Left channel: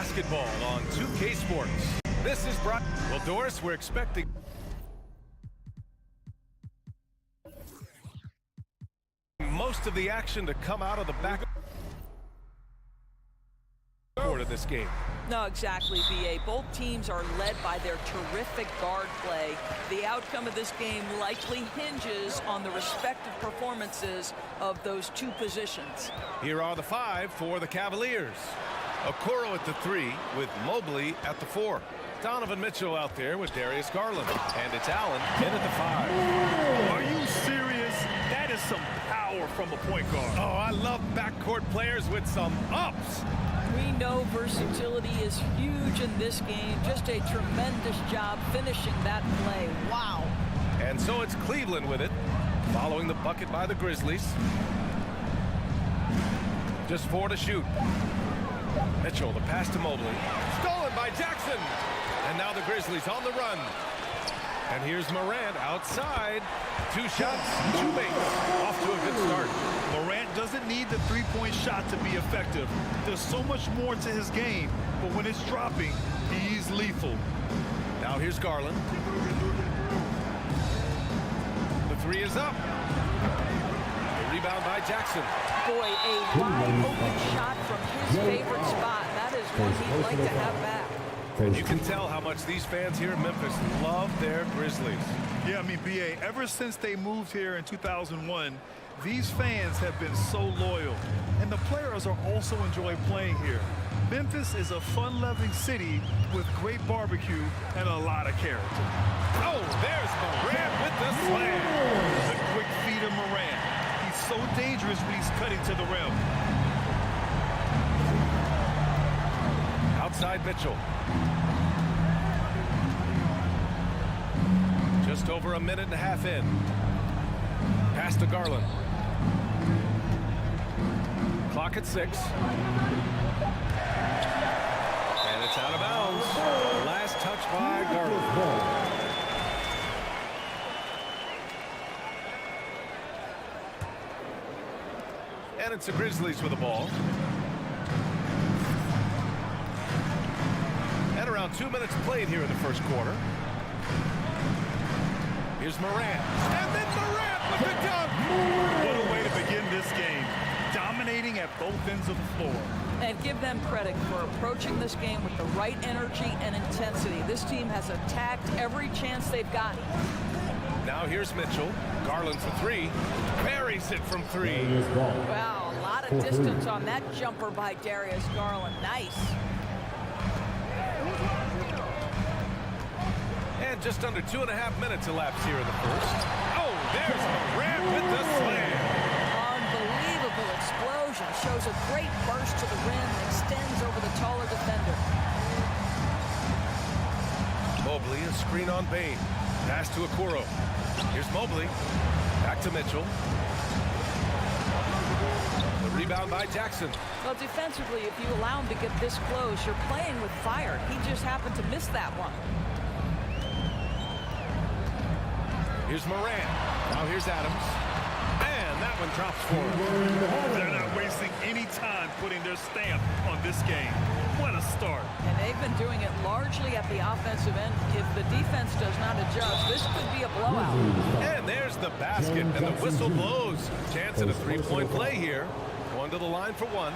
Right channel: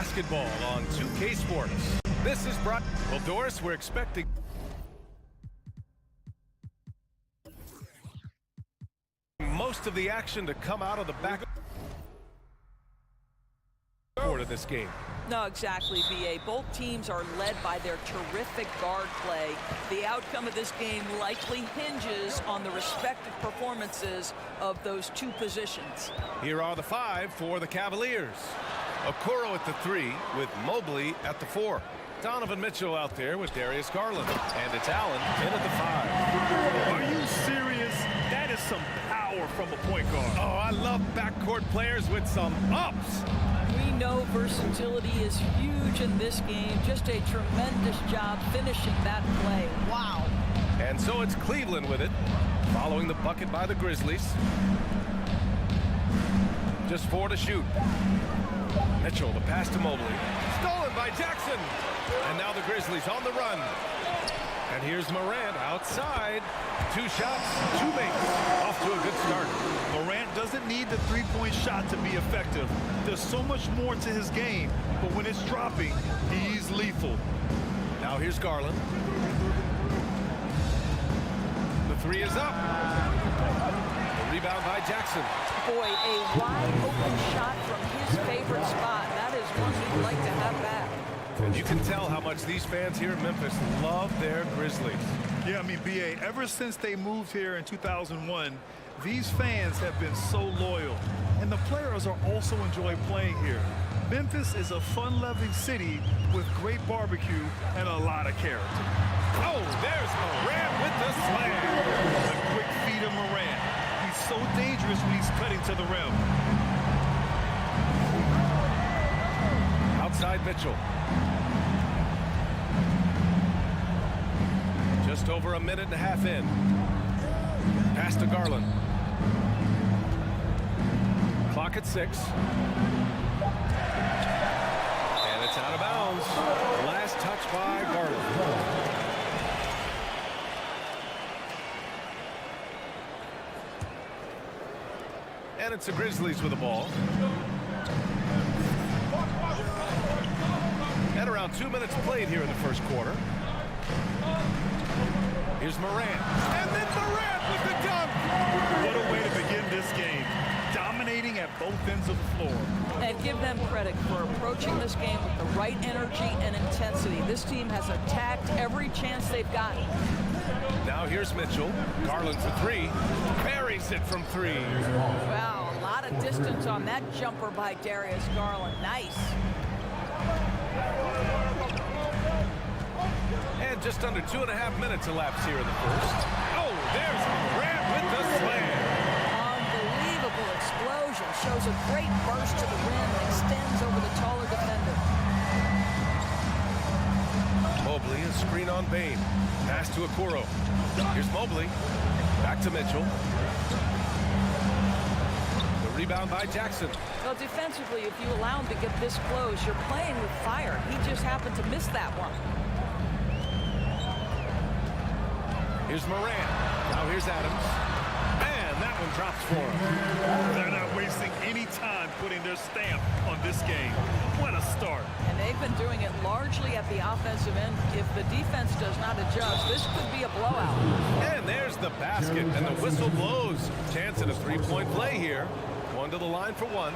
basketball on 2K Sports. This is brought. Well, Doris, we're expecting most of the action to come out of the back court of this game. No, exactly, B.A. Both teams are led by their terrific guard play. The outcome of this game likely hinges on the respective performances of those two positions. Here are the 5 for the Cavaliers. Okoro at the 3 with Mobley at the 4. Donovan Mitchell out there with Darius Garland. And it's Allen in at the 5. Are you serious? That is some power from a point guard. Oh, I love backcourt players with some ups. We know versatility is huge in this game. Just a tremendous job finishing that play. Wow. And so it's Cleveland with it, following the bucket by the Grizzlies. Just 4 to shoot. Mitchell, the pass to Mobley. Stolen by Jackson. And now the Grizzlies on the run. And here's Morant outside. 2 shots, 2 makes. Off to a good start. Morant doesn't need the three-point shot to be effective. There's so much more to his game, but when it's dropping, he's lethal. Now here's Garland. The 3 is up. The rebound by Jackson. Boy, a wide open shot from his favorite spot. That is one he'd like to have back. And you can tell how much these fans here in Memphis love their Grizzlies. Yeah, I mean, B.A., ever since they moved here in 2001, these fans have been so loyal. And the players are also enjoy playing here. Memphis is a fun-loving city with great barbecue and a lot of character. Oh, there's Morant with the slam. The quick feet of Morant. He's so dangerous when he's cutting to the rim. Outside Mitchell. Just over a minute and a half in. Pass to Garland. Clock at 6. And it's out of bounds. Last touch by Garland. And it's the Grizzlies with the ball. And around 2 minutes played here in the first quarter. Here's Morant. And then Morant with the dunk. What a way to begin this game. Dominating at both ends of the floor. And give them credit for approaching this game with the right energy and intensity. This team has attacked every chance they've gotten. Now here's Mitchell. Garland for 3. Buries it from 3. Wow, a lot of distance on that jumper by Darius Garland. Nice. And just under 2.5 minutes elapsed here in the first. Oh, there's Morant with the slam. Unbelievable explosion. Shows a great burst to the rim and extends over the taller defender. Mobley, a screen on Bain. Pass to Okoro. Here's Mobley. Back to Mitchell. The rebound by Jackson. Well, defensively, if you allow him to get this close, you're playing with fire. He just happened to miss that one. Here's Morant. Now here's Adams. And that one drops for him. They're not wasting any time putting their stamp on this game. What a start. And they've been doing it largely at the offensive end. If the defense does not adjust, this could be a blowout. And there's the basket, and the whistle blows. Chance at a 3-point play here. Going to the line for 1.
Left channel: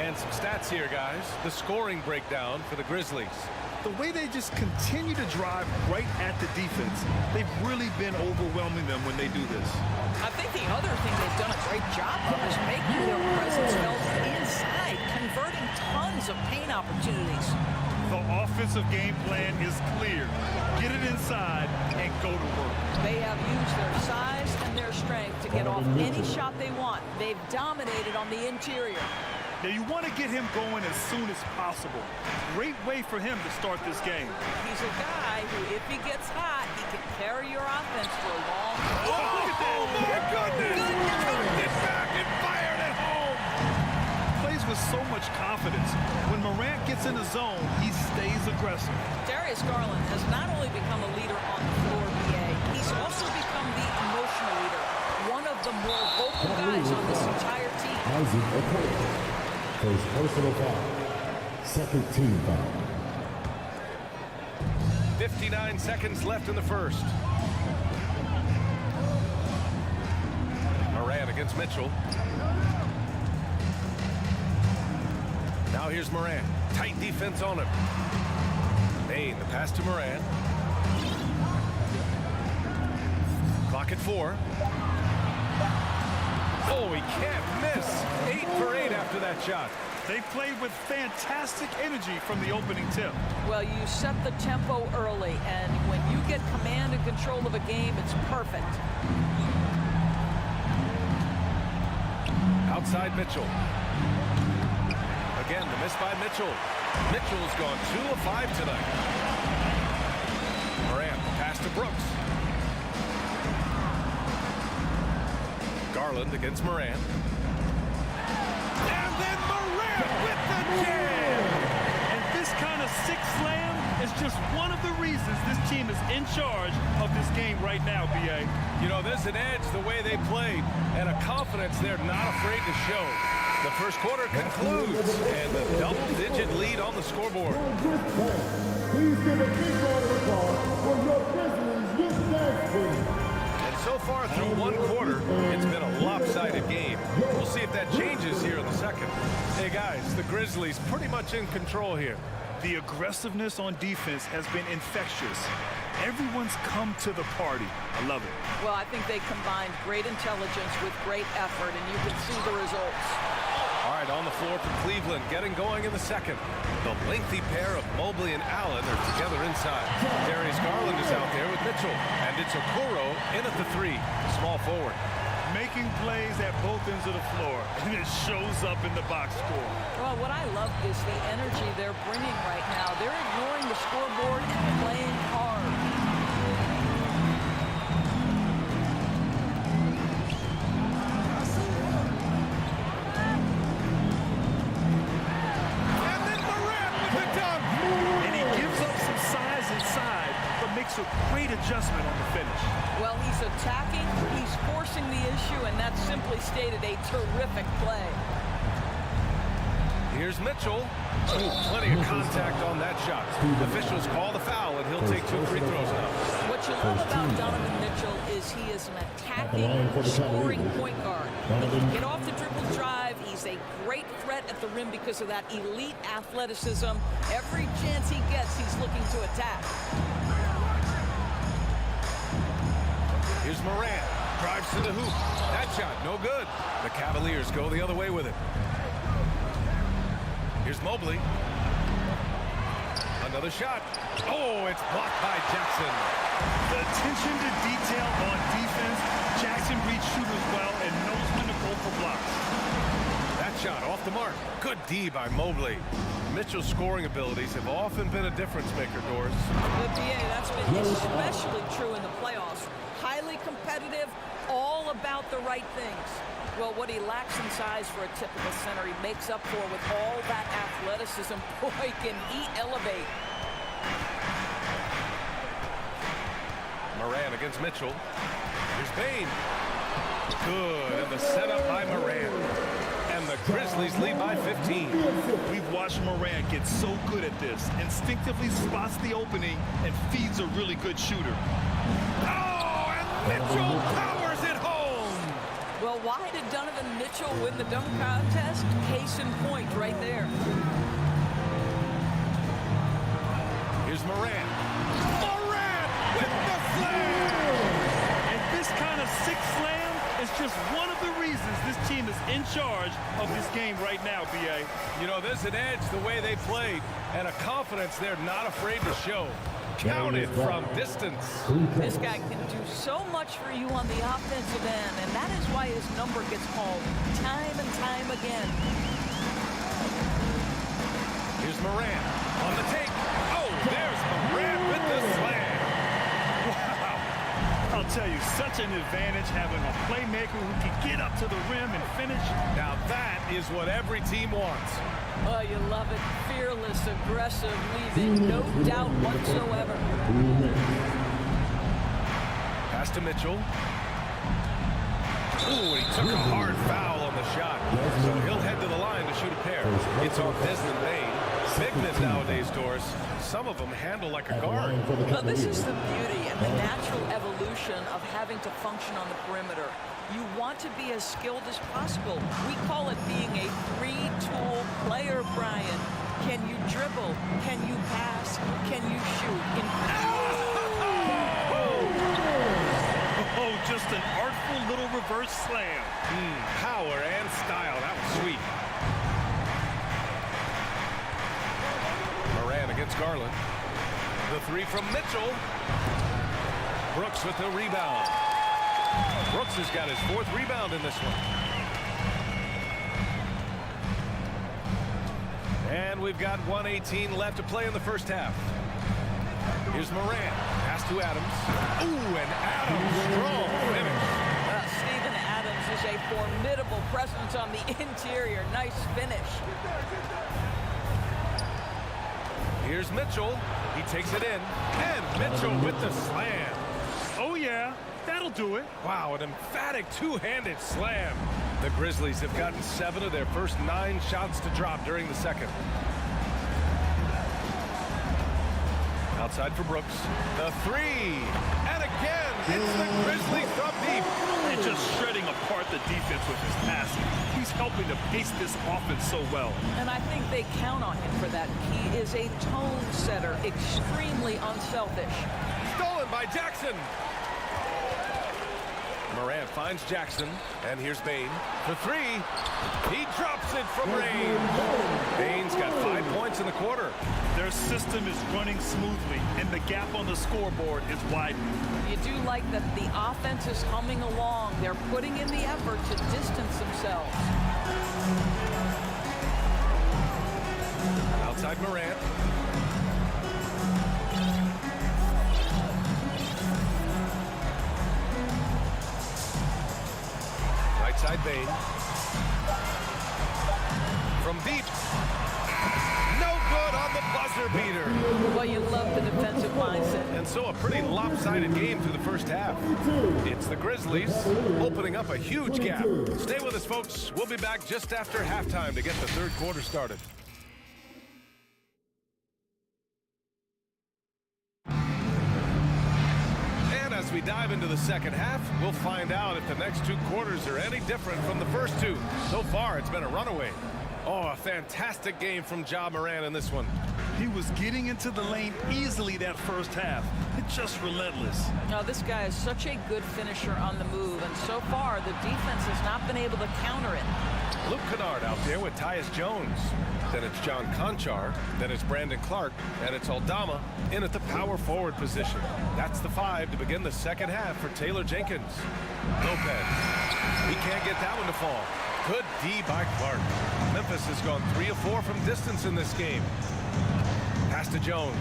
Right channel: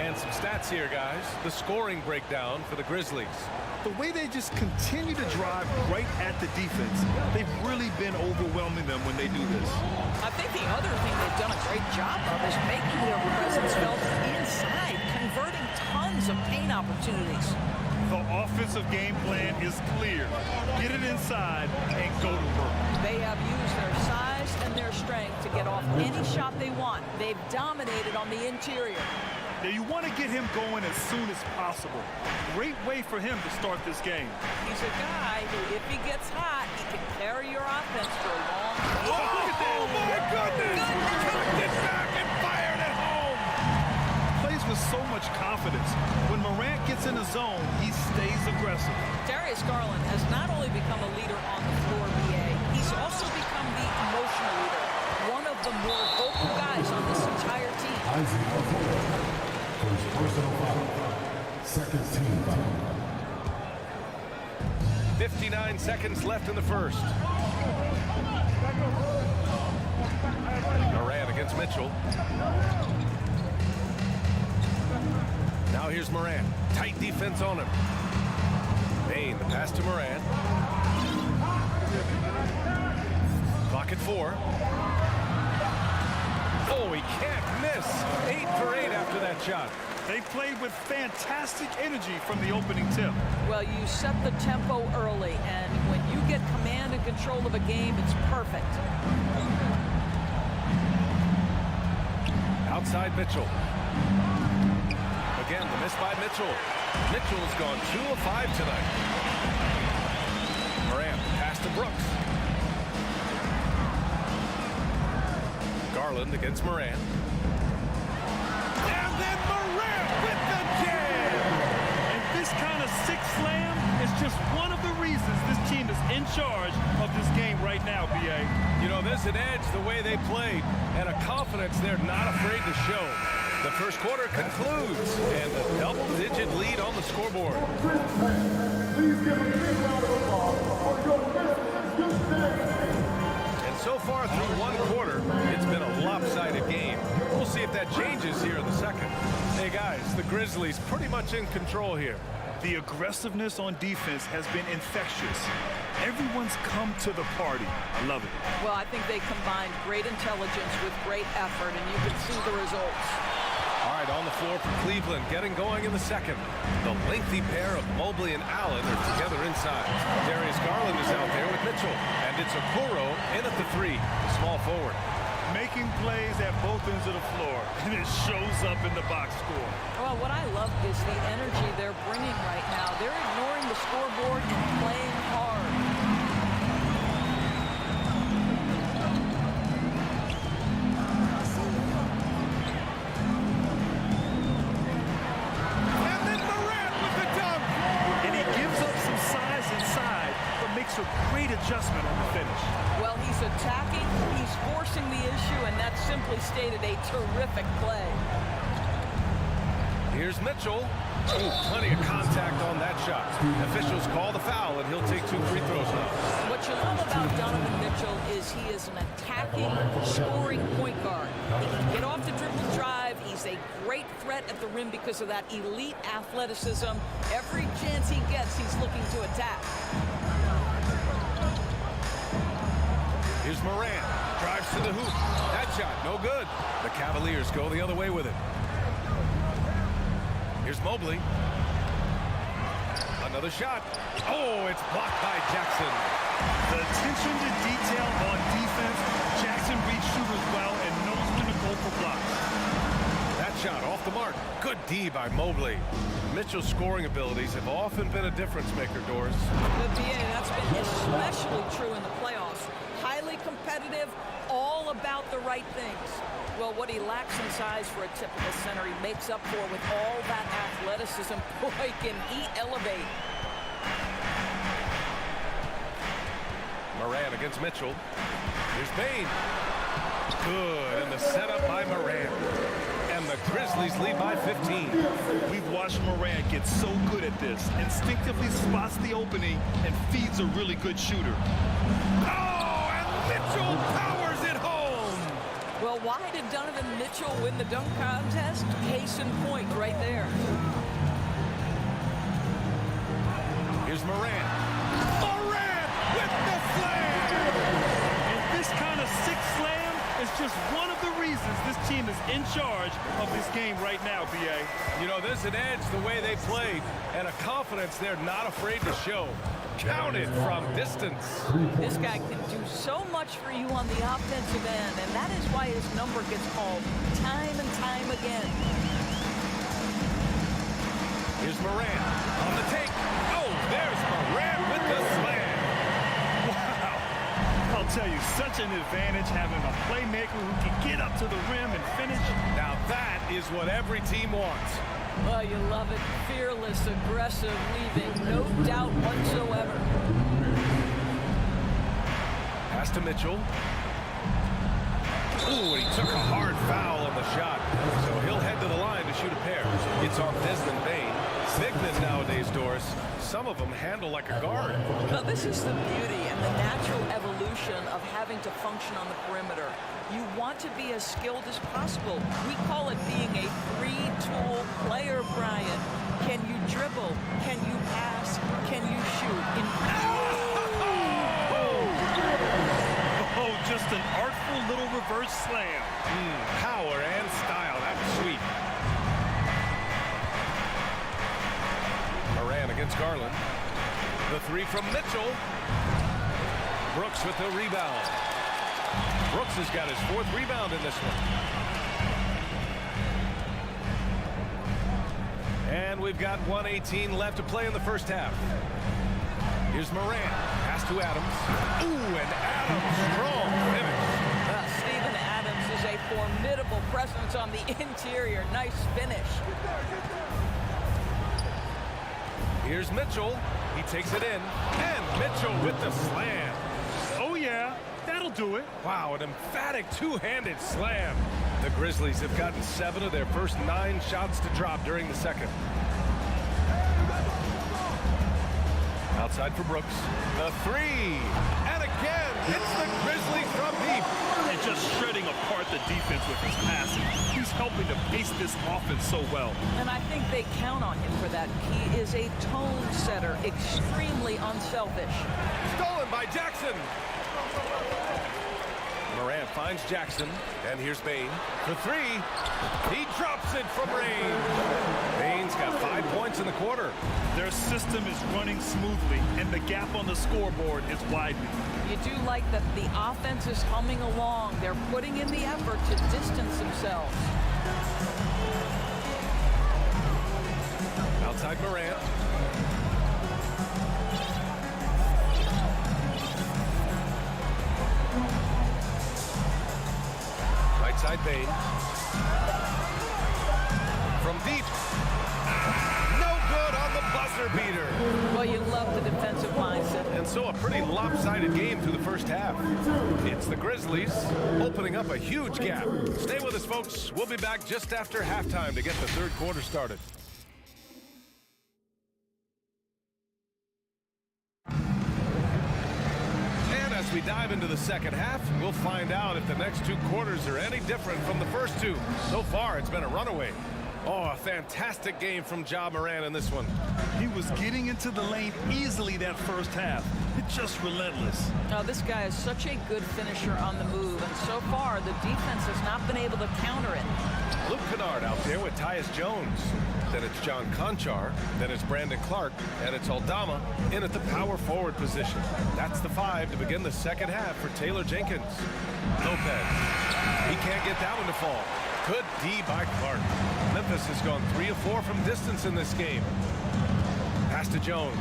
And some stats here, guys. The scoring breakdown for the Grizzlies. The way they just continue to drive right at the defense, they've really been overwhelming them when they do this. I think the other thing they've done a great job of is making their presence felt inside, converting tons of paint opportunities. The offensive game plan is clear. Get it inside and go to work. They have used their size and their strength to get off any shot they want. They've dominated on the interior. Now you want to get him going as soon as possible. Great way for him to start this game. He's a guy who, if he gets hot, he can carry your offense for a long time. Oh, my goodness! Cocked it back and fired it home! Plays with so much confidence. When Morant gets in the zone, he stays aggressive. Darius Garland has not only become a leader on the floor, BA, he's also become the emotional leader. One of the more vocal guys on this entire team. First personal foul. Second team foul. 59 seconds left in the first. Moran against Mitchell. Now here's Moran. Tight defense on him. Bain, the pass to Moran. Clock at 4. Oh, he can't miss. 8 for 8 after that shot. They played with fantastic energy from the opening tip. Well, you set the tempo early, and when you get command and control of a game, it's perfect. Outside Mitchell. Again, the miss by Mitchell. Mitchell's gone 2 of 5 tonight. Moran, pass to Brooks. Garland against Moran. And then Moran with the jam! And this kind of six slam is just one of the reasons this team is in charge of this game right now, B.A. You know, there's an edge the way they played and a confidence they're not afraid to show. The first quarter concludes, and a double-digit lead on the scoreboard. Please give a big round of applause for your Grizzlies Youth Dance Team. And so far through one quarter, it's been a lopsided game. We'll see if that changes here in the second. Hey, guys, the Grizzlies pretty much in control here. The aggressiveness on defense has been infectious. Everyone's come to the party. I love it. Well, I think they combined great intelligence with great effort, and you can see the results. All right, on the floor for Cleveland, getting going in the second. The lengthy pair of Mobley and Allen are together inside. Darius Garland is out there with Mitchell, and it's Okoro in at the 3, the small forward. Making plays at both ends of the floor, and it shows up in the box score. Well, what I love is the energy they're bringing right now. They're ignoring the scoreboard and playing hard. Inside, but makes a great adjustment on the finish. Well, he's attacking, he's forcing the issue, and that's simply stated a terrific play. Here's Mitchell. Ooh, plenty of contact on that shot. Officials call the foul, and he'll take 2 free throws now. What you love about Donovan Mitchell is he is an attacking, scoring point guard. He can get off the dribble drive. He's a great threat at the rim because of that elite athleticism. Every chance he gets, he's looking to attack. Here's Moran. Drives to the hoop. That shot, no good. The Cavaliers go the other way with it. Here's Mobley. Another shot. Oh, it's blocked by Jackson. The attention to detail on defense. Jackson reads shooters well and knows when to go for blocks. That shot off the mark. Good D by Mobley. Mitchell's scoring abilities have often been a difference maker, Doris. The BA, that's been especially true in the playoffs. Highly competitive, all about the right things. Well, what he lacks in size for a typical center, he makes up for with all that athleticism. Boy, can he elevate. Moran against Mitchell. Here's Bain. Good, and the setup by Moran. And the Grizzlies lead by 15. We've watched Moran get so good at this. Instinctively spots the opening and feeds a really good shooter. Oh, and Mitchell powers it home. Well, why did Donovan Mitchell win the dunk contest? Case in point right there. Here's Moran. Moran with the slam! And this kind of six slam is just one of the reasons this team is in charge of this game right now, B.A. You know, there's an edge the way they played and a confidence they're not afraid to show. Counted from distance. This guy can do so much for you on the offensive end, and that is why his number gets called time and time again. Here's Moran on the take. Oh, there's Moran with the slam. Wow. I'll tell you, such an advantage having a playmaker who can get up to the rim and finish. Now that is what every team wants. Oh, you love it. Fearless, aggressive, leaving no doubt whatsoever. Pass to Mitchell. Ooh, and he took a hard foul on the shot. So he'll head to the line to shoot a pair. It's on Desmond Bain. Big men nowadays, Doris, some of them handle like a guard. Now, this is the beauty and the natural evolution of having to function on the perimeter. You want to be as skilled as possible. We call it being a three-tool player, Brian. Can you dribble? Can you pass? Can you shoot? Oh, just an artful little reverse slam. Power and style. That was sweet. Moran against Garland. The three from Mitchell. Brooks with the rebound. Brooks has got his 4th rebound in this one. And we've got 1:18 left to play in the first half. Here's Moran. Pass to Adams. Ooh, and Adams, strong finish. Well, Steven Adams is a formidable presence on the interior. Nice finish. Here's Mitchell. He takes it in. And Mitchell with the slam. Oh, yeah. That'll do it. Wow, an emphatic two-handed slam. The Grizzlies have gotten 7 of their first 9 shots to drop during the second. Outside for Brooks. The three. And again, it's the Grizzlies from deep. They're just shredding apart the defense with his passing. He's helping to pace this offense so well. And I think they count on him for that. He is a tone setter, extremely unselfish. Stolen by Jackson. Moran finds Jackson, and here's Bain for 3. He drops it from range. Bain's got 5 points in the quarter. Their system is running smoothly, and the gap on the scoreboard is widening. You do like that the offense is humming along. They're putting in the effort to distance themselves. Outside Moran. Right side Bain. From deep. No good on the buzzer beater. Well, you love the defensive mindset. And so a pretty lopsided game through the first half. It's the Grizzlies opening up a huge gap. Stay with us, folks. We'll be back just after halftime to get the third quarter started. And as we dive into the second half, we'll find out if the next 2 quarters are any different from the first 2. So far, it's been a runaway. Oh, a fantastic game from Ja Moran in this one. He was getting into the lane easily that first half. It's just relentless. Now, this guy is such a good finisher on the move, and so far, the defense has not been able to counter it. Luke Kennard out there with Tyus Jones. Then it's John Conchar. Then it's Brandon Clark. And it's Aldama in at the power forward position. That's the 5 to begin the second half for Taylor Jenkins. Lopez. He can't get that one to fall. Good D by Clark. Memphis has gone 3 of 4 from distance in this game. Pass to Jones.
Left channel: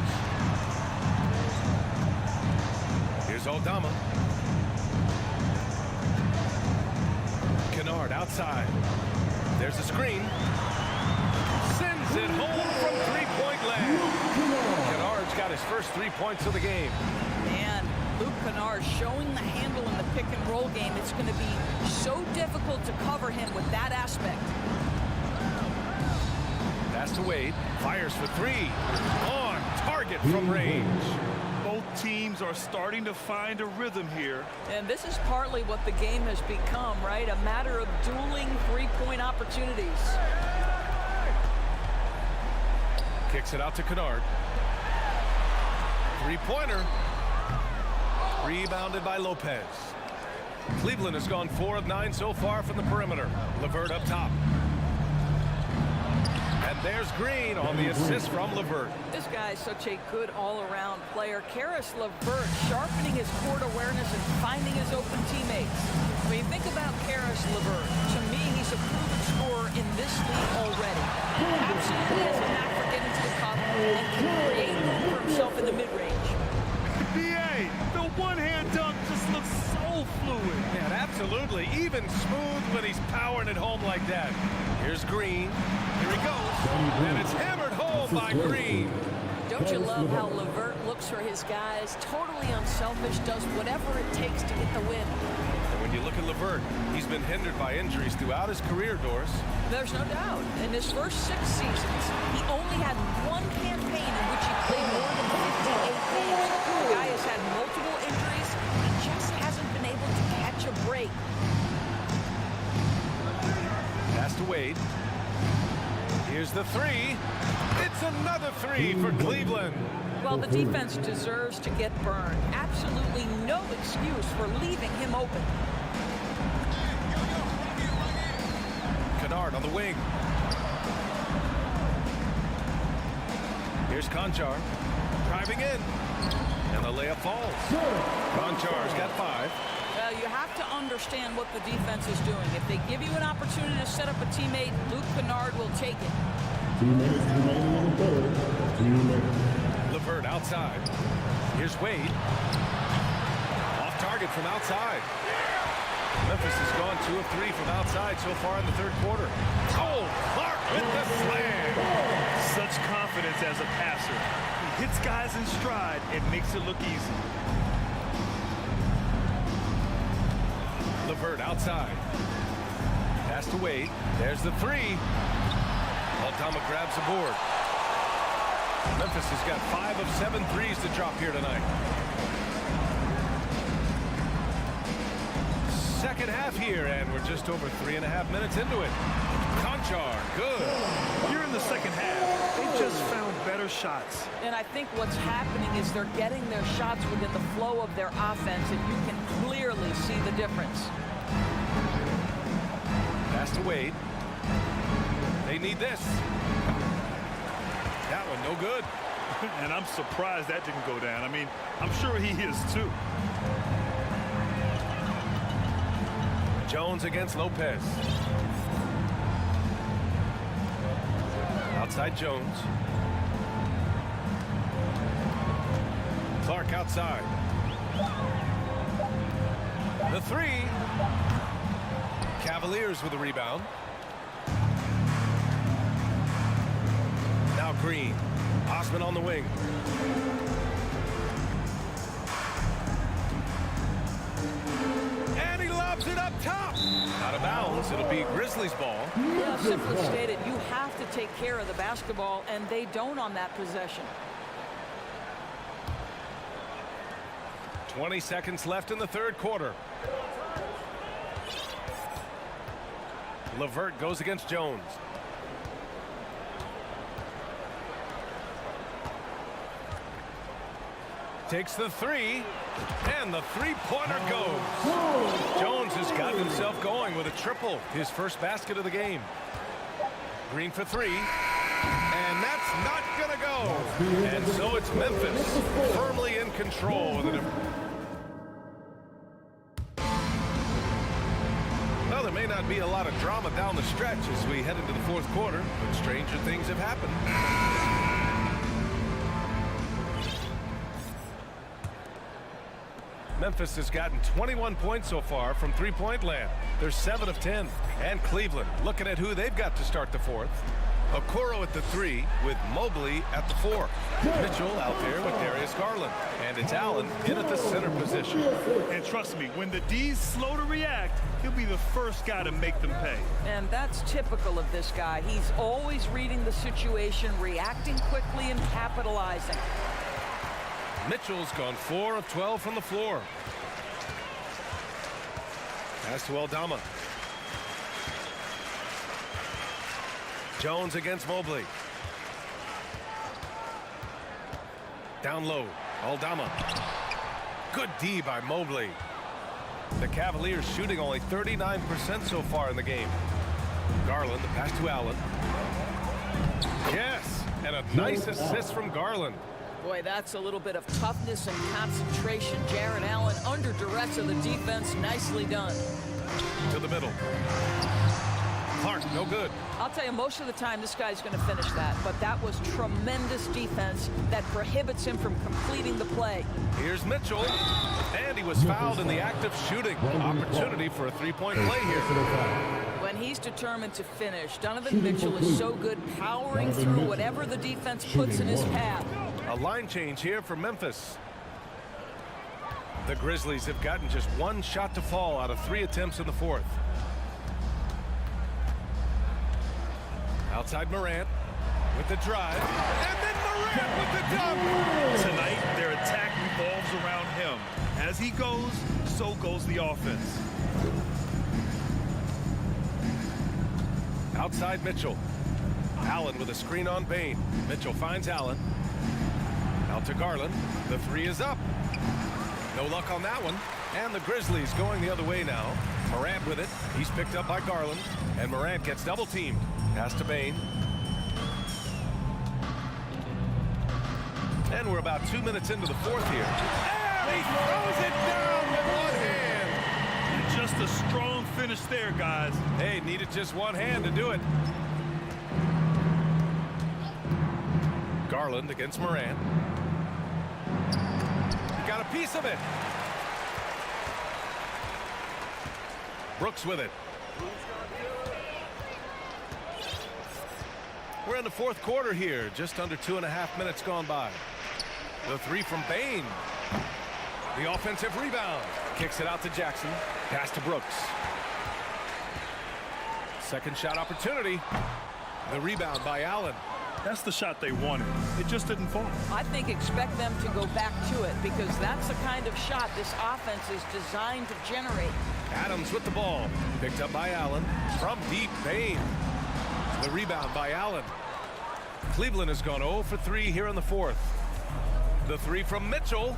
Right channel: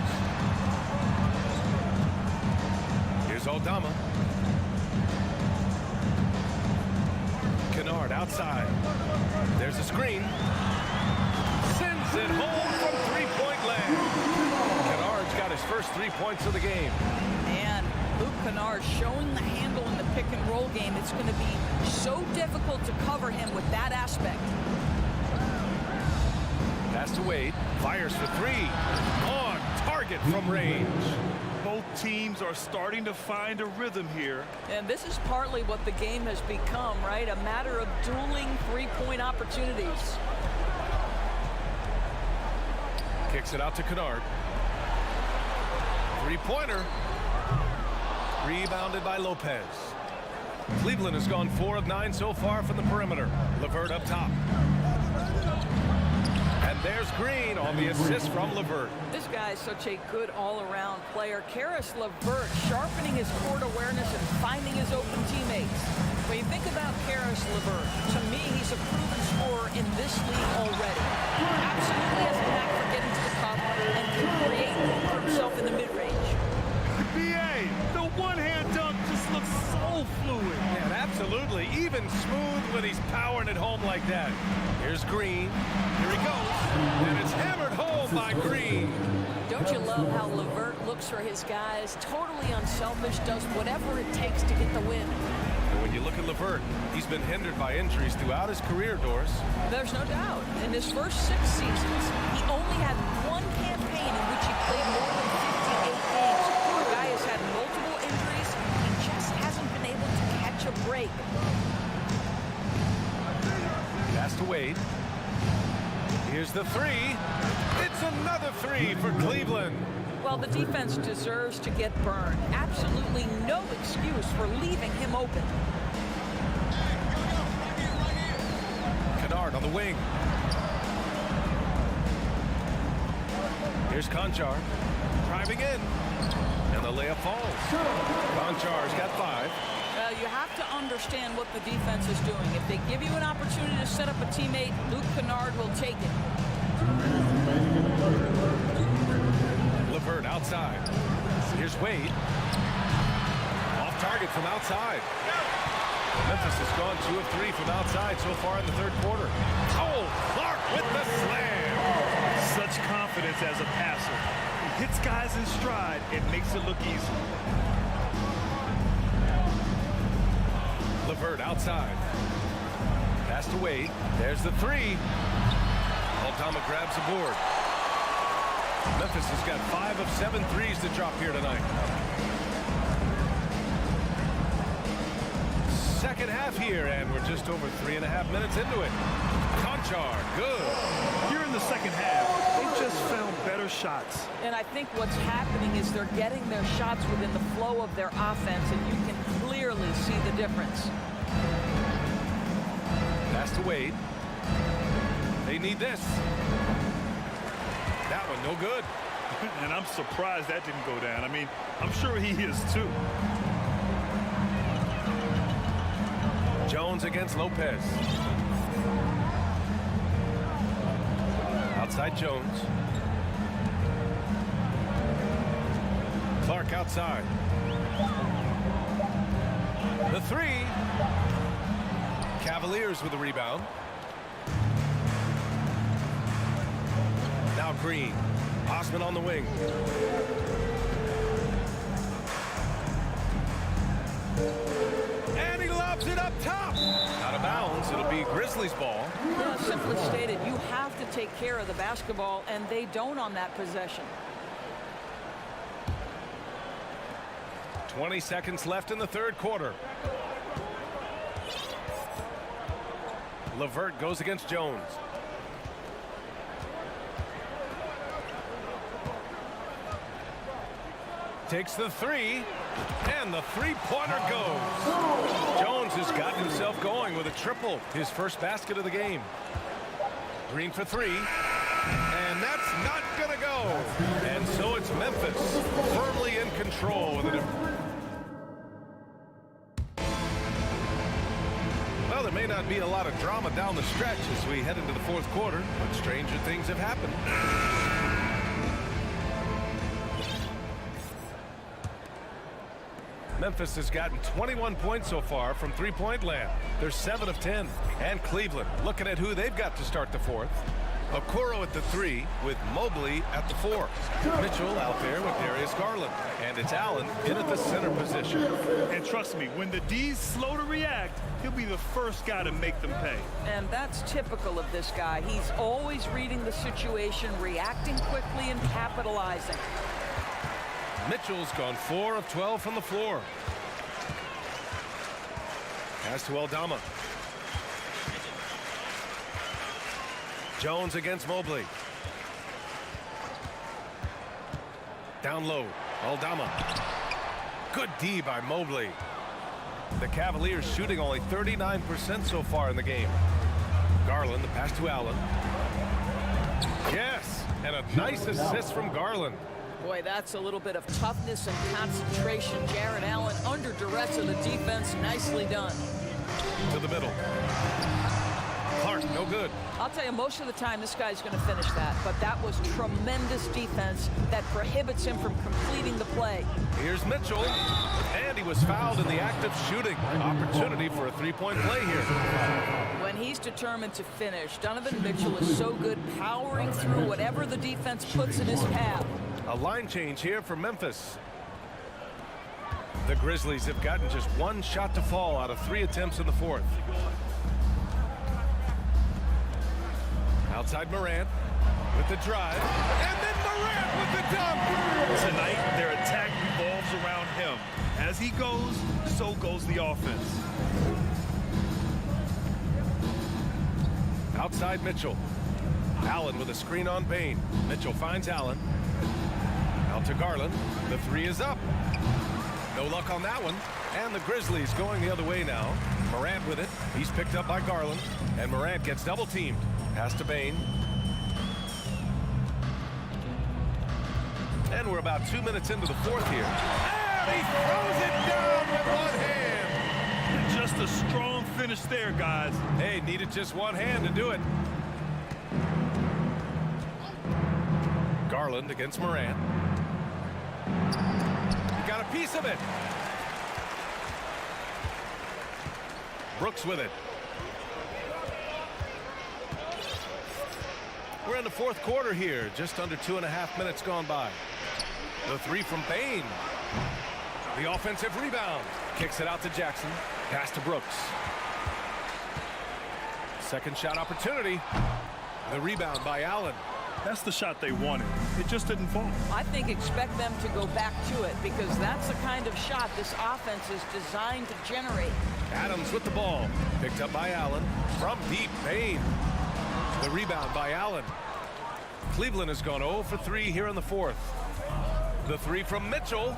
Here's Aldama. Kennard outside. There's a screen. Sends it home from 3-point land. Kennard's got his first 3 points of the game. And Luke Kennard showing the handle in the pick and roll game. It's going to be so difficult to cover him with that aspect. Pass to Wade. Fires for 3. On target from range. Both teams are starting to find a rhythm here. And this is partly what the game has become, right? A matter of dueling 3-point opportunities. Kicks it out to Kennard. 3-pointer. Rebounded by Lopez. Cleveland has gone 4 of 9 so far from the perimeter. LeVert up top. And there's Green on the assist from LeVert. This guy is such a good all-around player. Karis LeVert sharpening his court awareness and finding his open teammates. When you think about Karis LeVert, to me, he's a proven scorer in this league already. Absolutely has a knack for getting to the cup and can create room for himself in the mid-range. BA, the one-hand dunk just looks so fluid. Yeah, absolutely. Even smooth when he's powering it home like that. Here's Green. Here he goes. And it's hammered home by Green. Don't you love how LeVert looks for his guys? Totally unselfish, does whatever it takes to get the win. And when you look at LeVert, he's been hindered by injuries throughout his career, Doris. There's no doubt. In his first 6 seasons, he only had one campaign in which he played more than 58 games. The guy has had multiple injuries. He just hasn't been able to catch a break. Pass to Wade. Here's the three. It's another three for Cleveland. Well, the defense deserves to get burned. Absolutely no excuse for leaving him open. Kennard on the wing. Here's Conchar. Driving in. And the layup falls. Conchar's got 5. Well, you have to understand what the defense is doing. If they give you an opportunity to set up a teammate, Luke Kennard will take it. 2 minutes remaining in the third. 2 minutes. LeVert outside. Here's Wade. Off target from outside. Memphis has gone 2 of 3 from outside so far in the third quarter. Oh, Clark with the slam. Such confidence as a passer. He hits guys in stride. It makes it look easy. LeVert outside. Pass to Wade. There's the three. Aldama grabs the board. Memphis has got 5 of 7 threes to drop here tonight. Second half here, and we're just over 3.5 minutes into it. Conchar, good. Here in the second half, they just found better shots. And I think what's happening is they're getting their shots within the flow of their offense, and you can clearly see the difference. Pass to Wade. They need this. That one no good. And I'm surprised that didn't go down. I mean, I'm sure he is too. Jones against Lopez. Outside Jones. Clark outside. The three. Cavaliers with a rebound. Now Green. Osman on the wing. And he lobs it up top. Out of bounds. It'll be Grizzlies ball. Yeah, simply stated, you have to take care of the basketball, and they don't on that possession. 20 seconds left in the third quarter. LeVert goes against Jones. Takes the three, and the three-pointer goes. Jones has gotten himself going with a triple, his first basket of the game. Green for three, and that's not gonna go. And so it's Memphis firmly in control with it. Well, there may not be a lot of drama down the stretch as we head into the fourth quarter, but stranger things have happened. Memphis has gotten 21 points so far from three-point land. They're 7 of 10. And Cleveland looking at who they've got to start the fourth. Okoro at the 3 with Mobley at the 4. Mitchell out there with Darius Garland. And it's Allen in at the center position. And trust me, when the D's slow to react, he'll be the first guy to make them pay. And that's typical of this guy. He's always reading the situation, reacting quickly, and capitalizing. Mitchell's gone 4 of 12 from the floor. Pass to Aldama. Jones against Mobley. Down low, Aldama. Good D by Mobley. The Cavaliers shooting only 39% so far in the game. Garland, the pass to Allen. Yes, and a nice assist from Garland. Boy, that's a little bit of toughness and concentration. Jarrett Allen under duress of the defense. Nicely done. To the middle. Clark, no good. I'll tell you, most of the time this guy's going to finish that, but that was tremendous defense that prohibits him from completing the play. Here's Mitchell, and he was fouled in the act of shooting. Opportunity for a three-point play here. When he's determined to finish, Donovan Mitchell is so good powering through whatever the defense puts in his path. A line change here for Memphis. The Grizzlies have gotten just one shot to fall out of 3 attempts in the fourth. Outside Morant with the drive, and then Morant with the dunk. Tonight, their attack revolves around him. As he goes, so goes the offense. Outside Mitchell. Allen with a screen on Bain. Mitchell finds Allen. Out to Garland. The 3 is up. No luck on that one. And the Grizzlies going the other way now. Morant with it. He's picked up by Garland. And Morant gets double teamed. Pass to Bain. And we're about 2 minutes into the fourth here. And he throws it down with one hand. Just a strong finish there, guys. Hey, needed just one hand to do it. Garland against Morant. He got a piece of it. Brooks with it. We're in the fourth quarter here. Just under 2.5 minutes gone by. The 3 from Bain. The offensive rebound. Kicks it out to Jackson. Pass to Brooks. Second shot opportunity. The rebound by Allen. That's the shot they wanted. It just didn't fall. I think expect them to go back to it because that's the kind of shot this offense is designed to generate. Adams with the ball. Picked up by Allen. From deep, Bain. The rebound by Allen. Cleveland has gone 0 for 3 here in the fourth. The 3 from Mitchell.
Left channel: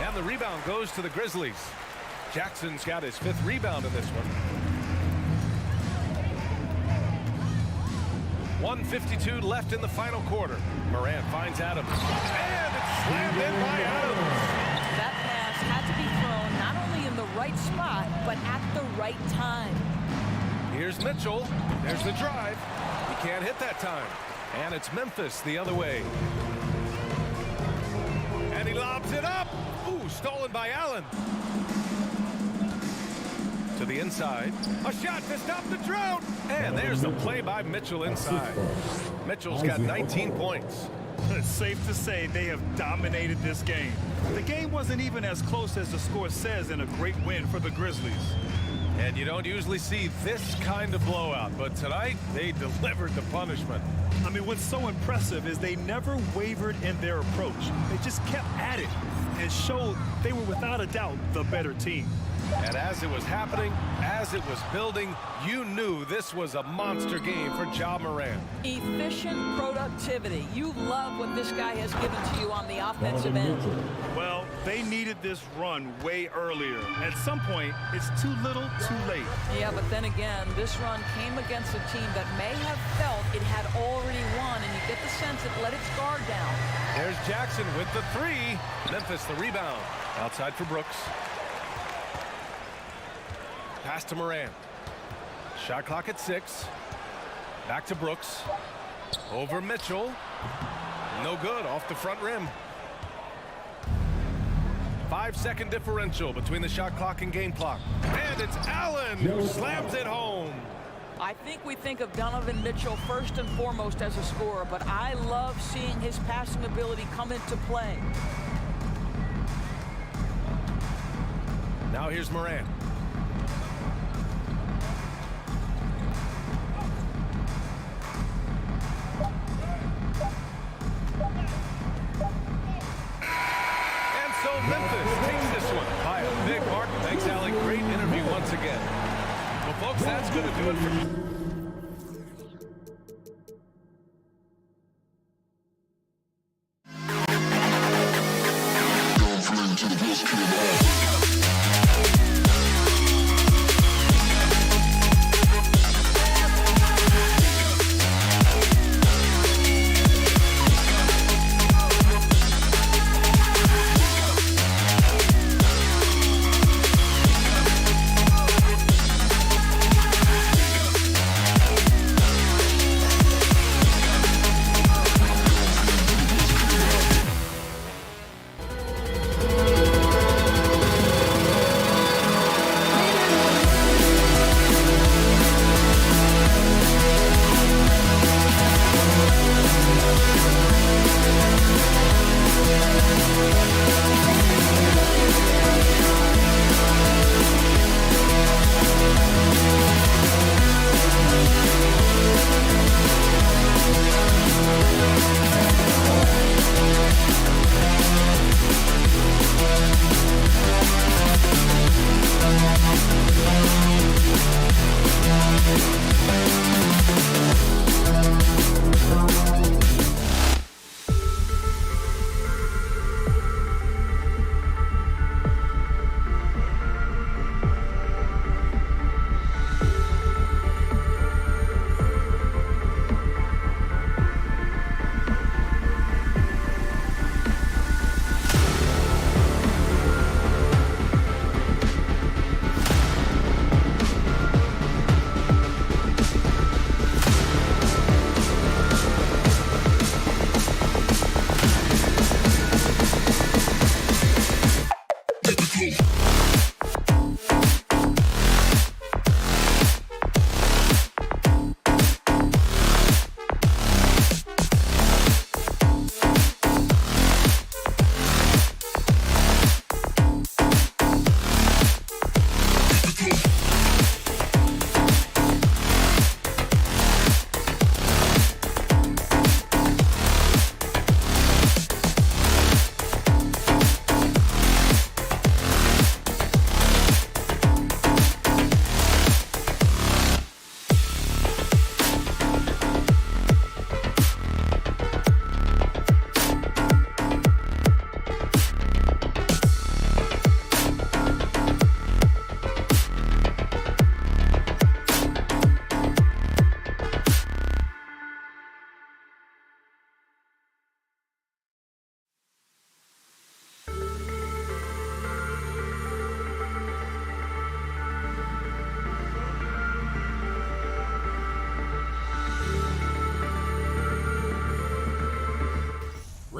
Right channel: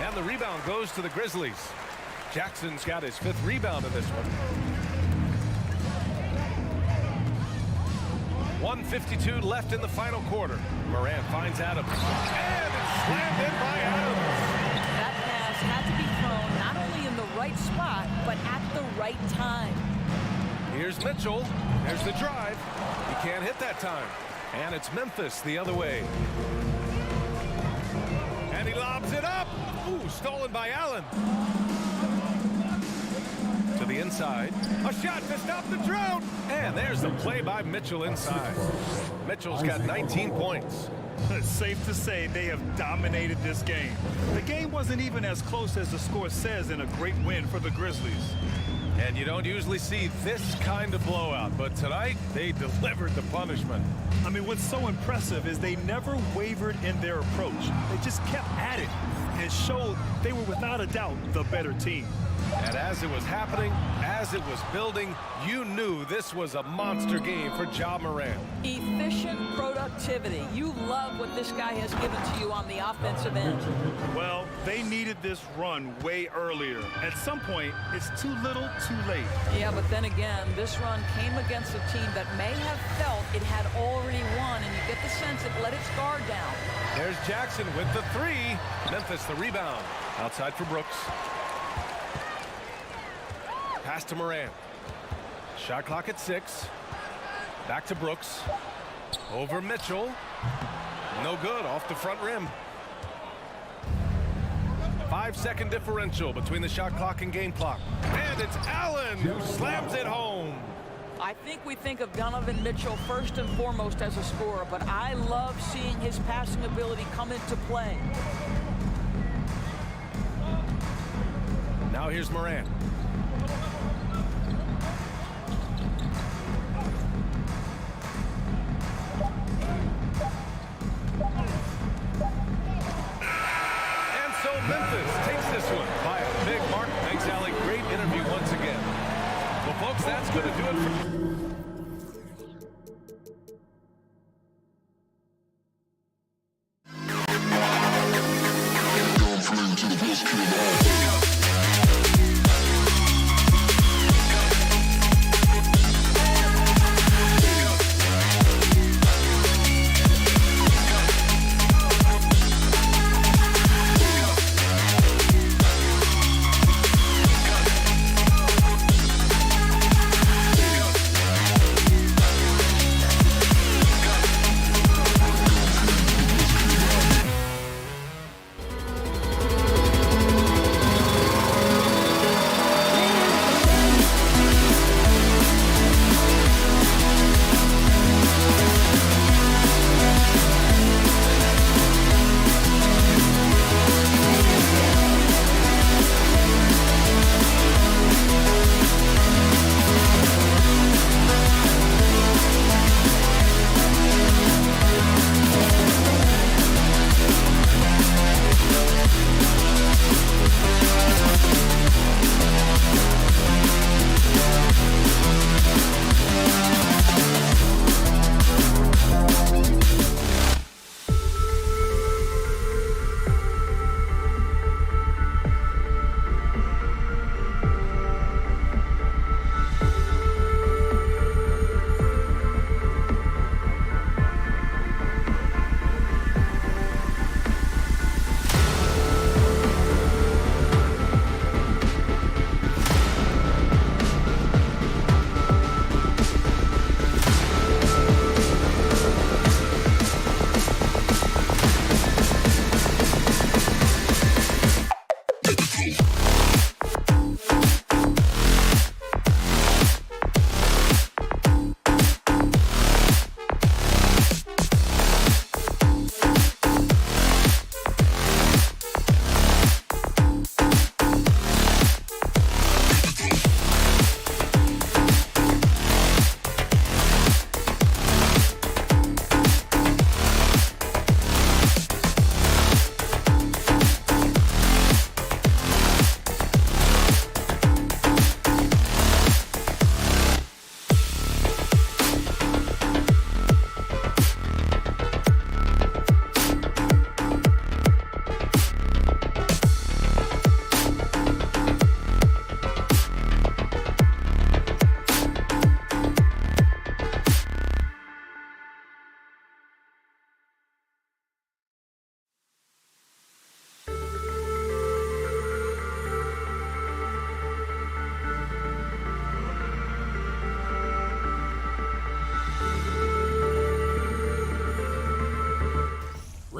And the rebound goes to the Grizzlies. Jackson's got his 5th rebound in this one. 1:52 left in the final quarter. Morant finds Adams. And it's slammed in by Adams. That pass had to be thrown not only in the right spot, but at the right time. Here's Mitchell. There's the drive. He can't hit that time. And it's Memphis the other way. And he lobs it up. Ooh, stolen by Allen. To the inside. A shot to stop the drought. And there's the play by Mitchell inside. Mitchell's got 19 points. It's safe to say they have dominated this game. The game wasn't even as close as the score says in a great win for the Grizzlies. And you don't usually see this kind of blowout, but tonight they delivered the punishment. I mean, what's so impressive is they never wavered in their approach. They just kept at it and showed they were without a doubt the better team. And as it was happening, as it was building, you knew this was a monster game for Ja Morant. Efficient productivity. You love what this guy has given to you on the offensive end. Well, they needed this run way earlier. At some point, it's too little, too late. Yeah, but then again, this run came against a team that may have felt it had already won, and you get the sense it let its guard down. There's Jackson with the 3. Memphis the rebound. Outside for Brooks. Pass to Morant. Shot clock at 6. Back to Brooks. Over Mitchell. No good, off the front rim. 5-second differential between the shot clock and game clock. And it's Allen who slams it home. I think we think of Donovan Mitchell first and foremost as a scorer, but I love seeing his passing ability come into play. Now here's Morant. So Memphis takes this one by a big mark. Thanks, Allie. Great interview once again. Well, folks, that's going to do it for...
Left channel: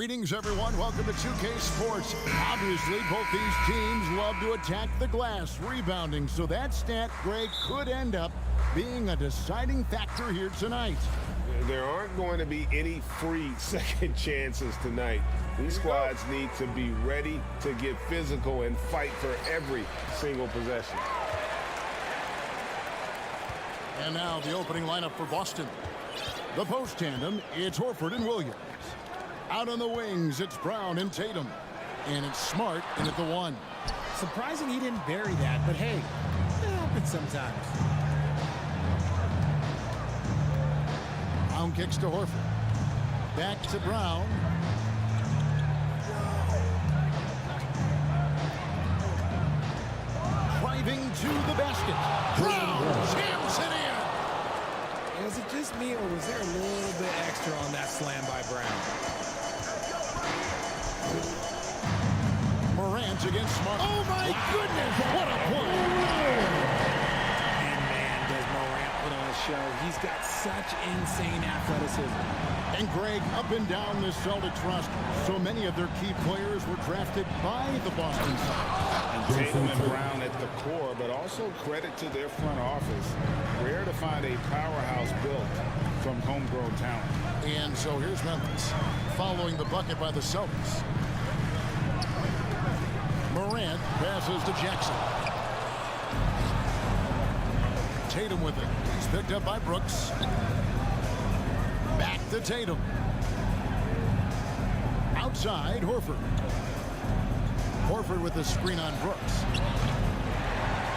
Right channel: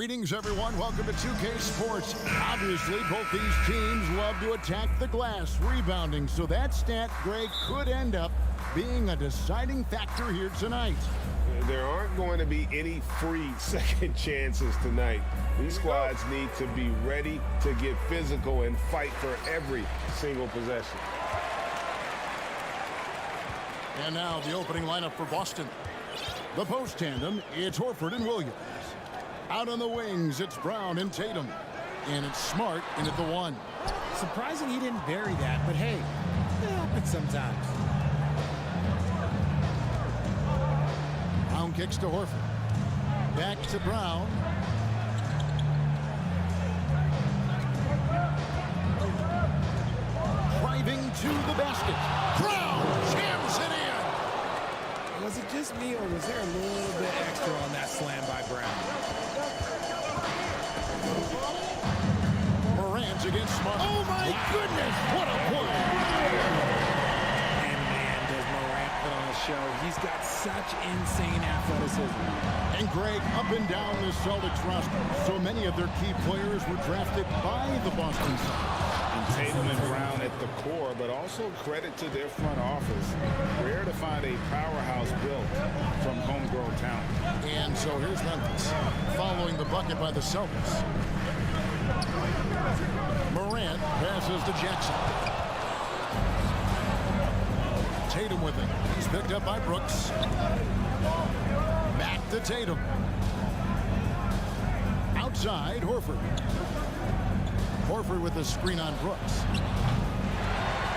Greetings, everyone. Welcome to 2K Sports. Obviously, both these teams love to attack the glass, rebounding, so that stat, Greg, could end up being a deciding factor here tonight. There aren't going to be any free second chances tonight. These squads need to be ready to get physical and fight for every single possession. And now the opening lineup for Boston. The post tandem, it's Horford and Williams. Out on the wings, it's Brown and Tatum. And it's Smart in at the 1. Surprising he didn't bury that, but hey, it happens sometimes. Brown kicks to Horford. Back to Brown. Driving to the basket. Brown jams it in. Was it just me, or was there a little bit extra on that slam by Brown? Morant against Smart. Oh, my goodness. What a play. And, man, does Morant put on a show. He's got such insane athleticism. And, Greg, up and down this Celtics roster, so many of their key players were drafted by the Boston Celtics. And Tatum and Brown at the core, but also credit to their front office. Rare to find a powerhouse built from homegrown talent. And so here's Memphis, following the bucket by the Celtics. Morant passes to Jackson. Tatum with it. He's picked up by Brooks. Back to Tatum. Outside, Horford. Horford with the screen on Brooks.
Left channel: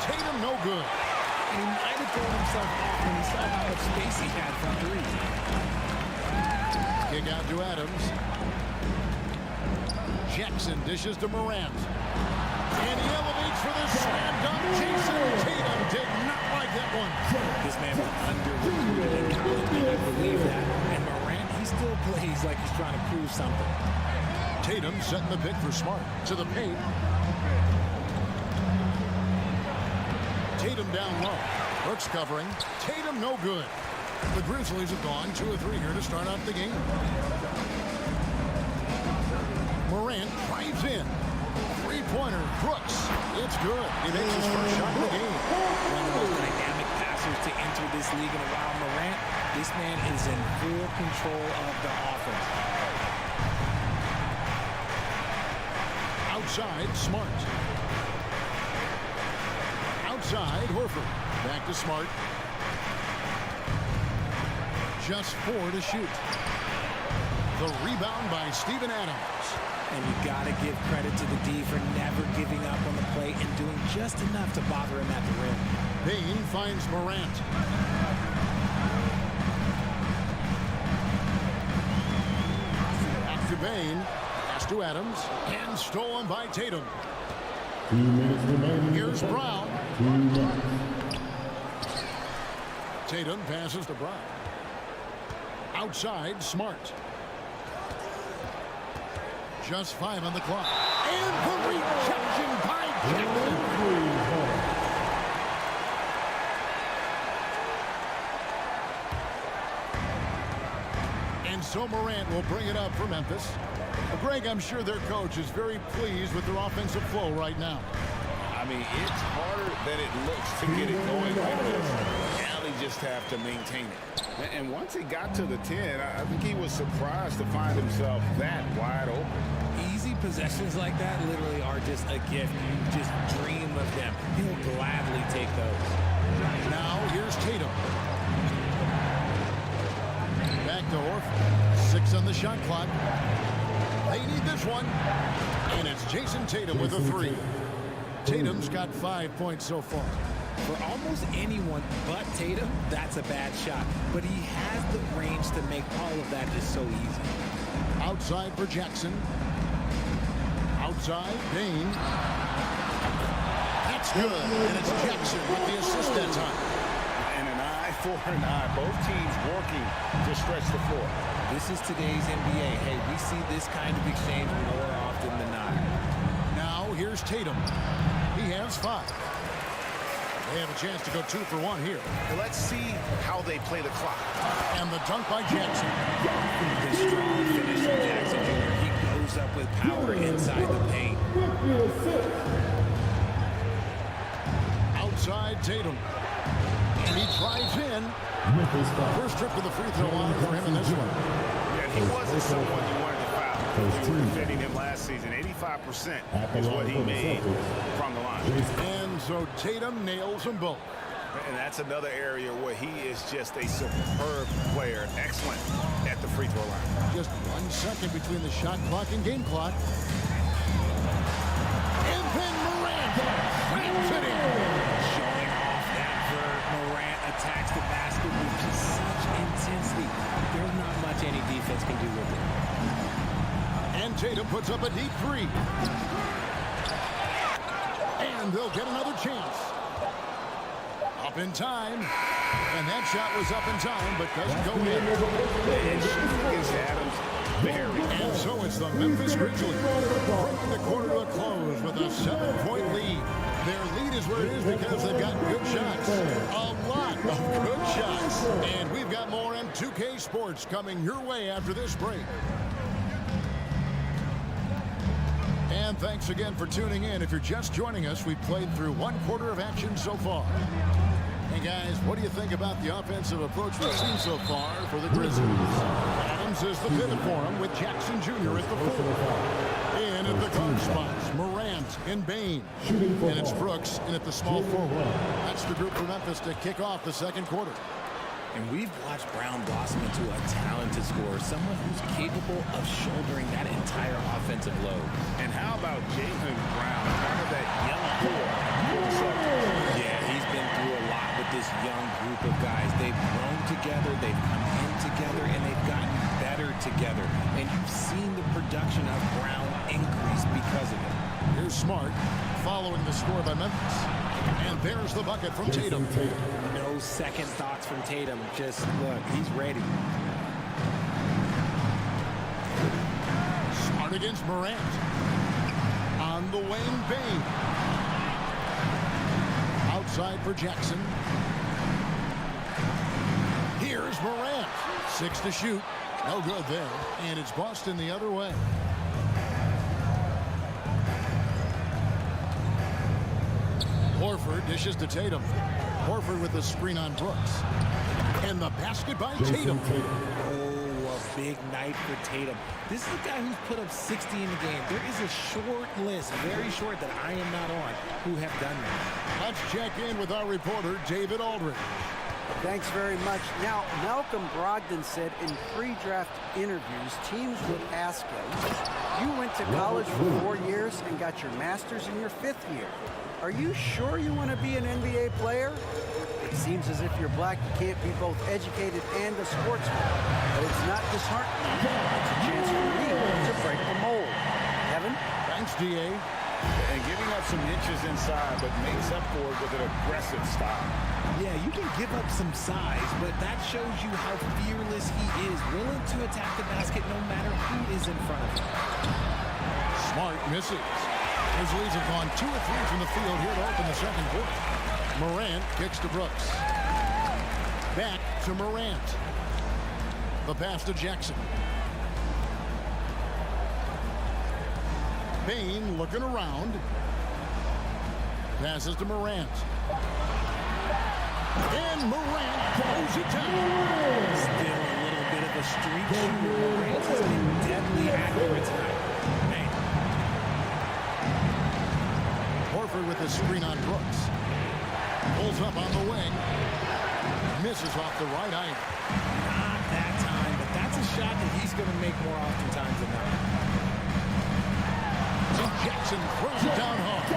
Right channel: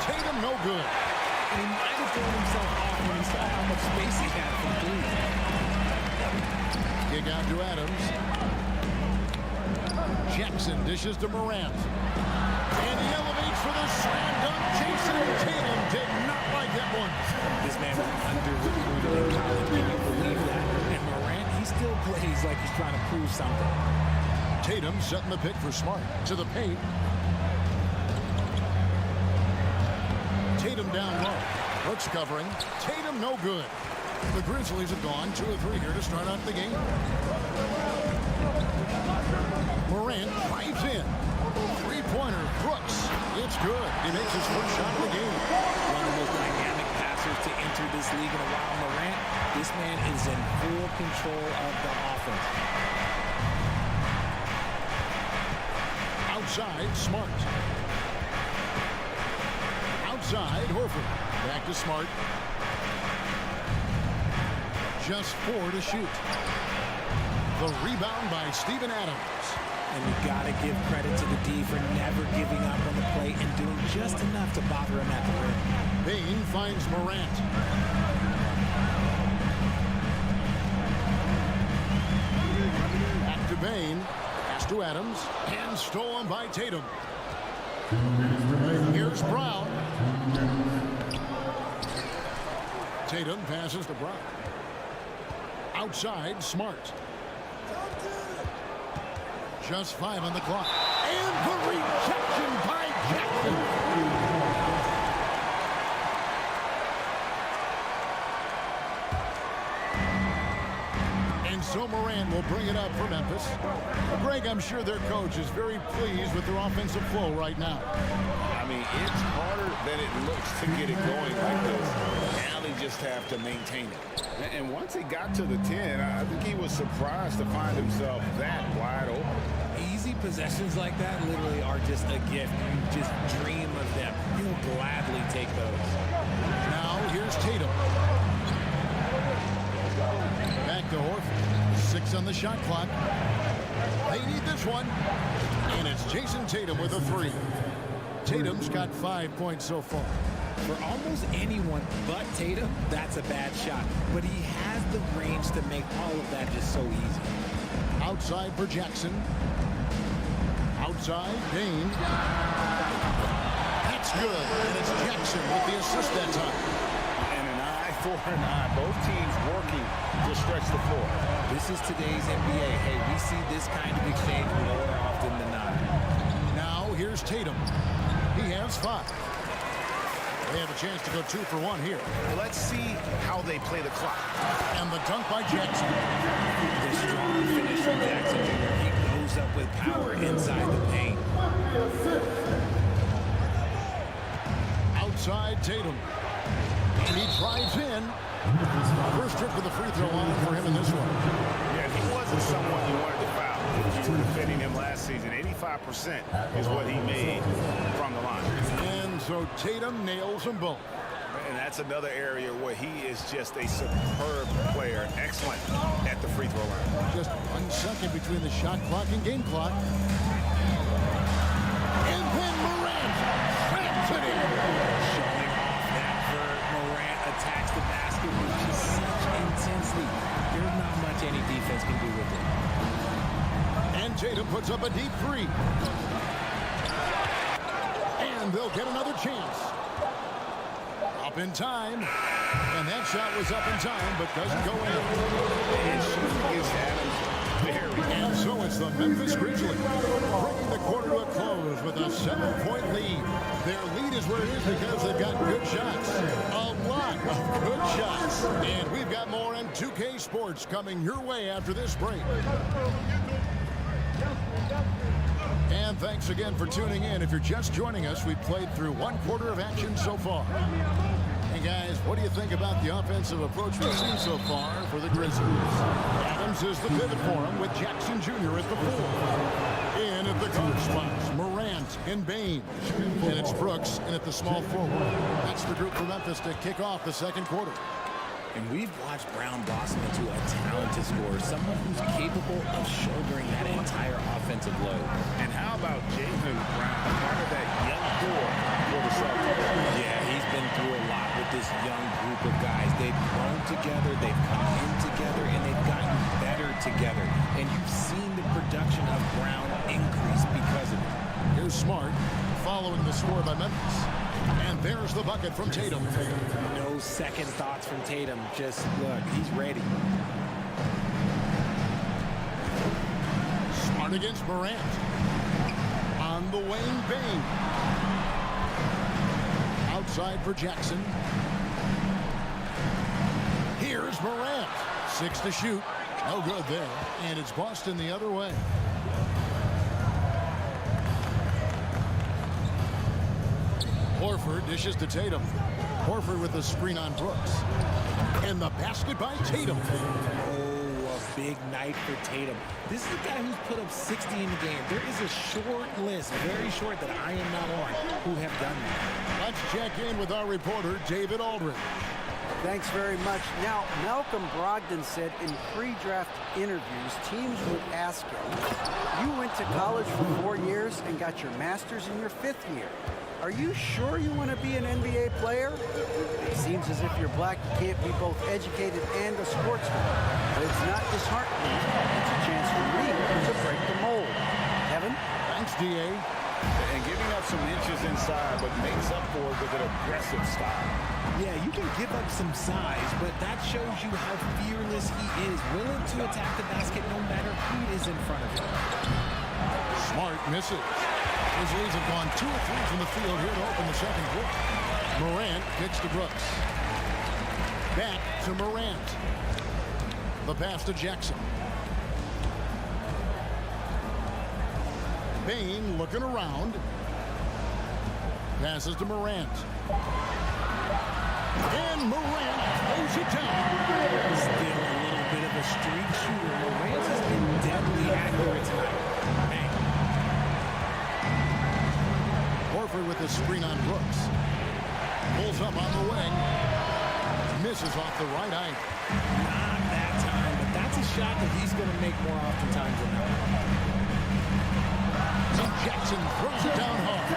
Tatum no good. And he might have thrown himself off when he saw how much space he had from three. Kick out to Adams. Jackson dishes to Morant. And he elevates for the slam dunk. Jason Tatum did not like that one. This man was under-recruited in college. Can you believe that? And Morant, he still plays like he's trying to prove something. Tatum setting the pick for Smart. To the paint. Tatum down low. Brooks covering. Tatum no good. The Grizzlies have gone 2 of 3 here to start out the game. Morant drives in. Three-pointer. Brooks. It's good. He makes his first shot of the game. One of the most dynamic passers to enter this league in a while. Morant, this man is in full control of the offense. Outside, Smart. Outside, Horford. Back to Smart. Just 4 to shoot. The rebound by Steven Adams. And you got to give credit to the D for never giving up on the play and doing just enough to bother him at the rim. Bain finds Morant. Back to Bain. Pass to Adams. And stolen by Tatum. 2 minutes remaining. Here's Brown. 2 minutes. Tatum passes to Brown. Outside, Smart. Just 5 on the clock. And the rejection by Jackson. And so Morant will bring it up for Memphis. Greg, I'm sure their coach is very pleased with their offensive flow right now. I mean, it's harder than it looks to get it going like this. Now they just have to maintain it. And once he got to the 10, I think he was surprised to find himself that wide open. Easy possessions like that literally are just a gift. You just dream of them. He'll gladly take those. Now here's Tatum. Back to Horford. 6 on the shot clock. They need this one. And it's Jason Tatum with a 3. Tatum's got 5 points so far. For almost anyone but Tatum, that's a bad shot. But he has the range to make all of that just so easy. Outside for Jackson. Outside, Bain. That's good. And it's Jackson with the assist that time. And an eye for an eye. Both teams working to stretch the floor. This is today's NBA. Hey, we see this kind of exchange more often than not. Now here's Tatum. He has 5. They have a chance to go 2 for 1 here. Let's see how they play the clock. And the dunk by Jackson. The strong finish from Jackson Jr. He moves up with power inside the paint. Outside Tatum. And he drives in. First trip to the free throw line for him in this one. Yeah, he wasn't someone you wanted to foul. If you were defending him last season, 85% is what he made from the line. And so Tatum nails them both. And that's another area where he is just a superb player. Excellent at the free throw line. Just 1 second between the shot clock and game clock. And then Morant slams it in. Showing off that vert. Morant attacks the basket with just such intensity. There's not much any defense can do with it. And Tatum puts up a deep three. And they'll get another chance. Up in time. And that shot was up in time, but doesn't go in. And shooting against Adams, very. And so it's the Memphis Grizzlies bringing the quarter to a close with a 7-point lead. Their lead is where it is because they've got good shots. A lot of good shots. And we've got more M2K Sports coming your way after this break. And thanks again for tuning in. If you're just joining us, we've played through 1 quarter of action so far. And guys, what do you think about the offensive approach we've seen so far for the Grizzlies? Adams is the pivot for him with Jackson Jr. at the 4. In at the guard spots, Morant and Bane. And it's Brooks in at the small forward. That's the group for Memphis to kick off the second quarter. And we've watched Brown blossom into a talented scorer, someone who's capable of shouldering that entire offensive load. And how about Jaylen Brown, part of that young core for the Celtics? Yeah, he's been through a lot with this young group of guys. They've grown together, they've come in together, and they've gotten better together. And you've seen the production of Brown increase because of it. Here's Smart following the score by Memphis. And there's the bucket from Tatum. No second thoughts from Tatum. Just look, he's ready. Smart against Morant. On the wing, Bane. Outside for Jackson. Here's Morant. 6 to shoot. No good there. And it's Boston the other way. Horford dishes to Tatum. Horford with the screen on Brooks. And the basket by Tatum. Oh, a big night for Tatum. This is a guy who's put up 60 in the game. There is a short list, very short, that I am not on, who have done that. Let's check in with our reporter, David Aldridge. Thanks very much. Now, Malcolm Brogdon said in pre-draft interviews, teams would ask him, you went to college for 4 years and got your master's in your 5th year. Are you sure you want to be an NBA player? It seems as if you're black, you can't be both educated and a sportsman. But it's not disheartening. It's a chance for me to break the mold. Kevin? Thanks, D.A. And giving up some inches inside, but makes up for it with an aggressive style. Yeah, you can give up some size, but that shows you how fearless he is, willing to attack the basket no matter who is in front of him. Smart misses. Grizzlies have gone 2 of 3 from the field here to open the second quarter. Morant kicks to Brooks. Back to Morant. The pass to Jackson. Bane looking around. Passes to Morant. And Morant throws it down. Still a little bit of a streak shooter. Morant has been deadly accurate tonight. Man. Horford with the screen on Brooks. Pulls up on the wing. Misses off the right eye. Not that time, but that's a shot that he's going to make more oftentimes than not. So Jackson throws it down hard.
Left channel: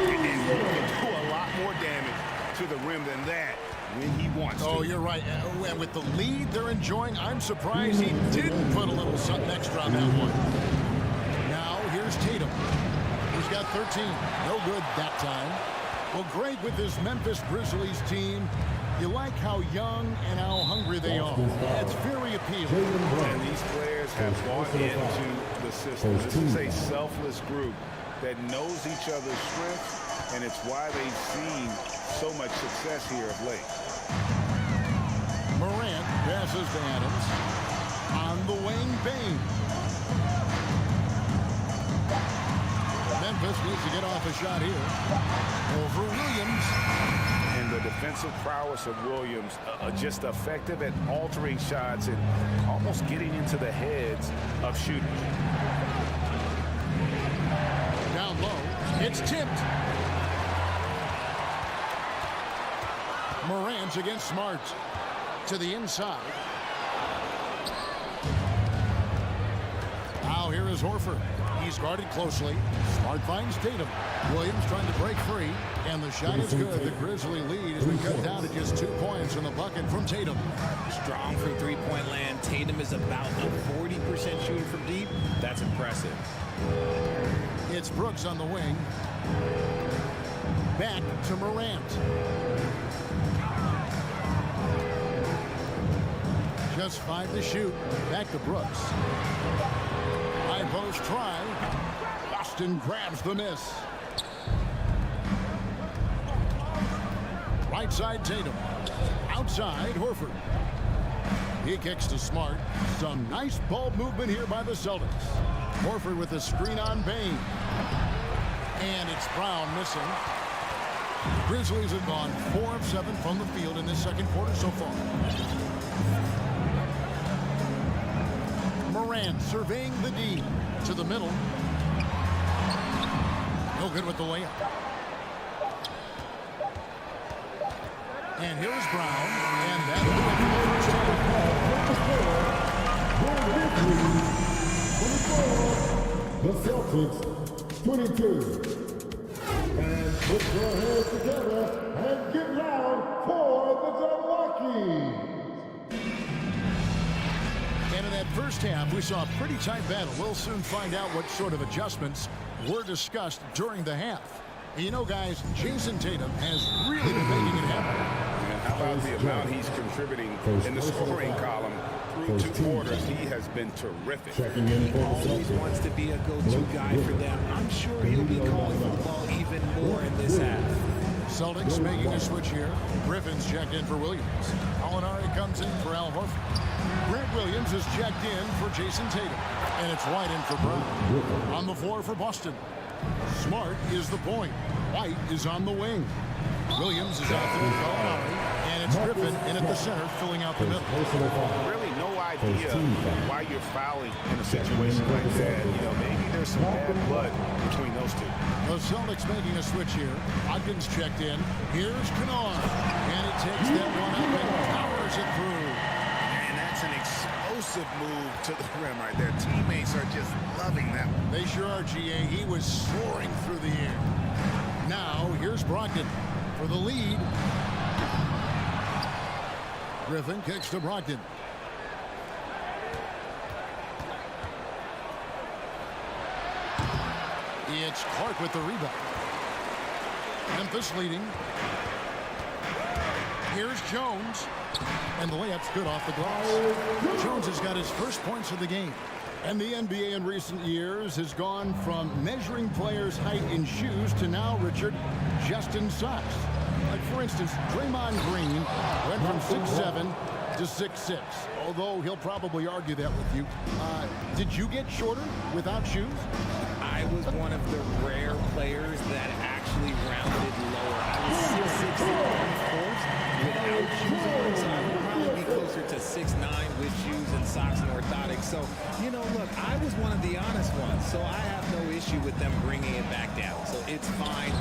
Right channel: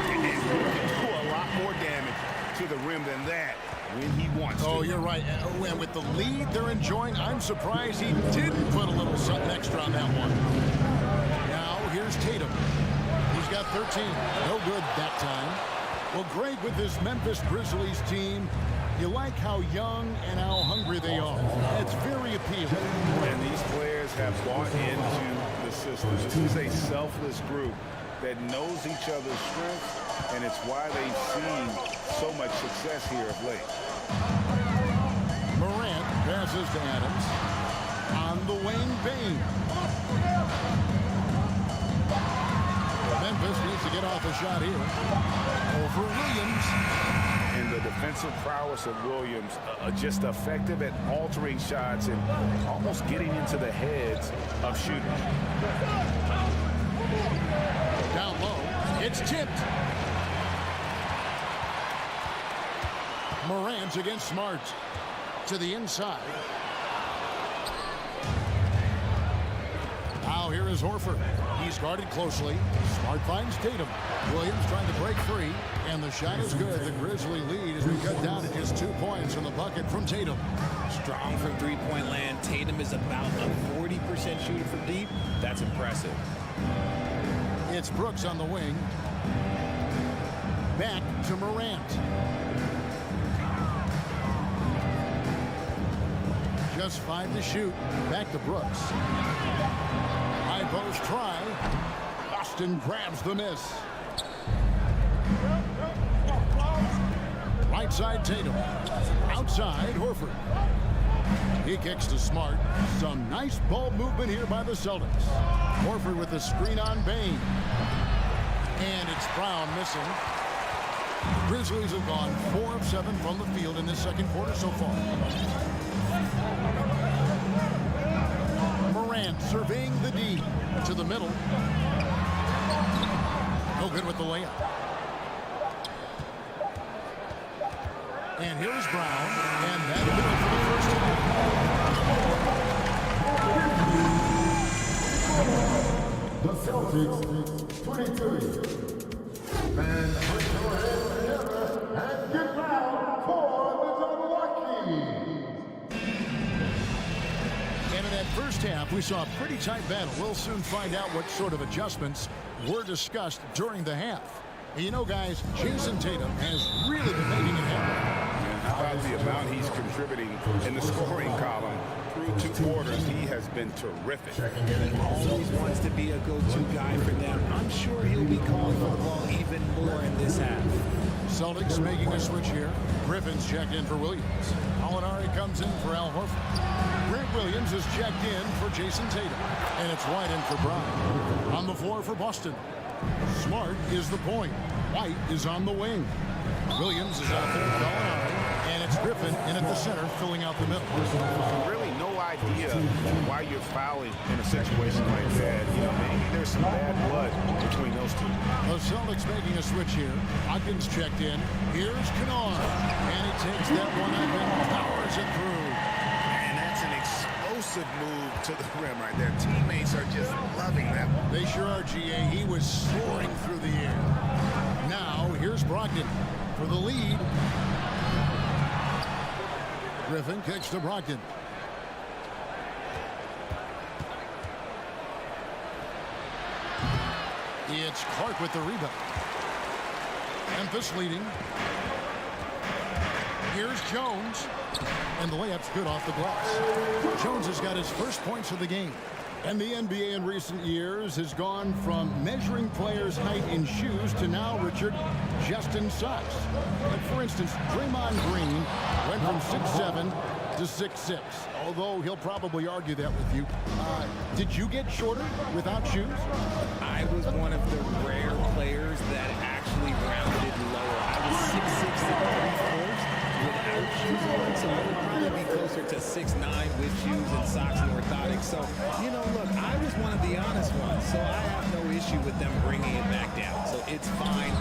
And he can do a lot more damage to the rim than that when he wants to. Oh, you're right. And with the lead they're enjoying, I'm surprised he didn't put a little something extra on that one. Now here's Tatum. He's got 13. No good that time. Well, great with this Memphis Grizzlies team. You like how young and how hungry they are. It's very appealing. And these players have bought into the system. This is a selfless group that knows each other's strengths, and it's why they've seen so much success here of late. Morant passes to Adams. On the wing, Bane. Memphis needs to get off a shot here. Over Williams. And the defensive prowess of Williams, just effective at altering shots and almost getting into the heads of shooters. Down low, it's tipped. Morant against Smart. To the inside. Now here is Horford. He's guarded closely. Smart finds Tatum. Williams trying to break free. And the shot is good. The Grizzly lead has been cut down to just 2 points in the bucket from Tatum. Strong from three-point land. Tatum is about a 40% shooter from deep. That's impressive. It's Brooks on the wing. Back to Morant. Just 5 to shoot. Back to Brooks. High post try. Boston grabs the miss. Right side Tatum. Outside Horford. He kicks to Smart. Some nice ball movement here by the Celtics. Horford with the screen on Bain. And it's Brown missing. The Grizzlies have gone 4 of 7 from the field in this second quarter so far. Morant surveying the D to the middle. No good with the layup. And here's Brown, and that'll do it for the first half. The Celtics, 22. And put your hands together and get loud for the Cavaliers. And in that first half, we saw a pretty tight battle. We'll soon find out what sort of adjustments were discussed during the half. And you know, guys, Jason Tatum has really been making it happen. And how about the amount he's contributing in the scoring column through 2 quarters? He has been terrific. He always wants to be a go-to guy for them. I'm sure he'll be calling for the ball even more in this half. Celtics making a switch here. Griffin's checked in for Williams. Alinari comes in for Al Horford. Grant Williams is checked in for Jason Tatum. And it's White in for Brown. On the floor for Boston. Smart is the point. White is on the wing. Williams is out there with Gallinari, and it's Griffin in at the center, filling out the middle. Really no idea why you're fouling in a situation like that. You know, maybe there's some bad blood between those two. The Celtics making a switch here. Watkins checked in. Here's Kennard, and he takes that one up and powers it through. And that's an explosive move to the rim right there. Teammates are just loving that one. They sure are, GA. He was soaring through the air. Now, here's Brogdon for the lead. Griffin kicks to Brogdon. It's Clark with the rebound. Memphis leading. Here's Jones. And the layup's good off the glass. Jones has got his first points of the game. And the NBA in recent years has gone from measuring players' height in shoes to now, Richard, just in socks. Like, for instance, Draymond Green went from 6'7" to 6'6", although he'll probably argue that with you. Did you get shorter without shoes? I was one of the rare players that actually rounded lower. I was 6'6" and 3/4 without shoes on, so I would probably be closer to 6'9" with shoes and socks and orthotics. So, you know, look, I was one of the honest ones, so I have no issue with them bringing it back down. So it's fine.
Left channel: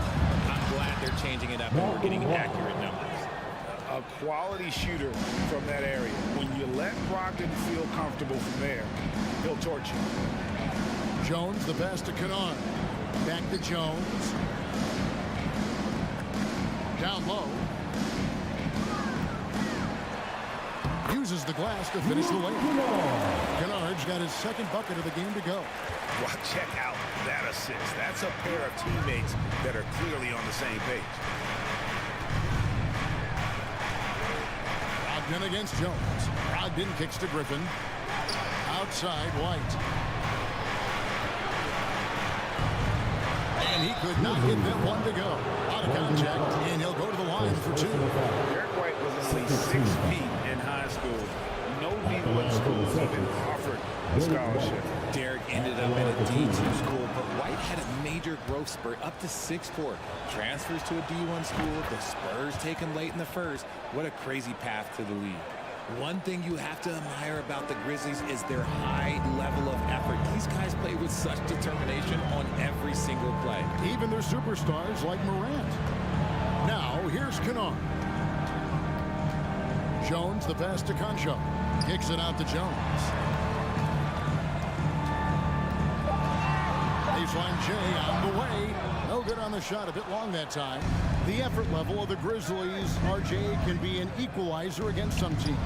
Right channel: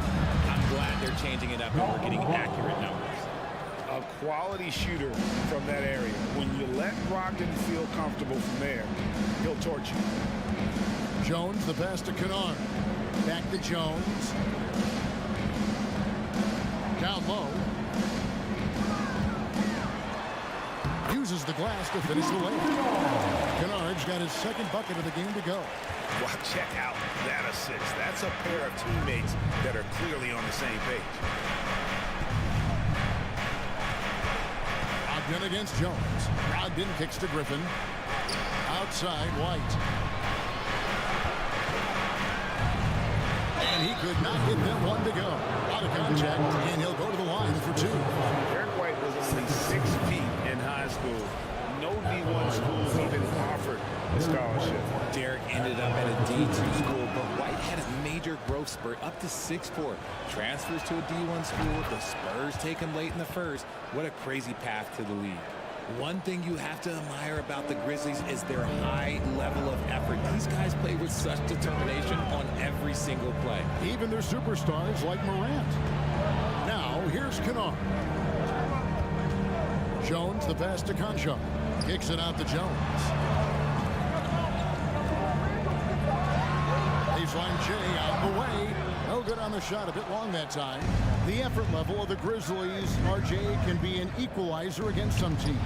I'm glad they're changing it up and we're getting accurate numbers. A quality shooter from that area. When you let Brogdon feel comfortable from there, he'll torch you. Jones, the pass to Kennard. Back to Jones. Down low. Uses the glass to finish the layup. Kennard's got his second bucket of the game to go. Well, check out that assist. That's a pair of teammates that are clearly on the same page. Brogdon against Jones. Brogdon kicks to Griffin. Outside White. And he could not get that one to go. Out of contact, and he'll go to the line for 2. Derek White was only 6 feet in high school, no D1 schools even offered a scholarship. Derek ended up at a D2 school, but White had a major growth spurt up to 6'4". Transfers to a D1 school. The Spurs take him late in the first. What a crazy path to the league. One thing you have to admire about the Grizzlies is their high level of effort. These guys play with such determination on every single play. Even their superstars like Morant. Now, here's Kennard. Jones, the pass to Concho. Kicks it out to Jones. Baseline J on the way. No good on the shot. A bit long that time. The effort level of the Grizzlies, RJ, can be an equalizer against some teams.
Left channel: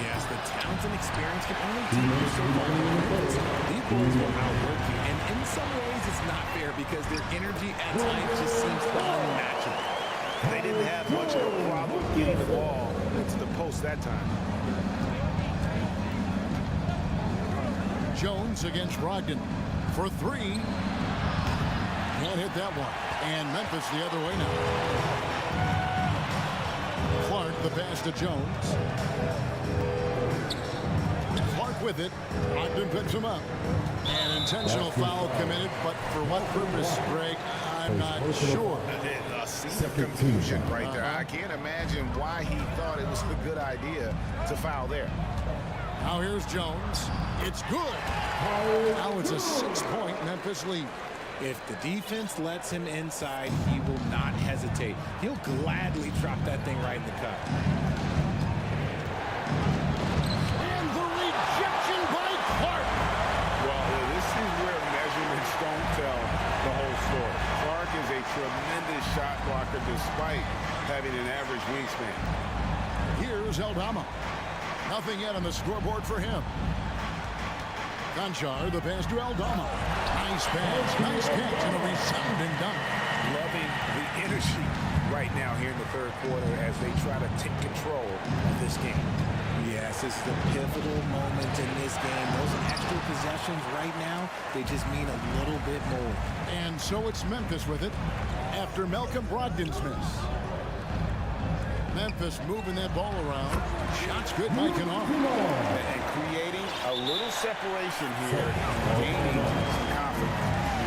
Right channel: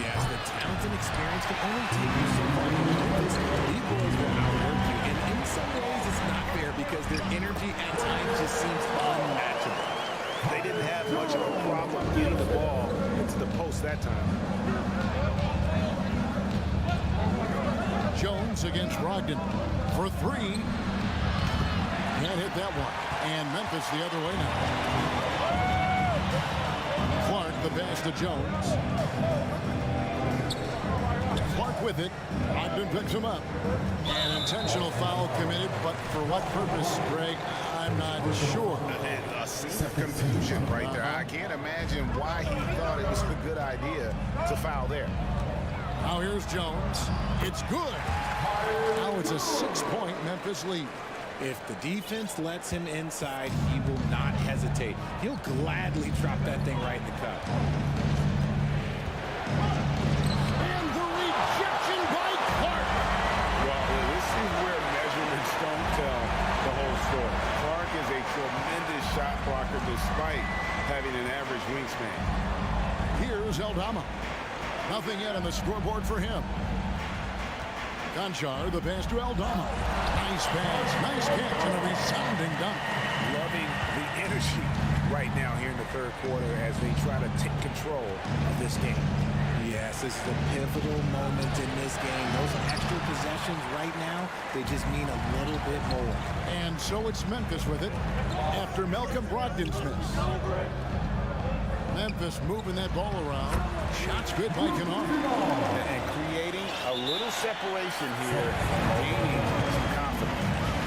Yes, the talent and experience can only take you so far from Memphis. These boys will outwork you, and in some ways it's not fair because their energy at times just seems unmatchable. They didn't have much of a problem getting the ball into the post that time. Jones against Brogdon for three. Can't hit that one. And Memphis the other way now. Clark the pass to Jones. Clark with it. Brogdon picks him up. An intentional foul committed, but for what purpose, Greg? I'm not sure. A scene of confusion right there. I can't imagine why he thought it was a good idea to foul there. Now here's Jones. It's good. Now it's a 6-point Memphis lead. If the defense lets him inside, he will not hesitate. He'll gladly drop that thing right in the cup. And the rejection by Clark. Well, this is where measurements don't tell the whole story. Clark is a tremendous shot blocker despite having an average wingspan. Here's Aldama. Nothing yet on the scoreboard for him. Conchar, the pass to Aldama. Nice pass, nice catch, and a resounding dunk. Loving the energy right now here in the third quarter as they try to take control of this game. Yes, this is a pivotal moment in this game. Those extra possessions right now, they just mean a little bit more. And so it's Memphis with it after Malcolm Brogdon's miss. Memphis moving that ball around. Shots good by Kennard. And creating a little separation here, gaining some confidence.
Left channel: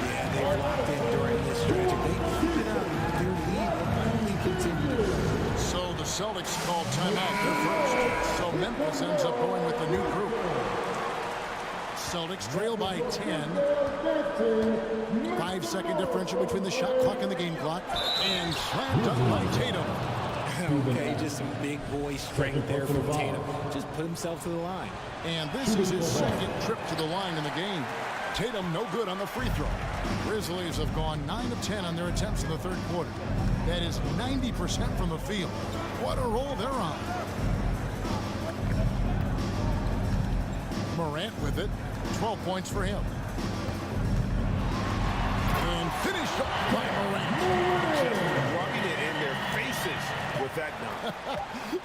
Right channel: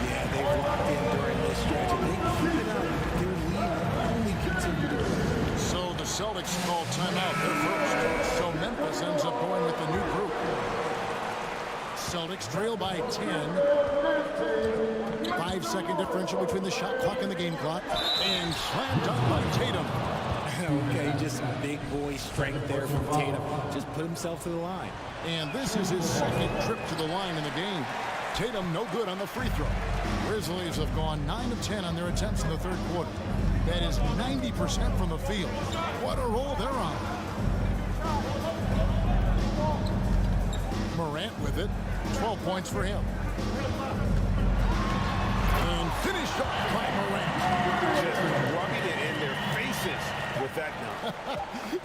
Yeah, they've locked in during this stretch. If they keep it up, their lead will only continue to grow. So the Celtics call timeout. They're first. So Memphis ends up going with the new group. Celtics trail by 10. 5-second differential between the shot clock and the game clock. And slam dunk by Tatum. Okay, just some big boy strength there from Tatum. Just put himself to the line. And this is his second trip to the line in the game. Tatum no good on the free throw. Grizzlies have gone 9 of 10 on their attempts in the third quarter. That is 90% from the field. What a roll they're on. Morant with it. 12 points for him. And finished off by Morant. Just rubbing it in their faces with that dunk.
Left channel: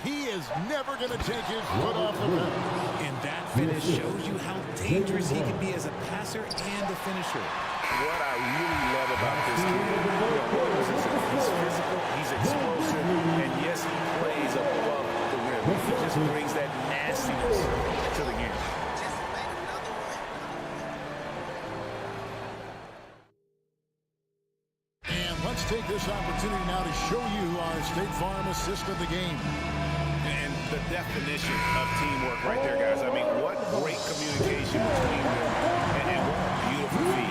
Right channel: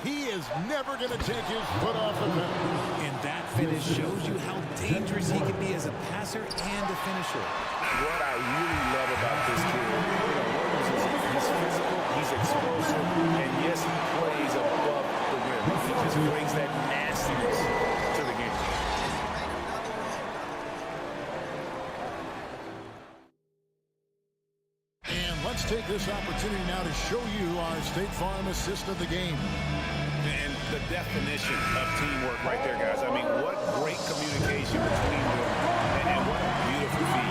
He is never going to take his foot off the pedal. And that finish shows you how dangerous he can be as a passer and a finisher. What I really love about this kid, Williams is he's physical, he's explosive, and yes, he plays above the rim. He just brings that nastiness to the game. Let's take this opportunity now to show you our State Farm assist of the game. And the definition of teamwork right there, guys. I mean, what great communication between them, and what a beautiful feed.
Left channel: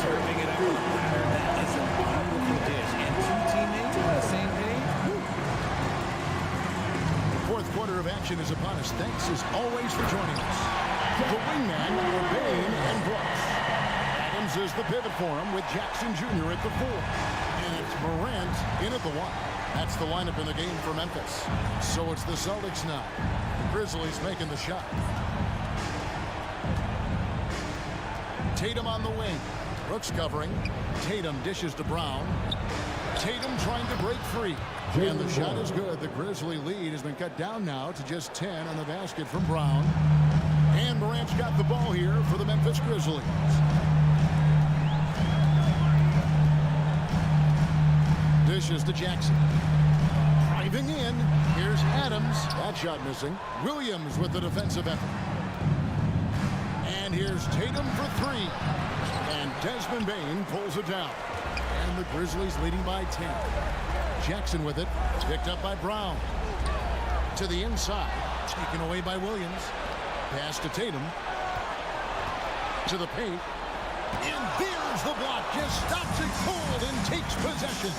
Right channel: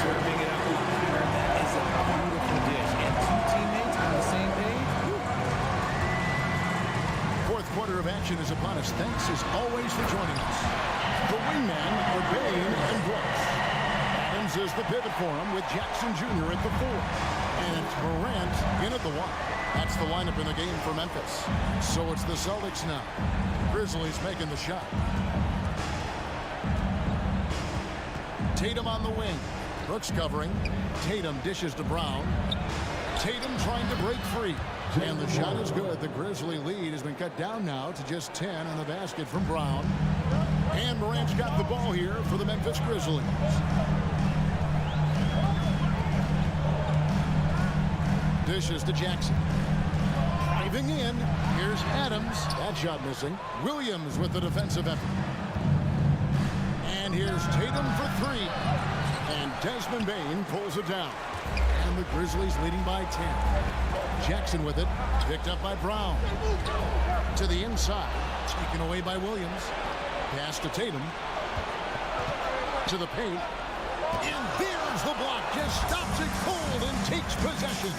Serving it up on a platter, that is a beautiful dish. And two teammates on the same page. Woo. Fourth quarter of action is upon us. Thanks as always for joining us. The wingmen are Bain and Brooks. Adams is the pivot for him with Jackson Jr. at the 4. And it's Morant in at the 1. That's the lineup in the game for Memphis. So it's the Celtics now. Grizzlies making the shot. Tatum on the wing. Brooks covering. Tatum dishes to Brown. Tatum trying to break free. And the shot is good. The Grizzly lead has been cut down now to just 10 on the basket from Brown. And Morant's got the ball here for the Memphis Grizzlies. Dishes to Jackson. Driving in, here's Adams. That shot missing. Williams with the defensive effort. And here's Tatum for three. And Desmond Bane pulls it down. And the Grizzlies leading by 10. Jackson with it. Picked up by Brown. To the inside. Taken away by Williams. Pass to Tatum. To the paint. And there's the block. Just stops it cold and takes possession.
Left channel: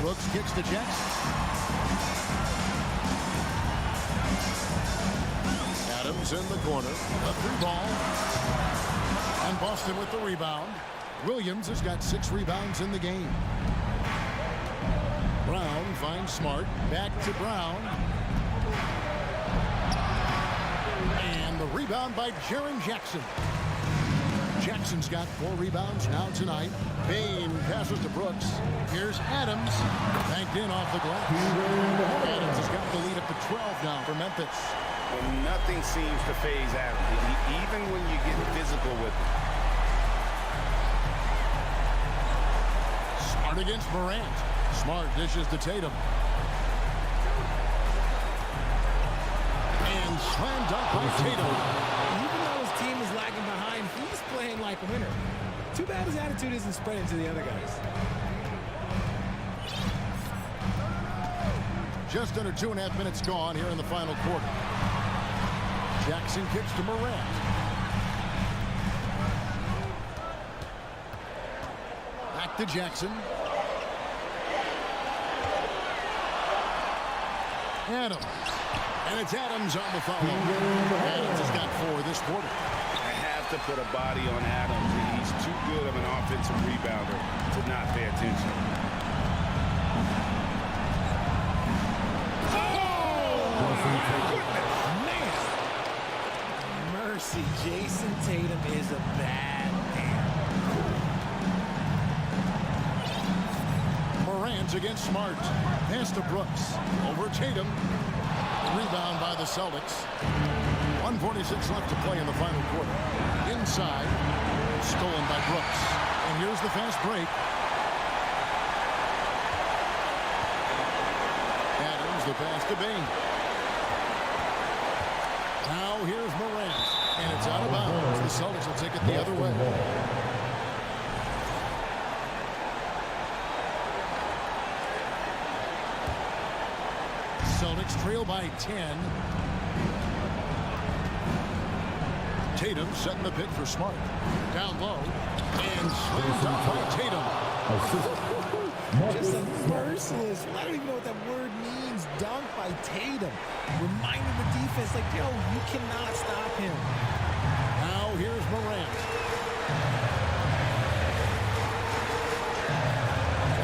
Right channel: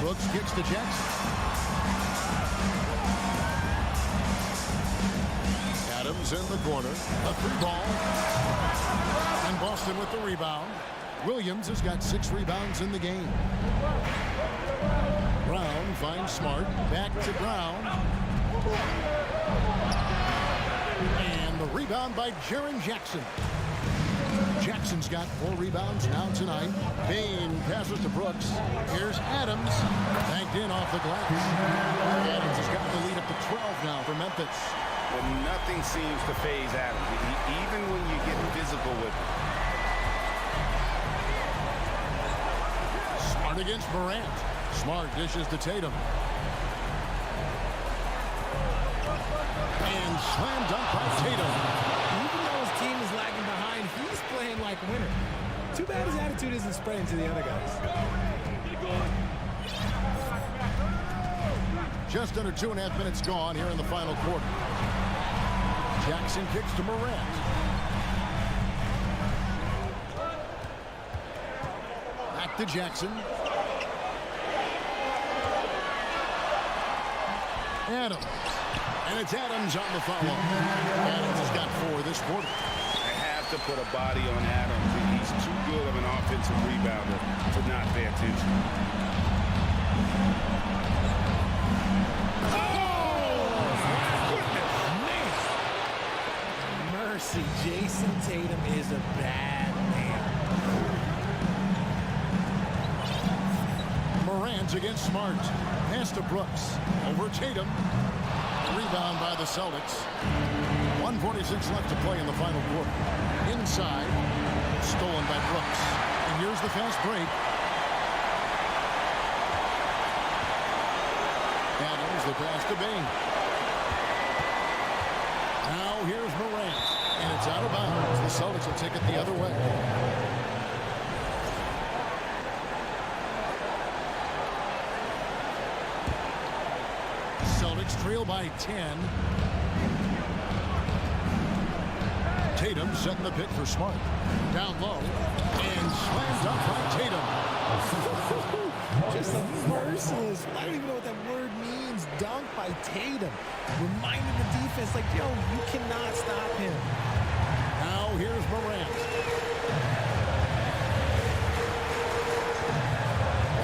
Brooks kicks to Jackson. Adams in the corner. A three ball. And Boston with the rebound. Williams has got 6 rebounds in the game. Brown finds Smart. Back to Brown. And the rebound by Jaren Jackson. Jackson's got 4 rebounds now tonight. Bane passes to Brooks. Here's Adams. Banked in off the glass. Adams has got the lead up to 12 now for Memphis. And nothing seems to faze Adams, even when you get physical with him. Smart against Morant. Smart dishes to Tatum. And slam dunk by Tatum. Even though his team is lagging behind, he's playing like a winner. Too bad his attitude isn't spreading to the other guys. Just under 2.5 minutes gone here in the final quarter. Jackson kicks to Morant. Back to Jackson. Adams. And it's Adams on the follow. Adams has got 4 this quarter. I have to put a body on Adams. He's too good of an offensive rebounder to not pay attention. Oh, my goodness. Man. Mercy, Jason Tatum is a bad man. Morant against Smart. Pass to Brooks. Over Tatum. Rebound by the Celtics. 1:46 left to play in the final quarter. Inside. Stolen by Brooks. And here's the fast break. Adams, the pass to Bane. Now here's Morant. And it's out of bounds. The Celtics will take it the other way. Celtics trail by 10. Tatum setting the pick for Smart. Down low. And slammed up by Tatum. Just a merciless, I don't even know what that word means, dunk by Tatum. Reminding the defense, like, yo, you cannot stop him. Now here's Morant.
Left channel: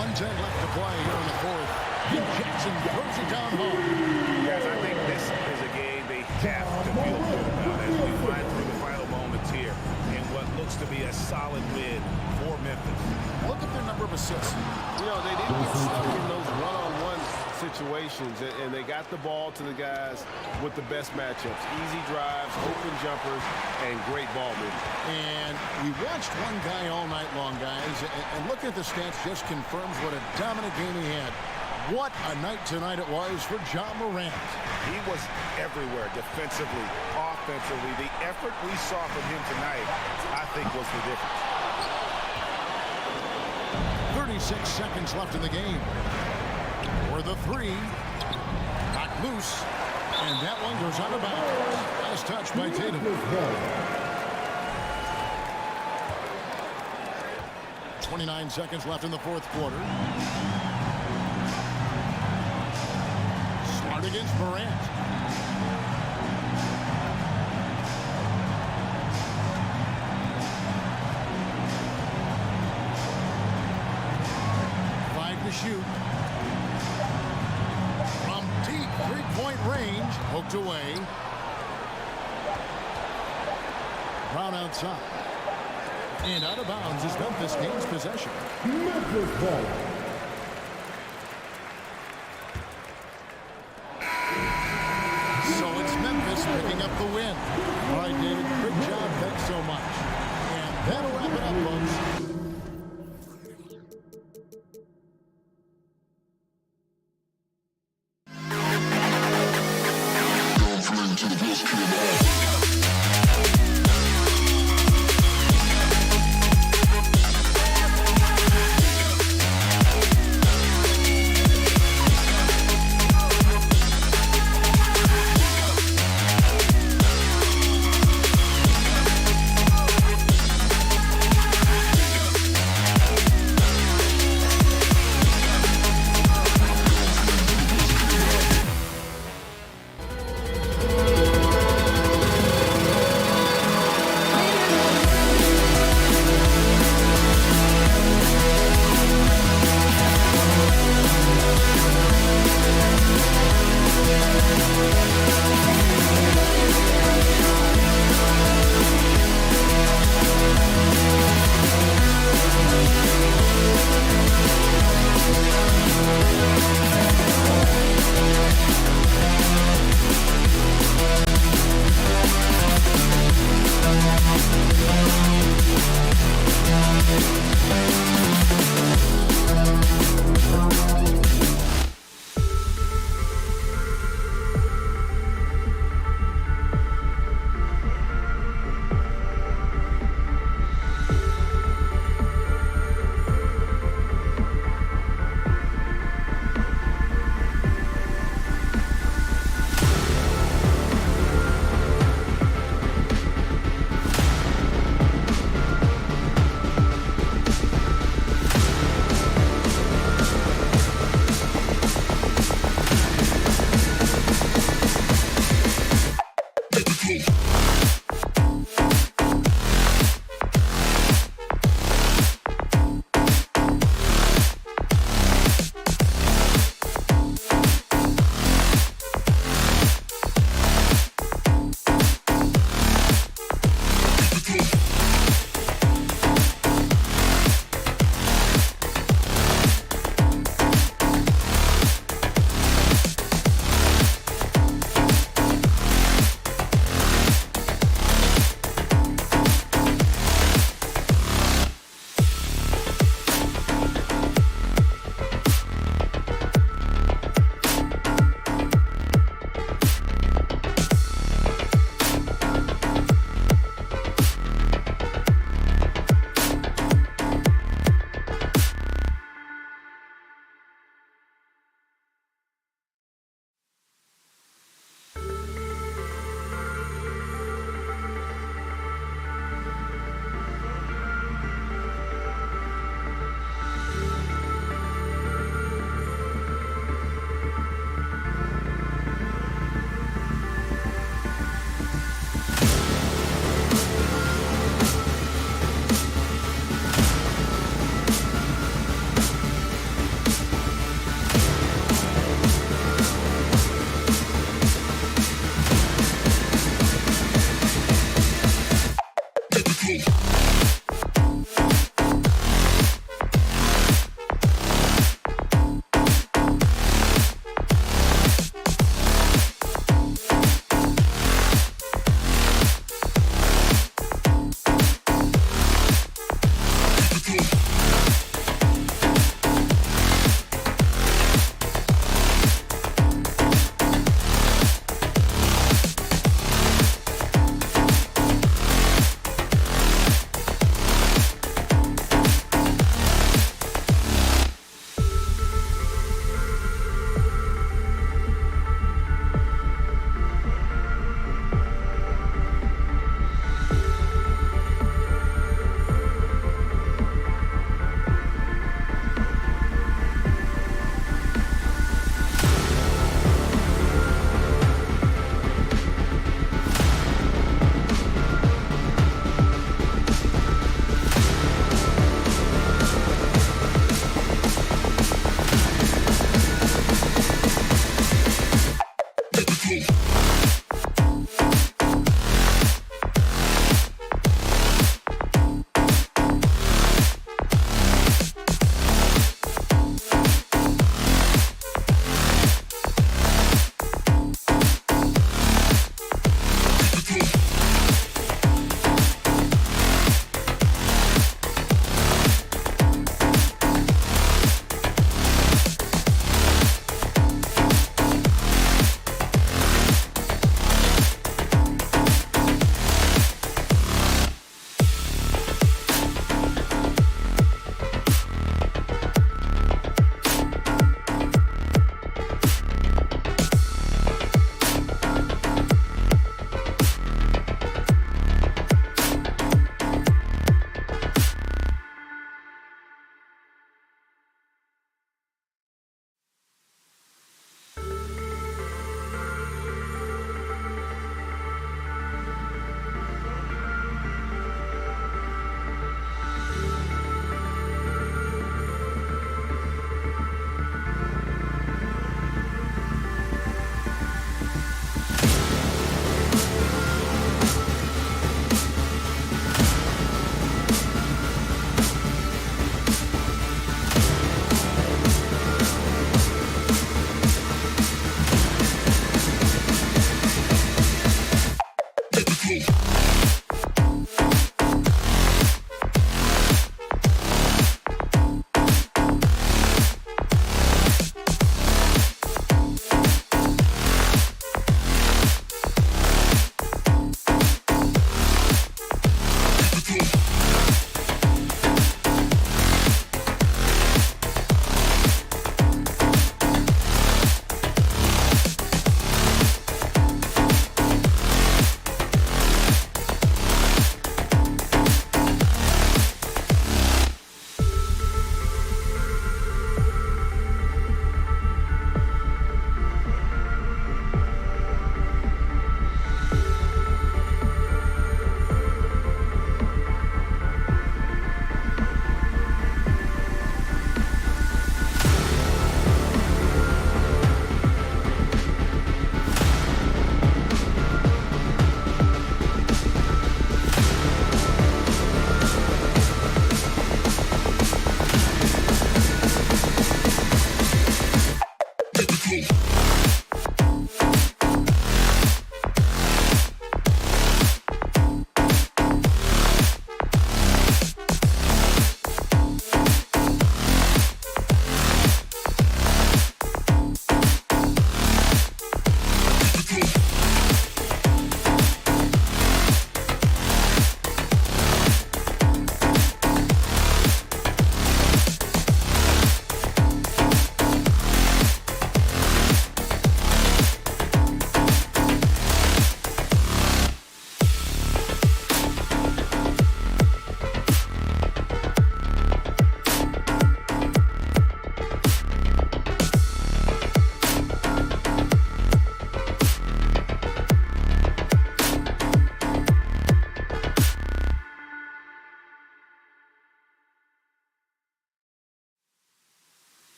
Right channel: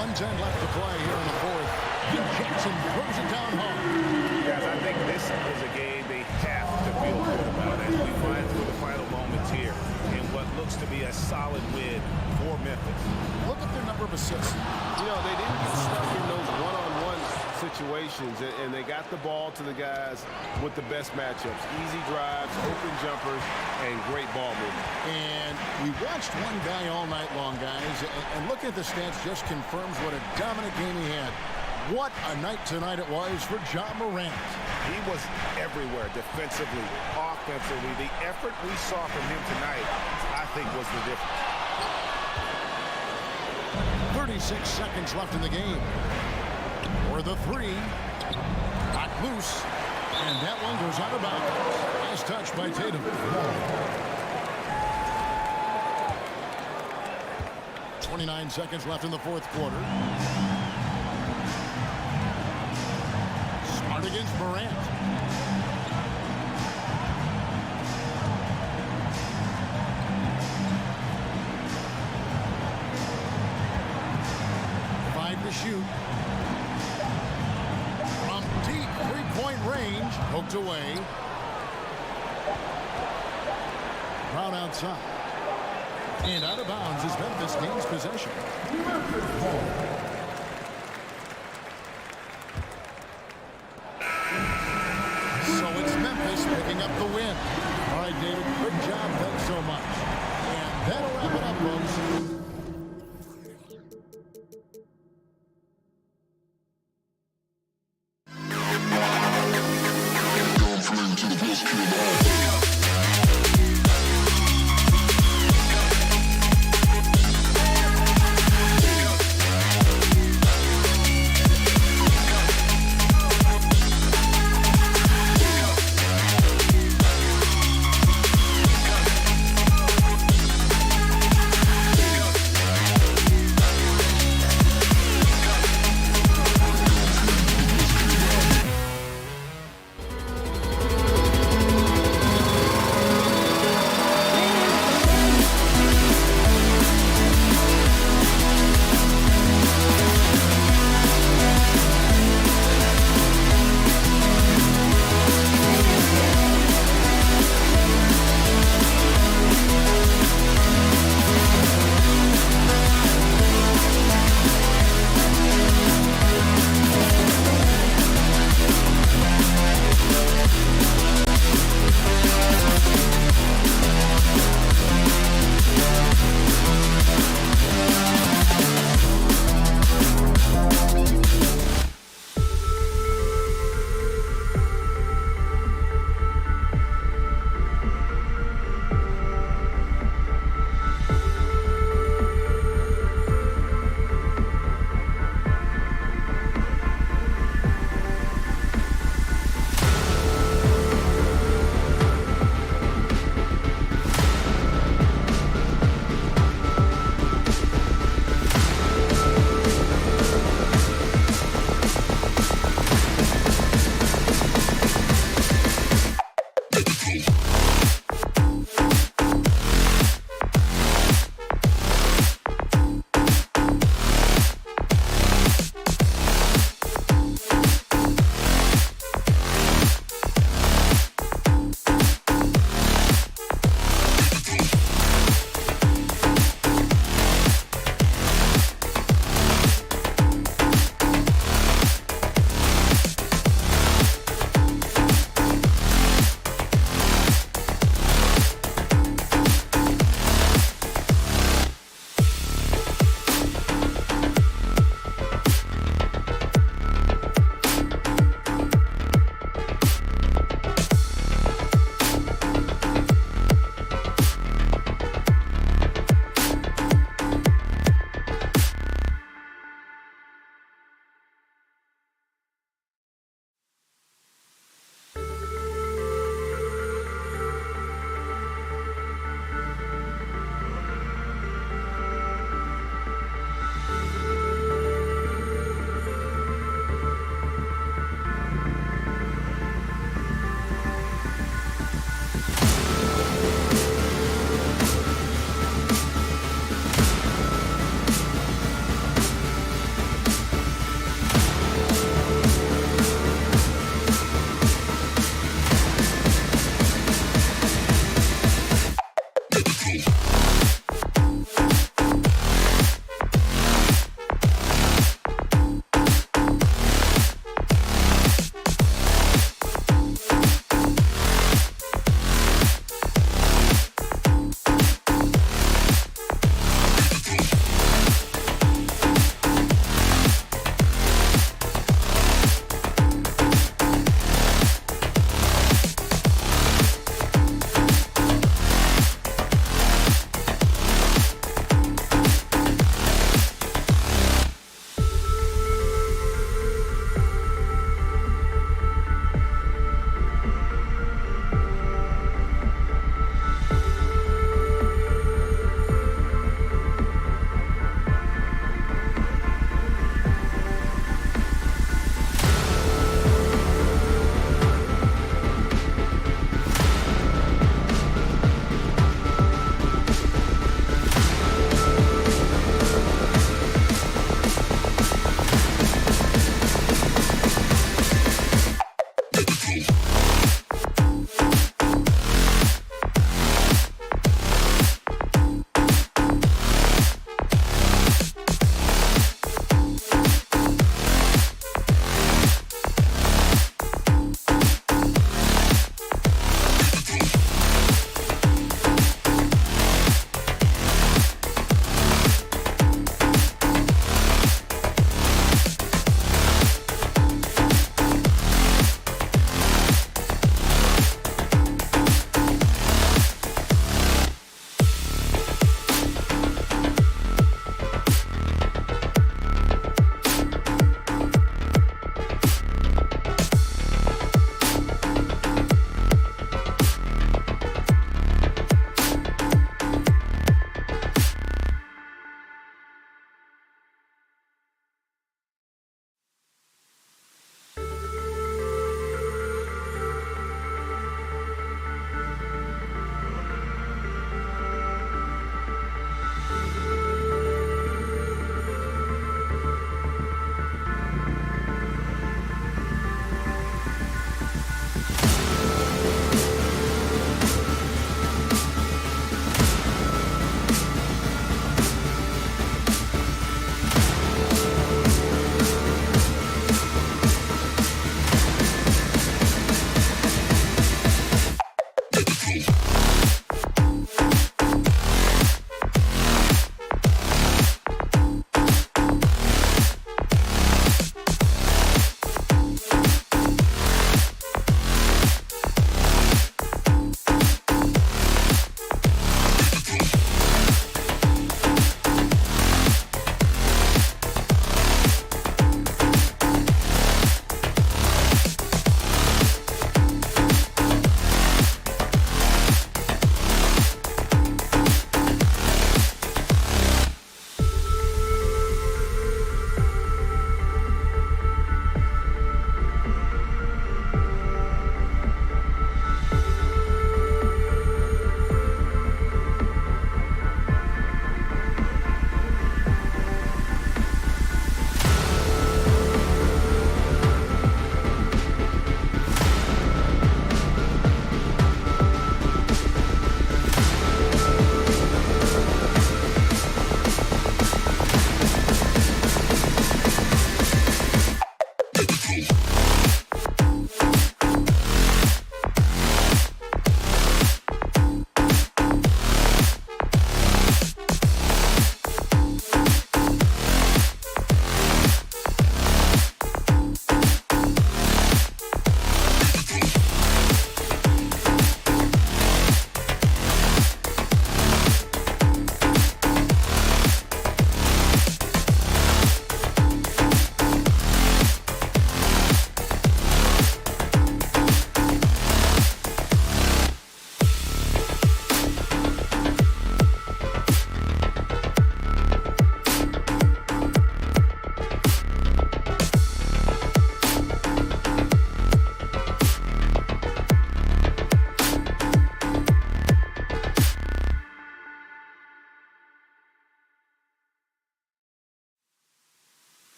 1:10 left to play here in the fourth. And Jackson throws it down hard. Guys, I think this is a game they have to feel good about as we wind through the final moments here in what looks to be a solid win for Memphis. Look at their number of assists. You know, they didn't get stuck in those one-on-one situations, and they got the ball to the guys with the best matchups. Easy drives, open jumpers, and great ball movement. And we watched one guy all night long, guys, and looking at the stats just confirms what a dominant game he had. What a night tonight it was for Ja Morant. He was everywhere defensively, offensively. The effort we saw from him tonight, I think, was the difference. 36 seconds left in the game. For the three. Knocked loose. And that one goes out of bounds. Nice touch by Tatum. 29 seconds left in the fourth quarter. Smart against Morant. To shoot. From deep three-point range. Poked away. Brown outside. And out of bounds as Memphis gains possession. Memphis ball. So it's Memphis picking up the win. All right, David, great job. Thanks so much. And that'll wrap it up, folks.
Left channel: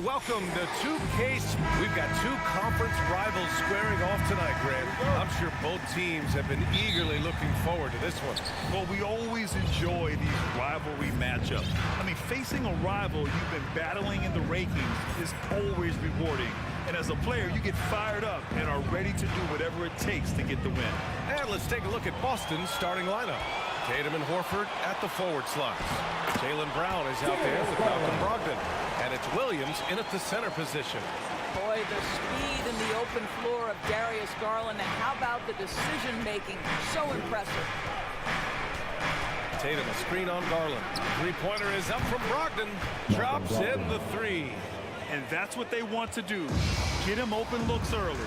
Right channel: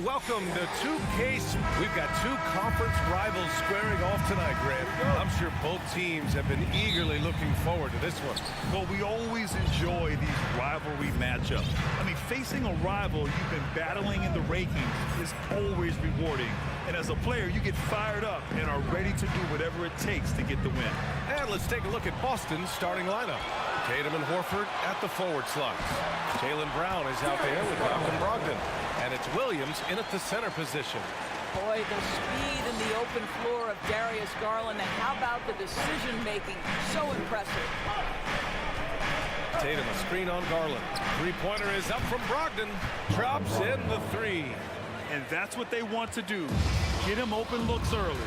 And welcome to 2K. We've got two conference rivals squaring off tonight, Grant. I'm sure both teams have been eagerly looking forward to this one. Well, we always enjoy these rivalry matchups. I mean, facing a rival you've been battling in the rankings is always rewarding. And as a player, you get fired up and are ready to do whatever it takes to get the win. And let's take a look at Boston's starting lineup. Tatum and Horford at the forward slots. Jaylen Brown is out there with Malcolm Brogdon. And it's Williams in at the center position. Boy, the speed and the open floor of Darius Garland. And how about the decision-making? So impressive. Tatum, a screen on Garland. Three-pointer is up from Brogdon. Drops in the three. And that's what they want to do. Get him open looks early.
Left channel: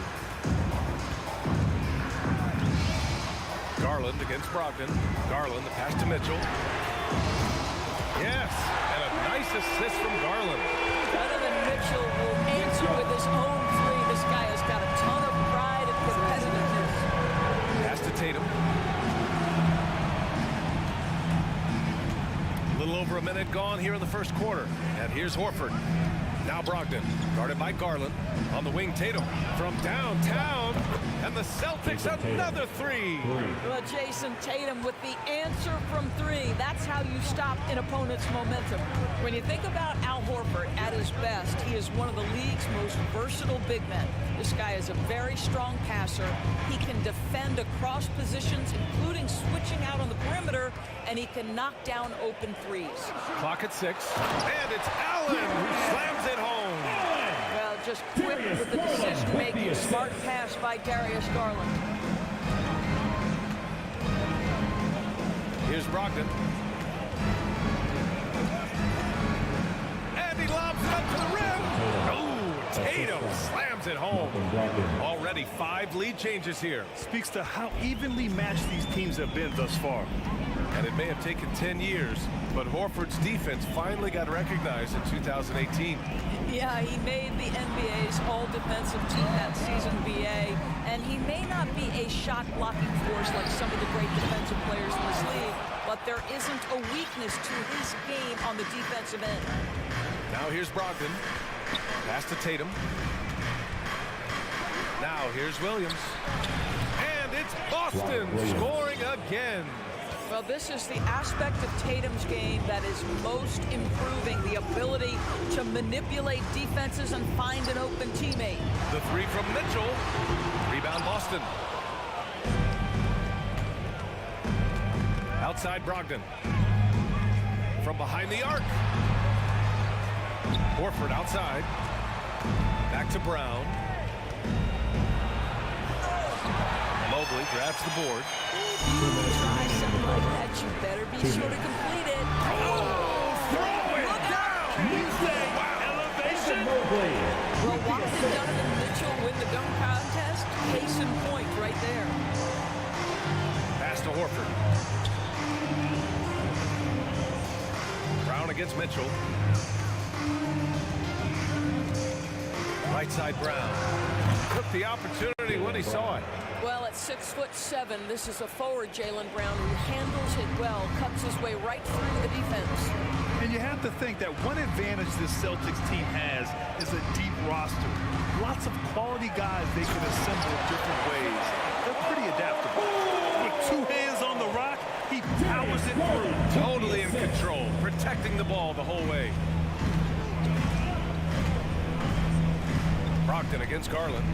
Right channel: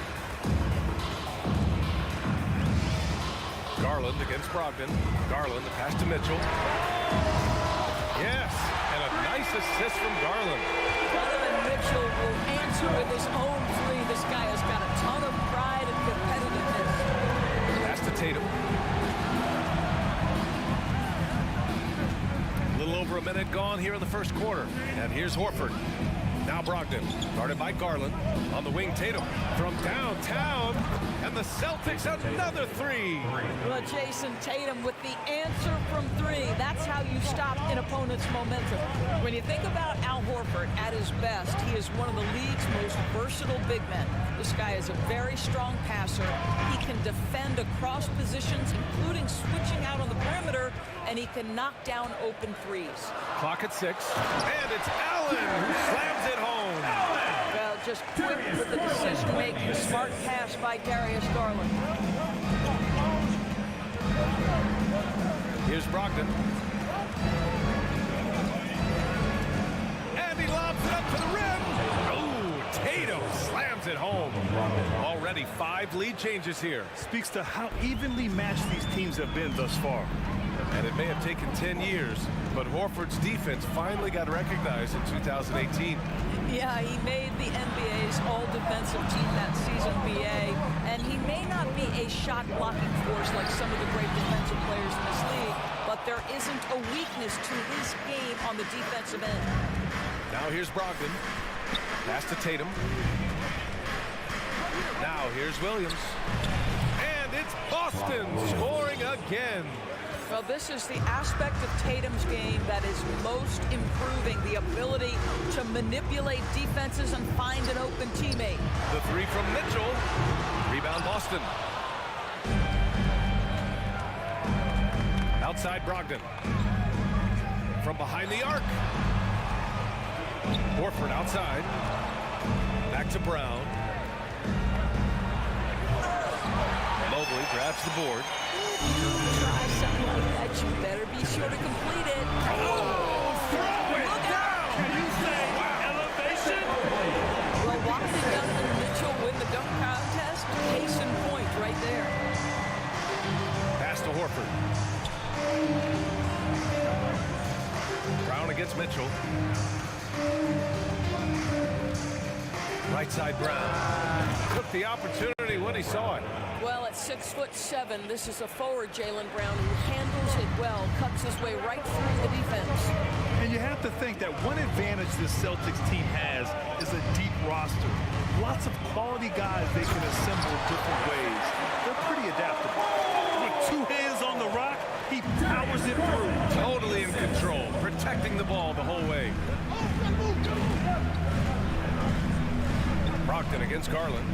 Garland against Brogdon. Garland, the pass to Mitchell. Yes, and a nice assist from Garland. Donovan Mitchell will answer with his own three. This guy has got a ton of pride and competitiveness. Pass to Tatum. A little over a minute gone here in the first quarter. And here's Horford. Now Brogdon, guarded by Garland. On the wing, Tatum from downtown. And the Celtics another three. Well, Jason, Tatum with the answer from three. That's how you stop an opponent's momentum. When you think about Al Horford at his best, he is one of the league's most versatile big men. This guy is a very strong passer. He can defend across positions, including switching out on the perimeter, and he can knock down open threes. Clock at 6. And it's Allen who slams it home. Well, just quick with the decision-making. Smart pass by Darius Garland. Here's Brogdon. And he lobs it up to the rim. Oh, Tatum slams it home. Already 5 lead changes here. Speaks to how evenly matched these teams have been thus far. And it may have taken 10 years, but Horford's defense finally got recognized in 2018. Yeah, he made the NBA's all-defensive team that season, BA, and he may not be a shot-blocking force like some of the great defensive players in this league, but there isn't a weakness to his game on the defensive end. Now here's Brogdon. Pass to Tatum. Now here's Williams. And it's Boston scoring again. Well, this is the aspect of Tatum's game that is most improving, the ability to manipulate defenses and find an open teammate. The three from Mitchell. Rebound Boston. Outside Brogdon. From behind the arc. Horford outside. Back to Brown. Mobley grabs the board. Try something like that, you better be sure to complete it. Oh, throw it down! Can you say elevation? Well, why did Donovan Mitchell win the dunk contest? Case in point right there. Pass to Horford. Brown against Mitchell. Right side Brown. Took the opportunity when he saw it. Well, at 6'7", this is a forward, Jaylen Brown, who handles it well, cuts his way right through the defense. And you have to think that one advantage this Celtics team has is a deep roster. Lots of quality guys they can assemble different ways. They're pretty adaptable. With 2 hands on the rock, he powers it through. Totally in control, protecting the ball the whole way. Brogdon against Garland.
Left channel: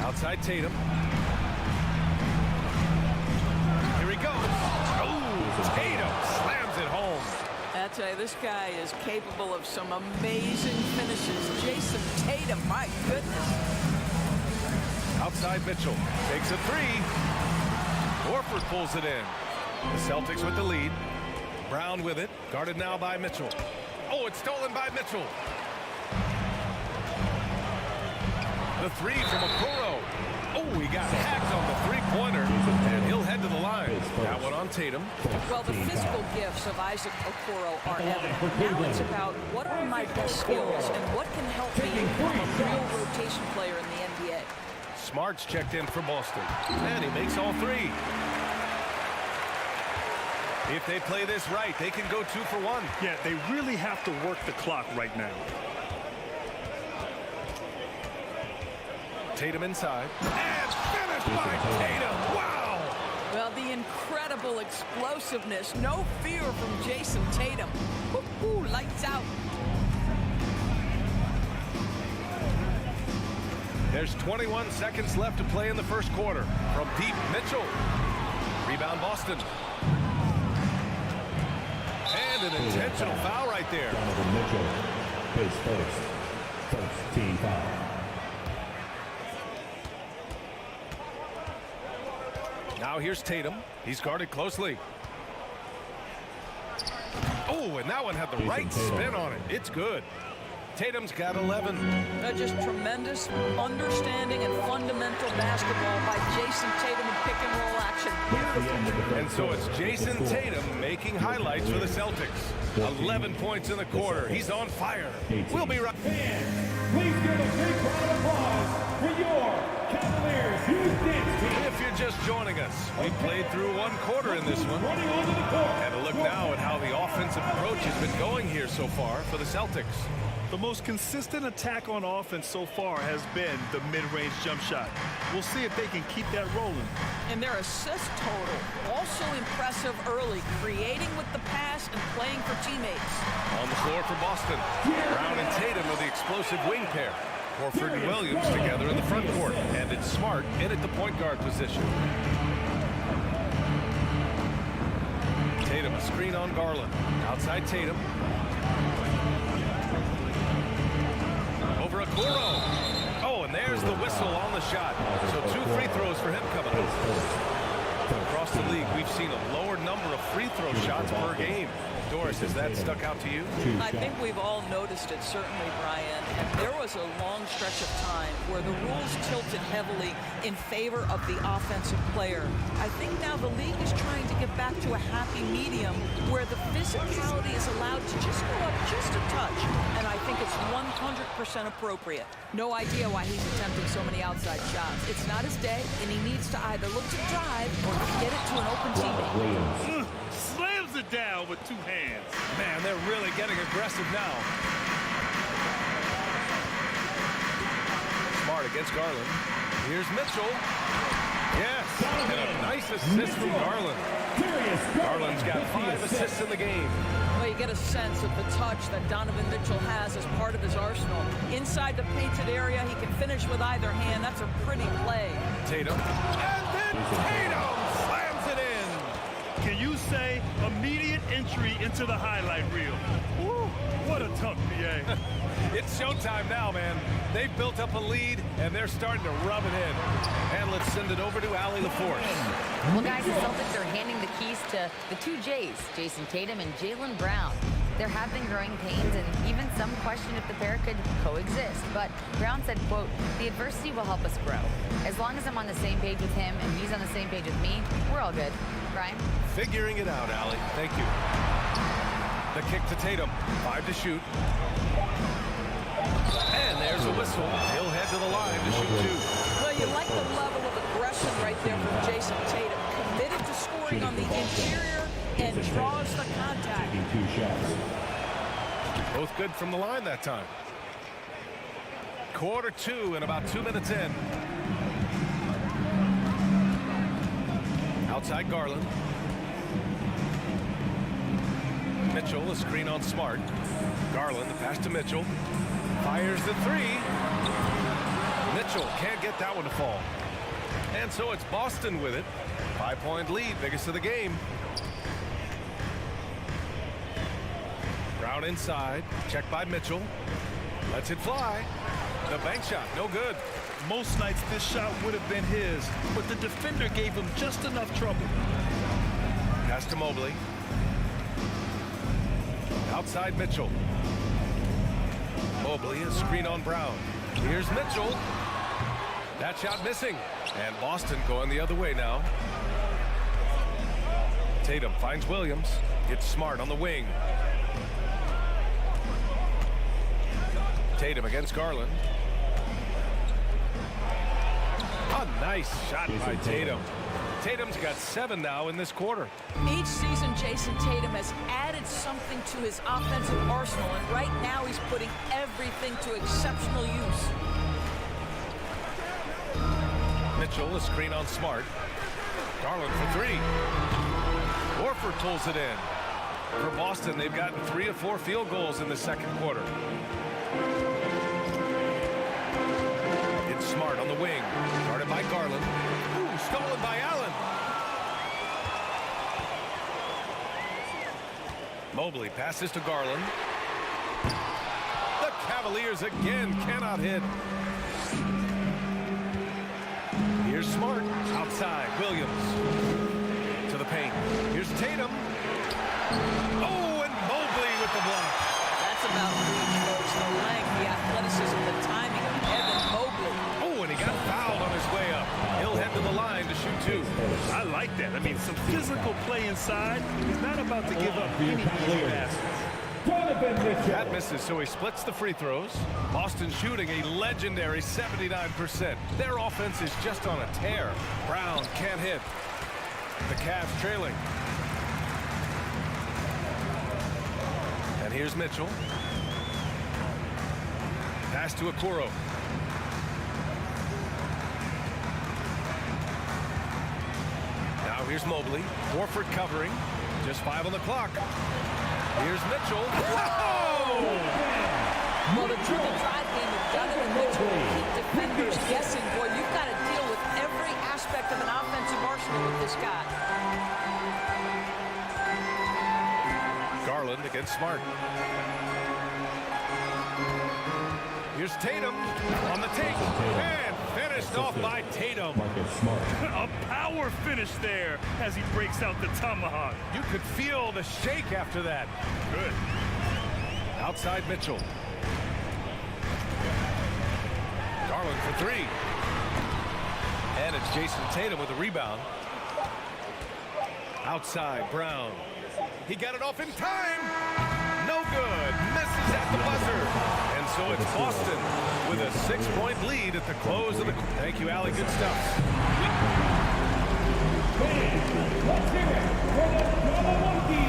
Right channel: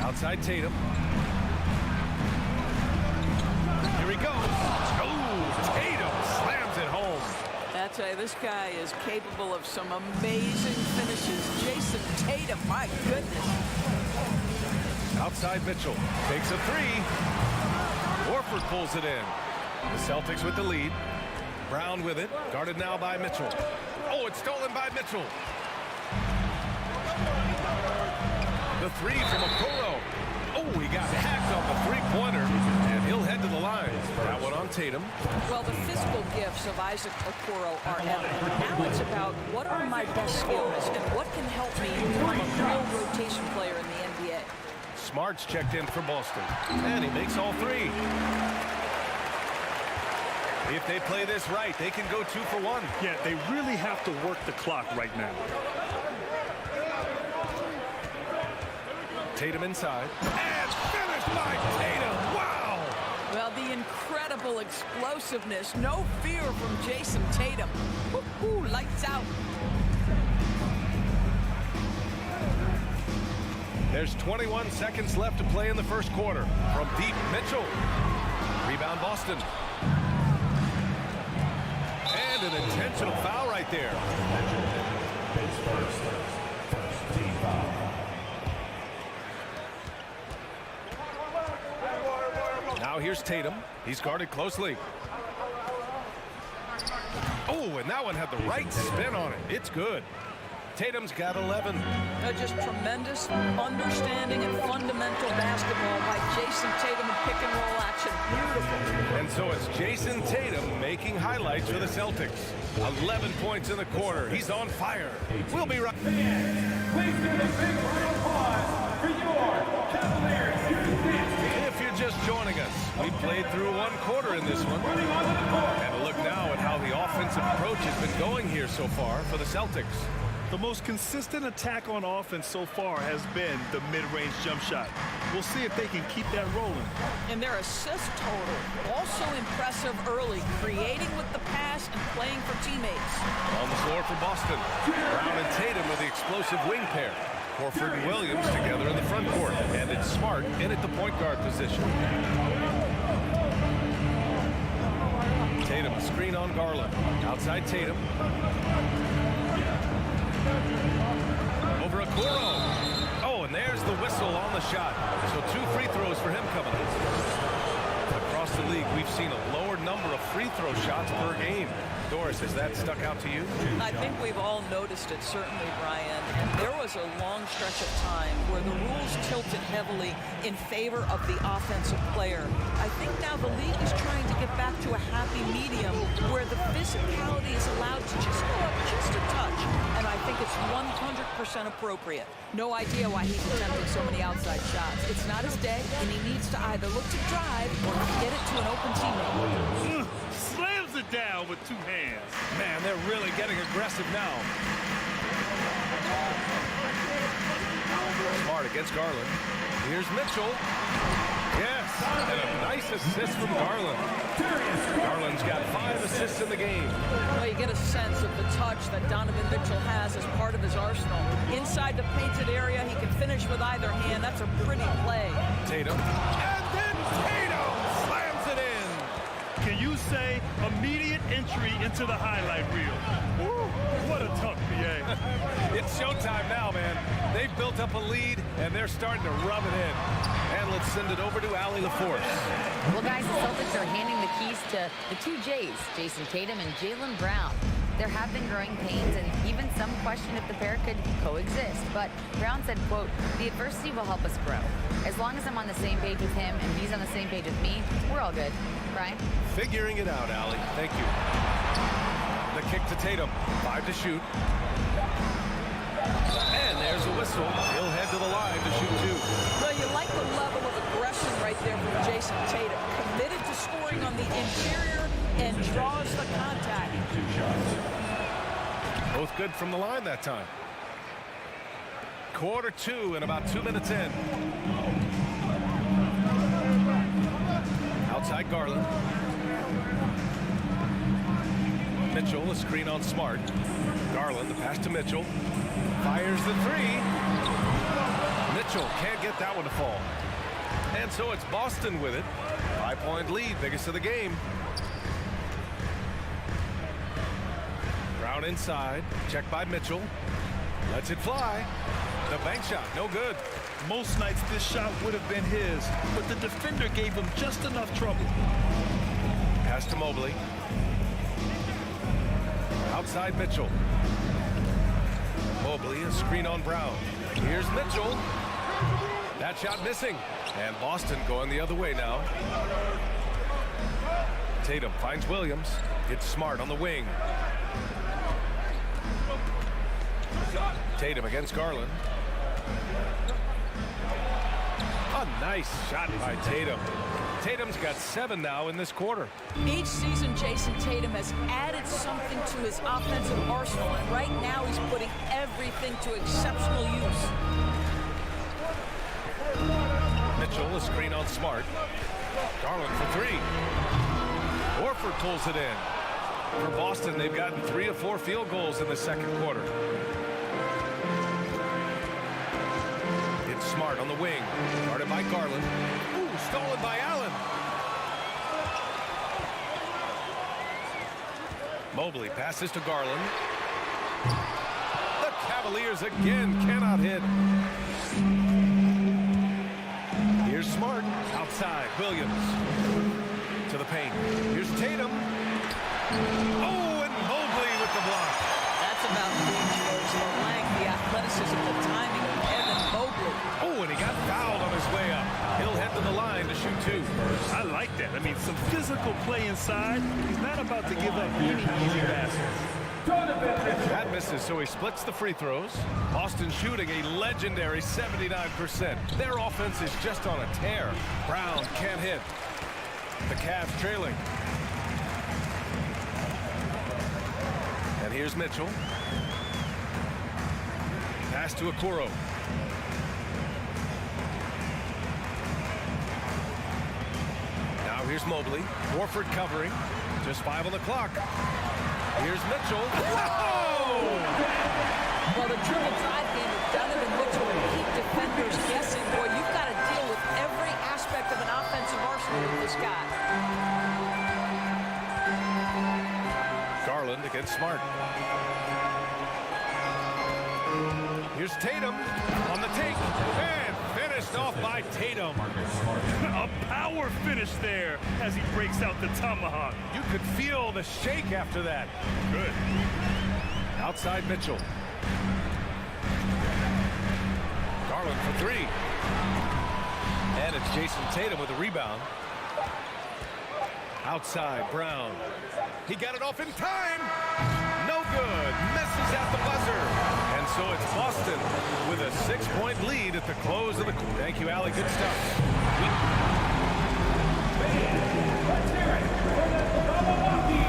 Outside Tatum. Here he goes. Oh, Tatum slams it home. I tell you, this guy is capable of some amazing finishes. Jason Tatum, my goodness. Outside Mitchell takes a three. Horford pulls it in. The Celtics with the lead. Brown with it, guarded now by Mitchell. Oh, it's stolen by Mitchell. The three from Okoro. Oh, he got hacked on the three-pointer, and he'll head to the line. That one on Tatum. Well, the physical gifts of Isaac Okoro are evident. Now it's about what are my best skills and what can help me become a real rotation player in the NBA. Smart's checked in for Boston, and he makes all three. If they play this right, they can go 2 for 1. Yeah, they really have to work the clock right now. Tatum inside. And finished by Tatum. Wow! Well, the incredible explosiveness. No fear from Jason Tatum. Woo-hoo, lights out. There's 21 seconds left to play in the first quarter. From deep, Mitchell. Rebound, Boston. And an intentional foul right there. Mitchell pays first. First team foul. Now here's Tatum. He's guarded closely. Oh, and that one had the right spin on it. It's good. Tatum's got 11. Just tremendous understanding and fundamental basketball by Jason Tatum in pick and roll action. Beautiful. And so it's Jason Tatum making highlights for the Celtics. 11 points in the quarter. He's on fire. We'll be right back. Please give a big round of applause for your Cavaliers. If you're just joining us, we played through one quarter in this one. And a look now at how the offensive approach has been going here so far for the Celtics. The most consistent attack on offense so far has been the mid-range jump shot. We'll see if they can keep that rolling. And their assist total, also impressive early, creating with the pass and playing for teammates. On the floor for Boston, Brown and Tatum are the explosive wing pair. Horford and Williams together in the front court. And it's Smart in at the point guard position. Tatum, a screen on Garland. Outside Tatum. Over Okoro. Oh, and there's the whistle on the shot. So 2 free throws for him coming up. Across the league, we've seen a lower number of free throw shots per game. Doris, has that stuck out to you? I think we've all noticed it, certainly, Brian. And there was a long stretch of time where the rules tilted heavily in favor of the offensive player. I think now the league is trying to get back to a happy medium where the physicality is allowed to just go up just a touch. And I think it's 100% appropriate. No idea why he's attempting so many outside shots. It's not his day, and he needs to either look to drive or get it to an open teammate. Slams it down with 2 hands. Man, they're really getting aggressive now. Smart against Garland. Here's Mitchell. Yes, and a nice assist from Garland. Garland's got 5 assists in the game. Well, you get a sense of the touch that Donovan Mitchell has as part of his arsenal. Inside the painted area, he can finish with either hand. That's a pretty play. Tatum. And then Tatum slams it in. Can you say immediate entry into the highlight reel? Woo, what a tough PA. It's showtime now, man. They've built up a lead, and they're starting to rub it in. And let's send it over to Allie LaForce. Well, guys, the Celtics are handing the keys to the 2 J's, Jason Tatum and Jaylen Brown. There have been growing pains and even some question if the pair could coexist. But Brown said, quote, "The adversity will help us grow. As long as I'm on the same page with him and he's on the same page with me, we're all good." Brian? Figuring it out, Allie. Thank you. The kick to Tatum. 5 to shoot. And there's a whistle. He'll head to the line to shoot 2. Well, you like the level of aggression right there from Jason Tatum. Committed to scoring on the interior and draws the contact. Both good from the line that time. Quarter 2 and about 2 minutes in. Outside Garland. Mitchell, a screen on Smart. Garland, the pass to Mitchell. Fires the 3. Mitchell can't get that one to fall. And so it's Boston with it. 5-point lead, biggest of the game. Brown inside, checked by Mitchell. Lets it fly. The bank shot, no good. Most nights this shot would have been his, but the defender gave him just enough trouble. Pass to Mobley. Outside Mitchell. Mobley, a screen on Brown. Here's Mitchell. That shot missing. And Boston going the other way now. Tatum finds Williams. It's Smart on the wing. Tatum against Garland. A nice shot by Tatum. Tatum's got 7 now in this quarter. Each season, Jason Tatum has added something to his offensive arsenal, and right now he's putting everything to exceptional use. Mitchell, a screen on Smart. Garland for three. Horford pulls it in. For Boston, they've gotten 3 of 4 field goals in the second quarter. It's Smart on the wing. Guarded by Garland. Ooh, stolen by Allen. Mobley passes to Garland. The Cavaliers again cannot hit. Here's Smart. Outside. Williams. To the paint. Here's Tatum. Oh, and Mobley with the block. That's about reach, folks. The length, the athleticism, the timing of Evan Mobley. Oh, and he got fouled on his way up. He'll head to the line to shoot 2. I like that. I mean, some physical play inside. He's not about to give up any easy baskets. That misses, so he splits the free throws. Boston shooting a legendary 79%. Their offense is just on a tear. Brown can't hit. The Cavs trailing. And here's Mitchell. Pass to Okoro. Now here's Mobley. Horford covering. Just 5 on the clock. Here's Mitchell. Whoa! Well, the dribble drive game of Donovan Mitchell will keep defenders guessing. Boy, you've got to deal with every aspect of an offensive arsenal with this guy. Garland against Smart. Here's Tatum on the take and finished off by Tatum. A power finish there as he breaks out the tomahawk. You could feel the shake after that. Good. Outside Mitchell. Garland for 3. And it's Jason Tatum with the rebound. Outside Brown. He got it off in time. No good. Misses at the buzzer. And so it's Boston with a 6-point lead at the close of the... Thank you, Allie. Good stuff. Let's hear it for the Milwaukee.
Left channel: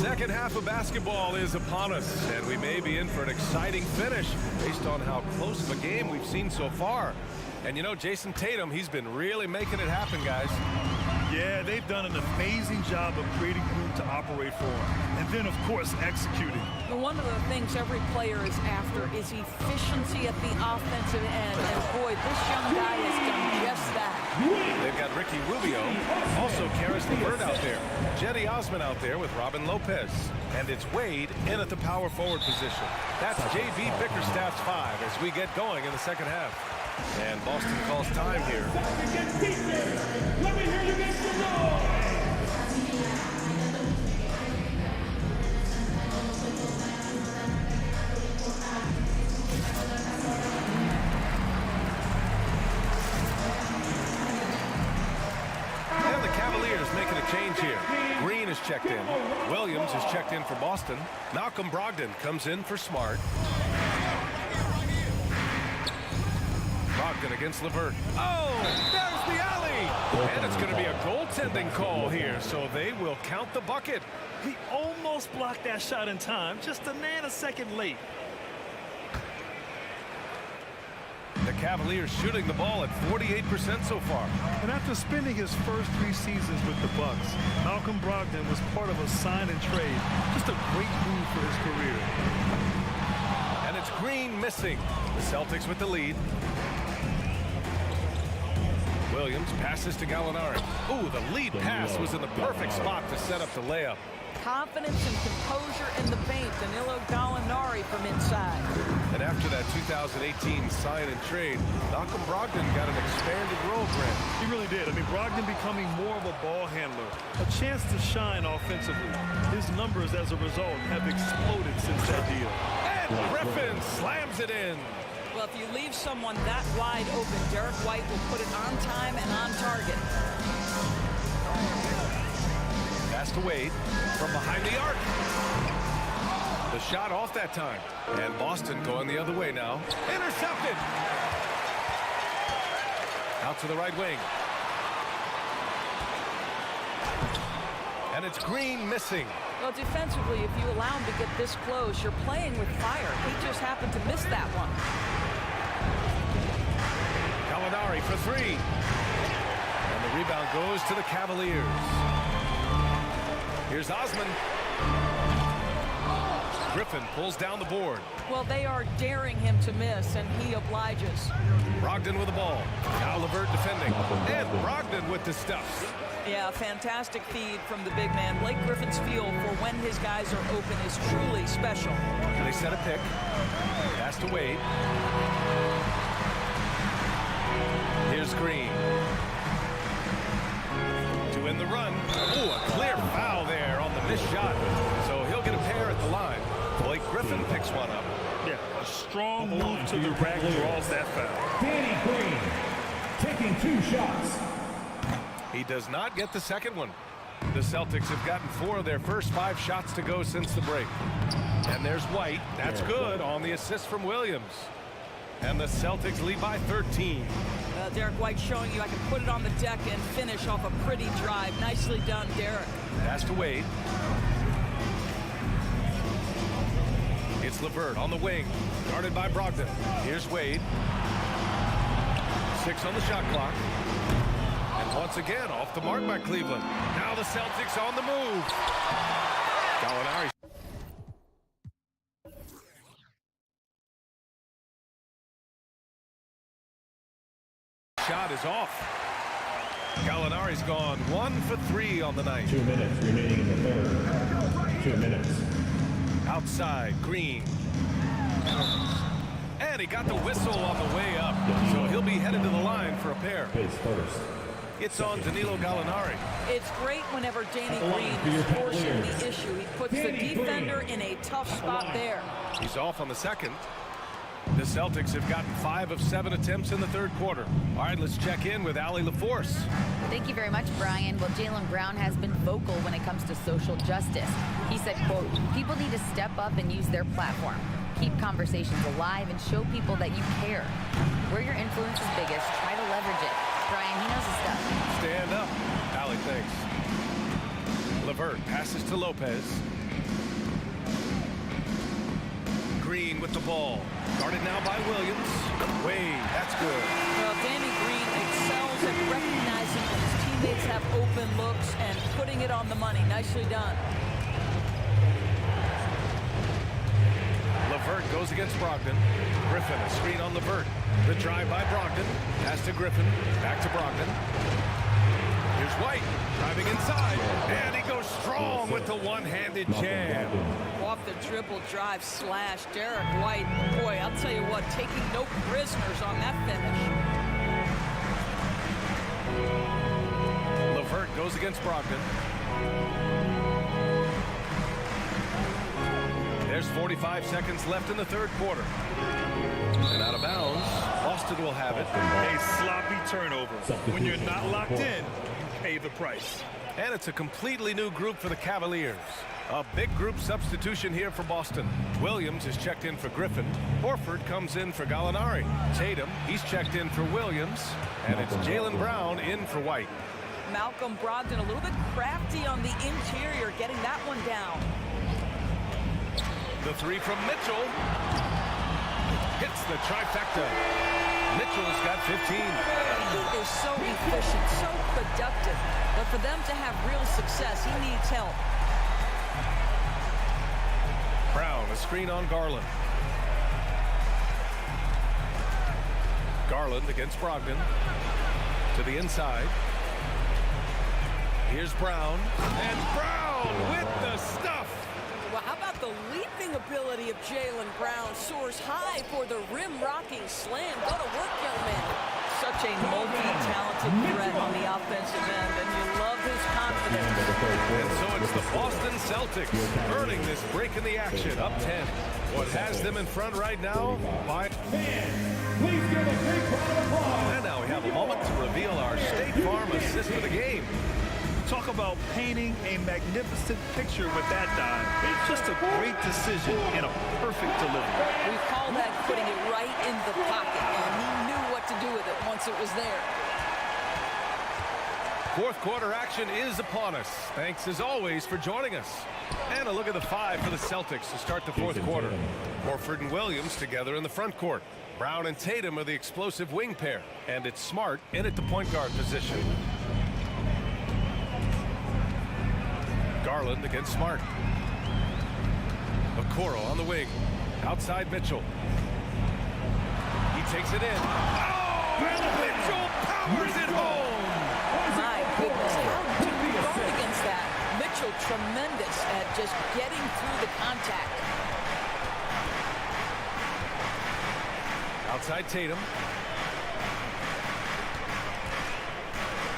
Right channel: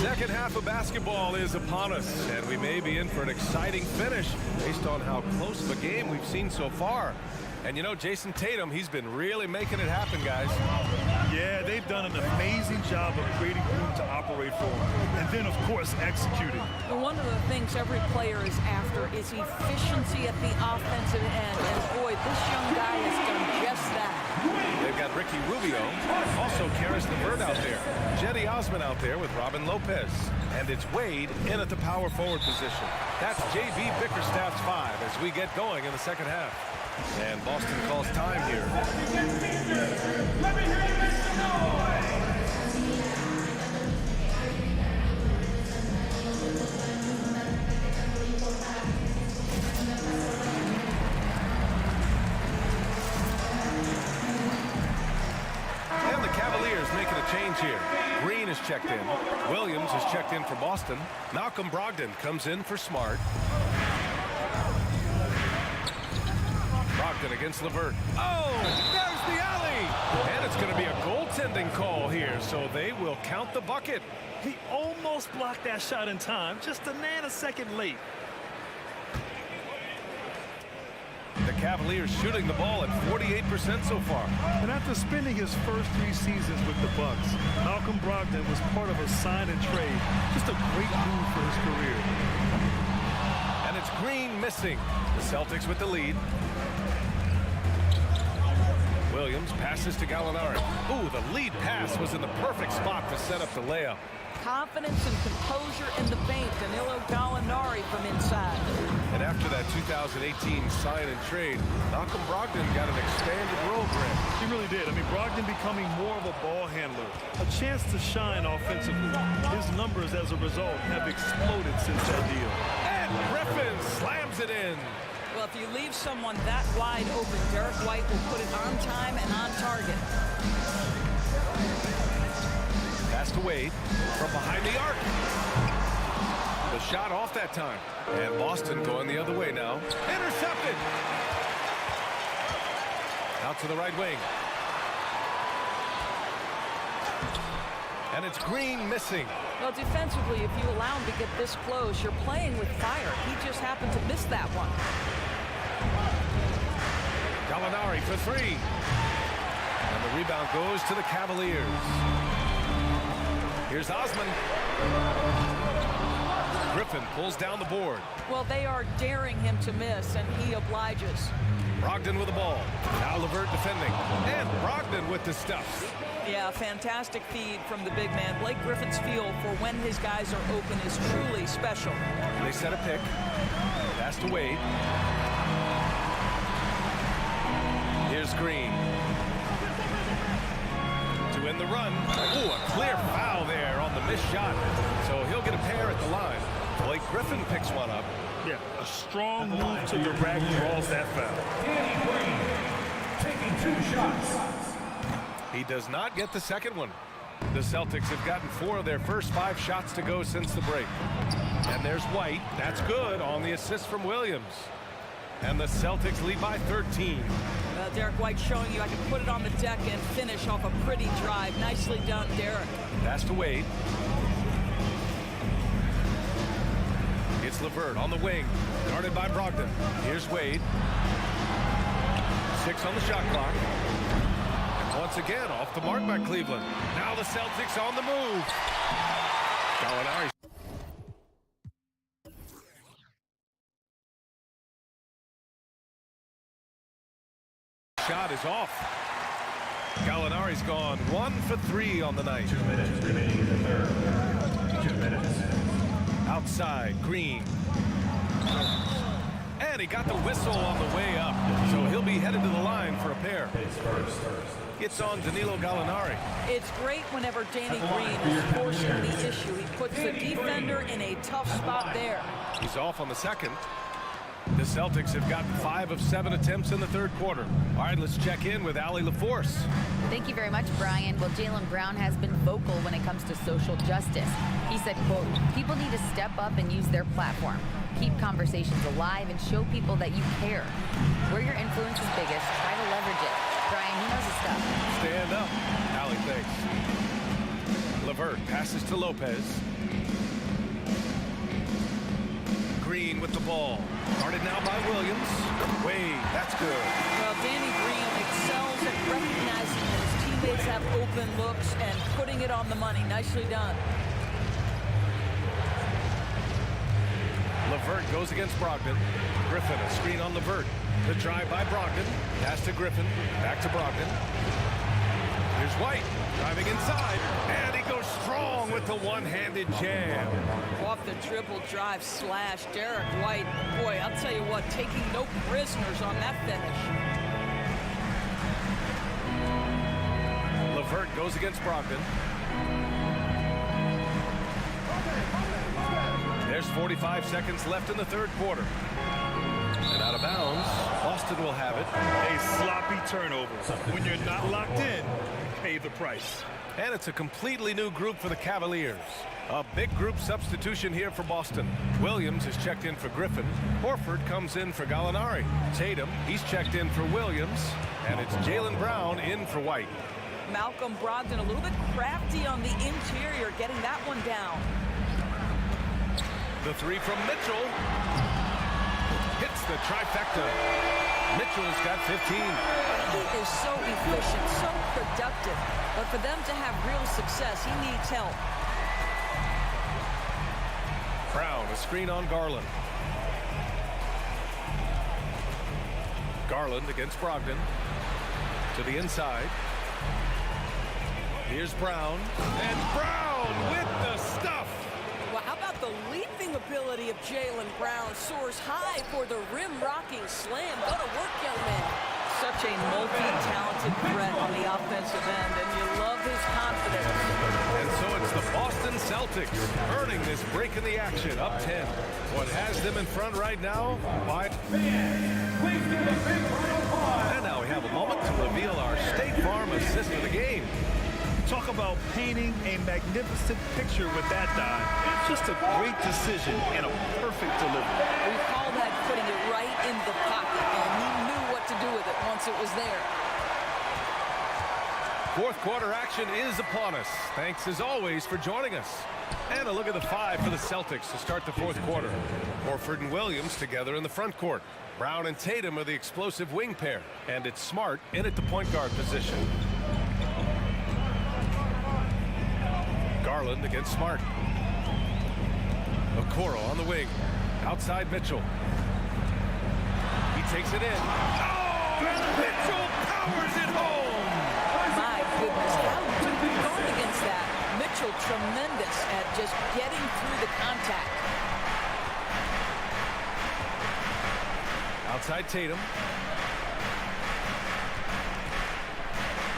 Second half of basketball is upon us, and we may be in for an exciting finish based on how close of a game we've seen so far. And you know, Jason Tatum, he's been really making it happen, guys. Yeah, they've done an amazing job of creating room to operate for him. And then, of course, executing. Well, one of the things every player is after is efficiency at the offensive end. And boy, this young guy has done just that. They've got Ricky Rubio, also Karis LeVert out there. Jetty Osman out there with Robin Lopez. And it's Wade in at the power forward position. That's J.B. Bickerstaff's 5 as we get going in the second half. And Boston calls time here. Let me hear you make some noise. And the Cavaliers making a change here. Green is checked in. Williams is checked in for Boston. Malcolm Brogdon comes in for Smart. Brogdon against LeVert. Oh, there's the alley. And it's going to be a goaltending call here, so they will count the bucket. He almost blocked that shot in time, just a nanosecond late. The Cavaliers shooting the ball at 48% so far. And after spending his first 3 seasons with the Bucks, Malcolm Brogdon was part of a sign and trade. Just a great move for his career. And it's Green missing. The Celtics with the lead. Williams passes to Gallinari. Ooh, the lead pass was in the perfect spot to set up the layup. Confidence and composure in the paint. Danilo Gallinari from inside. And after that 2018 sign and trade, Malcolm Brogdon got an expanded role, Grant. He really did. I mean, Brogdon becoming more of a ball handler, a chance to shine offensively. His numbers as a result have exploded since that deal. And Griffin slams it in. Well, if you leave someone that wide open, Derek White will put it on time and on target. Pass to Wade from behind the arc. The shot off that time. And Boston going the other way now. Intercepted. Out to the right wing. And it's Green missing. Well, defensively, if you allow him to get this close, you're playing with fire. He just happened to miss that one. Gallinari for three. And the rebound goes to the Cavaliers. Here's Osman. Griffin pulls down the board. Well, they are daring him to miss, and he obliges. Brogdon with the ball. Now LeVert defending. And Brogdon with the stuff. Yeah, fantastic feed from the big man. Blake Griffin's feel for when his guys are open is truly special. They set a pick. Pass to Wade. Here's Green. To end the run. Ooh, a clear foul there on the missed shot. So he'll get a pair at the line. Blake Griffin picks one up. Yeah, a strong move to the rack draws that foul. Danny Green taking 2 shots. He does not get the second one. The Celtics have gotten 4 of their first 5 shots to go since the break. And there's White. That's good on the assist from Williams. And the Celtics lead by 13. Derek White showing you I can put it on the deck and finish off a pretty drive. Nicely done, Derek. Pass to Wade. It's LeVert on the wing, guarded by Brogdon. Here's Wade. 6 on the shot clock. And once again, off the mark by Cleveland. Now the Celtics on the move. Gallinari. Shot is off. Gallinari's gone 1 for 3 on the night. 2 minutes remaining in the third. 2 minutes. Outside, Green. And he got the whistle on the way up. So he'll be headed to the line for a pair. His first. It's on Danilo Gallinari. It's great whenever Danny Green is forcing the issue. He puts the defender in a tough spot there. He's off on the second. The Celtics have gotten 5 of 7 attempts in the third quarter. All right, let's check in with Allie LaForce. Thank you very much, Brian. Well, Jaylen Brown has been vocal when it comes to social justice. He said, quote, people need to step up and use their platform. Keep conversations alive and show people that you care. Where your influence is biggest, try to leverage it. Brian, he knows his stuff. Stand up. Allie, thanks. LeVert passes to Lopez. Green with the ball. Guarded now by Williams. Wade, that's good. Well, Danny Green excels at recognizing when his teammates have open looks and putting it on the money. Nicely done. LeVert goes against Brogdon. Griffin, a screen on LeVert. The drive by Brogdon. Pass to Griffin. Back to Brogdon. Here's White. Driving inside. And he goes strong with the one-handed jam. Off the dribble drive slash. Derek White, boy, I'll tell you what, taking no prisoners on that finish. LeVert goes against Brogdon. There's 45 seconds left in the third quarter. And out of bounds, Boston will have it. A sloppy turnover. When you're not locked in, you pay the price. And it's a completely new group for the Cavaliers. A big group substitution here for Boston. Williams is checked in for Griffin. Horford comes in for Gallinari. Tatum, he's checked in for Williams. And it's Jaylen Brown in for White. Malcolm Brogdon a little bit crafty on the interior, getting that one down. The three from Mitchell. Hits the trifecta. Mitchell's got 15. He is so efficient, so productive. But for them to have real success, he needs help. Brown, a screen on Garland. Garland against Brogdon. To the inside. Here's Brown. And Brown with the stuff. Well, how about the leaping ability of Jaylen Brown? Soars high for the rim-rocking slam. Go to work, young man. Such a multi-talented threat on the offensive end, and you love his confidence. And so it's the Boston Celtics earning this break in the action, up 10. What has them in front right now? Fans, please give a big round of applause. And now we have a moment to reveal our State Farm assist for the game. Talk about painting a magnificent picture with that dive. Just a great decision and a perfect delivery. We call that putting it right in the pocket, and he knew what to do with it once it was there. Fourth quarter action is upon us. Thanks as always for joining us. And a look at the five for the Celtics to start the fourth quarter. Horford and Williams together in the front court. Brown and Tatum are the explosive wing pair. And it's Smart in at the point guard position. Garland against Smart. Okoro on the wing. Outside Mitchell. He takes it in. Oh, and Mitchell powers it home. My goodness, how do you guard against that? Mitchell tremendous at just getting through the contact. Outside Tatum.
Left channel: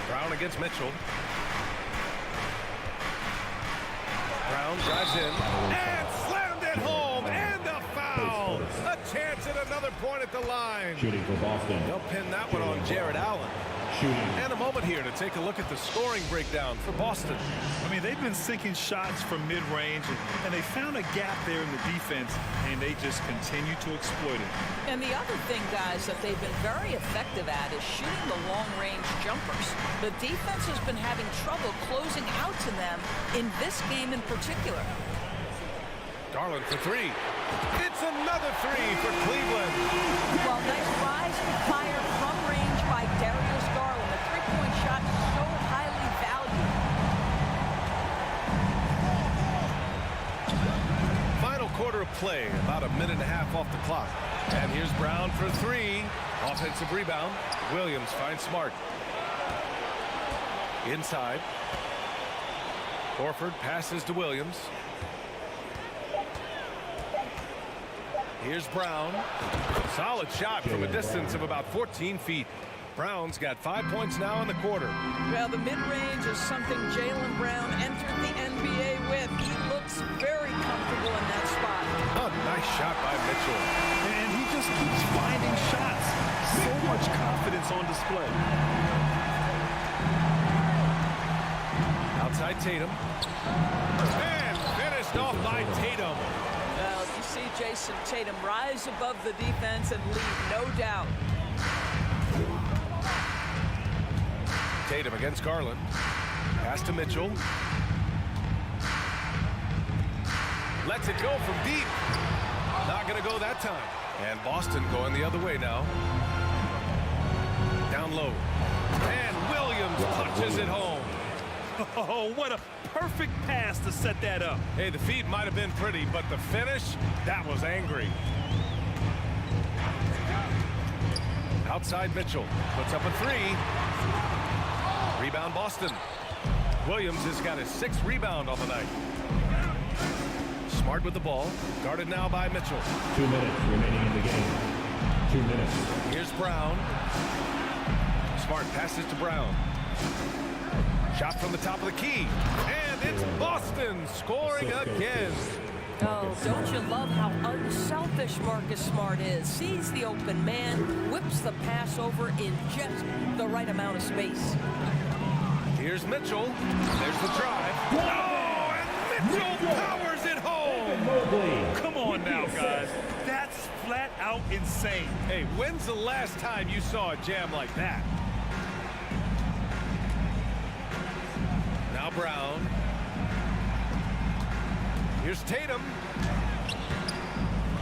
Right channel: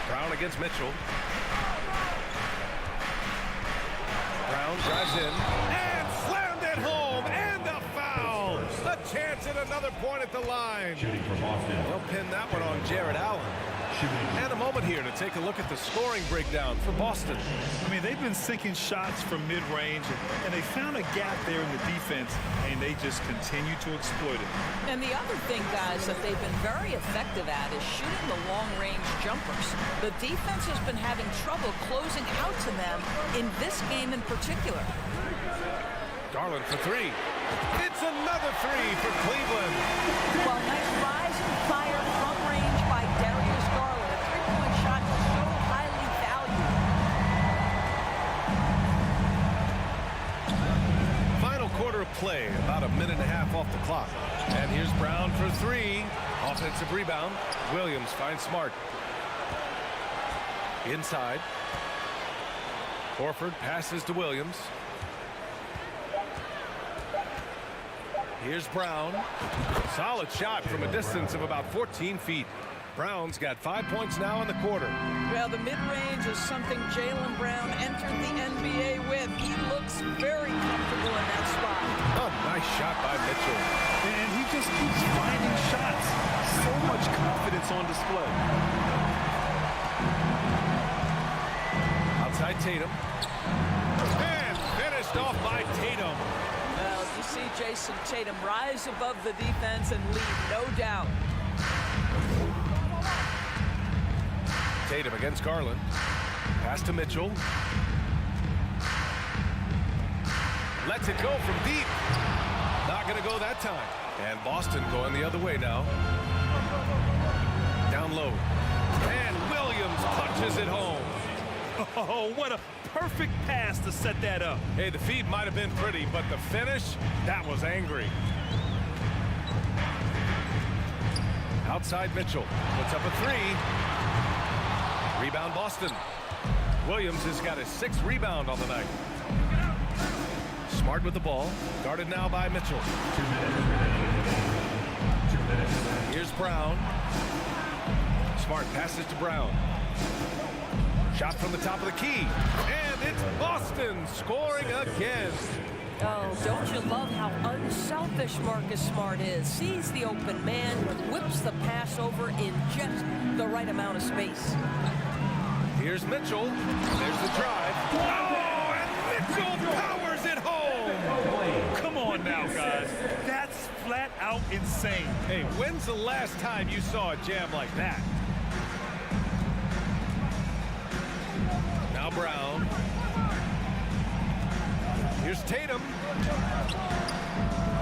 Brown against Mitchell. Brown drives in and slammed it home, and a foul. A chance at another point at the line. Shooting for Boston. They'll pin that one on Jared Allen. And a moment here to take a look at the scoring breakdown for Boston. I mean, they've been sinking shots from mid-range, and they found a gap there in the defense, and they just continue to exploit it. And the other thing, guys, that they've been very effective at is shooting the long-range jumpers. The defense has been having trouble closing out to them in this game in particular. Garland for three. It's another three for Cleveland. Well, nice rise and fire from range by Darius Garland. A three-point shot so highly valued. Final quarter of play, about a minute and a half off the clock. And here's Brown for three. Offensive rebound. Williams finds Smart. Inside. Horford passes to Williams. Here's Brown. Solid shot from a distance of about 14 feet. Brown's got 5 points now in the quarter. Well, the mid-range is something Jaylen Brown entered the NBA with. He looks very comfortable in that spot. A nice shot by Mitchell. And he just keeps finding shots. So much confidence on display. Outside Tatum. And finished off by Tatum. Well, you see Jason Tatum rise above the defense and lead, no doubt. Tatum against Garland. Pass to Mitchell. Lets it go from deep. Not going to go that time. And Boston going the other way now. Down low. And Williams punches it home. Oh, what a perfect pass to set that up. Hey, the feed might have been pretty, but the finish, that was angry. Outside Mitchell. Puts up a three. Rebound Boston. Williams has got his 6th rebound on the night. Smart with the ball. Guarded now by Mitchell. 2 minutes remaining in the game. 2 minutes. Here's Brown. Smart passes to Brown. Shot from the top of the key. And it's Boston scoring again. Oh, don't you love how unselfish Marcus Smart is? Sees the open man, whips the pass over in just the right amount of space. Here's Mitchell. There's the drive. Oh, and Mitchell powers it home. Come on now, guys. That's flat out insane. Hey, when's the last time you saw a jam like that? Now Brown. Here's Tatum.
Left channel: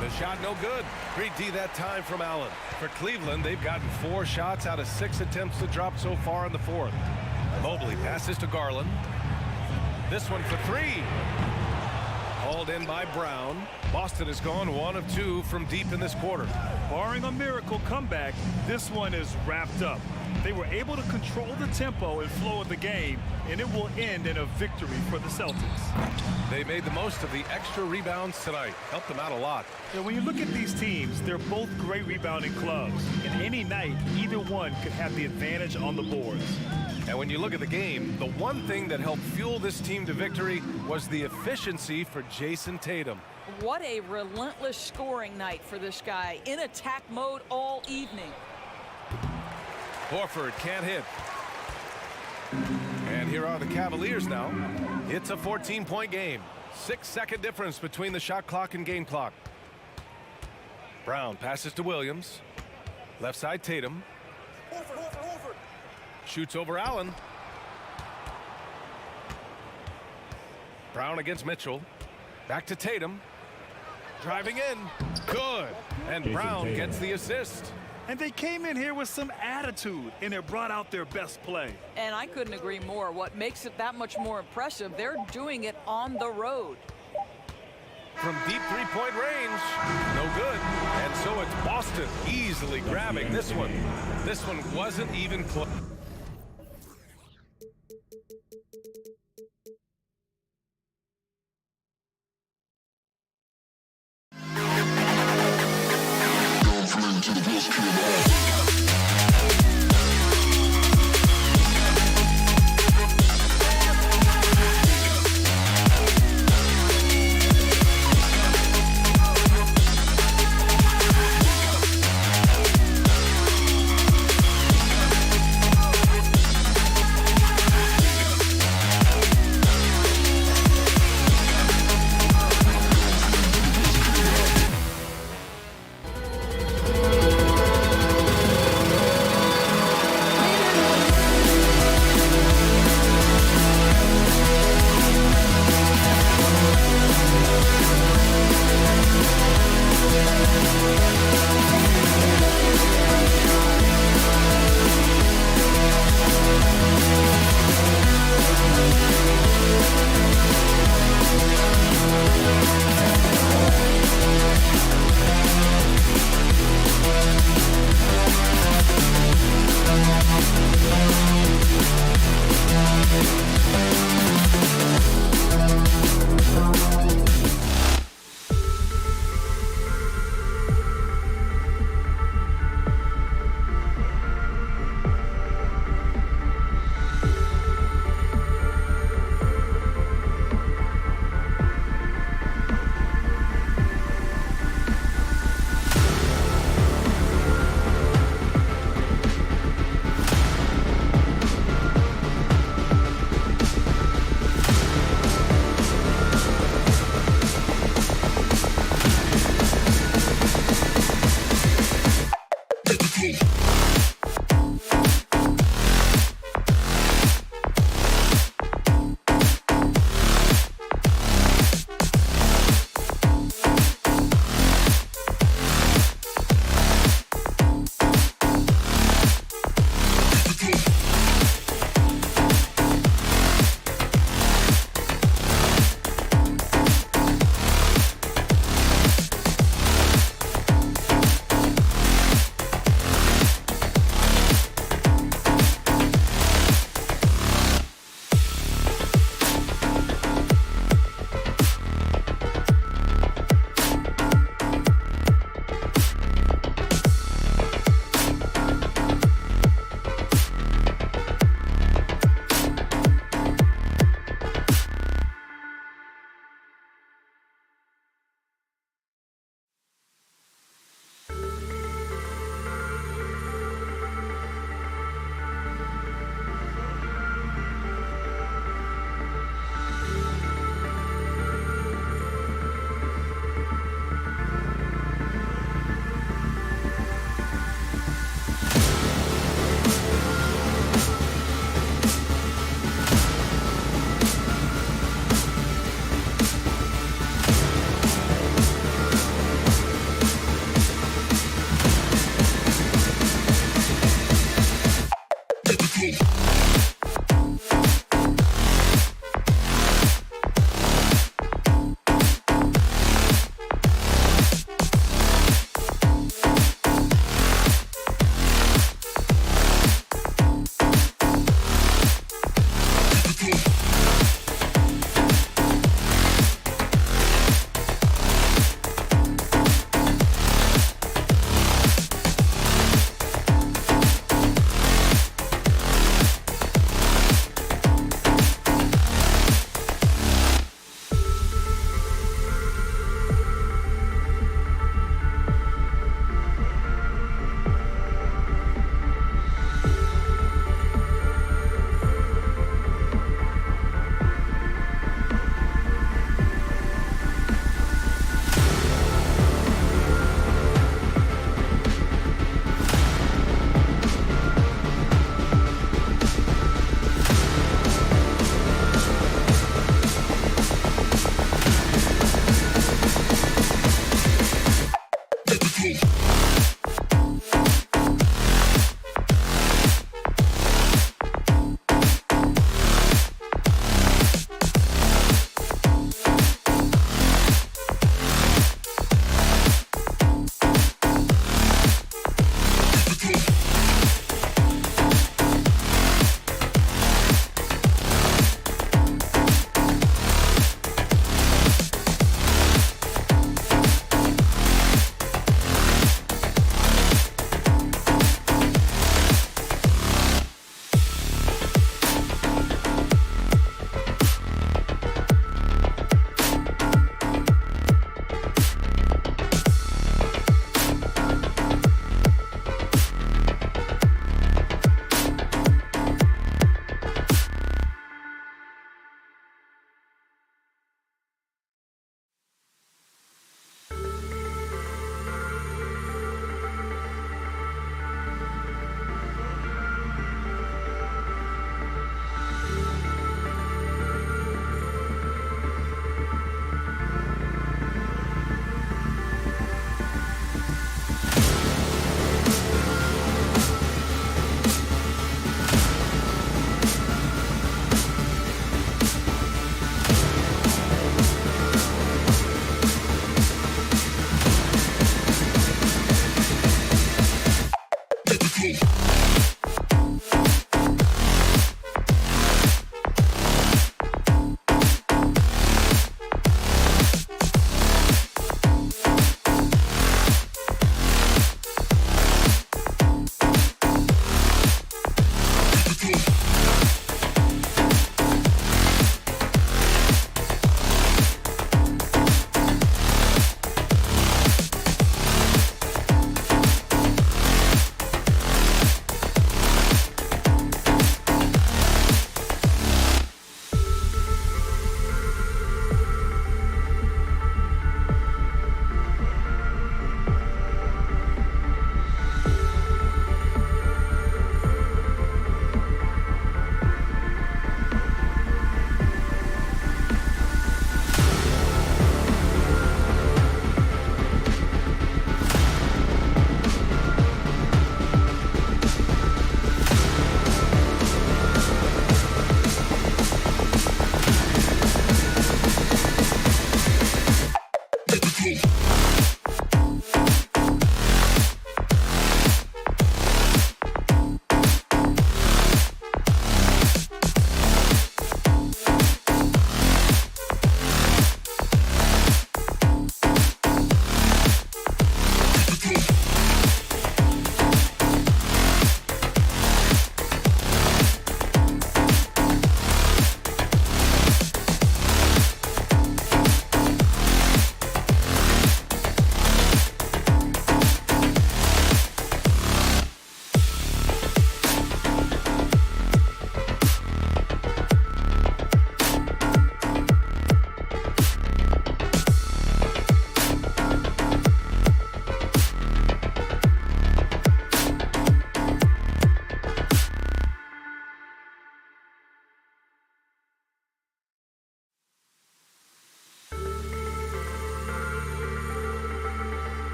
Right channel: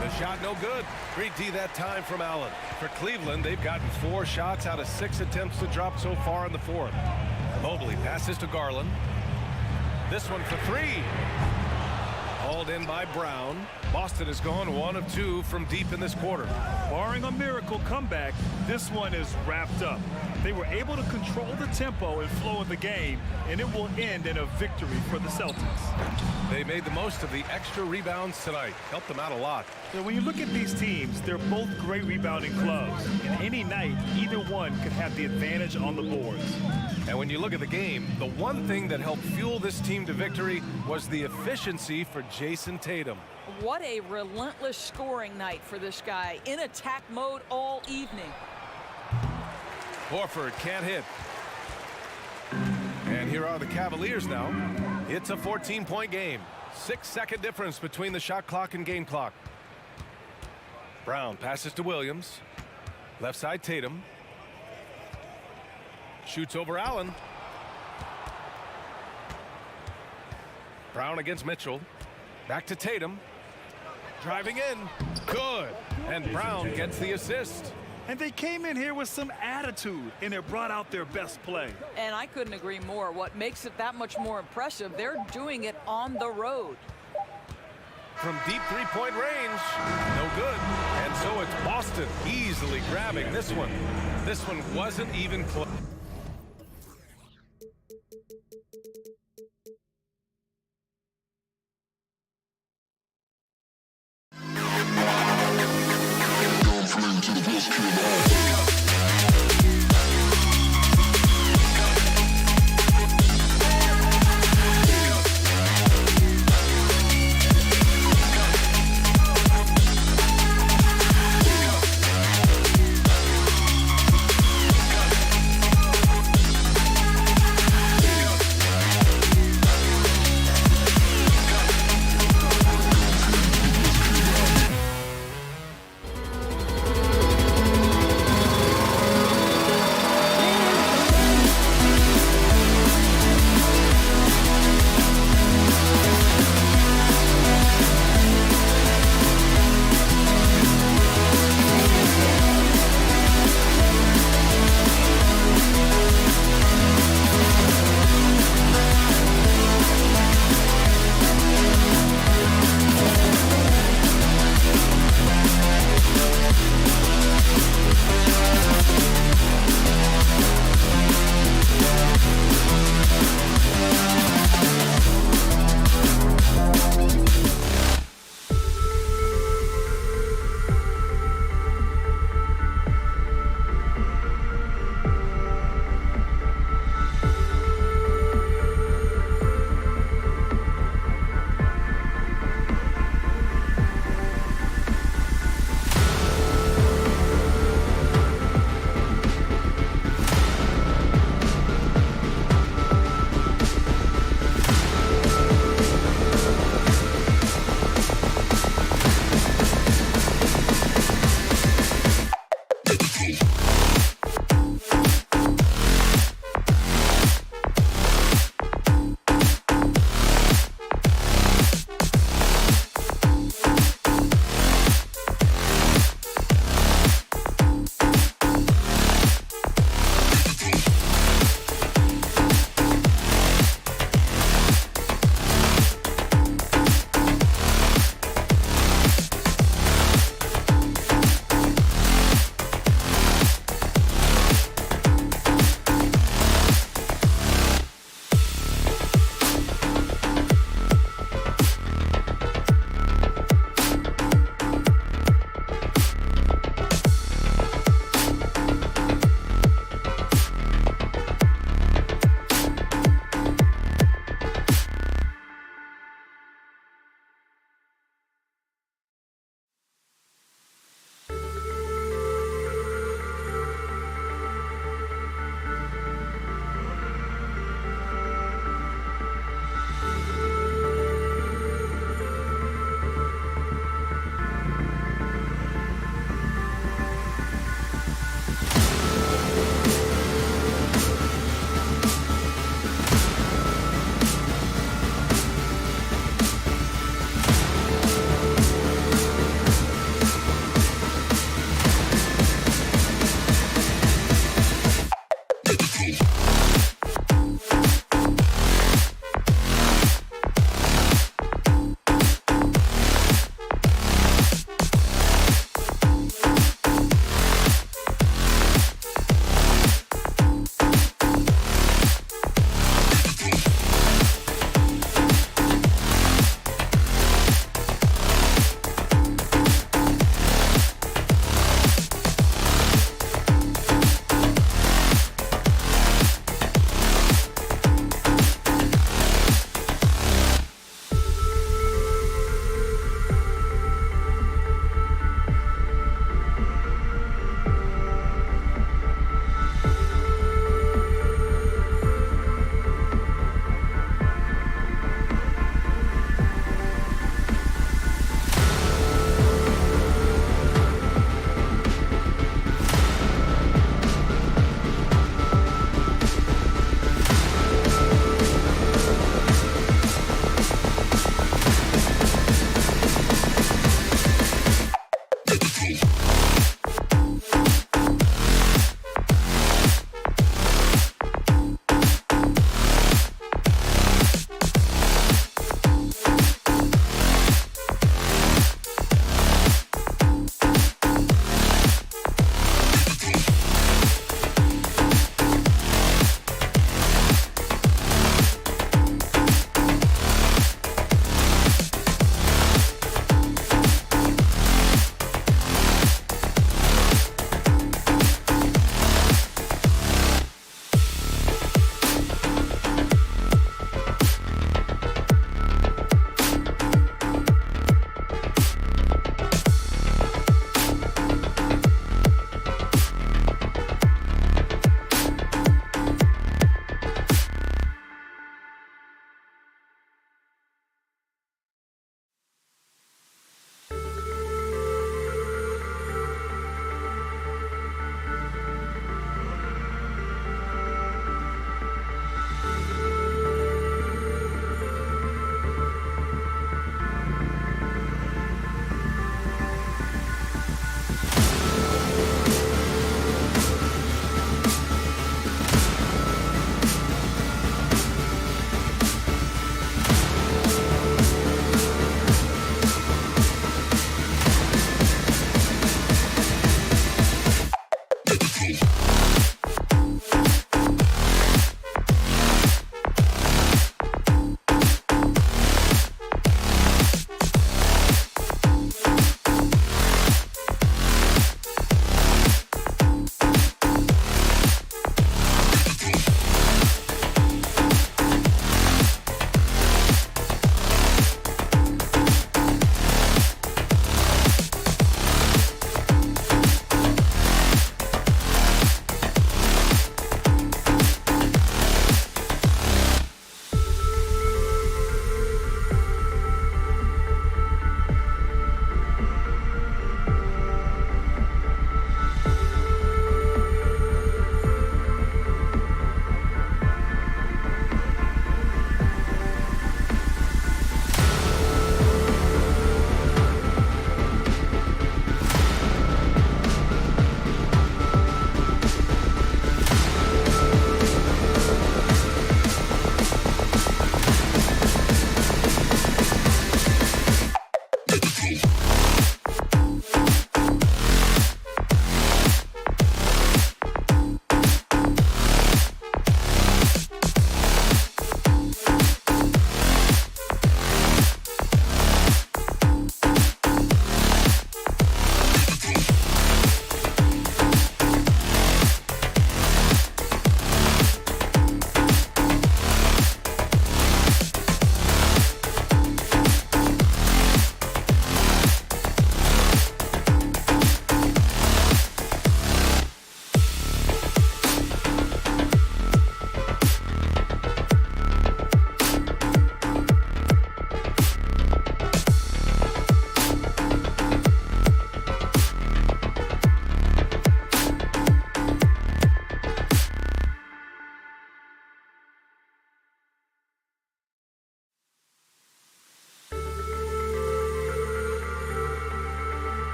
The shot no good. Great D that time from Allen. For Cleveland, they've gotten 4 shots out of 6 attempts to drop so far in the fourth. Mobley passes to Garland. This one for 3. Hauled in by Brown. Boston has gone 1 of 2 from deep in this quarter. Barring a miracle comeback, this one is wrapped up. They were able to control the tempo and flow of the game, and it will end in a victory for the Celtics. They made the most of the extra rebounds tonight. Helped them out a lot. When you look at these teams, they're both great rebounding clubs. And any night, either one could have the advantage on the boards. And when you look at the game, the one thing that helped fuel this team to victory was the efficiency for Jason Tatum. What a relentless scoring night for this guy. In attack mode all evening. Horford can't hit. And here are the Cavaliers now. It's a 14-point game. 6-second difference between the shot clock and game clock. Brown passes to Williams. Left side Tatum. Shoots over Allen. Brown against Mitchell. Back to Tatum. Driving in. Good. And Brown gets the assist. And they came in here with some attitude, and it brought out their best play. And I couldn't agree more. What makes it that much more impressive, they're doing it on the road. From deep three-point range, no good. And so it's Boston easily grabbing this one. This one wasn't even close.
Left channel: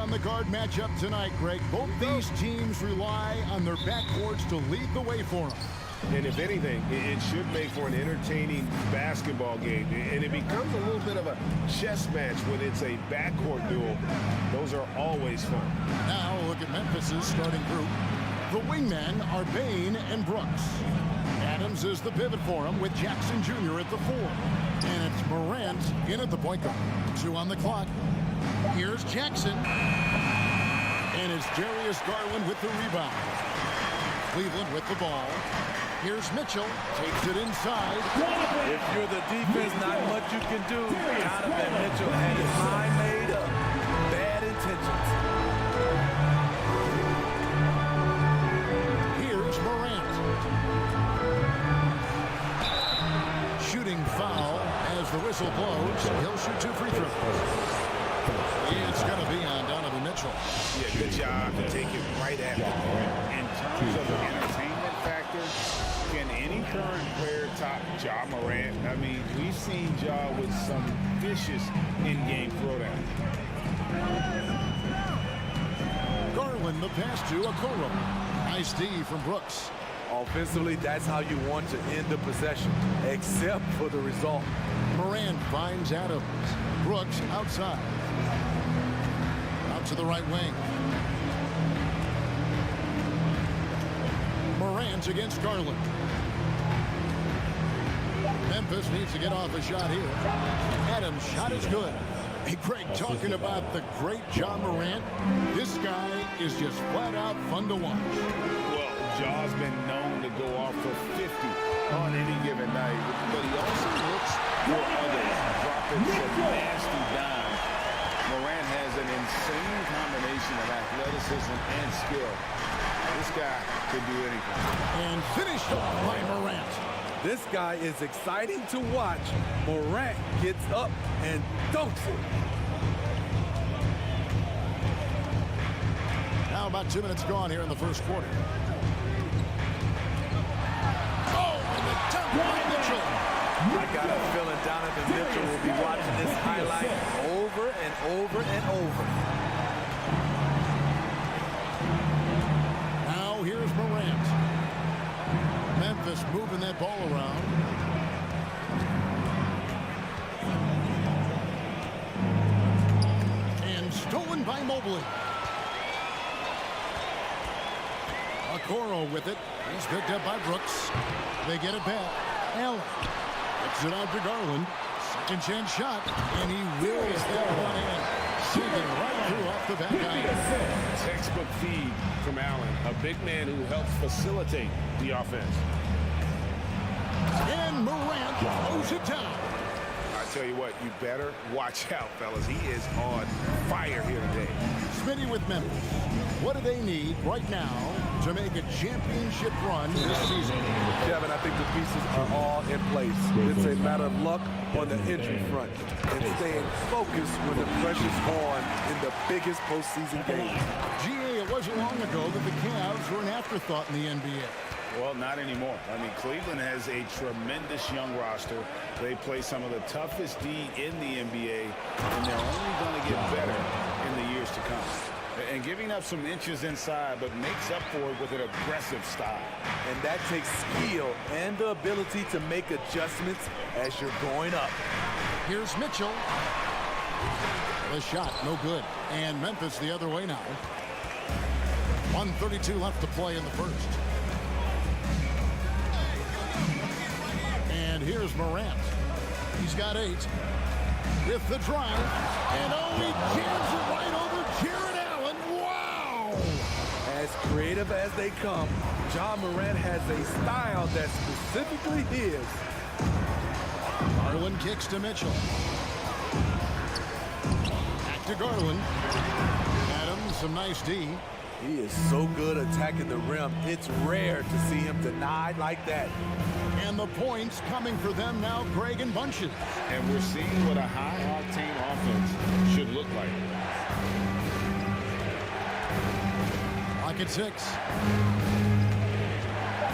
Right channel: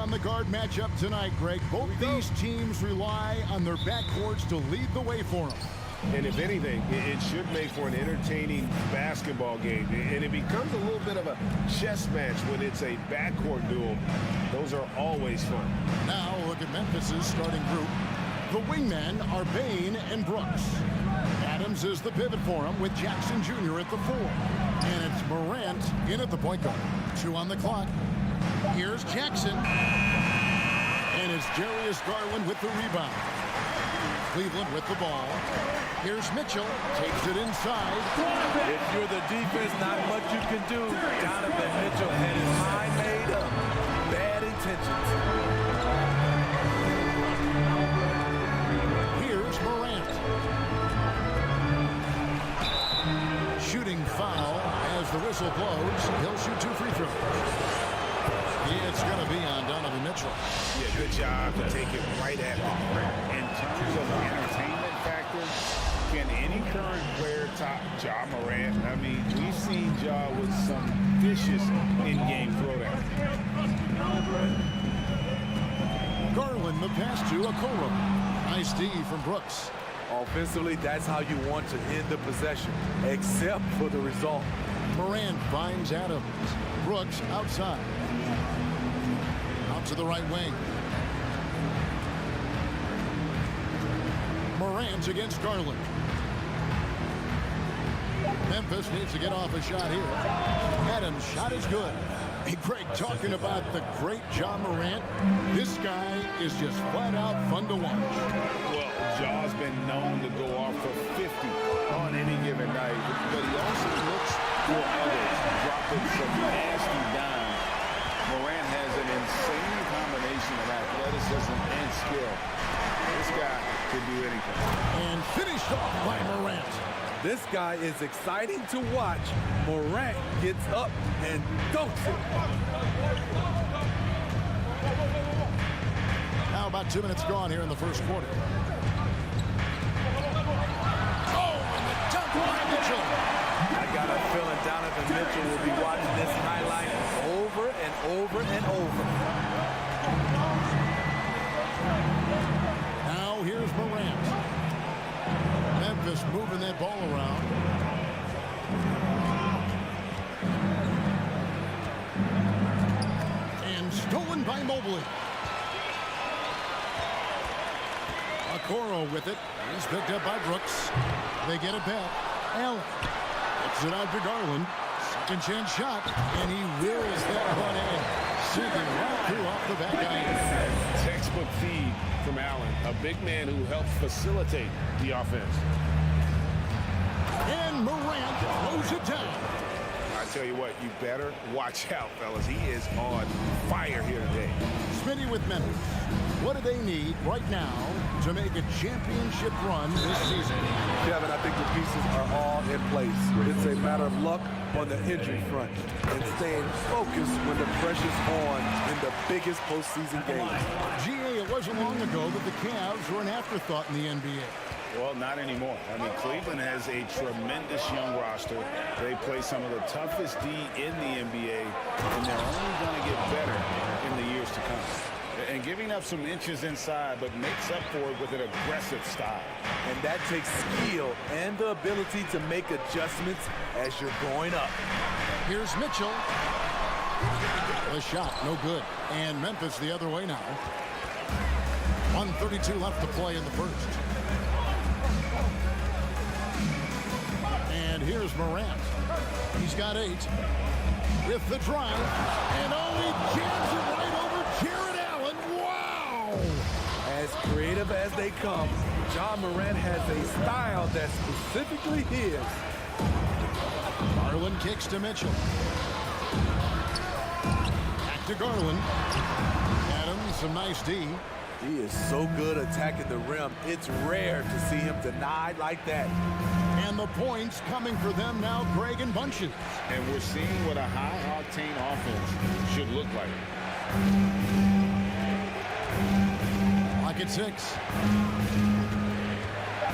On the guard matchup tonight, Greg. Both these teams rely on their backcourts to lead the way for them. And if anything, it should make for an entertaining basketball game. And it becomes a little bit of a chess match when it's a backcourt duel. Those are always fun. Now look at Memphis's starting group. The wingmen are Bain and Brooks. Adams is the pivot for him with Jackson Jr. at the 4. And it's Morant in at the point guard. 2 on the clock. Here's Jackson. And it's Darius Garland with the rebound. Cleveland with the ball. Here's Mitchell. Takes it inside. If you're the defense, not much you can do. Donovan Mitchell had his mind made up. Bad intentions. Here's Morant. Shooting foul as the whistle blows. He'll shoot 2 free throws. It's going to be on Donovan Mitchell. Yeah, good job to take it right at the rim. In terms of entertainment factor, can any current player top Ja Morant? I mean, we've seen Ja with some vicious in-game throwdown. Garland the pass to Okoro. Nice D from Brooks. Offensively, that's how you want to end the possession, except for the result. Morant finds Adams. Brooks outside. Out to the right wing. Morant against Garland. Memphis needs to get off a shot here. Adams' shot is good. Hey, Greg, talking about the great Ja Morant, this guy is just flat out fun to watch. Well, Ja's been known to go off for 50 on any given night, but he also looks for others, dropping some nasty dimes. Morant has an insane combination of athleticism and skill. This guy could do anything. And finished off by Morant. This guy is exciting to watch. Morant gets up and dunks it. Now about 2 minutes gone here in the first quarter. Oh, and the dunk by Mitchell. I got a feeling Donovan Mitchell will be watching this highlight over and over and over. Now here's Morant. Memphis moving that ball around. And stolen by Mobley. Okoro with it. He's picked up by Brooks. They get it back. Allen gets it out to Garland. Second chance shot. And he wills that one in. Sinking right through off the back iron. Textbook feed from Allen, a big man who helps facilitate the offense. And Morant throws it down. I tell you what, you better watch out, fellas. He is on fire here today. Smitty with Memphis. What do they need right now to make a championship run this season? Kevin, I think the pieces are all in place. It's a matter of luck on the injury front and staying focused when the pressure's on in the biggest postseason games. GA, it wasn't long ago that the Cavs were an afterthought in the NBA. Well, not anymore. I mean, Cleveland has a tremendous young roster. They play some of the toughest D in the NBA, and they're only going to get better in the years to come. And giving up some inches inside, but makes up for it with an aggressive style. And that takes skill and the ability to make adjustments as you're going up. Here's Mitchell. The shot, no good. And Memphis the other way now. 1:32 left to play in the first. And here's Morant. He's got 8. With the drive. And oh, he jams it right over Jared Allen. Wow! As creative as they come, Ja Morant has a style that's specifically his. Garland kicks to Mitchell. Back to Garland. Adams, some nice D. He is so good attacking the rim. It's rare to see him denied like that. And the points coming for them now, Greg, in bunches. And we're seeing what a high-octane offense should look like. Lock at 6.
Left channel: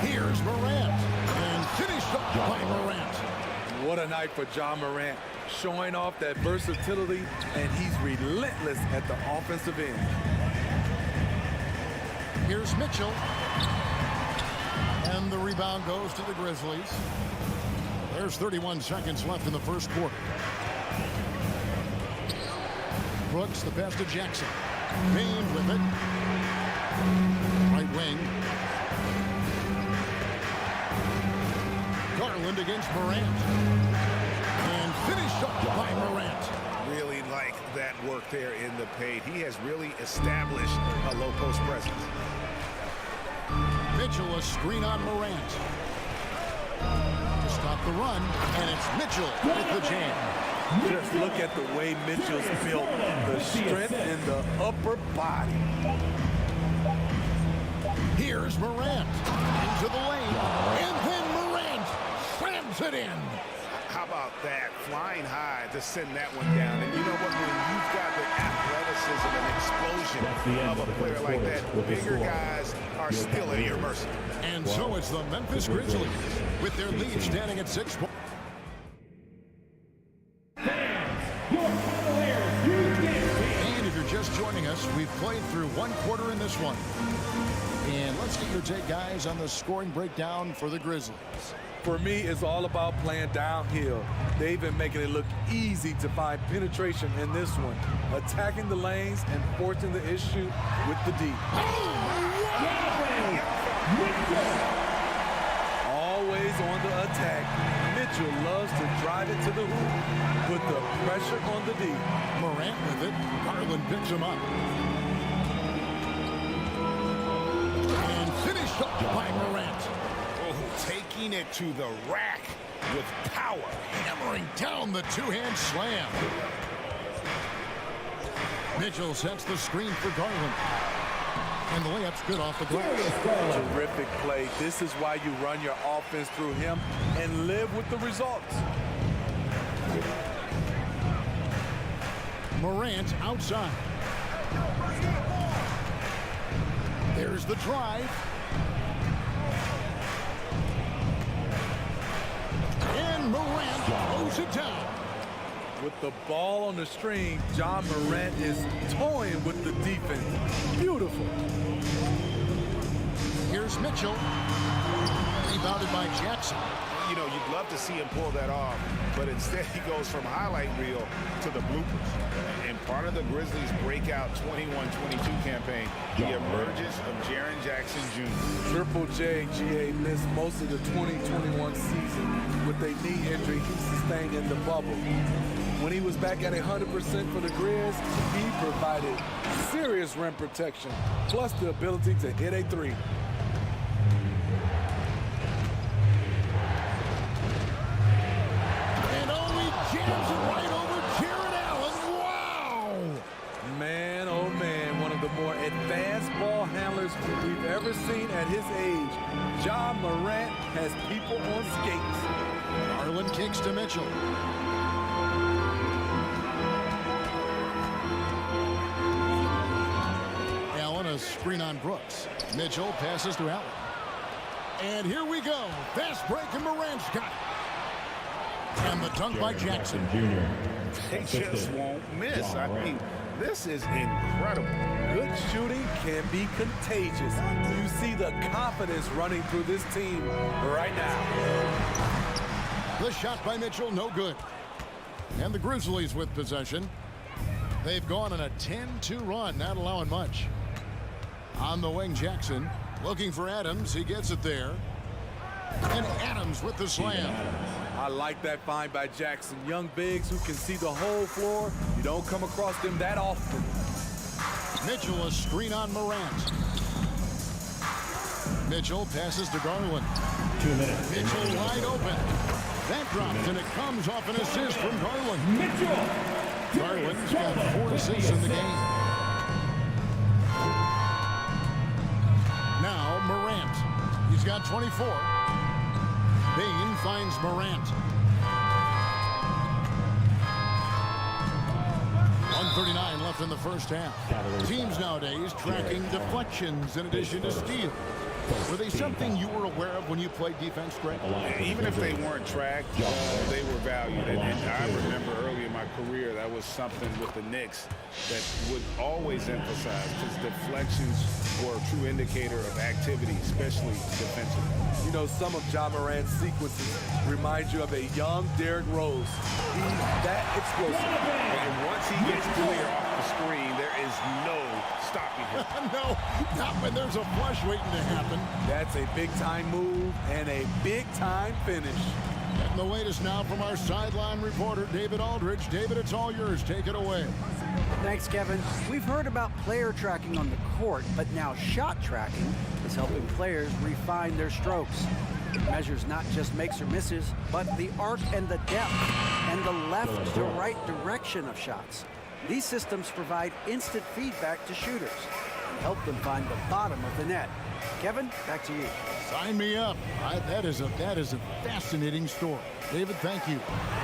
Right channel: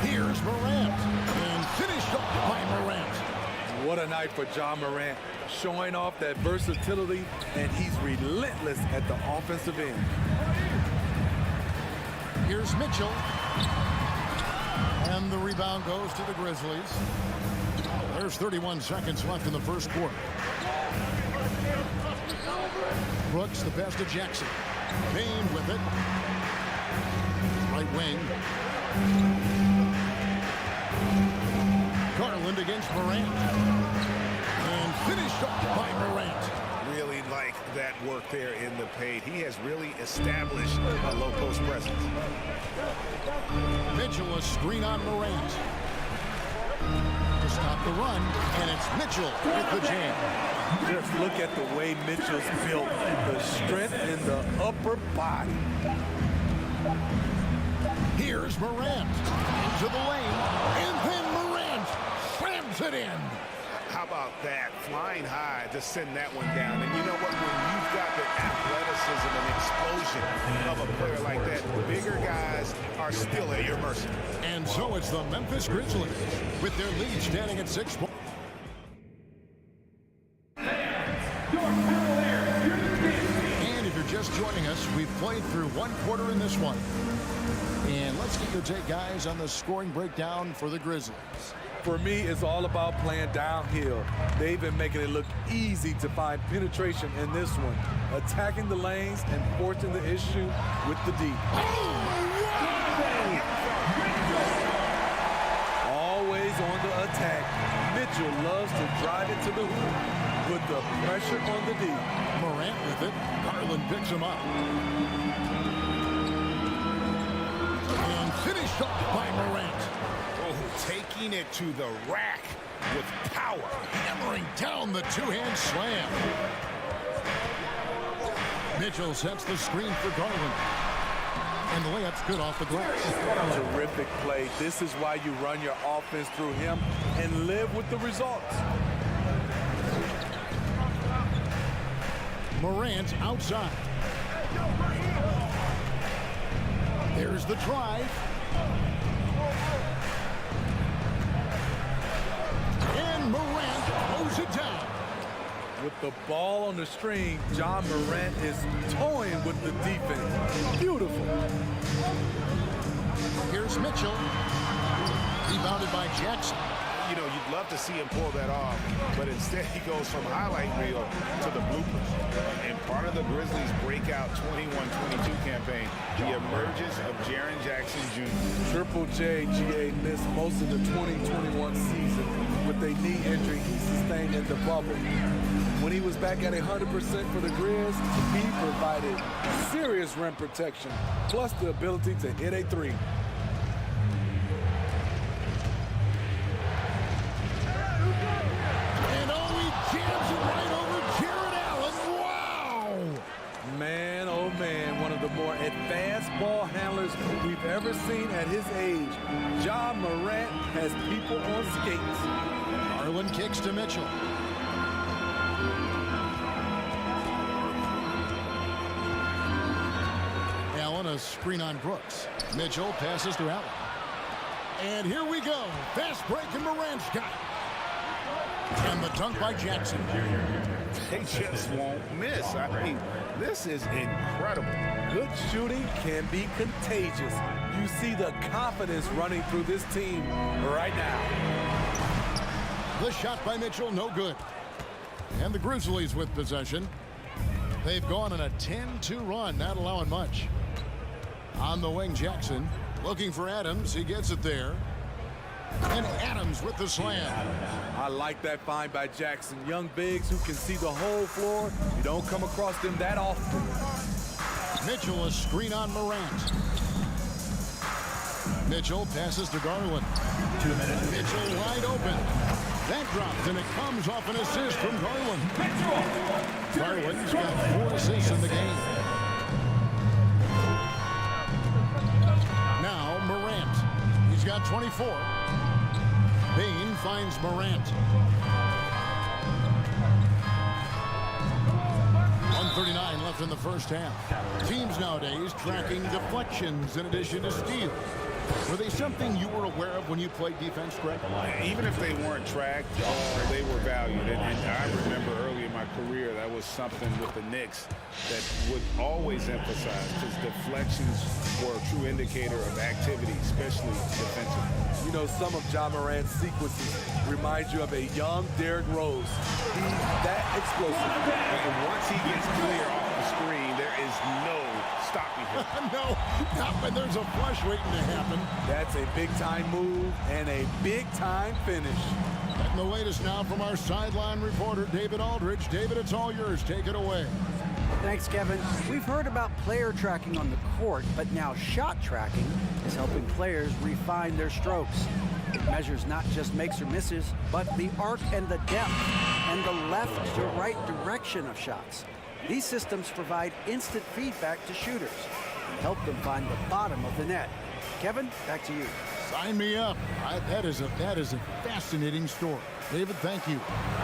Here's Morant. And finished off by Morant. What a night for Ja Morant. Showing off that versatility, and he's relentless at the offensive end. Here's Mitchell. And the rebound goes to the Grizzlies. There's 31 seconds left in the first quarter. Brooks, the pass to Jackson. Bain with it. Right wing. Garland against Morant. And finished off by Morant. Really like that work there in the paint. He has really established a low post presence. Mitchell, a screen on Morant. To stop the run, and it's Mitchell with the jam. Just look at the way Mitchell's built. The strength in the upper body. Here's Morant. Into the lane. And then Morant slams it in. How about that? Flying high to send that one down. And you know what? When you've got the athleticism and explosion of a player like that, bigger guys are still at your mercy. And so it's the Memphis Grizzlies with their lead standing at 6 points. And if you're just joining us, we've played through one quarter in this one. And let's get your take, guys, on the scoring breakdown for the Grizzlies. For me, it's all about playing downhill. They've been making it look easy to find penetration in this one, attacking the lanes and forcing the issue with the D. Always on the attack, Mitchell loves to drive it to the hoop, put the pressure on the D. Morant with it. Garland picks him up. And finished off by Morant. Oh, taking it to the rack with power. Hammering down the two-hand slam. Mitchell sets the screen for Garland. And the layup's good off the glass. Terrific play. This is why you run your offense through him and live with the results. Morant outside. There's the drive. And Morant throws it down. With the ball on the string, Ja Morant is toying with the defense. Beautiful. Here's Mitchell. Rebounded by Jackson. You know, you'd love to see him pull that off, but instead he goes from highlight reel to the bloopers. And part of the Grizzlies' breakout 21-22 campaign, the emergence of Jaren Jackson Jr. Triple J, GA, missed most of the 2021 season with a knee injury he sustained in the bubble. When he was back at 100% for the Grizz, he provided serious rim protection, plus the ability to hit a three. And oh, he jams it right over Jared Allen. Wow! Man, oh man, one of the more advanced ball handlers we've ever seen at his age. Ja Morant has people on skates. Garland kicks to Mitchell. Allen, a screen on Brooks. Mitchell passes to Allen. And here we go. Fast break, and Morant's got it. And the dunk by Jackson. Junior. They just won't miss. I mean, this is incredible. Good shooting can be contagious. You see the confidence running through this team right now. The shot by Mitchell, no good. And the Grizzlies with possession. They've gone on a 10-2 run, not allowing much. On the wing, Jackson looking for Adams. He gets it there. And Adams with the slam. I like that find by Jackson. Young bigs who can see the whole floor. You don't come across them that often. Mitchell, a screen on Morant. Mitchell passes to Garland. 2 minutes. Mitchell wide open. That dropped, and it comes off an assist from Garland. Mitchell. Garland's got 4 assists in the game. Now Morant. He's got 24. Bain finds Morant. 1:39 left in the first half. Teams nowadays tracking deflections in addition to steals. Were they something you were aware of when you played defense, Greg? Even if they weren't tracked, they were valued. And I remember early in my career, that was something with the Knicks that would always emphasize, because deflections were a true indicator of activity, especially defensively. You know, some of Ja Morant's sequences remind you of a young Derrick Rose. He's that explosive. And once he gets clear off the screen, there is no stopping him. No, not when there's a flush waiting to happen. That's a big-time move and a big-time finish. Getting the latest now from our sideline reporter, David Aldridge. David, it's all yours. Take it away. Thanks, Kevin. We've heard about player tracking on the court, but now shot tracking is helping players refine their strokes. It measures not just makes or misses, but the arc and the depth and the left to right direction of shots. These systems provide instant feedback to shooters and help them find the bottom of the net. Kevin, back to you. Sign me up. That is a fascinating story. David, thank you.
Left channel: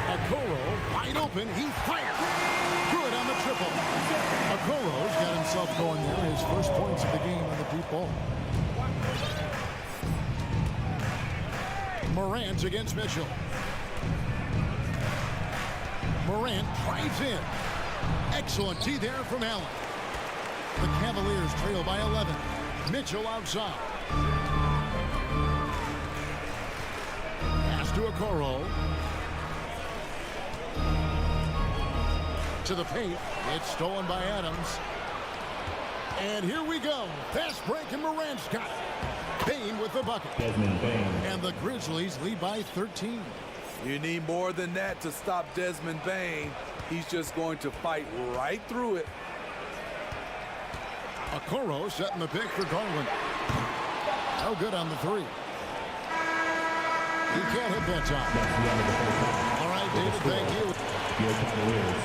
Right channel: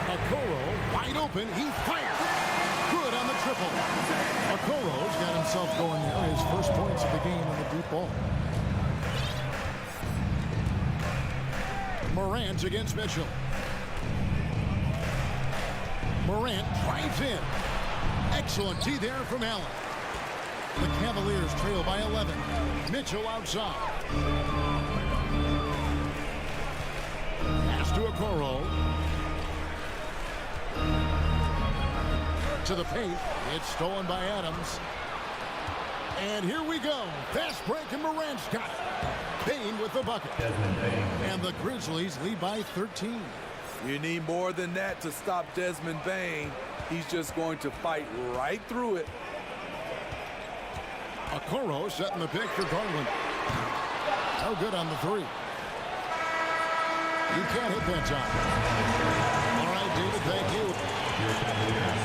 Okoro wide open. He fires. Good on the triple. Okoro's got himself going there. His first points of the game on the deep ball. Morant against Mitchell. Morant drives in. Excellent D there from Allen. The Cavaliers trail by 11. Mitchell outside. Pass to Okoro. To the paint. It's stolen by Adams. And here we go. Fast break, and Morant's got it. Bain with the bucket. Desmond Bain. And the Grizzlies lead by 13. You need more than that to stop Desmond Bain. He's just going to fight right through it. Okoro setting the pick for Garland. No good on the three. He can't hit that time. All right, David, thank you. Your Cavaliers,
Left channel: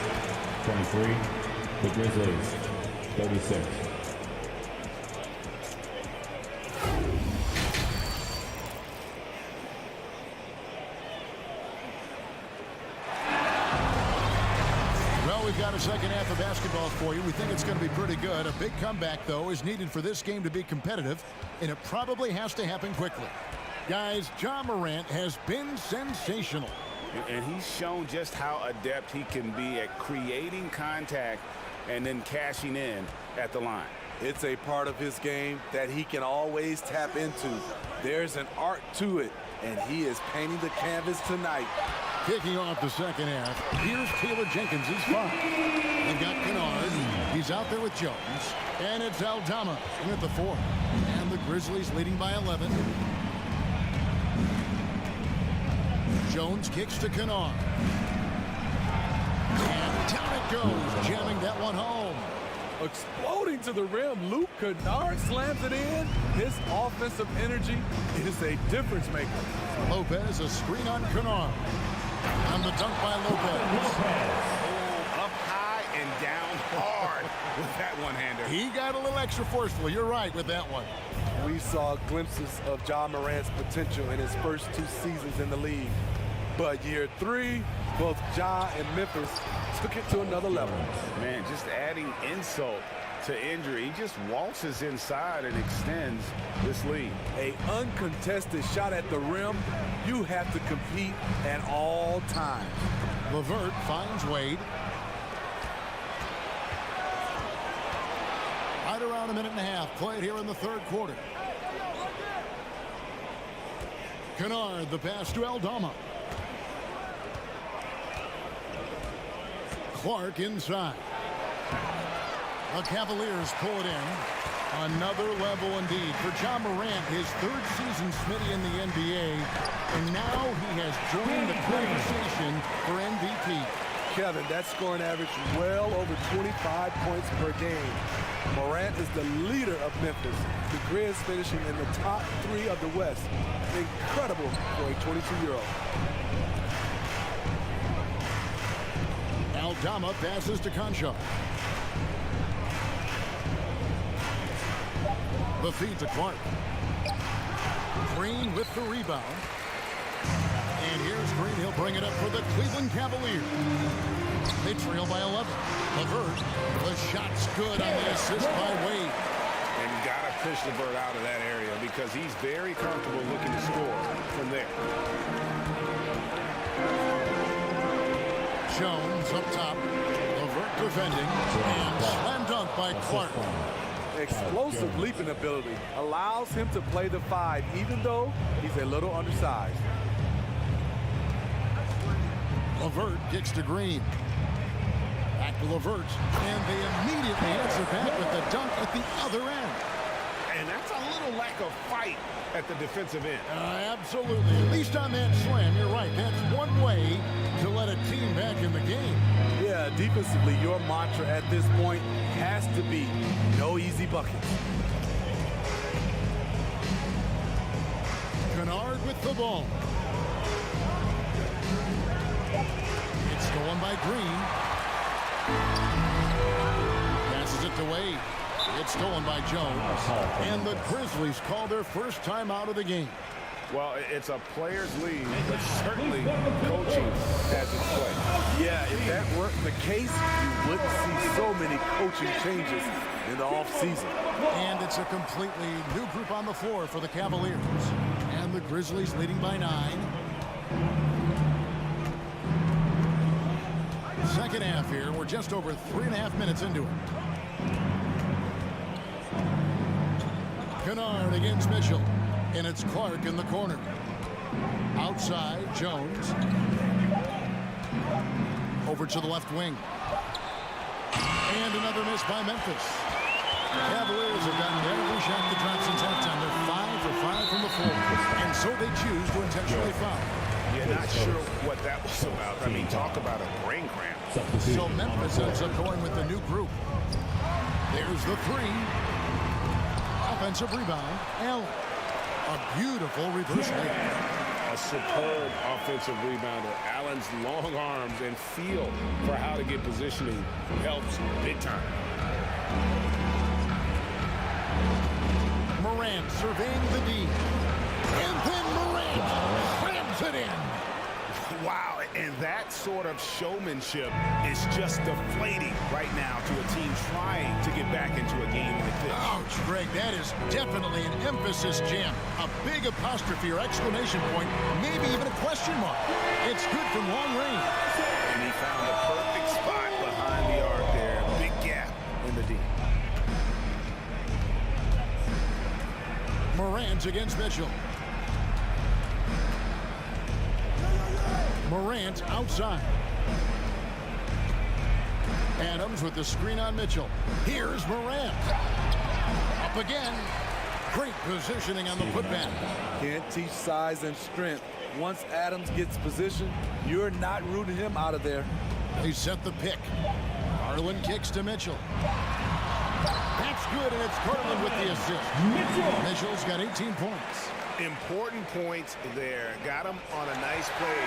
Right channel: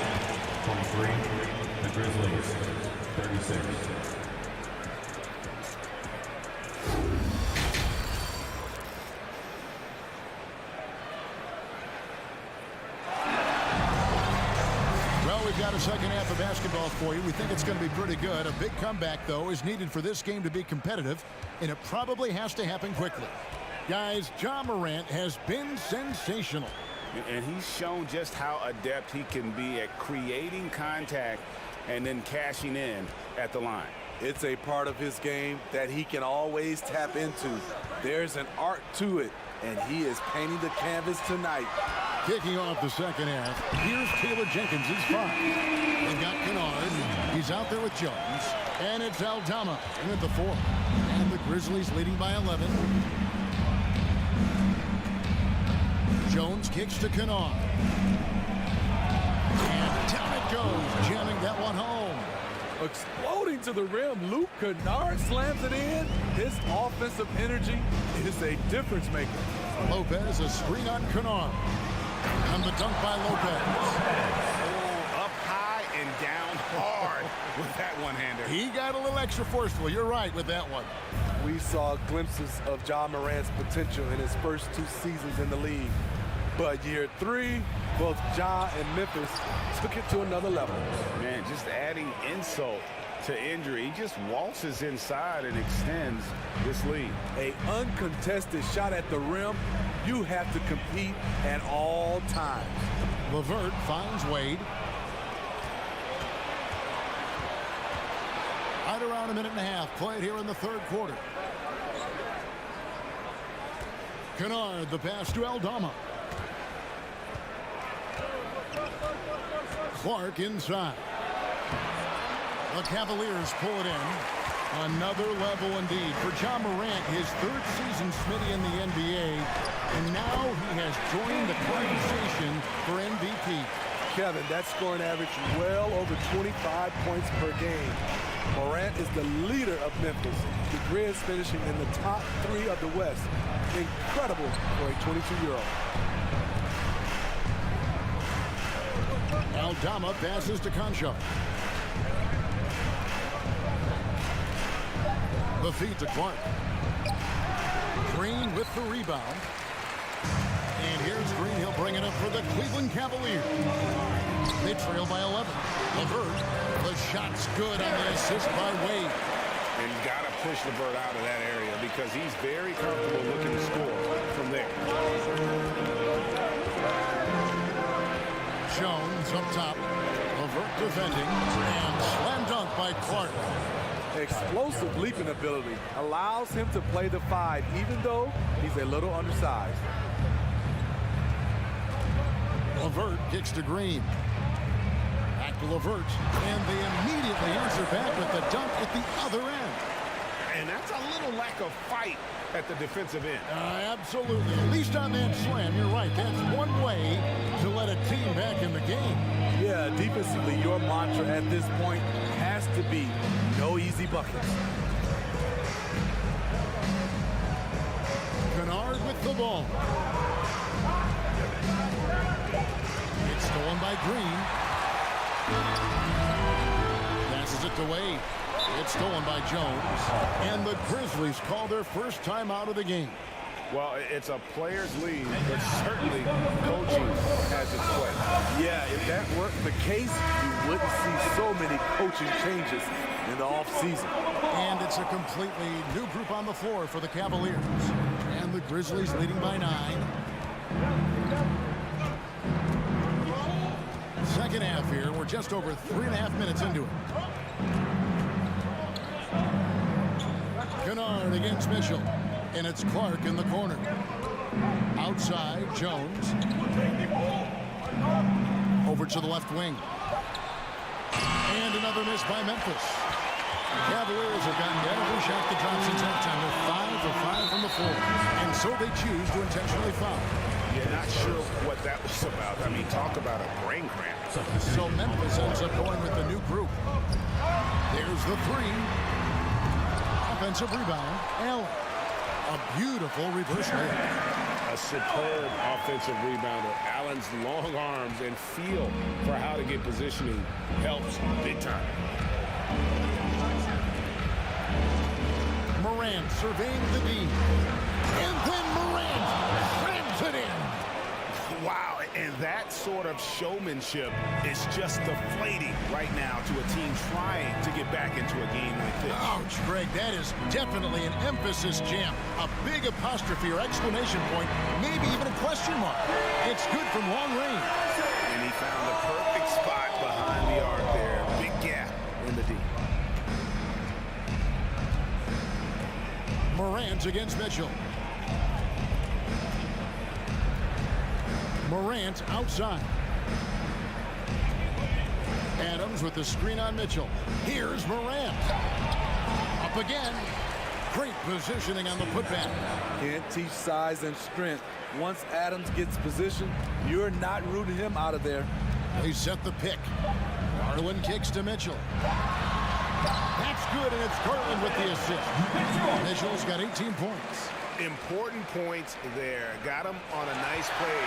23. The Grizzlies, 36. Well, we've got a second half of basketball for you. We think it's going to be pretty good. A big comeback, though, is needed for this game to be competitive, and it probably has to happen quickly. Guys, Ja Morant has been sensational. And he's shown just how adept he can be at creating contact and then cashing in at the line. It's a part of his game that he can always tap into. There's an art to it, and he is painting the canvas tonight. Kicking off the second half, here's Taylor Jenkins' five. They've got Kennard. He's out there with Jones. And it's Aldama in at the four. And the Grizzlies leading by 11. Jones kicks to Kennard. And down it goes, jamming that one home. Exploding to the rim, Luke Kennard slams it in. His offensive energy is a difference maker. Lopez, a screen on Kennard. And the dunk by Lopez. Oh, up high and down hard with that one-hander. He got a little extra forceful. You're right with that one. We saw glimpses of Ja Morant's potential in his first 2 seasons in the league. But year 3, both Ja and Memphis took it to another level. Man, just adding insult to injury. He just waltzes inside and extends this lead. A uncontested shot at the rim, you have to compete at all times. LeVert finds Wade. Right around a minute and a half played here in the third quarter. Kennard, the pass to Aldama. Clark inside. The Cavaliers pull it in. Another level indeed for John Morant, his third season Smitty in the NBA, and now he has joined the conversation for MVP. Kevin, that scoring average well over 25 points per game. Morant is the leader of Memphis. The Grizz finishing in the top 3 of the West. Incredible for a 22-year-old. Aldama passes to Concho. The feed to Clark. Green with the rebound. And here's Green. He'll bring it up for the Cleveland Cavaliers. They trail by 11. LeVert, the shot's good on the assist by Wade. And got to push LeVert out of that area because he's very comfortable looking to score from there. Jones up top. LeVert defending. And slam dunk by Clark. Explosive leaping ability allows him to play the 5, even though he's a little undersized. LeVert kicks to Green. Back to LeVert. And they immediately answer back with the dunk at the other end. And that's a little lack of fight at the defensive end. Absolutely. At least on that slam, you're right. That's one way to let a team back in the game. Yeah, defensively, your mantra at this point has to be no easy buckets. Kennard with the ball. It's stolen by Green. Passes it to Wade. It's stolen by Jones. And the Grizzlies call their first time out of the game. Well, it's a player's lead, but certainly coaching has its play. Yeah, if that weren't the case, you wouldn't see so many coaching changes in the offseason. And it's a completely new group on the floor for the Cavaliers. And the Grizzlies leading by 9. Second half here. We're just over 3.5 minutes into it. Kennard against Mitchell. And it's Clark in the corner. Outside, Jones. Over to the left wing. And another miss by Memphis. The Cavaliers have gotten every shot that dropped since halftime. They're 5 for 5 from the floor. And so they choose to intentionally foul. You're not sure what that was about. I mean, talk about a brain cramp. So Memphis ends up going with the new group. There's the 3. Offensive rebound, Allen. A beautiful reverse layup. A superb offensive rebounder. Allen's long arms and feel for how to get positioning helps big time. Morant surveying the D. And then Morant slams it in. Wow, and that sort of showmanship is just deflating right now to a team trying to get back into a game like this. Ouch, Greg, that is definitely an emphasis jam. A big apostrophe or exclamation point, maybe even a question mark. It's good from long range. And he found the perfect spot behind the arc there. Big gap in the D. Morant against Mitchell. Morant outside. Adams with the screen on Mitchell. Here's Morant. Up again. Great positioning on the putback. Can't teach size and strength. Once Adams gets position, you're not rooting him out of there. They set the pick. Garland kicks to Mitchell. That's good, and it's Garland with the assist. Mitchell's got 18 points. Important points there. Got him on a nice play,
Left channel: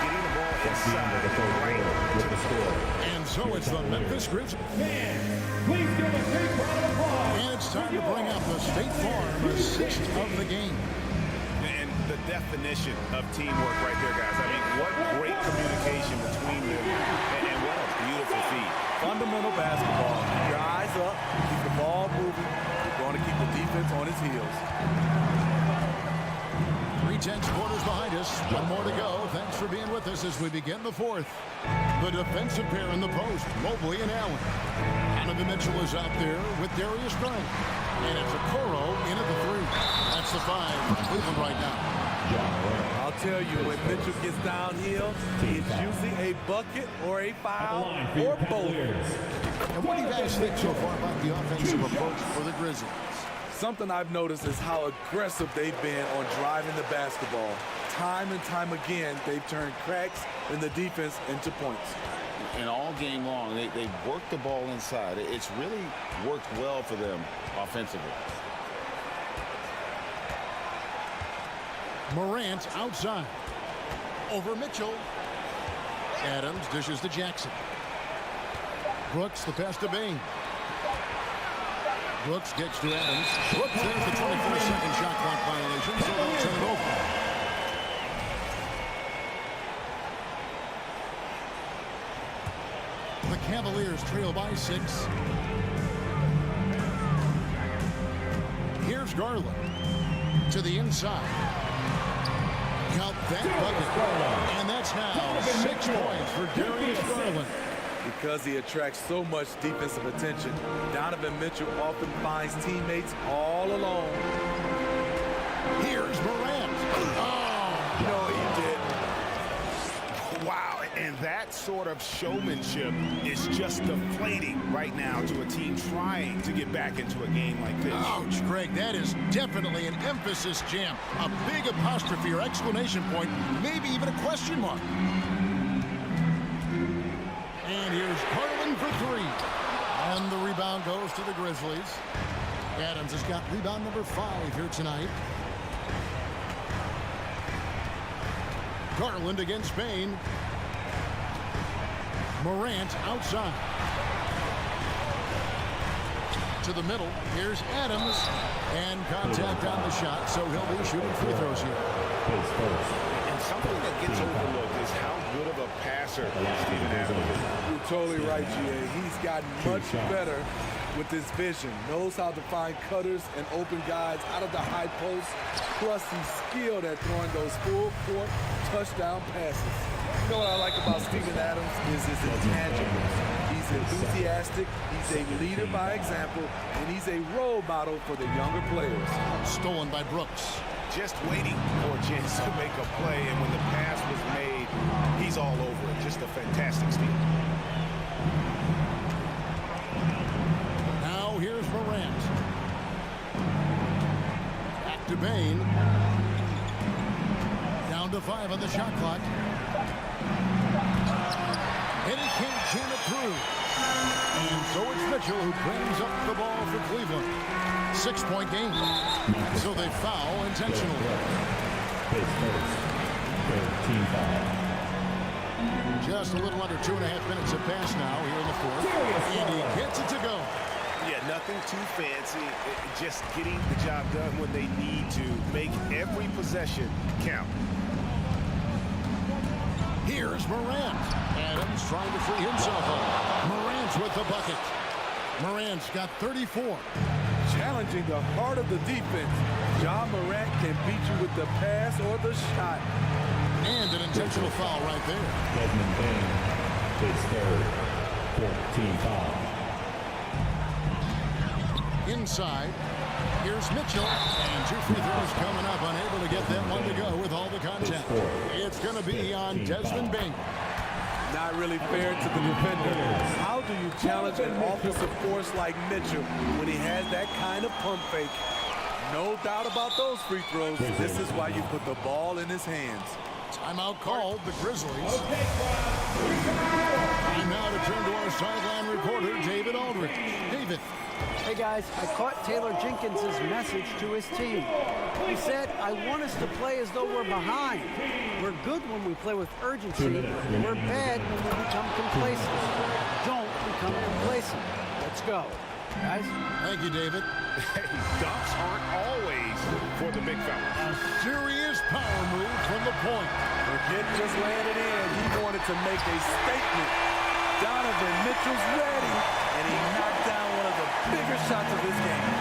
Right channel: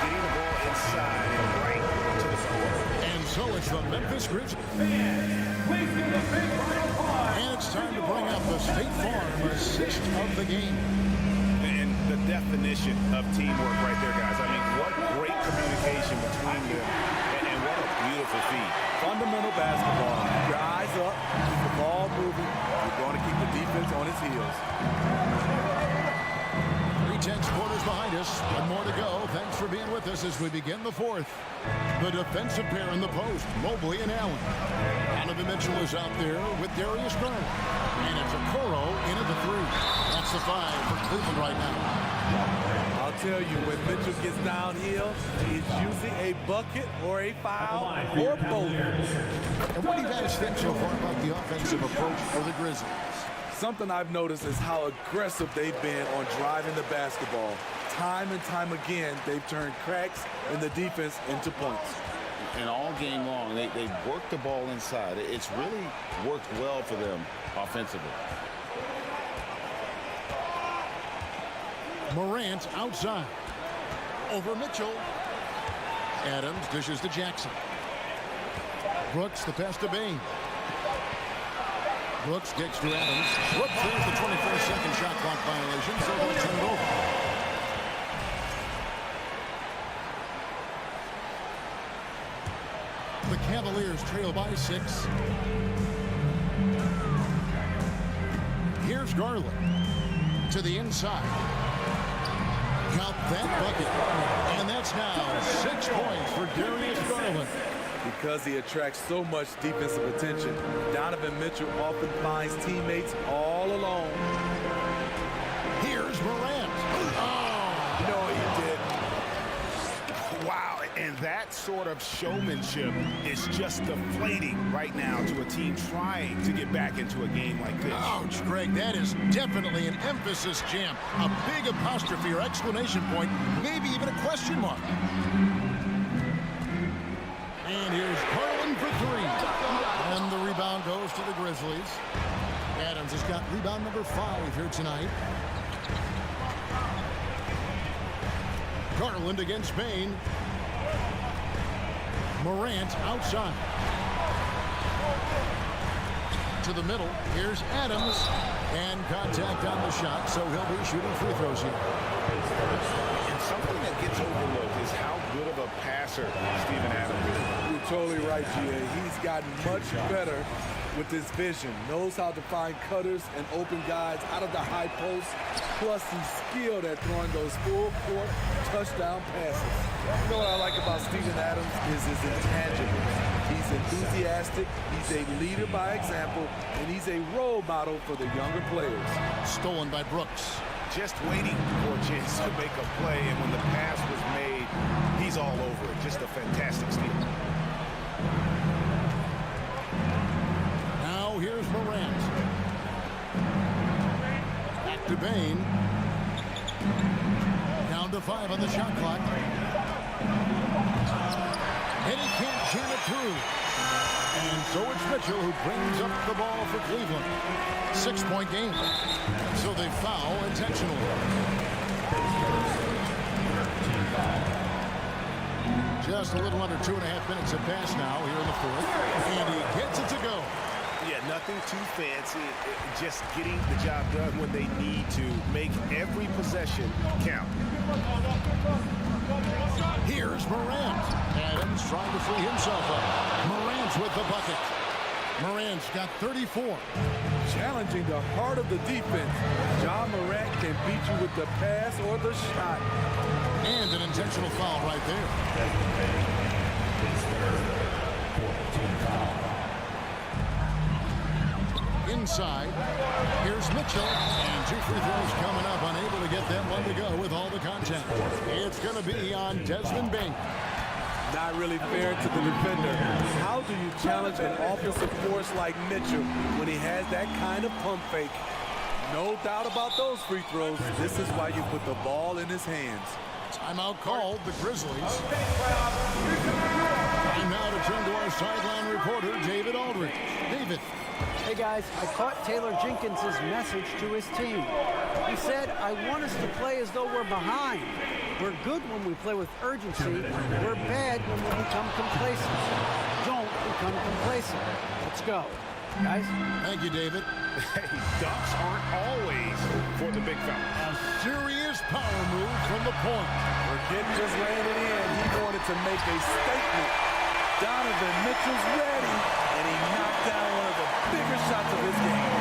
getting the ball inside and right to the floor. And so it's the Memphis Grizzlies. Please give a big round of applause. And it's time to bring up the State Farm assist of the game. And the definition of teamwork right there, guys. I mean, what great communication between them, and what a beautiful feat. Fundamental basketball. Keep your eyes up, keep the ball moving. You're going to keep the defense on its heels. 3-10 quarters behind us. One more to go. Thanks for being with us as we begin the fourth. The defensive pair in the post, Mobley and Allen. Donovan Mitchell is out there with Darius Garland. And it's Okoro in at the 3. That's the 5 for Cleveland right now. I'll tell you, when Mitchell gets downhill, it's usually a bucket or a foul or both. And what do you guys think so far about the offensive approach for the Grizzlies? Something I've noticed is how aggressive they've been on driving the basketball. Time and time again, they've turned cracks in the defense into points. And all game long, they worked the ball inside. It's really worked well for them offensively. Morant outside. Over Mitchell. Adams dishes to Jackson. Brooks, the pass to Bain. Brooks gets to Adams. Brooks, there's the 24-second shot clock violation, so they'll turn it over. The Cavaliers trail by 6. Here's Garland to the inside. Count that bucket. And that's now 6 points for Darius Garland. Because he attracts so much defensive attention, Donovan Mitchell often finds teammates all alone. Here's Morant. Oh, no, he didn't. Wow, and that sort of showmanship is just deflating right now to a team trying to get back into a game like this. Ouch, Greg, that is definitely an emphasis jam. A big apostrophe or exclamation point, maybe even a question mark. And here's Garland for 3. And the rebound goes to the Grizzlies. Adams has got rebound number 5 here tonight. Garland against Bain. Morant outside. To the middle. Here's Adams. And contact on the shot, so he'll be shooting free throws here. And something that gets overlooked is how good of a passer Steven Adams is. You're totally right, GA. He's gotten much better with his vision. Knows how to find cutters and open guys out of the high post. Plus, he's skilled at throwing those full-court touchdown passes. You know what I like about Steven Adams is his intangibles. He's enthusiastic, he's a leader by example, and he's a role model for the younger players. Stolen by Brooks. Just waiting for a chance to make a play, and when the pass was made, he's all over it. Just a fantastic steal. Now here's Morant. Back to Bain. Down to 5 on the shot clock. And he can't jam it through. And so it's Mitchell who brings up the ball for Cleveland. 6-point game. And so they foul intentionally. Just a little under 2.5 minutes have passed now here in the fourth. And he gets it to go. Yeah, nothing too fancy. Just getting the job done when they need to. Make every possession count. Here's Morant. Adams trying to free himself up. Morant's with the bucket. Morant's got 34. Challenging the heart of the defense. John Morant can beat you with the pass or the shot. And an intentional foul right there. Edmund Bain, his third 14 foul. Inside, here's Mitchell, and 2 free throws coming up, unable to get that one to go with all the contact. It's going to be on Desmond Bain. Not really fair to the defender. How do you challenge an offensive force like Mitchell when he has that kind of pump fake? No doubt about those free throws. This is why you put the ball in his hands. Timeout called, the Grizzlies. Time now to turn to our sideline reporter, David Aldridge. David. Hey guys, I caught Taylor Jenkins' message to his team. He said, I want us to play as though we're behind. We're good when we play with urgency. We're bad when we become complacent. Don't become complacent. Let's go. Guys? Thank you, David. Hey, dunks aren't always for the big fella. A serious power move from the point. Forget just laying it in. He wanted to make a statement. Donovan Mitchell's ready, and he knocked down one of the bigger shots of his game.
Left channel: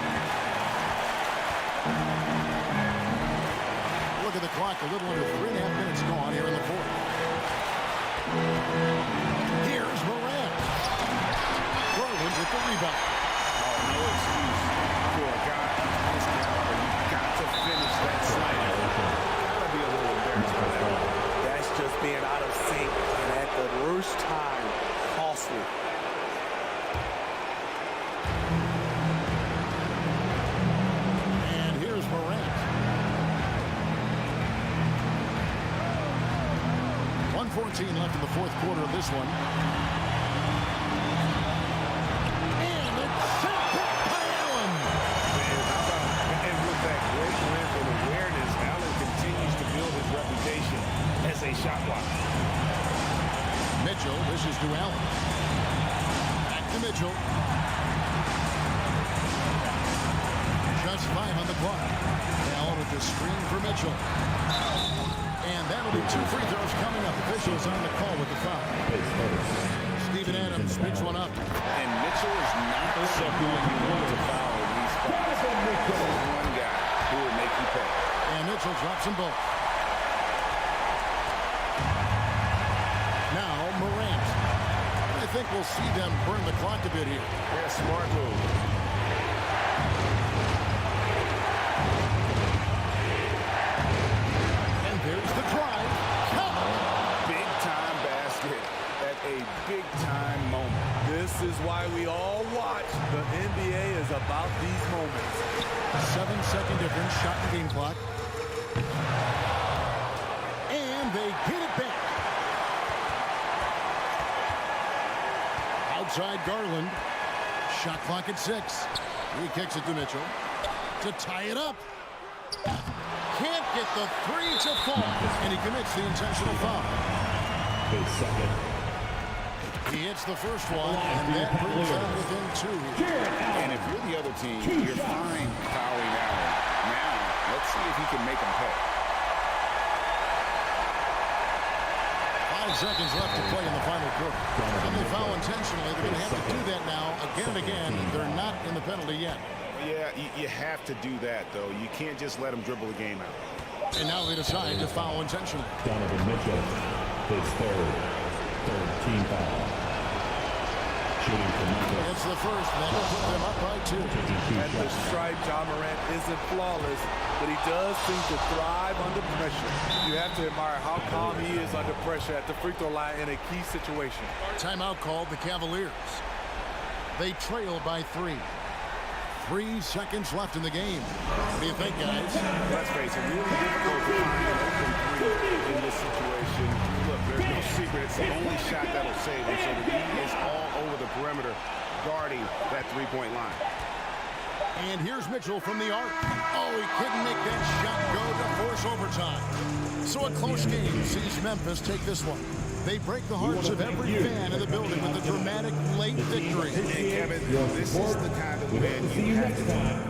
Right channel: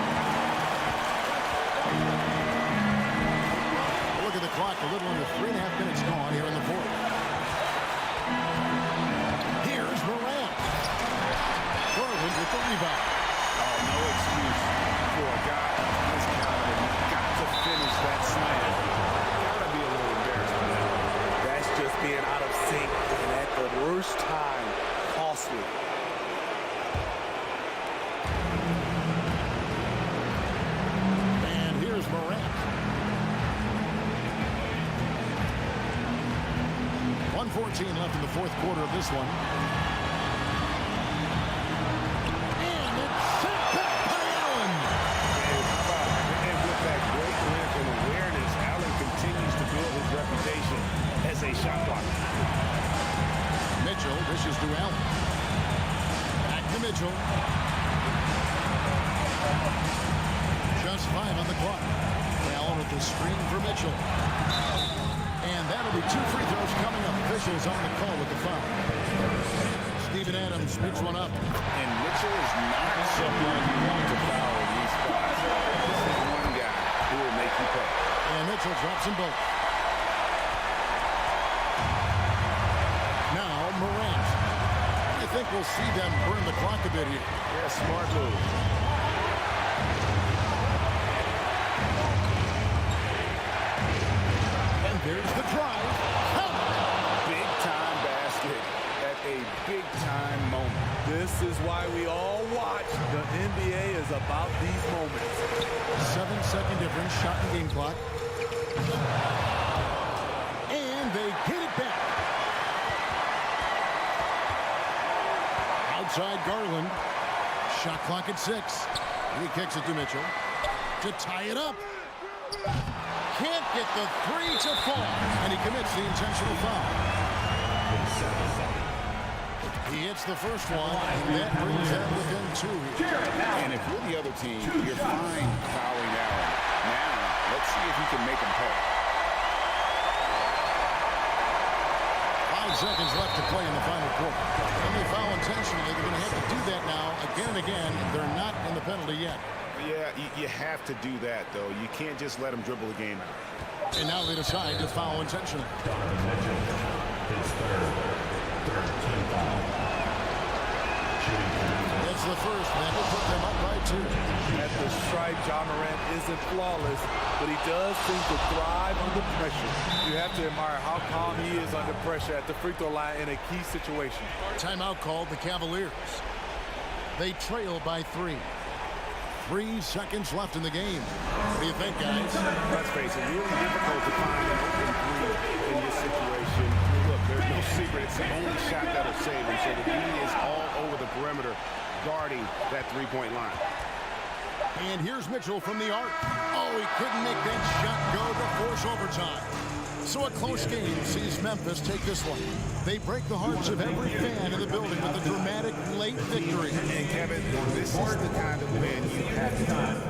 Look at the clock, a little under 3.5 minutes gone here in the fourth. Here's Morant. Garland with the rebound. Oh, no excuse for a guy of his caliber. You've got to finish that slam. Got to be a little embarrassed by that one. That's just being out of sync, and at the worst time, costly. And here's Morant. 1:14 left in the fourth quarter of this one. And it's sent back by Allen. And how about, and with that great length and awareness, Allen continues to build his reputation as a shot blocker. Mitchell dishes to Allen. Back to Mitchell. Just 5 on the clock. Allen with the screen for Mitchell. And that'll be 2 free throws coming up. Officials on the call with the foul. Steven Adams picks one up. And Mitchell is not someone you want to foul in these spots. This is one guy who will make you pay. And Mitchell drops them both. Now Morant. I think we'll see them burn the clock a bit here. Yeah, smart move. And there's the drive. Count. Big time basket at a big time moment. This is why we all watch. The NBA is about these moments. 7-second difference, shot and game clock. And they get it back. Outside Garland. Shot clock at 6. He kicks it to Mitchell to tie it up. Can't get the 3 to fall. And he commits the intentional foul. He hits the first one, and that brings them within 2 here. And if you're the other team, you're fine fouling Allen. Now, let's see if he can make him pay. 5 seconds left to play in the final quarter. And they foul intentionally. They're going to have to do that now again and again. They're not in the penalty yet. Yeah, you have to do that, though. You can't just let them dribble the game out. And now they decide to foul intentionally. Donovan Mitchell, his third team foul. Shooting for Memphis. It's the first. That will put them up by 2. At the stripe, Ja Morant isn't flawless, but he does seem to thrive under pressure. You have to admire how calm he is under pressure at the free throw line in a key situation. Timeout called the Cavaliers. They trail by 3. 3 seconds left in the game. What do you think, guys? Let's face it, really difficult to find an open 3 in this situation. Look, there's no secret. It's the only shot that'll save him. So the D is all over the perimeter guarding that 3-point line. And here's Mitchell from the arc. Oh, he couldn't make that shot go to force overtime. So a close game sees Memphis take this one. They break the hearts of every fan in the building with a dramatic late victory. And Kevin, this is the kind of win you have to do.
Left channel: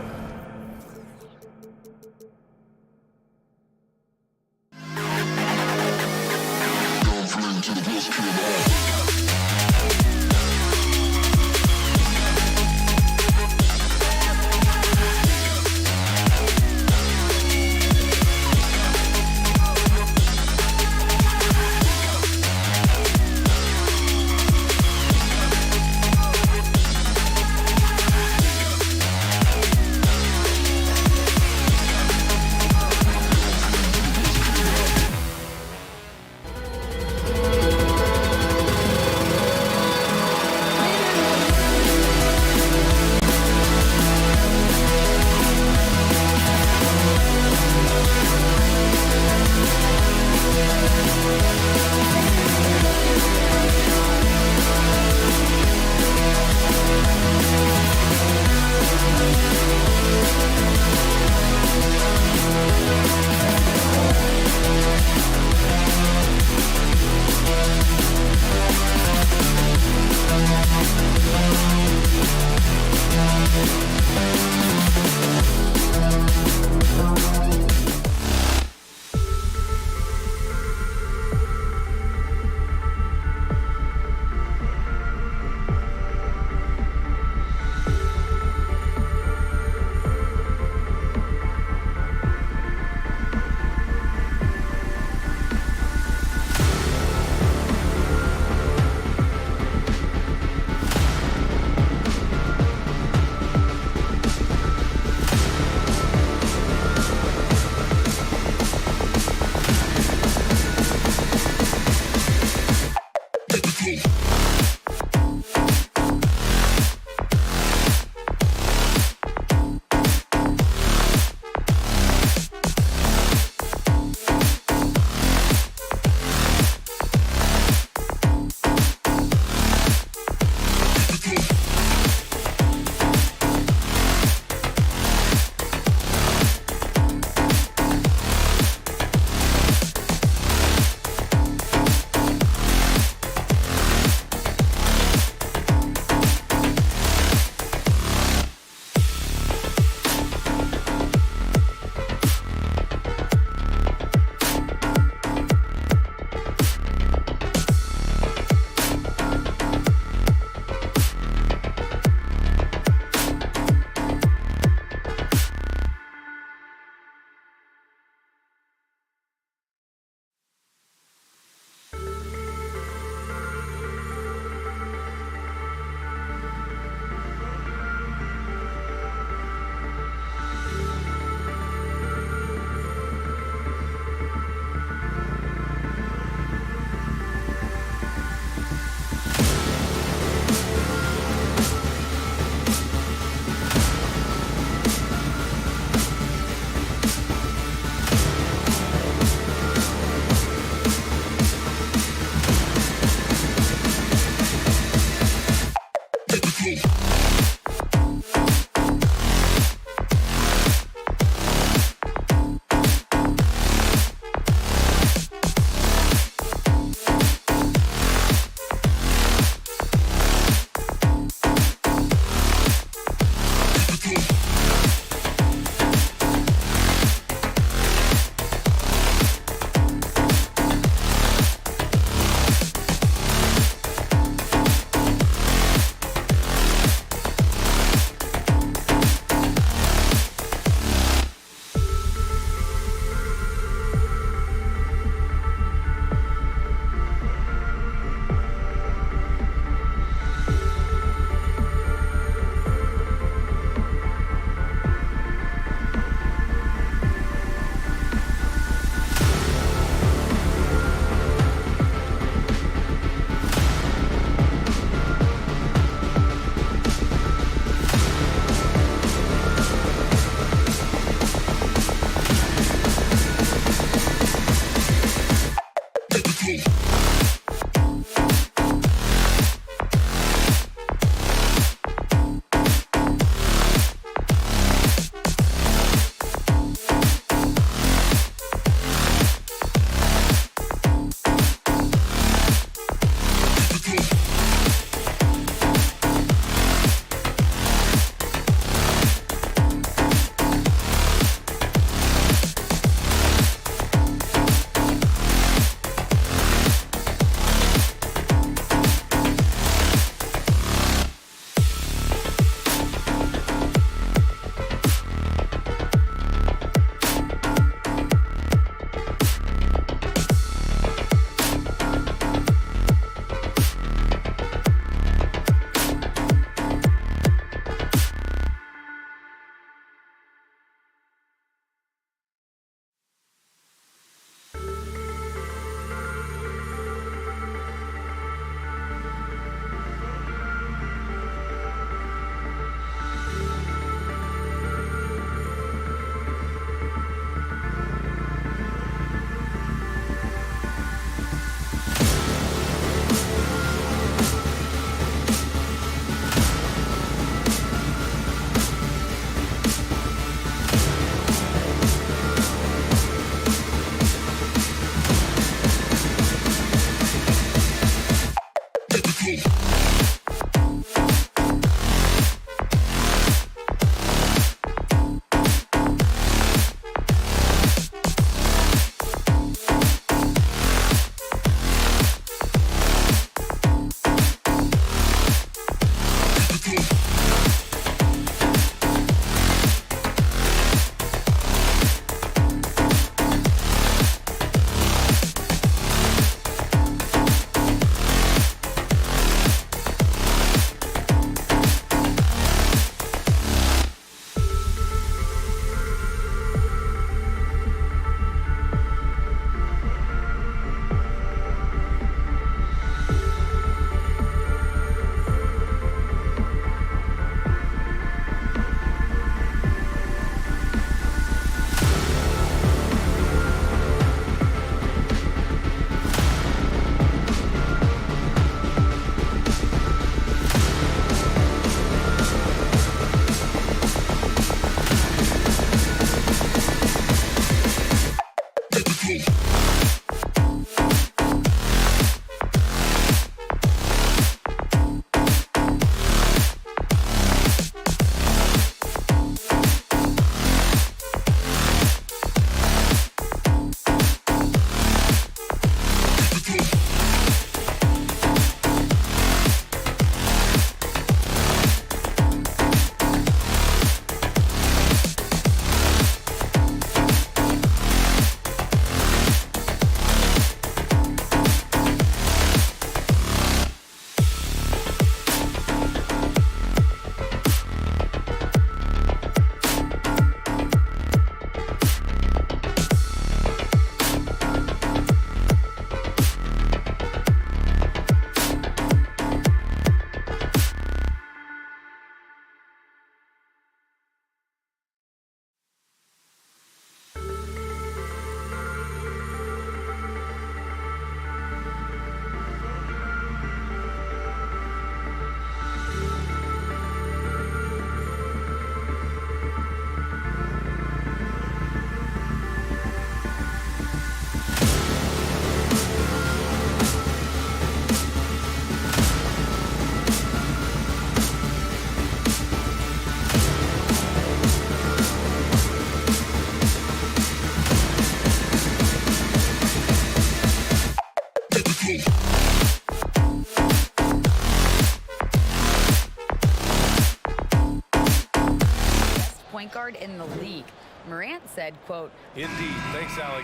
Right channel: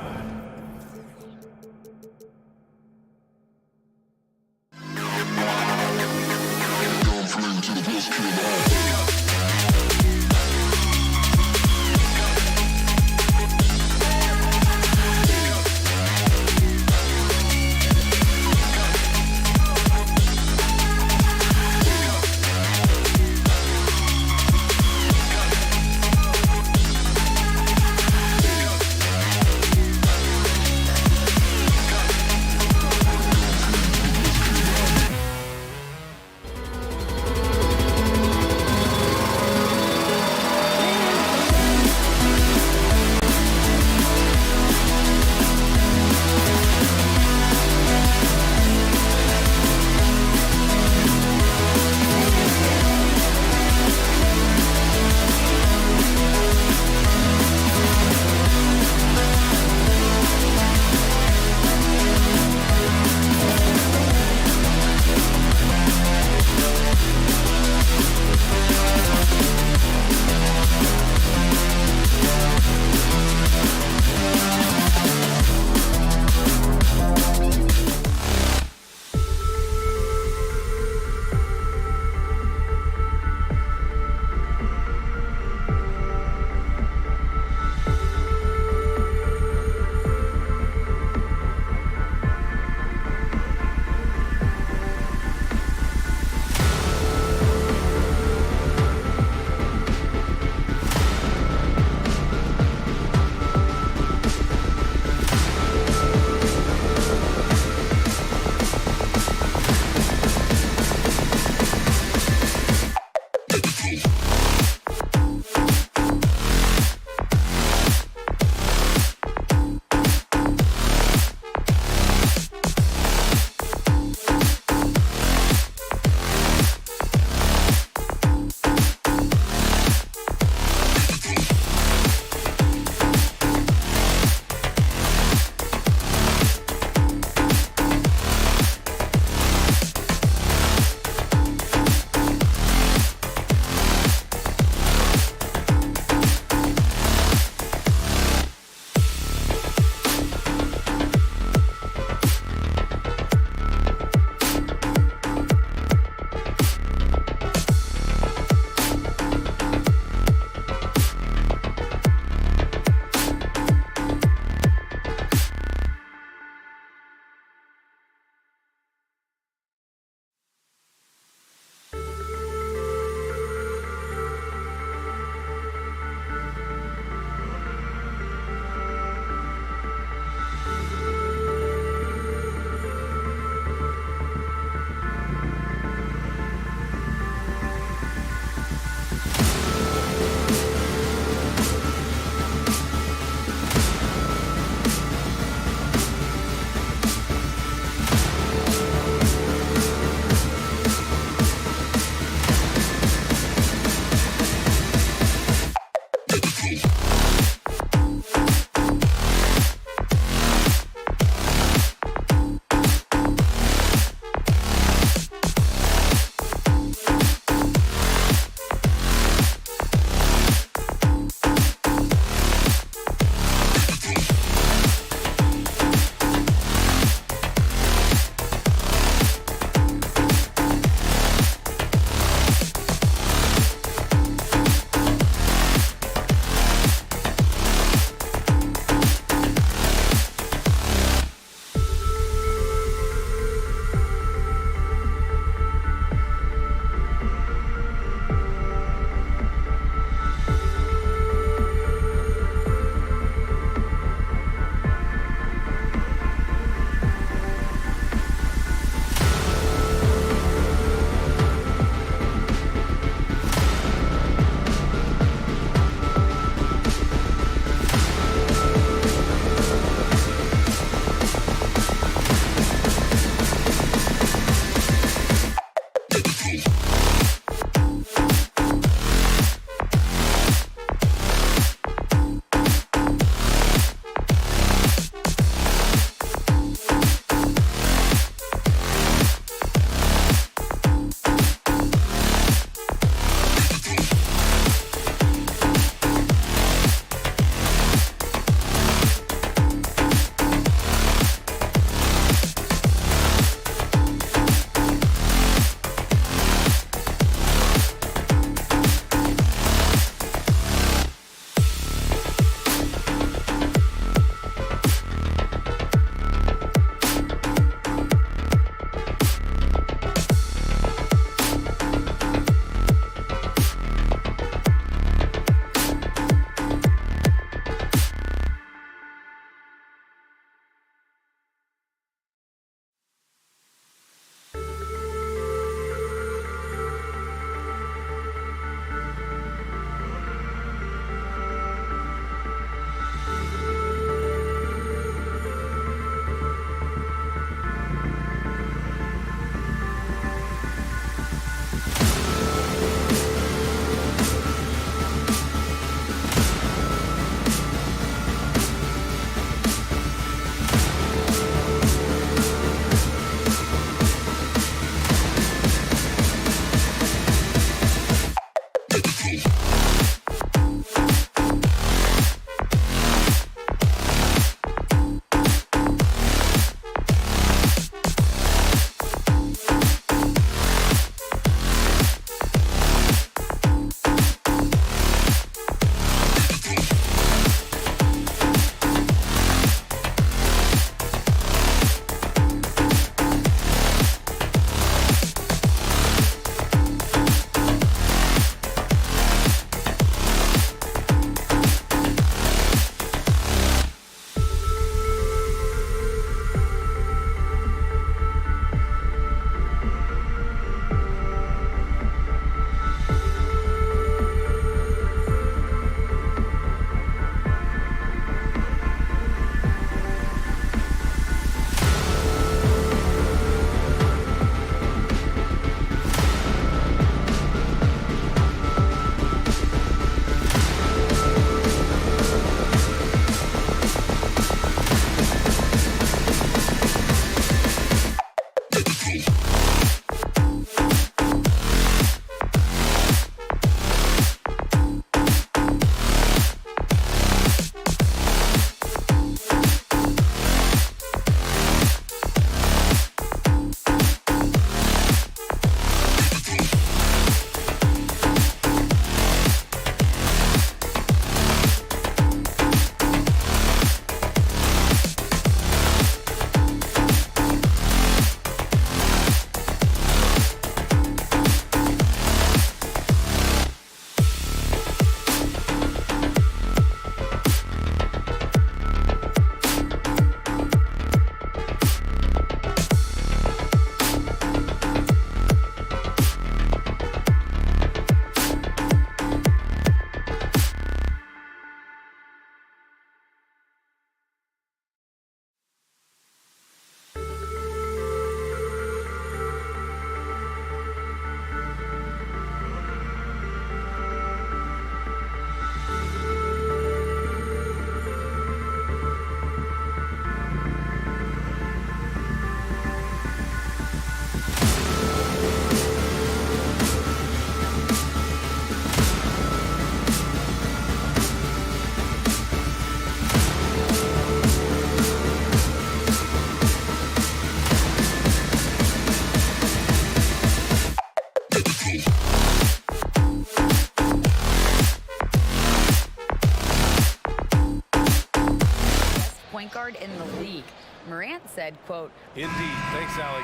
point guard in the league. Morant said, quote, Indeed. Thanks, Allie.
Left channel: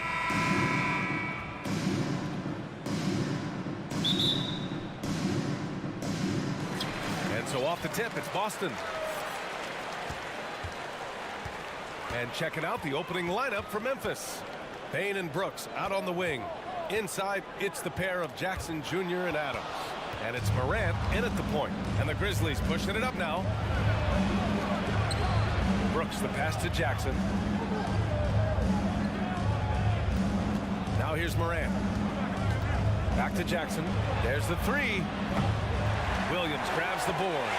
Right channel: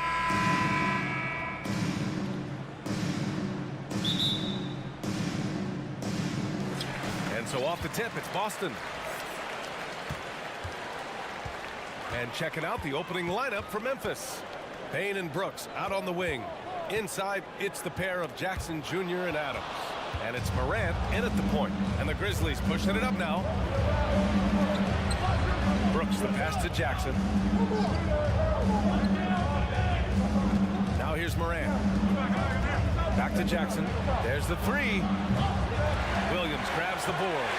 And so off the tip, it's Boston. And checking out the opening lineup for Memphis. Bane and Brooks out on the wing. Inside, it's the pair of Jackson Jr. and Adams. And it's Morant in at the point. And the Grizzlies pushing it up now. Brooks, the pass to Jackson. Now here's Morant. Back to Jackson. There's the three. Williams grabs the board.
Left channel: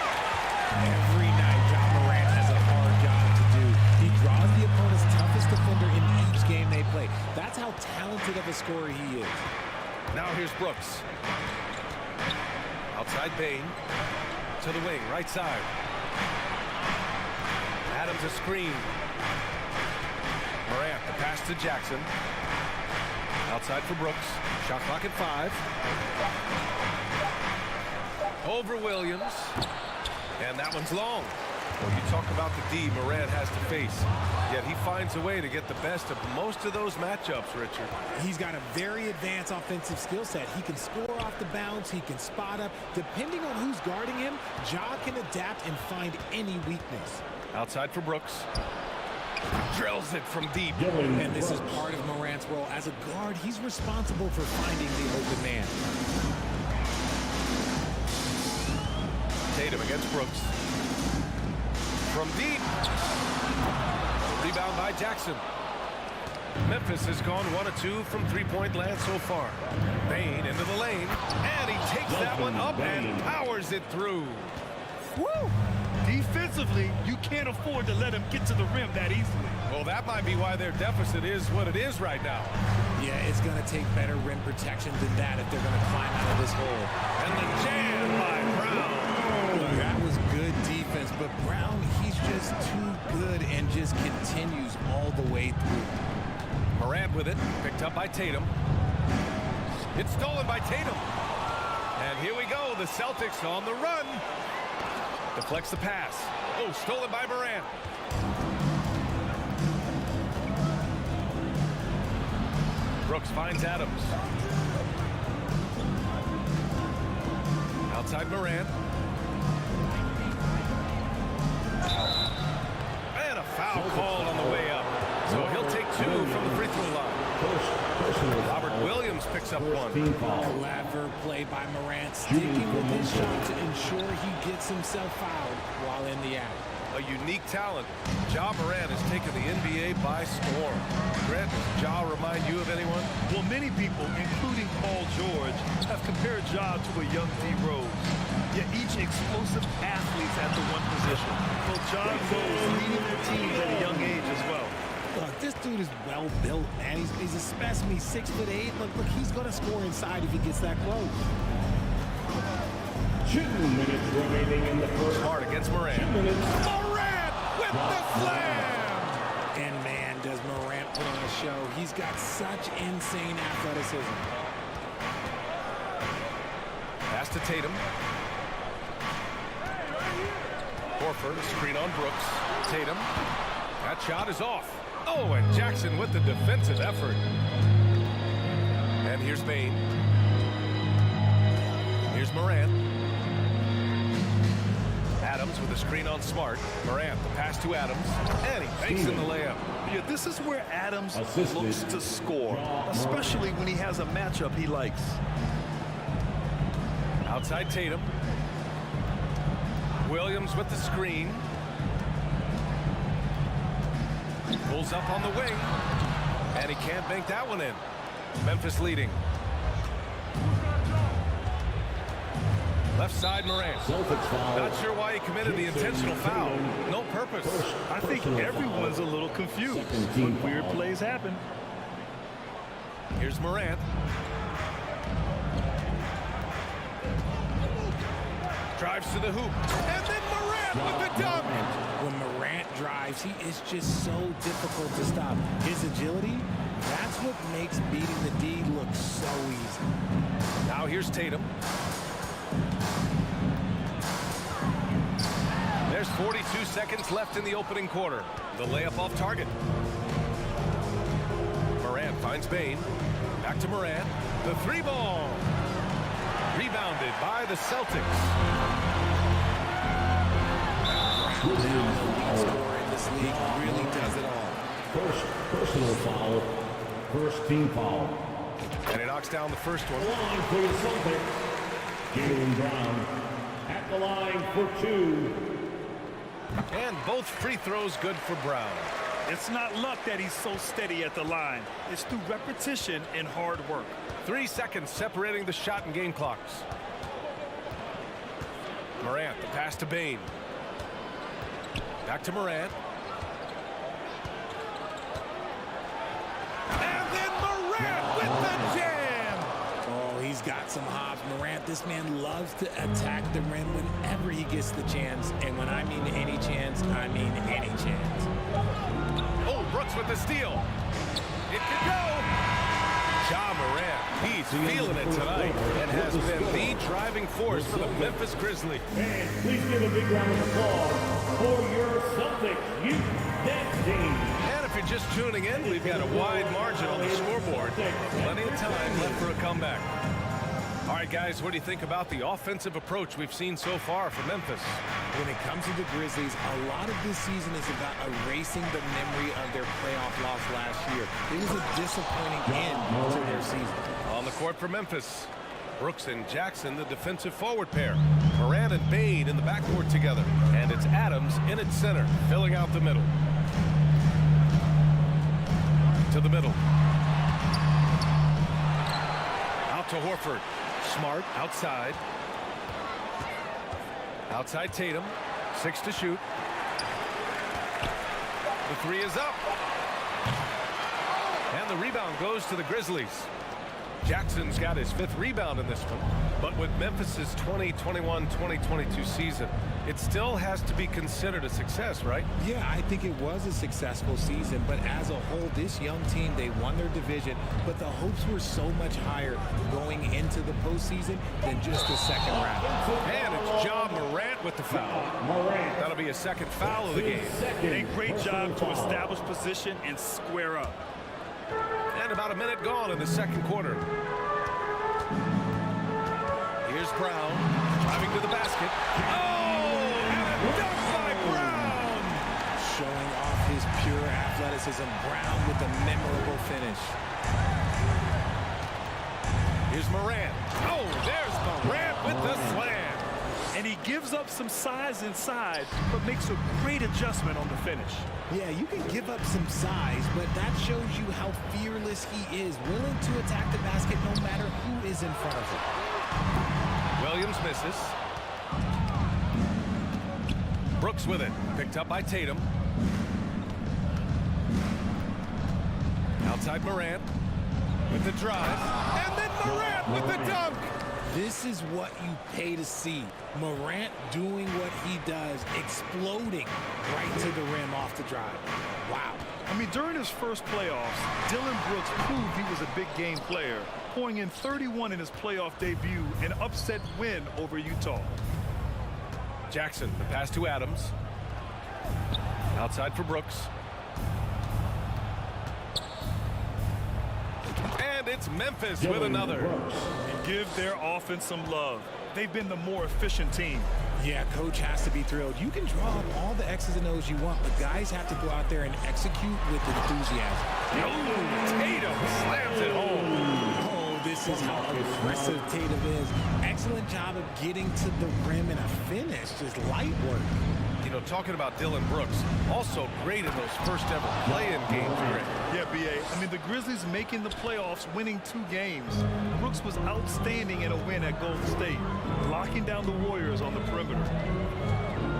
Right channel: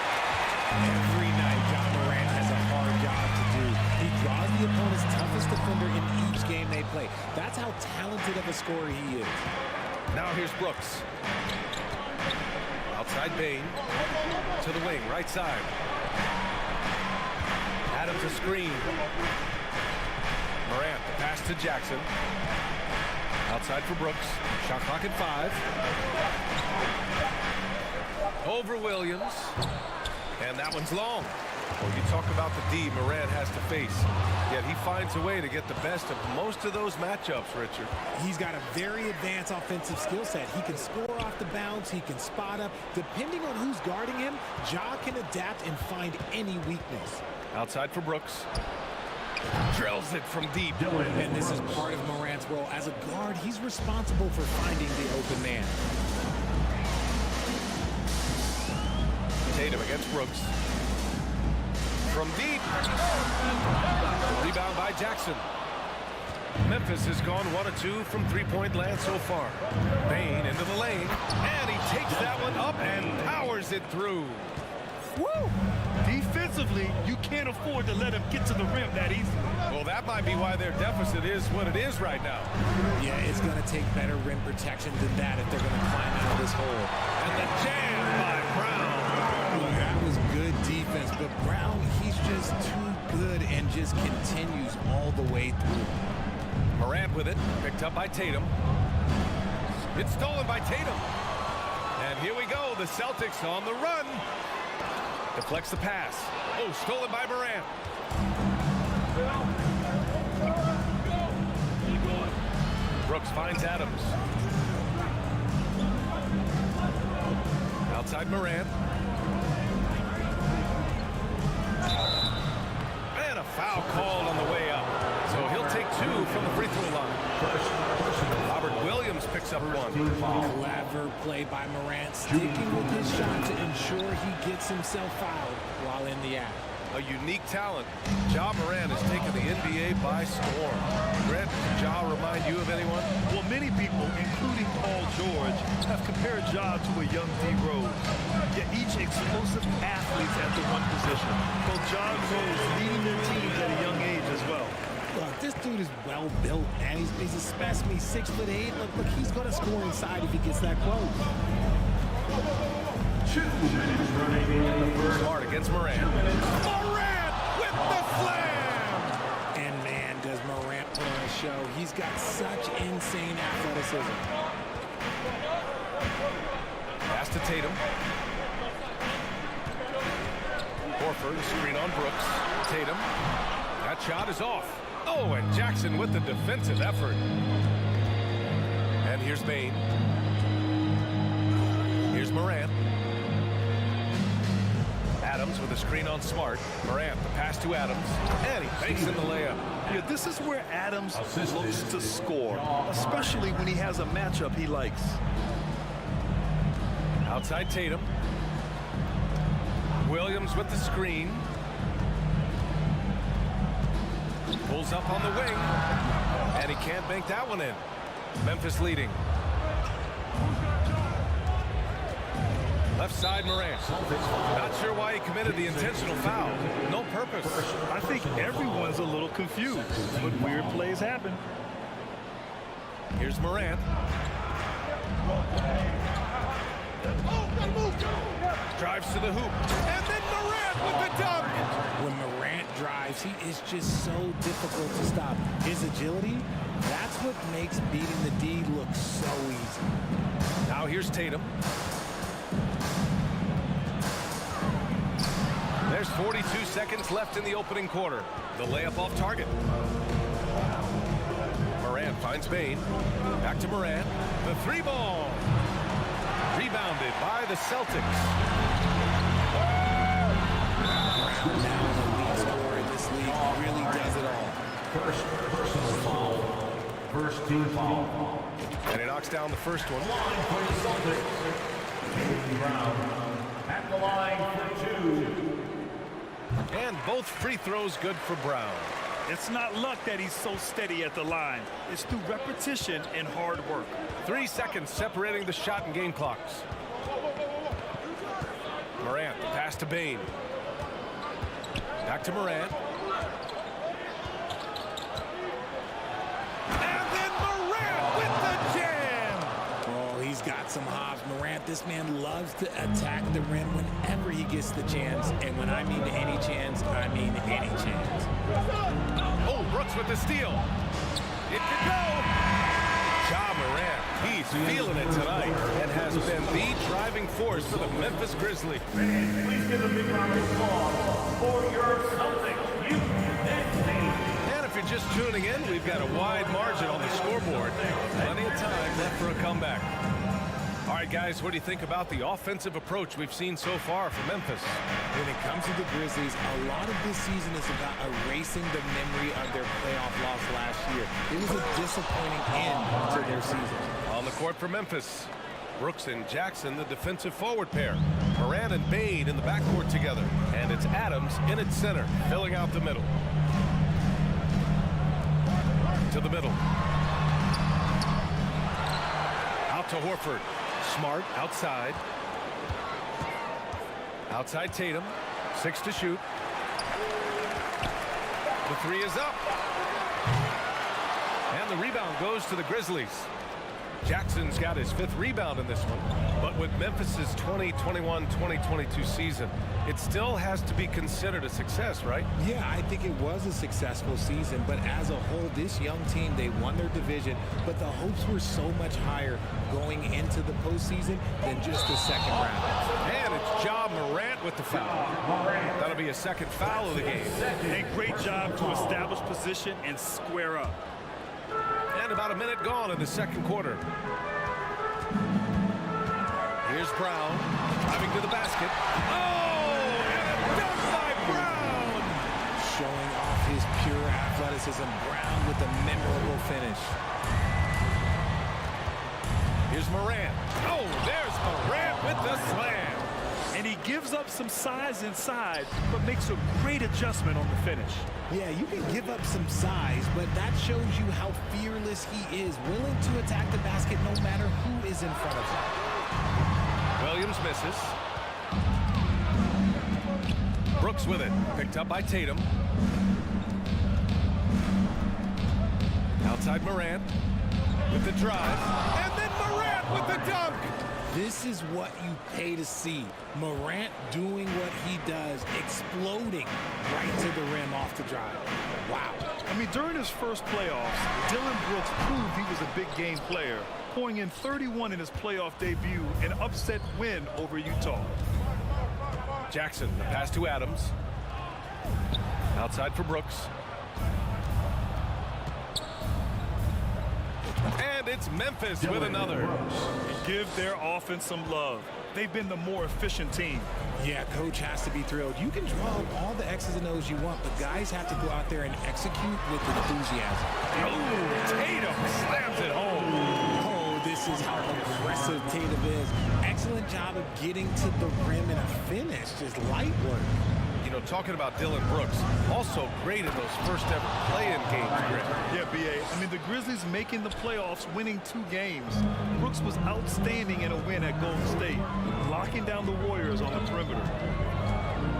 Every night, John Morant has a hard job to do. He draws the opponent's toughest defender in each game they play. That's how talented of a scorer he is. Now here's Brooks. Outside Bane. To the wing, right side. Adams a screen. Morant, the pass to Jackson. Outside for Brooks. Shot clock at 5. Over Williams. And that one's long. Well, you talk about the D Morant has to face. Yet he finds a way to get the best of most of those matchups, Richard. He's got a very advanced offensive skill set. He can score off the bounce. He can spot up. Depending on who's guarding him, Ja can adapt and find any weakness. Outside for Brooks. Drills it from deep. And this is part of Morant's role. As a guard, he's responsible for finding the open man. Tatum against Brooks. From deep. Rebound by Jackson. Memphis has gone 1 of 2 from three-point land so far. Bane into the lane. And he takes that one up and powers it through. Woo! Defensively, you can't afford to let him get to the rim that easily. Well, that might be why their deficit is what it is right now. Yeah, it's going to take better rim protection than that if they're going to climb out of this hole. And the jam by Brown. Look, that was good defense, but Brown, he's just too good and just continues all the way through. Morant with it, picked up by Tatum. It's stolen by Tatum. And here we go, the Celtics on the run. Deflects the pass. Oh, stolen by Morant. Brooks finds Adams. Outside Morant. And a foul called on the way up. So he'll take 2 from the free throw line. Robert Williams picks up 1. Clever play by Morant, sticking with his shot to ensure he gets himself fouled while in the act. A unique talent. Ja Morant has taken the NBA by storm. Grant, does Ja remind you of anyone? Well, many people, including Paul George, have compared Ja to a young D. Rose. Yet each explosive athletes at the one position. Both Ja and Rose leading their teams at a young age as well. Look, this dude is well built, man. He's a specimen. He's 6'8". Look, he's going to score inside if he gets that close. 2 minutes remaining in the first. Smart against Morant. Morant with the slam! And man, does Morant put on a show. He's got such insane athleticism. Pass to Tatum. Horford, a screen on Brooks. Tatum. That shot is off. Oh, and Jackson with the defensive effort. And here's Bane. Here's Morant. Adams with a screen on Smart. Morant, the pass to Adams. And he banks in the layup. Yeah, this is where Adams looks to score, especially when he has a matchup he likes. Outside Tatum. Williams with the screen. Pulls up on the wing. And he can't bank that one in. Memphis leading. Left side Morant. Not sure why he committed the intentional foul. No purpose. I think everyone's a little confused, but weird plays happen. Here's Morant. Drives to the hoop. And then Morant with the dunk. When Morant drives, he is just so difficult to stop. His agility, that's what makes beating the D look so easy. Now here's Tatum. There's 42 seconds left in the opening quarter. The layup off target. Morant finds Bain. Back to Morant. The three ball. Rebounded by the Celtics. Brown, now an elite scorer in this league, really does it all. First personal foul. First team foul. And he knocks down the first one. Line for the Celtics. Jaylen Brown at the line for 2. And both free throws good for Brown. It's not luck that he's so steady at the line. It's through repetition and hard work. 3 seconds separating the shot and game clocks. Morant, the pass to Bain. Back to Morant. And then Morant with the jam. Oh, he's got some hops. Morant, this man loves to attack the rim whenever he gets the chance. And when I mean any chance, I mean any chance. Oh, Brooks with the steal. It could go. Ja Morant, he's feeling it tonight and has been the driving force for the Memphis Grizzlies. Fans, please give a big round of applause for your Celtics youth next team. And if you're just tuning in, we've got a wide margin on the scoreboard. Plenty of time left for a comeback. All right, guys, what do you think about the offensive approach we've seen so far from Memphis? When it comes to the Grizzlies, a lot of this season is about erasing the memory of their playoff loss last year. It was a disappointing end to their season. On the court for Memphis, Brooks and Jackson, the defensive forward pair. Morant and Bain in the backcourt together. And it's Adams in its center, filling out the middle. To the middle. Out to Horford. Smart outside. Outside Tatum. 6 to shoot. The three is up. And the rebound goes to the Grizzlies. Jackson's got his 5th rebound in this one. But with Memphis's 2021-2022 season, it still has to be considered a success, right? Yeah, I think it was a successful season, but as a whole, this young team, they won their division, but the hopes were so much higher going into the postseason than just the second round. And it's Ja Morant with the foul. That'll be a second foul of the game. A great job to establish position and square up. And about a minute gone in the second quarter. Here's Brown driving to the basket. Oh, and a dunk by Brown. Showing off his pure athleticism. Brown with a memorable finish. Here's Morant. Oh, there's Morant with the slam. And he gives up some size inside, but makes a great adjustment on the finish. Yeah, you can give up some size, but that shows you how fearless he is, willing to attack the basket no matter who is in front of him. Williams misses. Brooks with it. Picked up by Tatum. Outside Morant with the drive. And then Morant with the dunk. This is what you pay to see. Morant doing what he does, exploding right to the rim off the drive. Wow. I mean, during his first playoffs, Dillon Brooks proved he was a big game player, pouring in 31 in his playoff debut, an upset win over Utah. Jackson, the pass to Adams. Outside for Brooks. And it's Memphis with another. And give their offense some love. They've been the more efficient team. Yeah, coach has to be thrilled. You can draw up all the X's and O's you want, but guys have to go out there and execute with enthusiasm. Oh, Tatum slams it home. Oh, this is how aggressive Tatum is. Excellent job of getting to the rim and a finish. Just light work. You know, talking about Dillon Brooks, also great in those first ever play-in games, Greg. Yeah, B.A. I mean, the Grizzlies making the playoffs, winning 2 games. Brooks was outstanding in a win at Golden State, locking down the Warriors on the perimeter.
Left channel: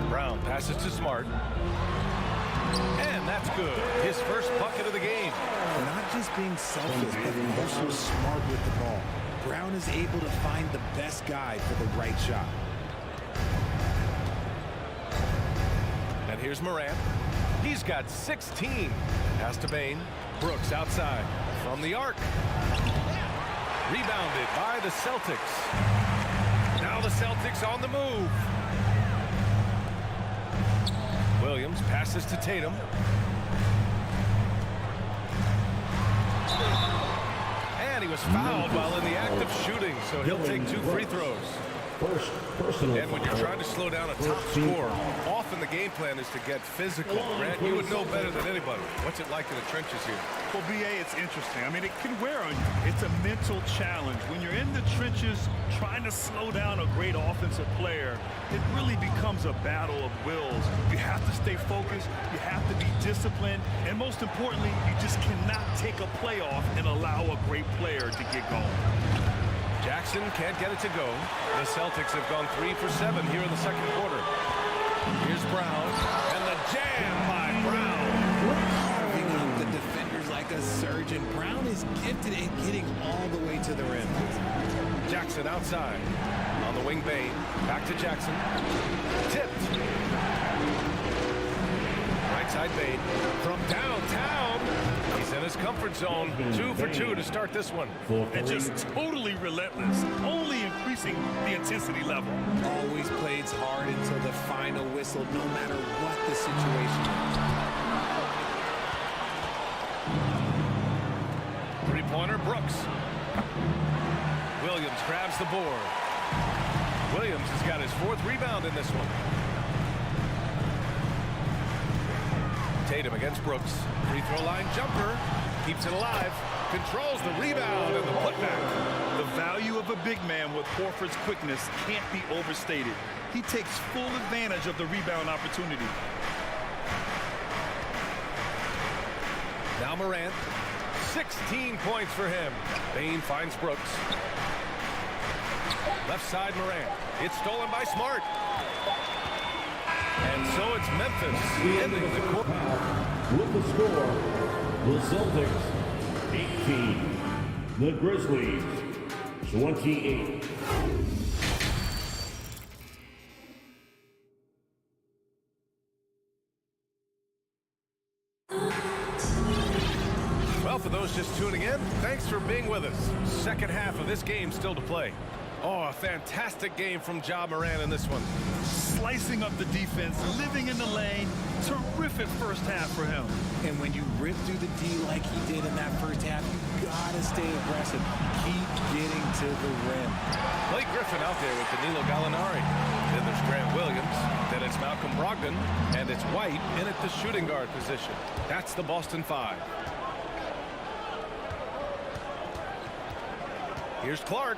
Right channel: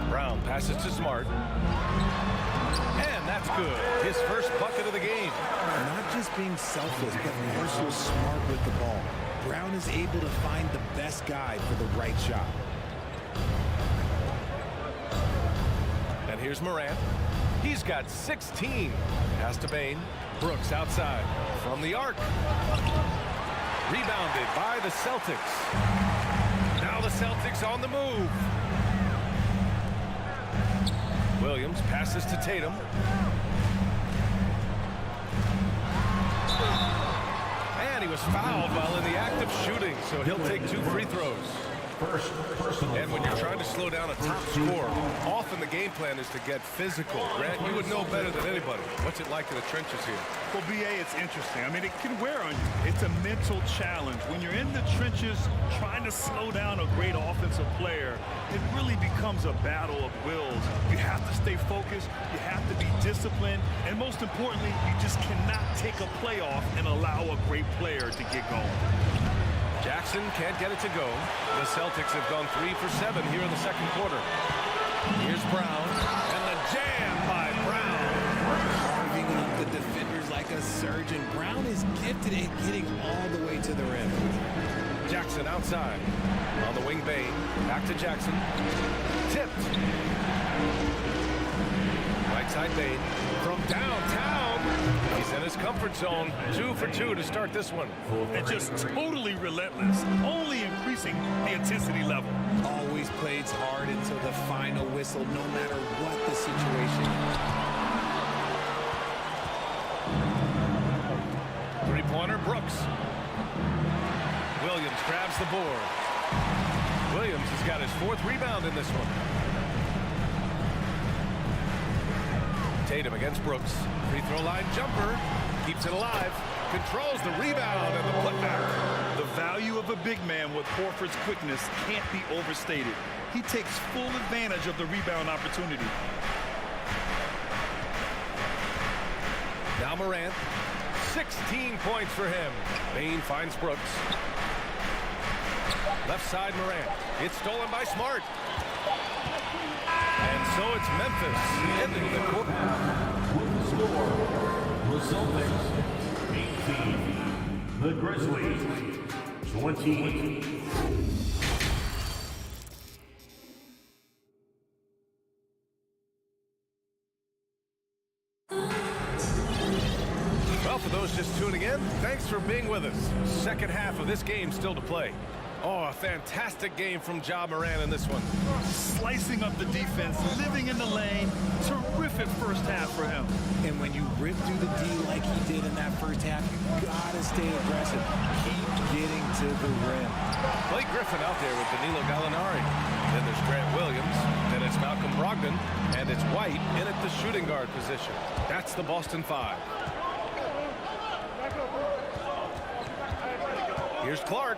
Brown passes to Smart. And that's good. His first bucket of the game. Not just being selfless, but also smart with the ball. Brown is able to find the best guy for the right shot. And here's Morant. He's got 16. Pass to Bain. Brooks outside from the arc. Rebounded by the Celtics. Now the Celtics on the move. Williams passes to Tatum. And he was fouled while in the act of shooting, so he'll take 2 free throws. And when you're trying to slow down a top scorer, often the game plan is to get physical. Grant, you would know better than anybody. What's it like in the trenches here? Well, BA, it's interesting. I mean, it can wear on you. It's a mental challenge. When you're in the trenches trying to slow down a great offensive player, it really becomes a battle of wills. You have to stay focused. You have to be disciplined. And most importantly, you just cannot take a play off and allow a great player to get going. Jackson can't get it to go. The Celtics have gone 3 for 7 here in the second quarter. Here's Brown, and the jam by Brown. Carving up the defenders like a surgeon. Brown is gifted at getting all the way to the rim. Jackson outside. On the wing, Bain. Back to Jackson. Tipped. Right side, Bain. From downtown. He's in his comfort zone. 2 for 2 to start this one. And just totally relentless, only increasing the intensity level. Always plays hard until the final whistle, no matter what the situation is. Three-pointer, Brooks. Williams grabs the board. Williams has got his 4th rebound in this one. Tatum against Brooks. Free throw line jumper. Keeps it alive. Controls the rebound and the putback. The value of a big man with Horford's quickness can't be overstated. He takes full advantage of the rebound opportunity. Now Morant. 16 points for him. Bain finds Brooks. Left side Morant. It's stolen by Smart. And so it's Memphis ending the quarter. With the score, the Celtics 18, the Grizzlies 28. Well, for those just tuning in, thanks for being with us. Second half of this game still to play. Oh, a fantastic game from Ja Morant in this one. Slicing up the defense, living in the lane. Terrific first half for him. And when you rip through the D like he did in that first half, you gotta stay aggressive. Keep getting to the rim. Blake Griffin out there with Danilo Gallinari. Then there's Grant Williams. Then it's Malcolm Brogdon. And it's White in at the shooting guard position. That's the Boston 5. Here's Clark.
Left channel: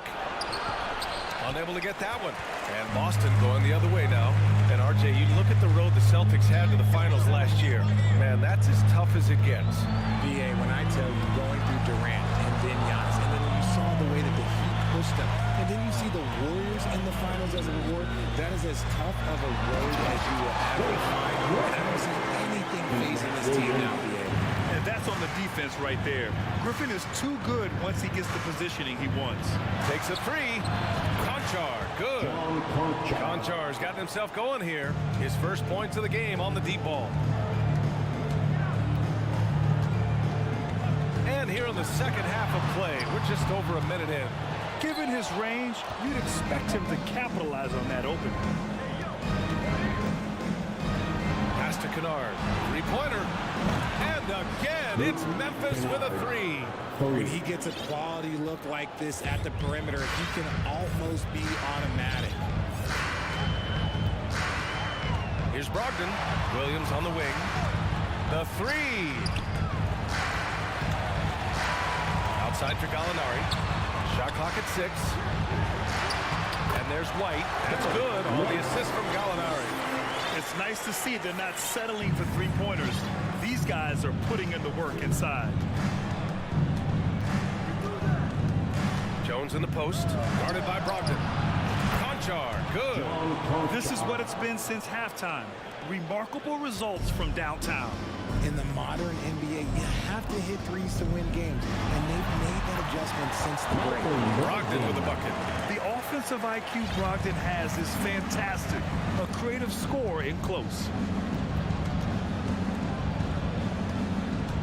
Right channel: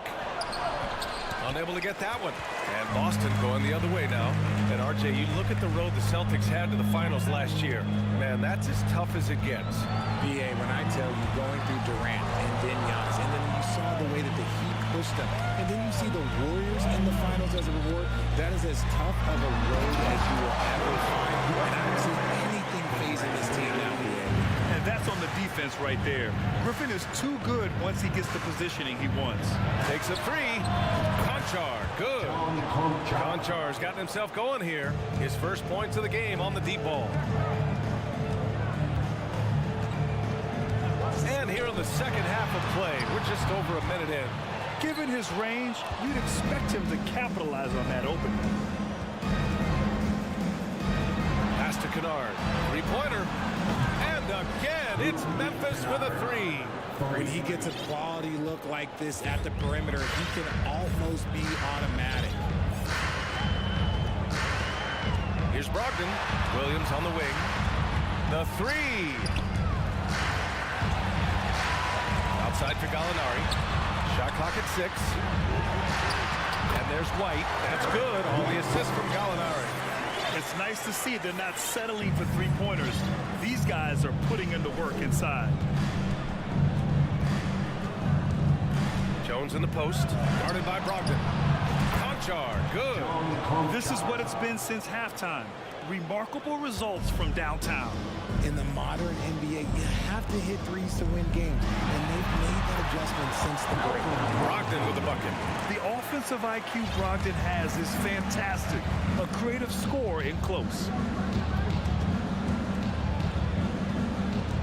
Unable to get that one. And Boston going the other way now. And RJ, you look at the road the Celtics had to the finals last year. Man, that's as tough as it gets. BA, when I tell you going through Durant and then Giannis, and then you saw the way that the Heat pushed them, and then you see the Warriors in the finals as a reward, that is as tough of a road as you will ever find. And I don't see anything phasing this team now, BA. And that's on the defense right there. Griffin is too good once he gets the positioning he wants. Takes a 3. Konchar, good. Konchar's gotten himself going here. His first points of the game on the deep ball. And here in the second half of play, we're just over a minute in. Given his range, you'd expect him to capitalize on that opening. Pass to Kennard. Three-pointer. And again, it's Memphis with a 3. When he gets a quality look like this at the perimeter, he can almost be automatic. Here's Brogdon. Williams on the wing. The 3. Outside for Gallinari. Shot clock at 6. And there's White. That's good on the assist from Gallinari. It's nice to see they're not settling for three-pointers. These guys are putting in the work inside. Jones in the post, guarded by Brogdon. Konchar, good. This is what it's been since halftime. Remarkable results from downtown. In the modern NBA, you have to hit threes to win games, and they've made that adjustment since the break. Brogdon with a bucket. The offensive IQ Brogdon has is fantastic. A creative scorer in close.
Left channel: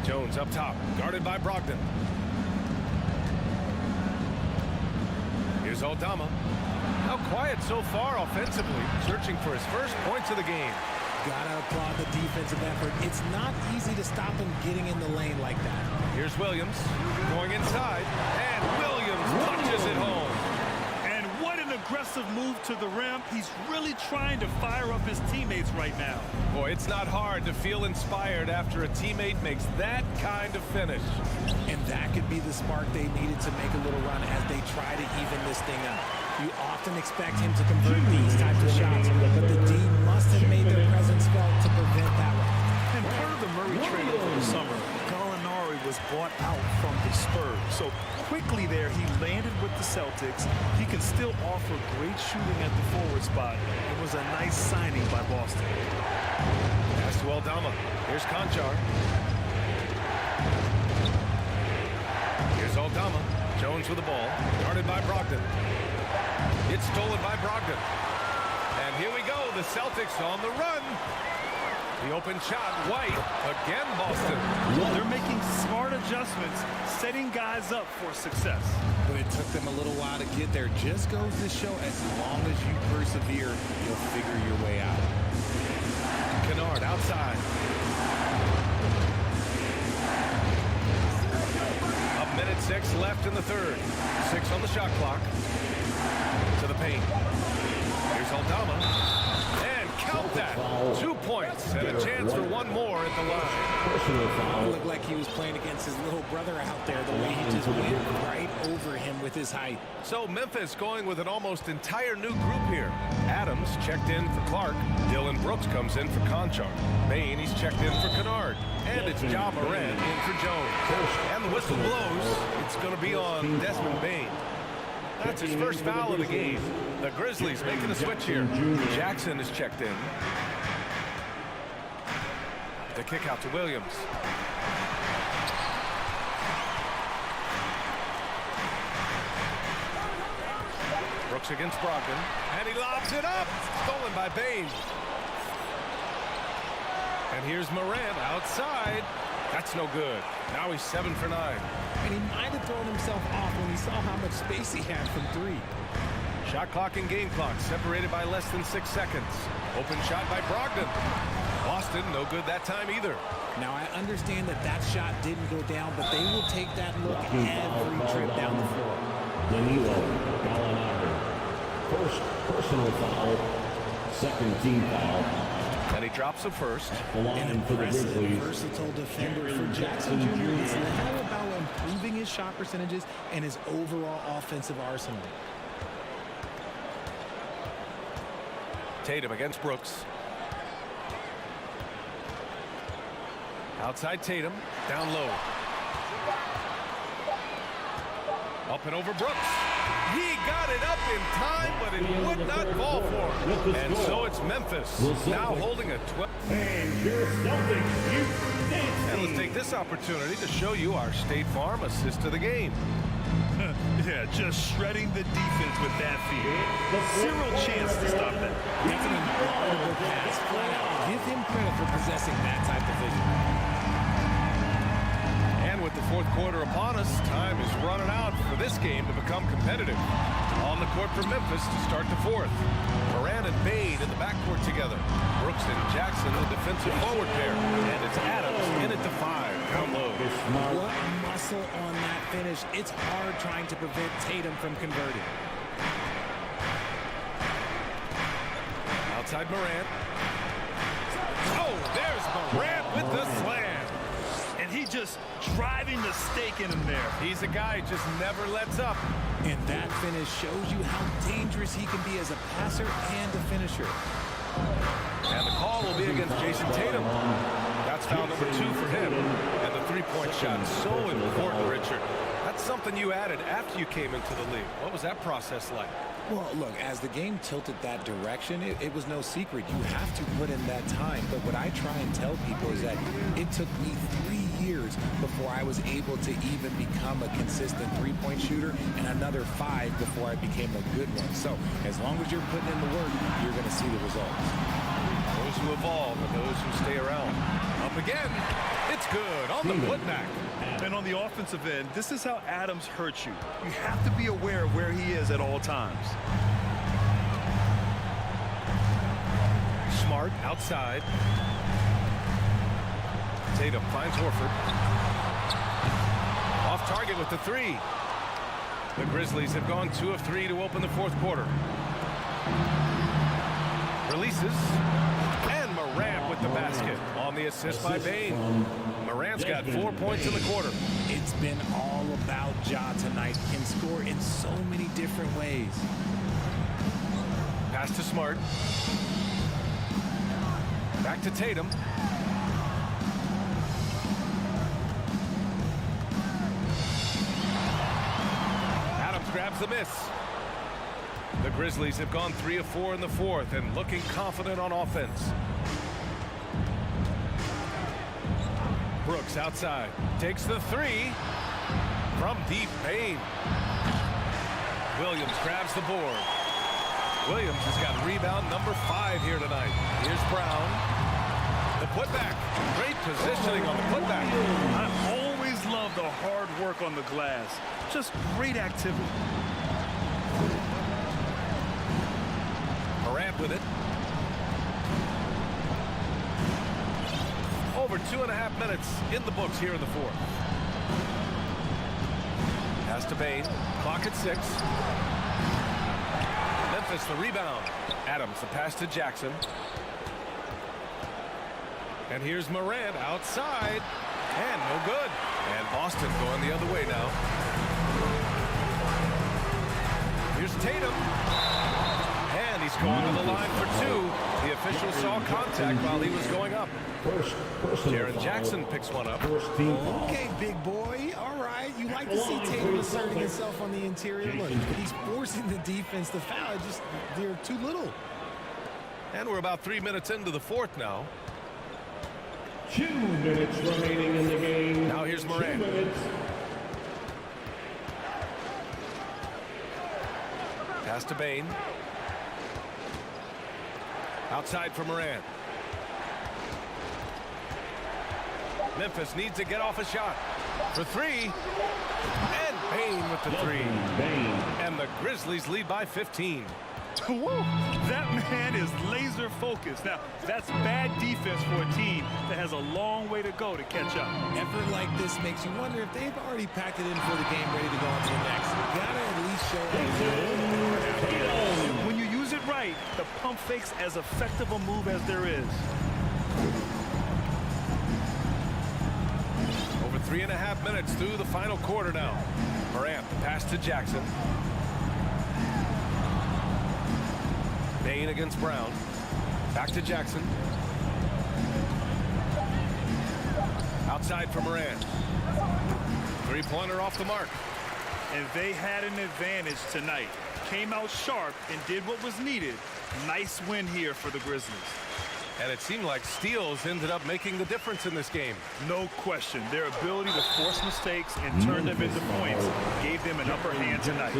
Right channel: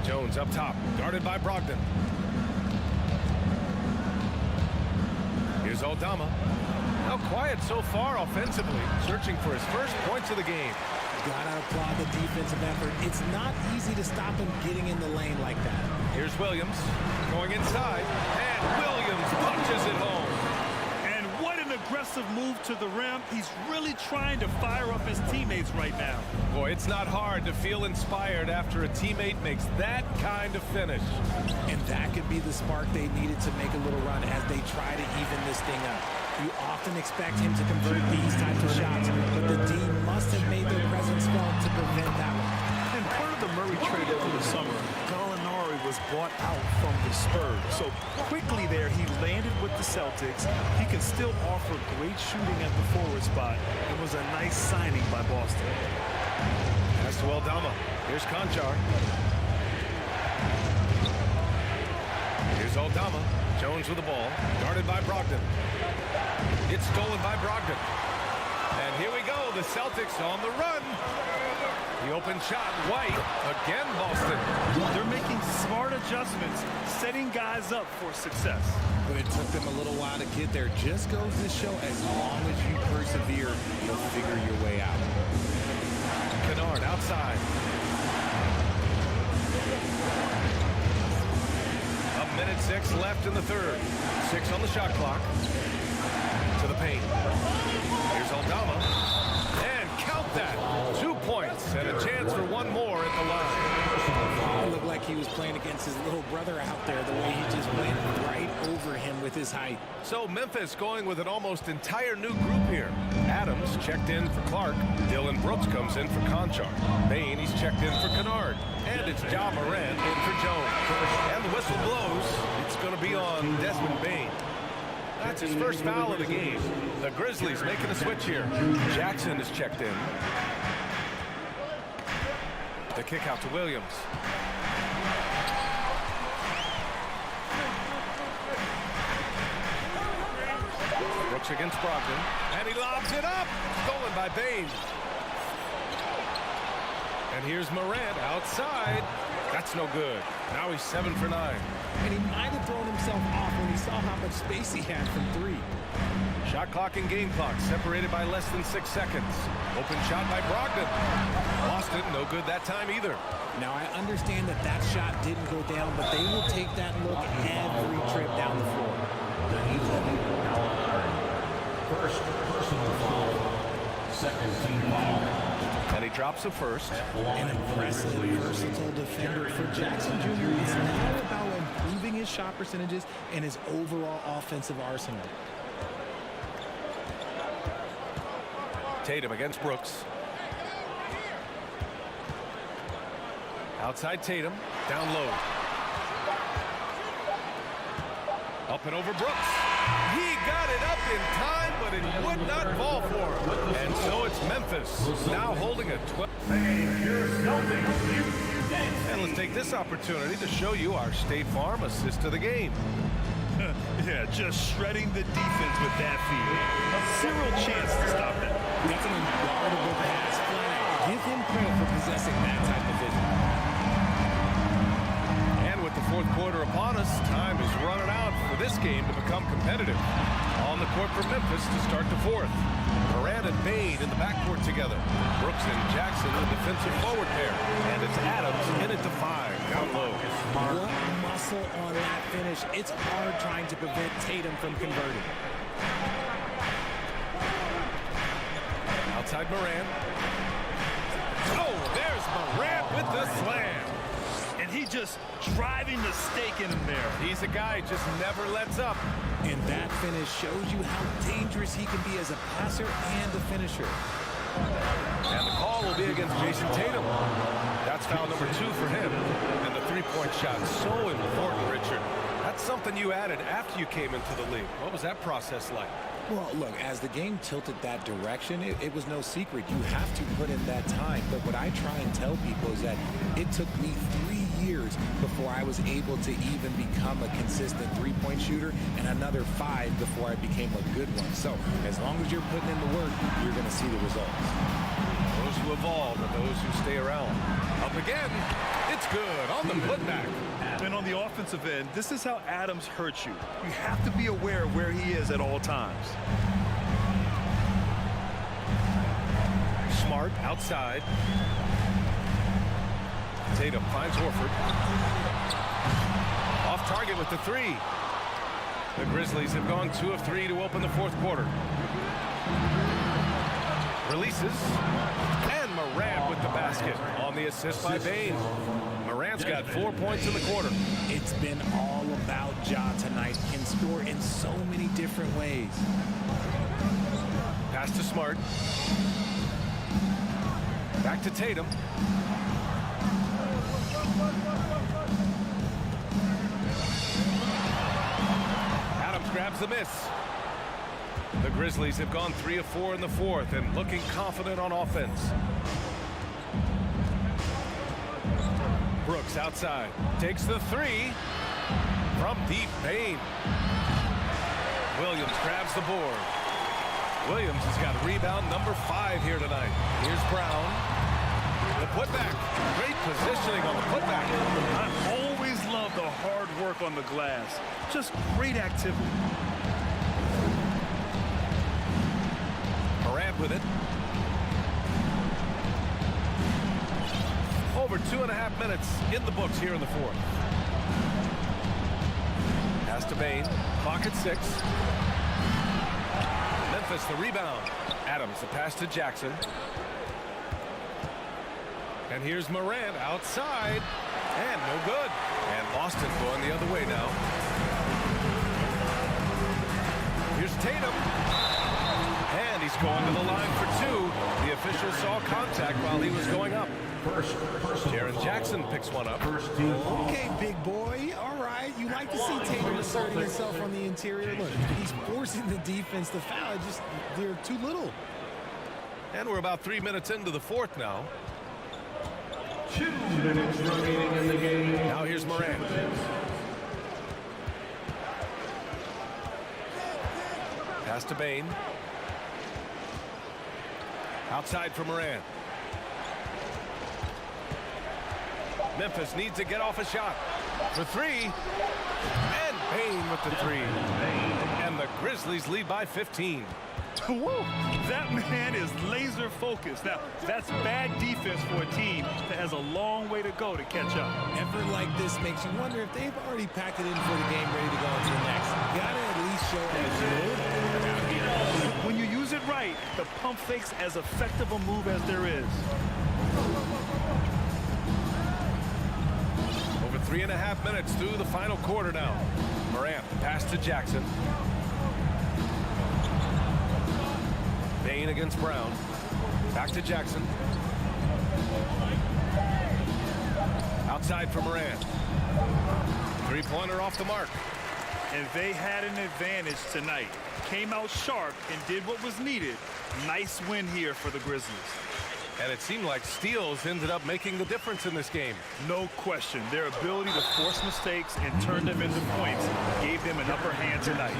Jones up top, guarded by Brogdon. Here's Aldama. Now quiet so far offensively, searching for his first points of the game. Gotta applaud the defensive effort. It's not easy to stop him getting in the lane like that. Here's Williams going inside, and Williams punches it home. And what an aggressive move to the rim. He's really trying to fire up his teammates right now. Boy, it's not hard to feel inspired after a teammate makes that kind of finish. And that could be the spark they needed to make a little run as they try to even this thing up. You often expect him to convert these types of shots, but the D must have made their presence felt to prevent that one. And part of the Murray trade over the summer, Gallinari was bought out from the Spurs. So quickly there, he landed with the Celtics. He can still offer great shooting at the forward spot. It was a nice signing by Boston. Pass to Aldama. Here's Conchar. Here's Aldama. Jones with the ball. Guarded by Brogdon. It's stolen by Brogdon. And here we go. The Celtics on the run. The open shot. White. Again, Boston. They're making smart adjustments, setting guys up for success. But it took them a little while to get there. Just goes to show as long as you persevere, you'll figure your way out. Kennard outside. A minute 6 left in the third. 6 on the shot clock. To the paint. Here's Aldama. And count that. 2 points and a chance for one more at the line. It looked like he was playing against his little brother out there, the way he just went right over him with his height. So Memphis going with an almost entire new group here. Adams checked in for Clark. Dylan Brooks comes in for Conchar. Bain, he's checked in for Kennard. And it's Ja Morant in for Jones. And the whistle blows. It's going to be on Desmond Bain. That's his first foul of the game. The Grizzlies making a switch here. Jackson is checked in. The kick out to Williams. Brooks against Brogdon. And he lobs it up. Stolen by Bain. And here's Morant outside. That's no good. Now he's 7 for 9. And he might have thrown himself off when he saw how much space he had from 3. Shot clock and game clock separated by less than 6 seconds. Open shot by Brogdon. Boston, no good that time either. Now, I understand that that shot didn't go down, but they will take that look every trip down the floor. Danilo Gallinari. First personal foul. Second team foul. And he drops a first. An impressive, versatile defender for Jackson Jr. It's now about improving his shot percentages and his overall offensive arsenal. Tatum against Brooks. Outside Tatum. Down low. Up and over Brooks. He got it up in time, but it would not fall for him. And so it's Memphis now holding a 12. And let's take this opportunity to show you our State Farm assist to the game. Yeah, just shredding the defense with that feed. Zero chance to stop that. That's an unguardable pass, flat out. Give him credit for possessing that type of vision. And with the fourth quarter upon us, time is running out for this game to become competitive. On the court for Memphis to start the fourth. Morant and Bain in the backcourt together. Brooks and Jackson, the defensive forward pair. And it's Adams in it to 5, down low. What muscle on that finish. It's hard trying to prevent Tatum from converting. Outside Morant. Oh, there's Morant with the slam. And he just driving the stake in him there. He's a guy who just never lets up. And that finish shows you how dangerous he can be as a passer and a finisher. And the call will be against Jason Tatum. That's foul number 2 for him. And the three-point shot, so important, Richard. That's something you added after you came into the league. What was that process like? Well, look, as the game tilted that direction, it was no secret. You have to put in that time. But what I try and tell people is that it took me 3 years before I was able to even become a consistent three-point shooter, and another 5 before I became a good one. So as long as you're putting in the work, you're going to see the results. Those who evolve and those who stay around. Up again. It's good on the putback. And on the offensive end, this is how Adams hurts you. You have to be aware of where he is at all times. Smart outside. Tatum finds Horford. Off target with the three. The Grizzlies have gone 2 of 3 to open the fourth quarter. Releases. And Morant with the basket on the assist by Bane. Morant's got 4 points in the quarter. It's been all about Ja tonight. Can score in so many different ways. Pass to Smart. Back to Tatum. Adams grabs the miss. The Grizzlies have gone 3 of 4 in the fourth and looking confident on offense. Brooks outside. Takes the three. From deep, Bane. Williams grabs the board. Williams has got rebound number 5 here tonight. Here's Brown. The putback. Great positioning on the putback. I always love the hard work on the glass. Just great activity. Morant with it. Over 2.5 minutes in the books here in the fourth. Pass to Bane. Clock at 6. Memphis the rebound. Adams the pass to Jackson. And here's Morant outside. And no good. And Boston going the other way now. Here's Tatum. And he's going to the line for 2. The official saw contact while he was going up. Jaren Jackson picks one up. Okay, big boy. All right. You like to see Tatum asserting himself on the interior. Look, he's forcing the defense to foul. Just they're too little. And we're about 3 minutes into the fourth now. 2 minutes remaining in the game. Now here's Morant. Pass to Bane. Outside for Morant. Memphis needs to get off a shot. For 3. And Bane with the 3. And the Grizzlies lead by 15. Woo! That man is laser focused. Now, that's bad defense for a team that has a long way to go to catch up. Effort like this makes you wonder if they've already packed it in for the game, ready to go on to the next. You gotta at least show a little heart out here. When you use it right, the pump fake's as effective a move as there is. Over 3.5 minutes through the final quarter now. Morant, the pass to Jackson. Bane against Brown. Back to Jackson. Outside for Morant. Three-pointer off the mark. And they had an advantage tonight. Came out sharp and did what was needed. Nice win here for the Grizzlies. And it seemed like steals ended up making the difference in this game. No question. Their ability to force mistakes and turn them into points gave them an upper hand tonight.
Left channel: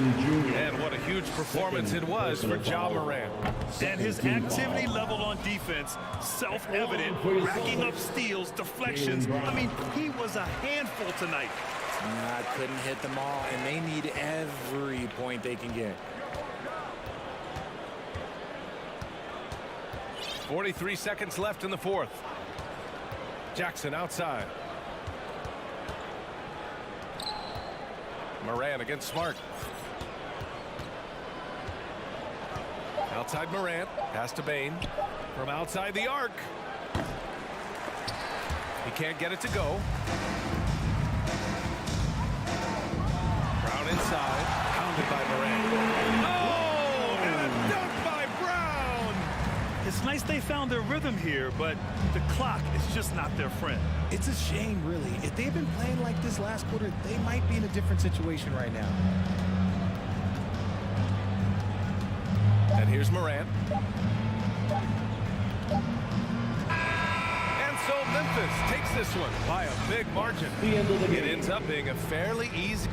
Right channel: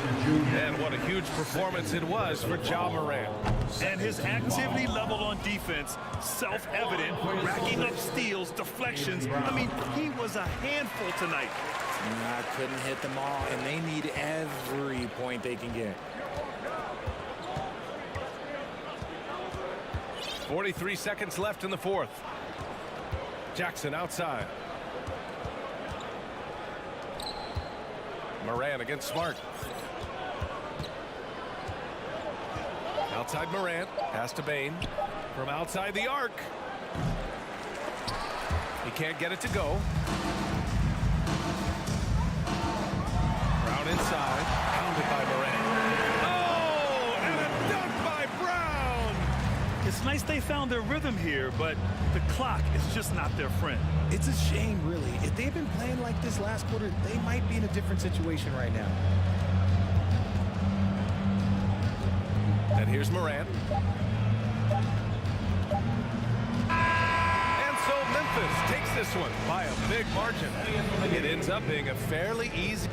And what a huge performance it was for Ja Morant. And his activity level on defense, self-evident, racking up steals, deflections. I mean, he was a handful tonight. I couldn't hit them all, and they need every point they can get. 43 seconds left in the fourth. Jackson outside. Morant against Smart. Outside Morant. Pass to Bane. From outside the arc. He can't get it to go. Brown inside. Pounded by Morant. Oh! And a dunk by Brown! It's nice they found their rhythm here, but the clock is just not their friend. It's a shame, really. If they've been playing like this last quarter, they might be in a different situation right now. And here's Morant. And so Memphis takes this one by a big margin. It ends up being a fairly easy.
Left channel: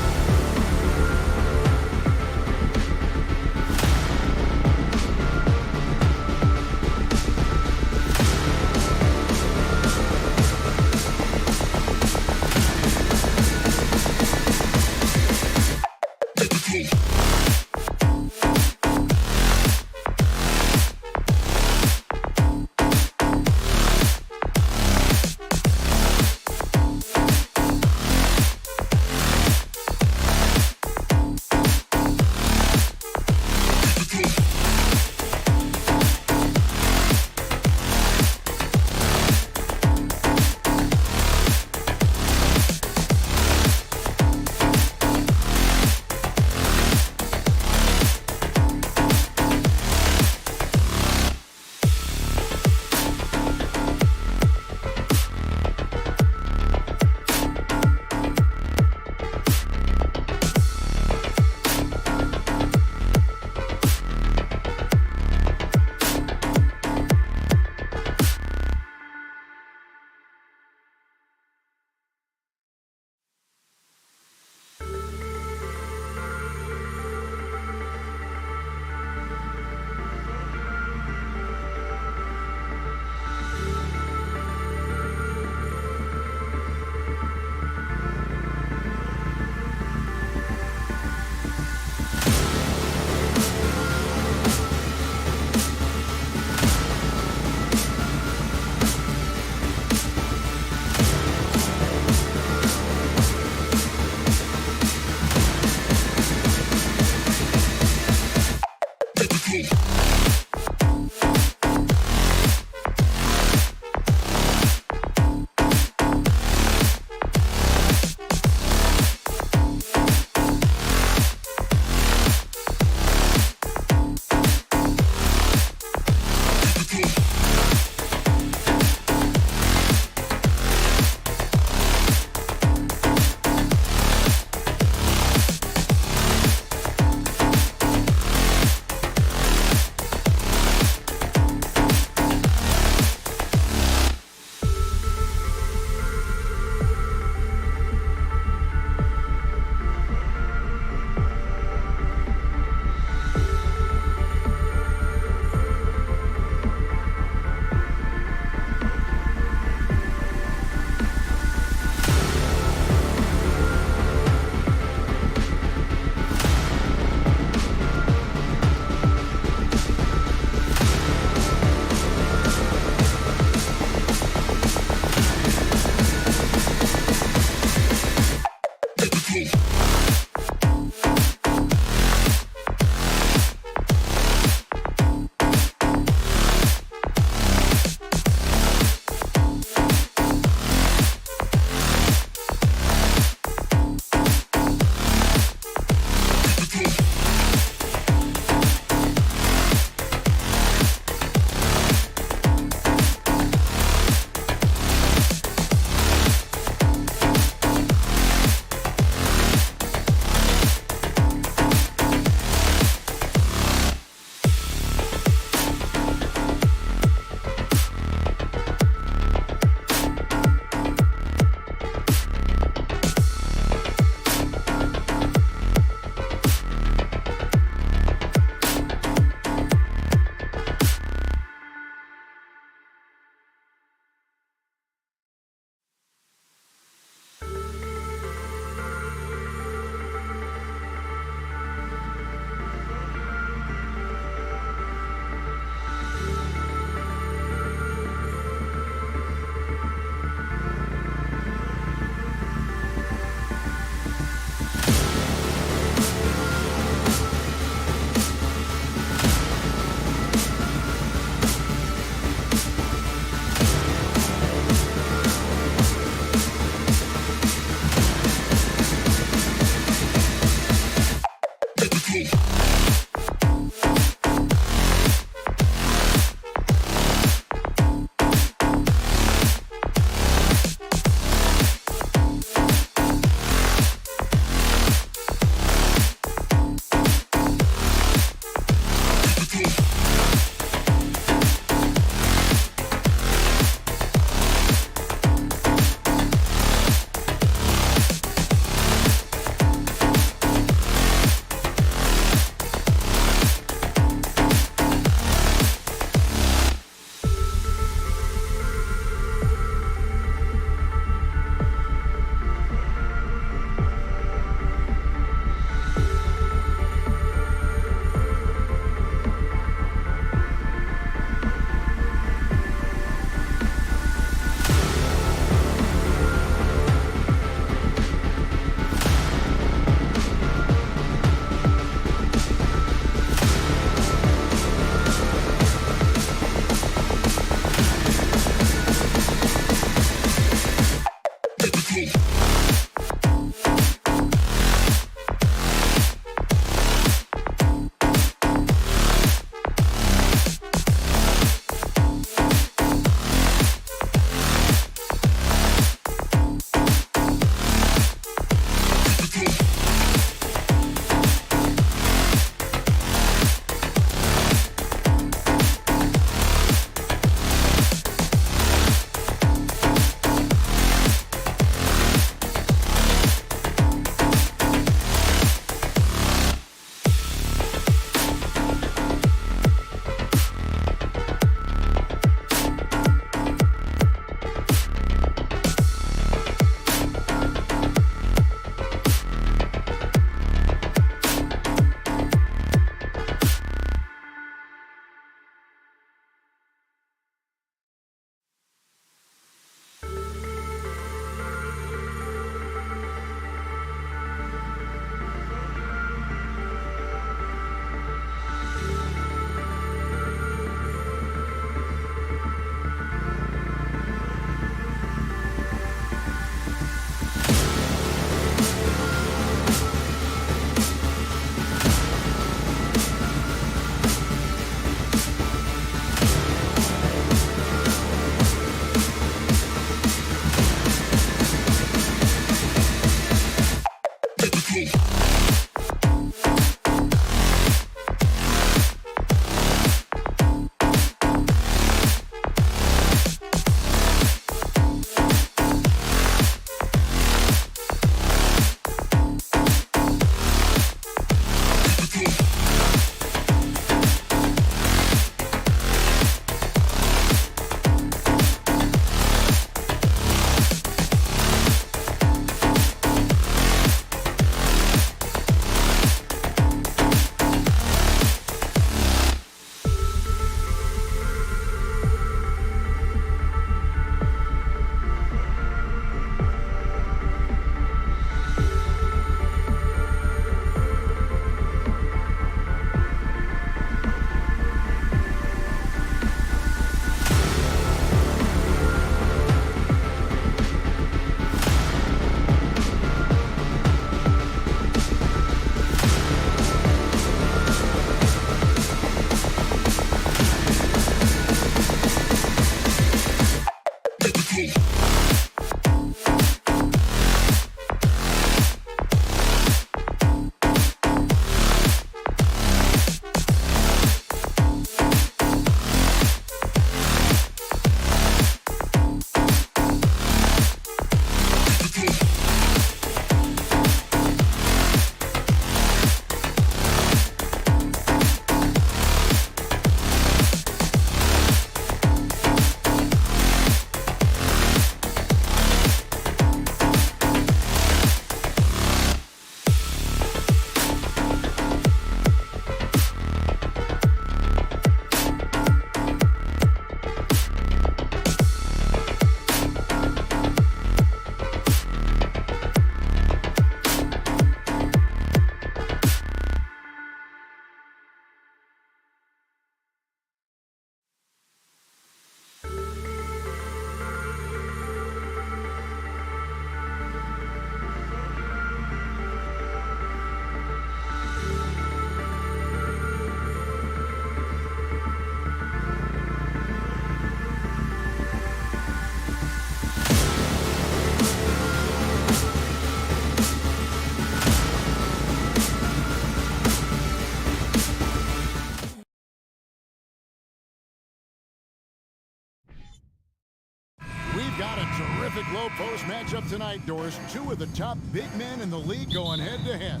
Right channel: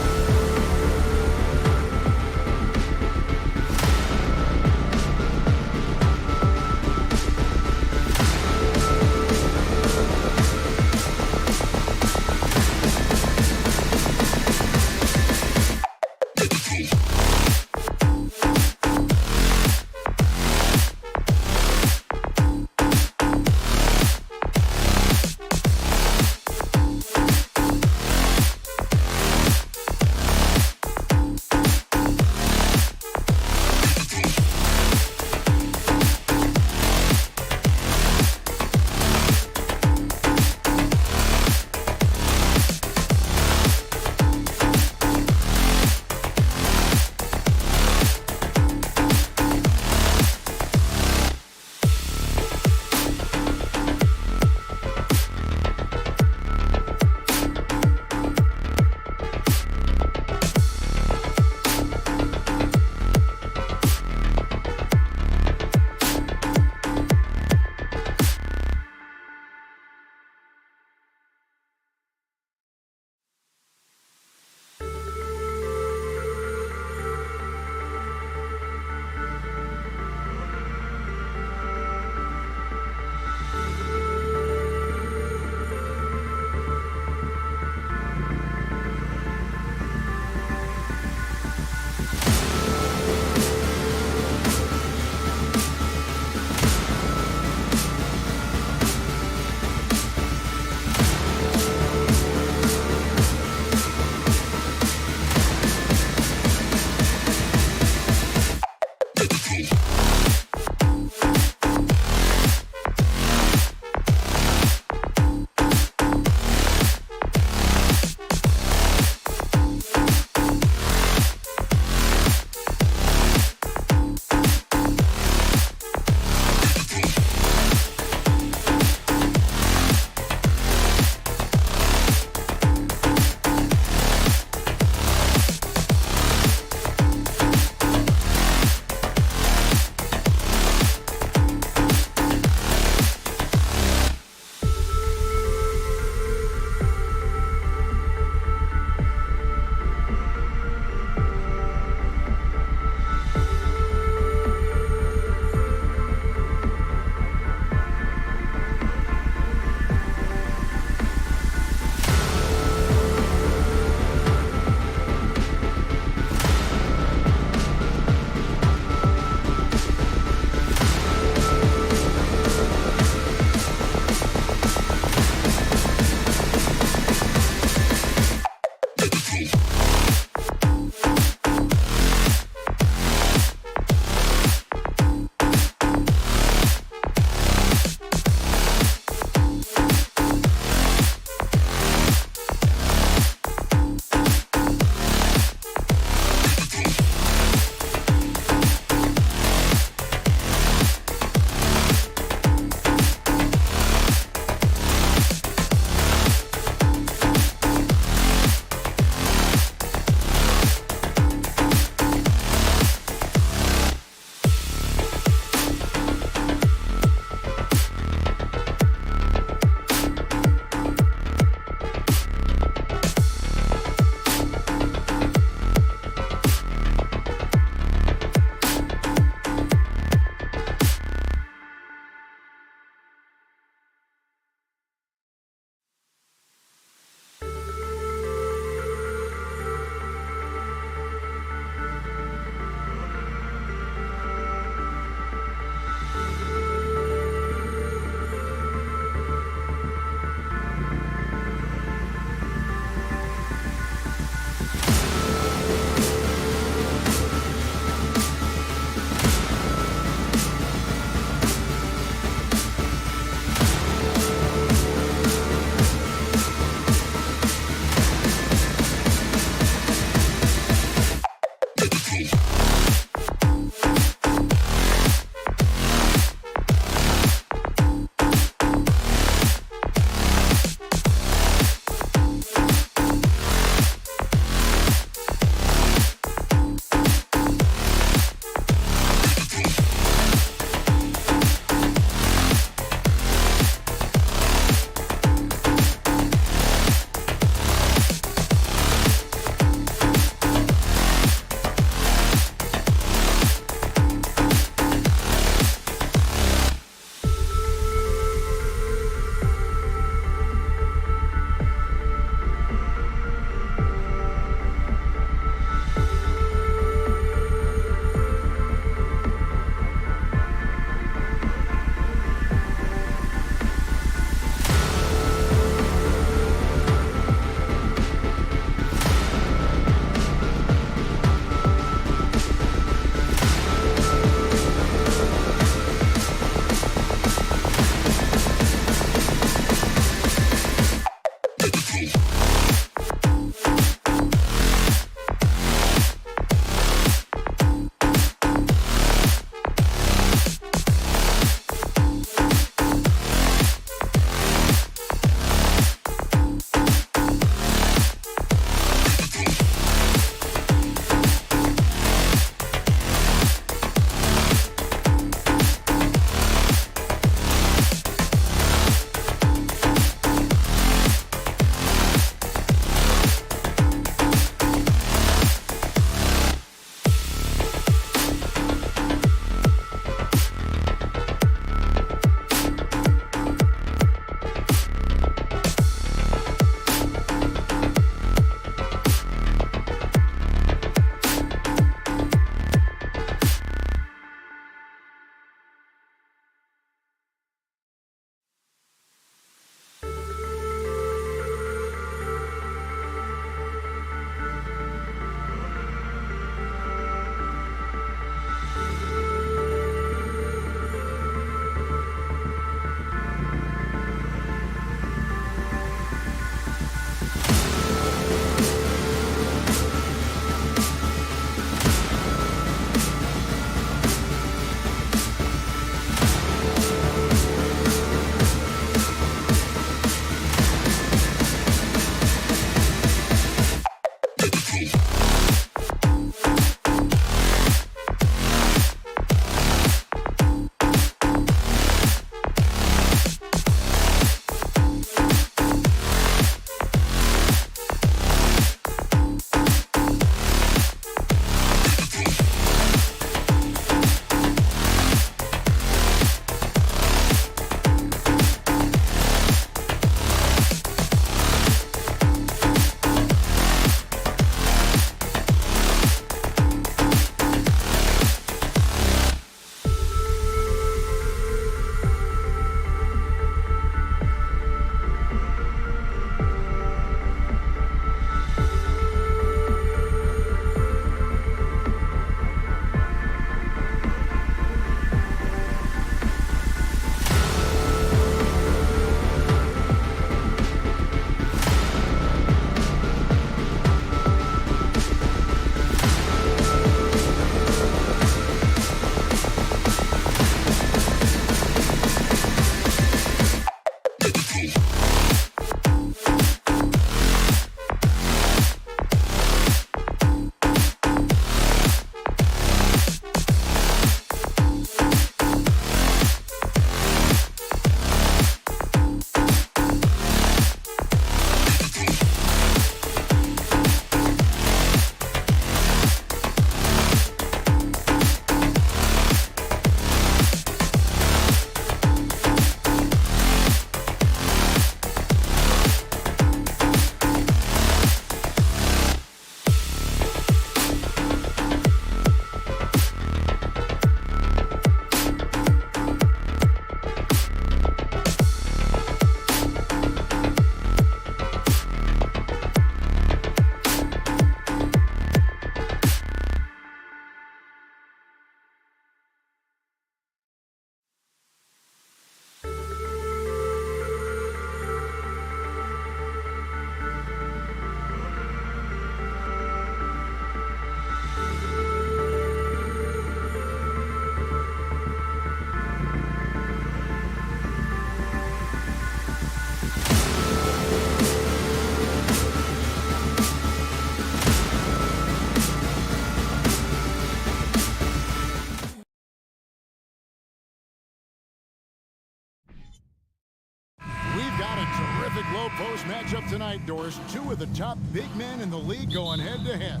Terrific low post matchup tonight, Doris. Two of the top big men in the league going head-to-head.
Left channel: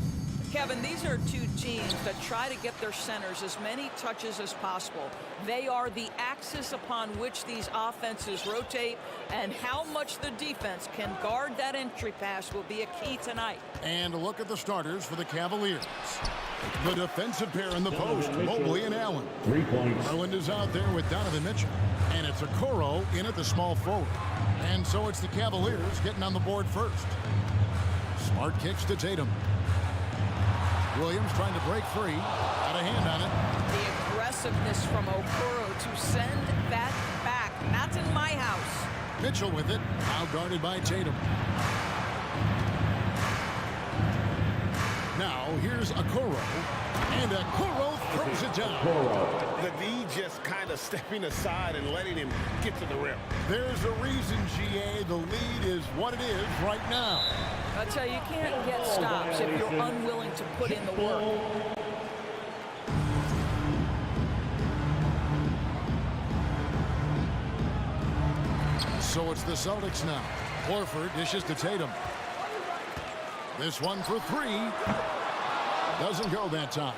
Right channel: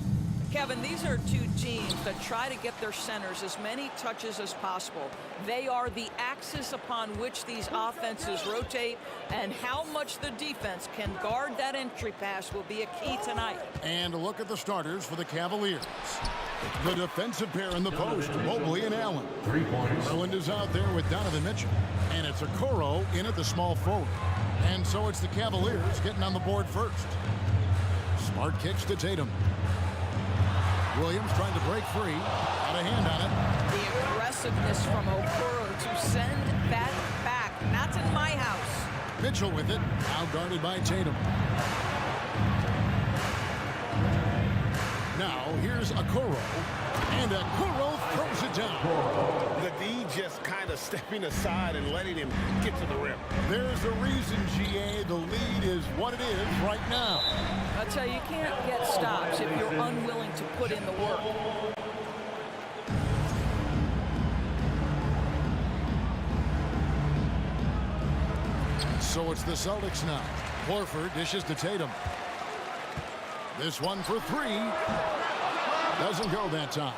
Kevin, these are two teams that try to get their centers as many touches as possible. They are the axis upon which these offenses rotate, and how much the defense can guard that entry pass will be a key tonight. And a look at the starters for the Cavaliers. The defensive pair in the post, Mobley and Allen. 3 points. Garland is out there with Donovan Mitchell. And it's Okoro in at the small forward. And so it's the Cavaliers getting on the board first. Smart kicks to Tatum. Williams trying to break free. Out of hand on it. The aggressiveness from Okoro to send that back. Not in my house. Mitchell with it. Now guarded by Tatum. Now here's Okoro, and Okoro throws it down. The D just kind of stepping aside and letting him get to the rim. There's a reason, GA, the lead is what it is right now. I tell you, you can't get stops if you're unwilling to put in the work. So it's the Celtics now. Horford dishes to Tatum. This one for three. Doesn't go that time.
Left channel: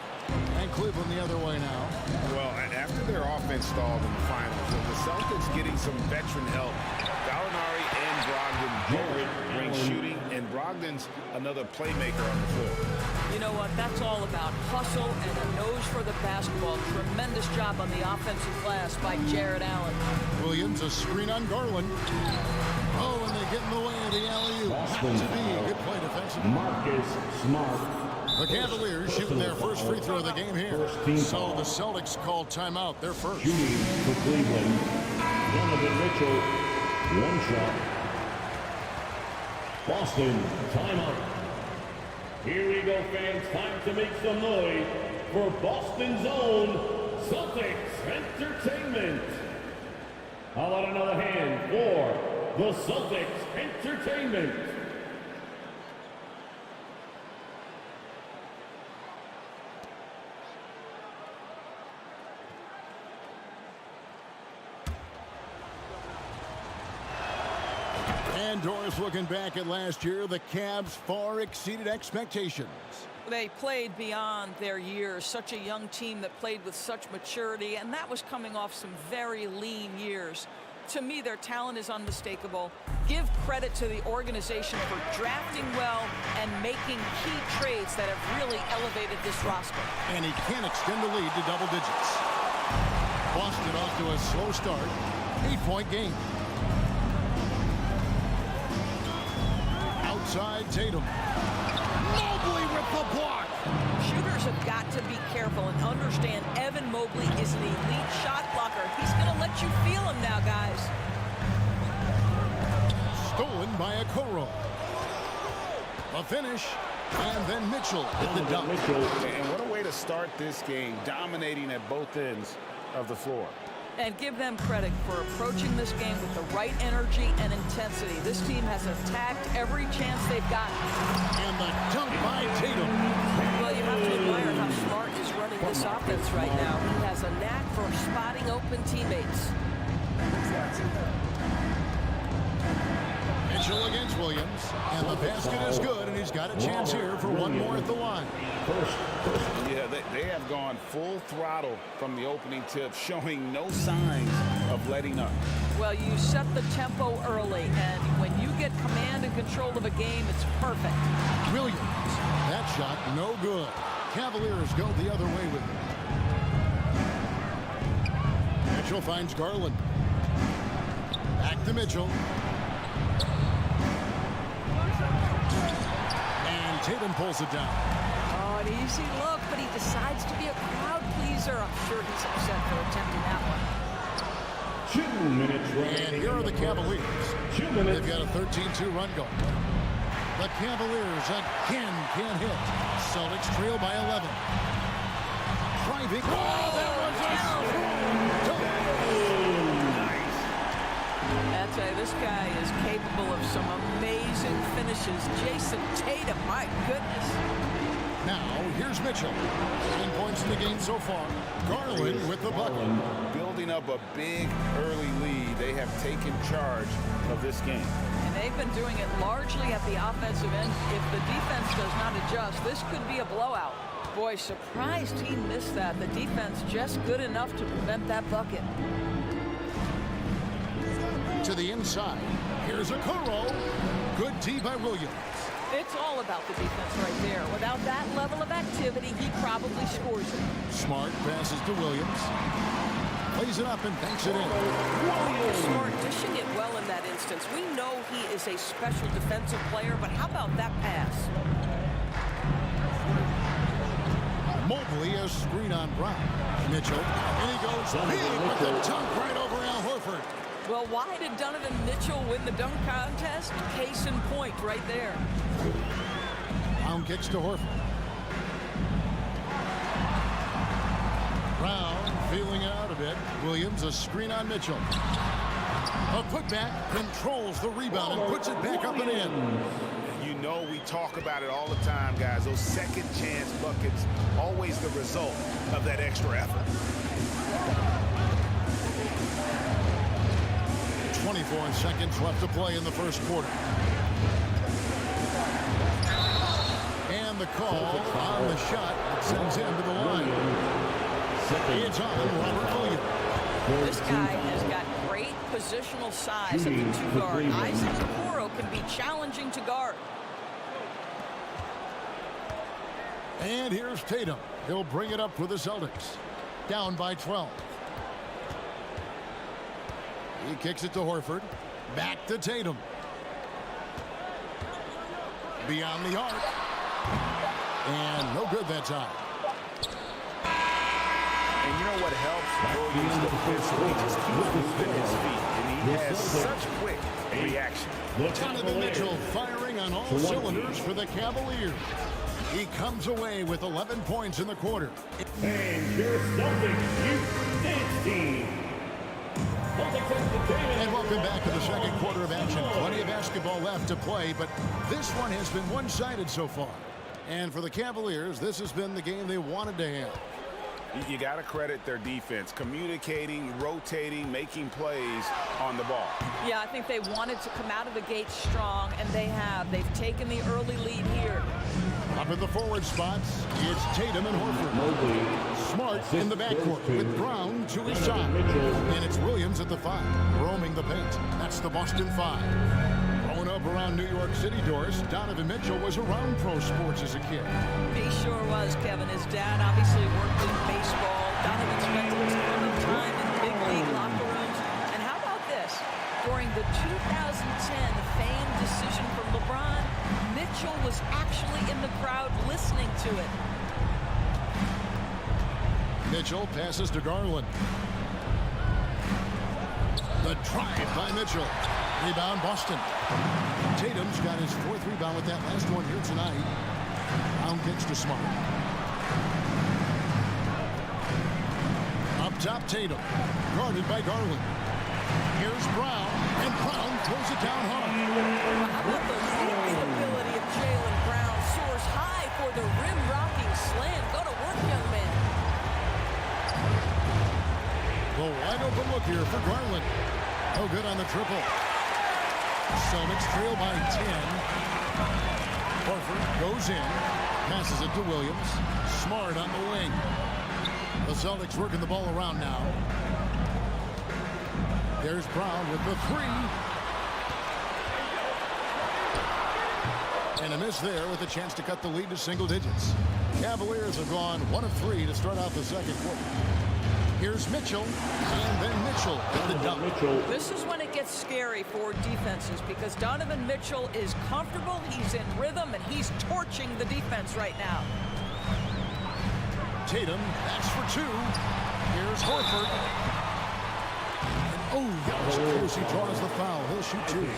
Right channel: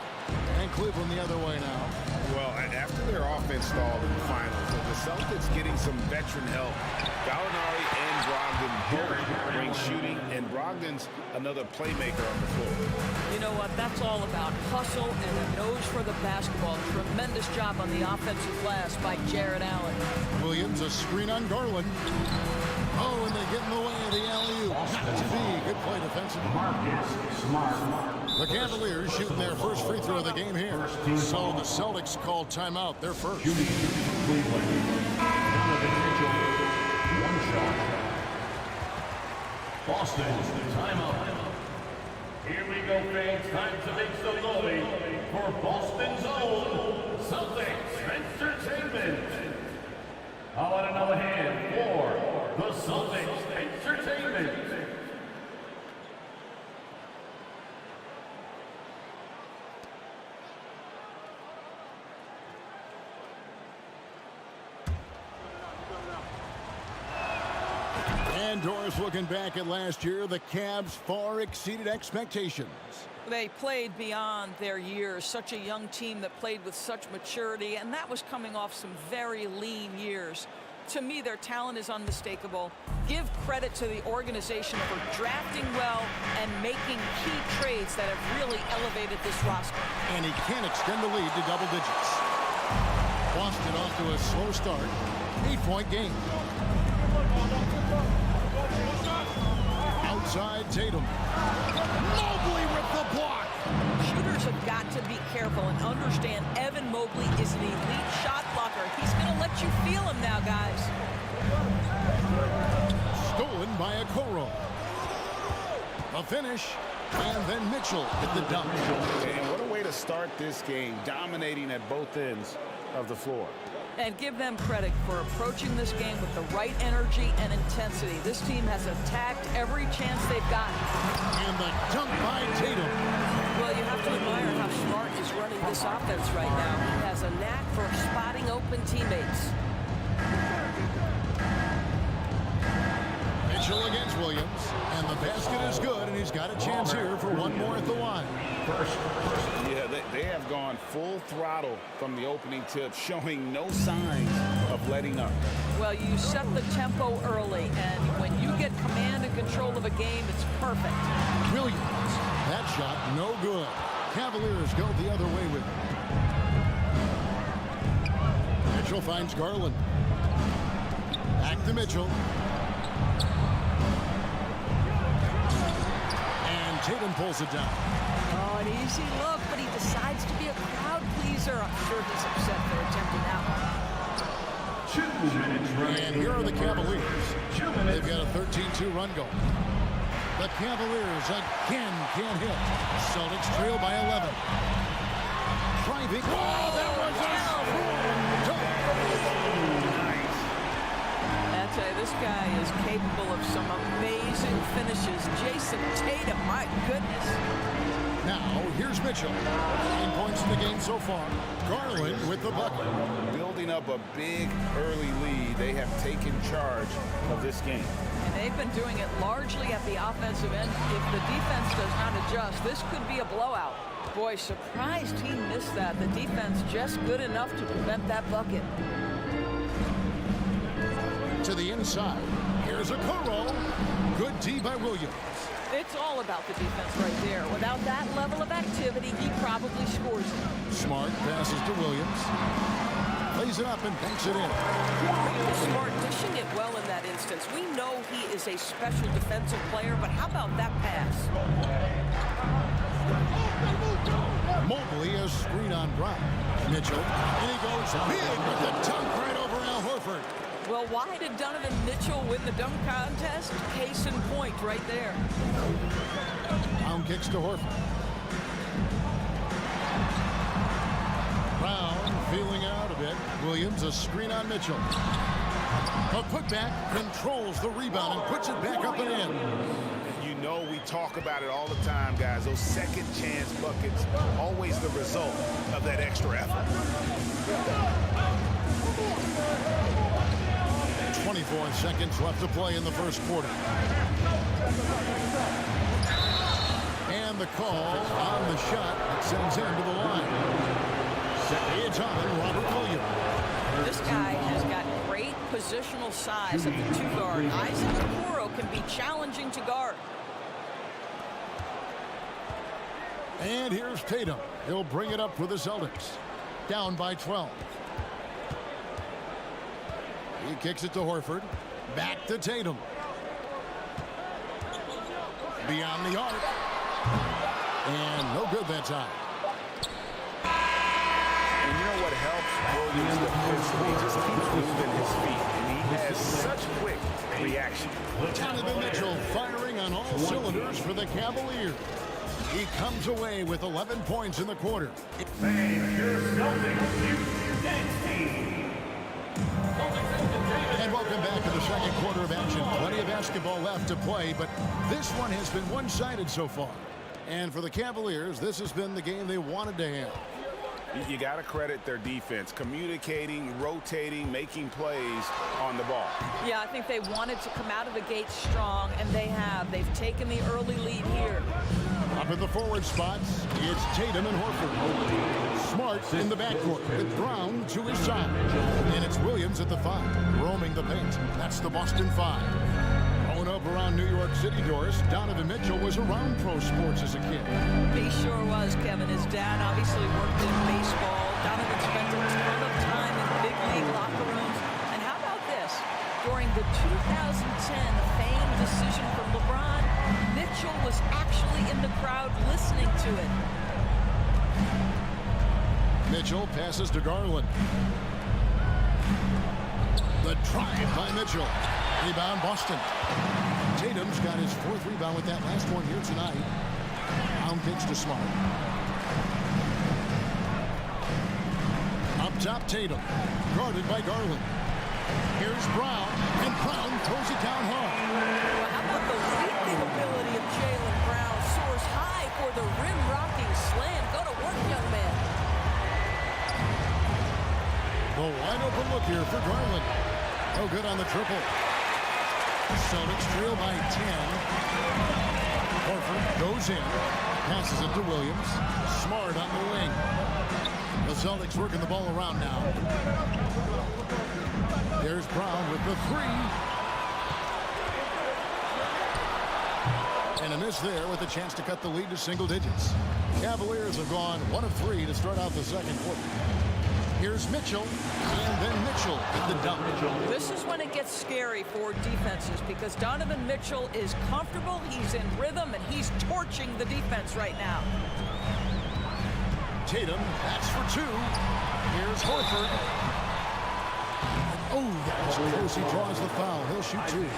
And Cleveland the other way now. Well, after their offense stalled in the finals, the Celtics getting some veteran help. Gallinari and Brogdon both bring shooting, and Brogdon's another playmaker on the floor. You know what? That's all about hustle and a nose for the basketball. Tremendous job on the offensive glass by Jared Allen. Williams, a screen on Garland. Oh, and they get in the way of the alley-oop. Not to be. Good play defensively. Marcus Smart. The Cavaliers shooting their first free throw of the game here. So the Celtics called timeout. They're first. Shooting for Cleveland. Donovan Mitchell, one shot. Boston, timeout. Here we go, fans. Time to make some noise for Boston's own Celtics Entertainment. How about another hand for the Celtics Entertainment? And Doris, looking back at last year, the Cavs far exceeded expectations. They played beyond their years. Such a young team that played with such maturity, and that was coming off some very lean years. To me, their talent is unmistakable. Give credit to the organization for drafting well and making key trades that have really elevated this roster. And he can extend the lead to double digits. Boston off to a slow start. 8-point game. Outside Tatum. Mobley with the block. Shooters have got to be careful and understand Evan Mobley is an elite shot blocker. He's going to let you feel him now, guys. Stolen by Okoro. A finish. And then Mitchell with the dunk. And what a way to start this game, dominating at both ends of the floor. And give them credit for approaching this game with the right energy and intensity. This team has attacked every chance they've gotten. And the dunk by Tatum. Well, you have to admire how Smart is running this offense right now. He has a knack for spotting open teammates. Mitchell against Williams. And the basket is good, and he's got a chance here for one more at the line. Yeah, they have gone full throttle from the opening tip, showing no signs of letting up. Well, you set the tempo early, and when you get command and control of a game, it's perfect. Williams, that shot no good. Cavaliers go the other way with it. Mitchell finds Garland. Back to Mitchell. And Tatum pulls it down. Oh, an easy look, but he decides to be a crowd pleaser. I'm sure he's upset for attempting that one. 2 minutes remaining. And here are the Cavaliers. 2 minutes. They've got a 13-2 run going. The Cavaliers again can't hit. Celtics trail by 11. Driving. Oh, that was a strong dunk. Nice. I tell you, this guy is capable of some amazing finishes. Jason Tatum, my goodness. Now, here's Mitchell. 9 points in the game so far. Garland with the bucket. Building up a big early lead, they have taken charge of this game. And they've been doing it largely at the offensive end. If the defense does not adjust, this could be a blowout. Boy, surprised he missed that. The defense just good enough to prevent that bucket. To the inside. Here's Okoro. Good D by Williams. It's all about the defense right there. Without that level of activity, he probably scores it. Smart passes to Williams. Plays it up and banks it in. Smart dishing it well in that instance. We know he is a special defensive player, but how about that pass? Mobley, a screen on Brown. Mitchell, and he goes big with the dunk right over Al Horford. Well, why did Donovan Mitchell win the dunk contest? Case in point right there. Brown kicks to Horford. Brown feeling out a bit. Williams, a screen on Mitchell. A putback, controls the rebound and puts it back up and in. You know we talk about it all the time, guys. Those second chance buckets, always the result of that extra effort. 24 seconds left to play in the first quarter. And the call on the shot that sends him to the line. It's on Robert Williams. This guy has got great positional size at the 2-guard. Isaac Okoro can be challenging to guard. And here's Tatum. He'll bring it up for the Celtics. Down by 12. He kicks it to Horford. Back to Tatum. Beyond the arc. And no good that time. And you know what helps Williams defensively? He just keeps moving his feet, and he has such quick reaction. Donovan Mitchell firing on all cylinders for the Cavaliers. He comes away with 11 points in the quarter. And your Celtics Youth Dance Team. And welcome back to the second quarter of action. Plenty of basketball left to play, but this one has been one-sided so far. And for the Cavaliers, this has been the game they wanted to have. You got to credit their defense, communicating, rotating, making plays on the ball. Yeah, I think they wanted to come out of the gate strong, and they have. They've taken the early lead here. Up in the forward spots, it's Tatum and Horford. Smart in the backcourt with Brown to his side. And it's Williams at the 5, roaming the paint. That's the Boston 5. Growing up around New York City, Doris, Donovan Mitchell was around pro sports as a kid. He sure was, Kevin. His dad obviously worked in baseball. Donovan spent a ton of time in big league locker rooms. And how about this? During the 2010 famed decision for LeBron, Mitchell was actually in the crowd listening to it. Mitchell passes to Garland. The drive by Mitchell. Rebound, Boston. Tatum's got his 4th rebound with that last one here tonight. Brown kicks to Smart. Up top, Tatum. Guarded by Garland. Here's Brown, and Brown throws it down hard. Well, how about the leaping ability of Jaylen Brown? Soars high for the rim-rocking slam. Go to work, young man. The wide-open look here for Garland. No good on the triple. Celtics trail by 10. Horford goes in, passes it to Williams. Smart on the wing. The Celtics working the ball around now. There's Brown with the 3. And a miss there with a chance to cut the lead to single digits. Cavaliers have gone 1 of 3 to start out the second quarter. Here's Mitchell, and then Mitchell with the dunk. This is when it gets scary for defenses because Donovan Mitchell is comfortable, he's in rhythm, and he's torching the defense right now. Tatum, that's for 2. Here's Horford. Oh, that was close. He draws the foul. He'll shoot 2.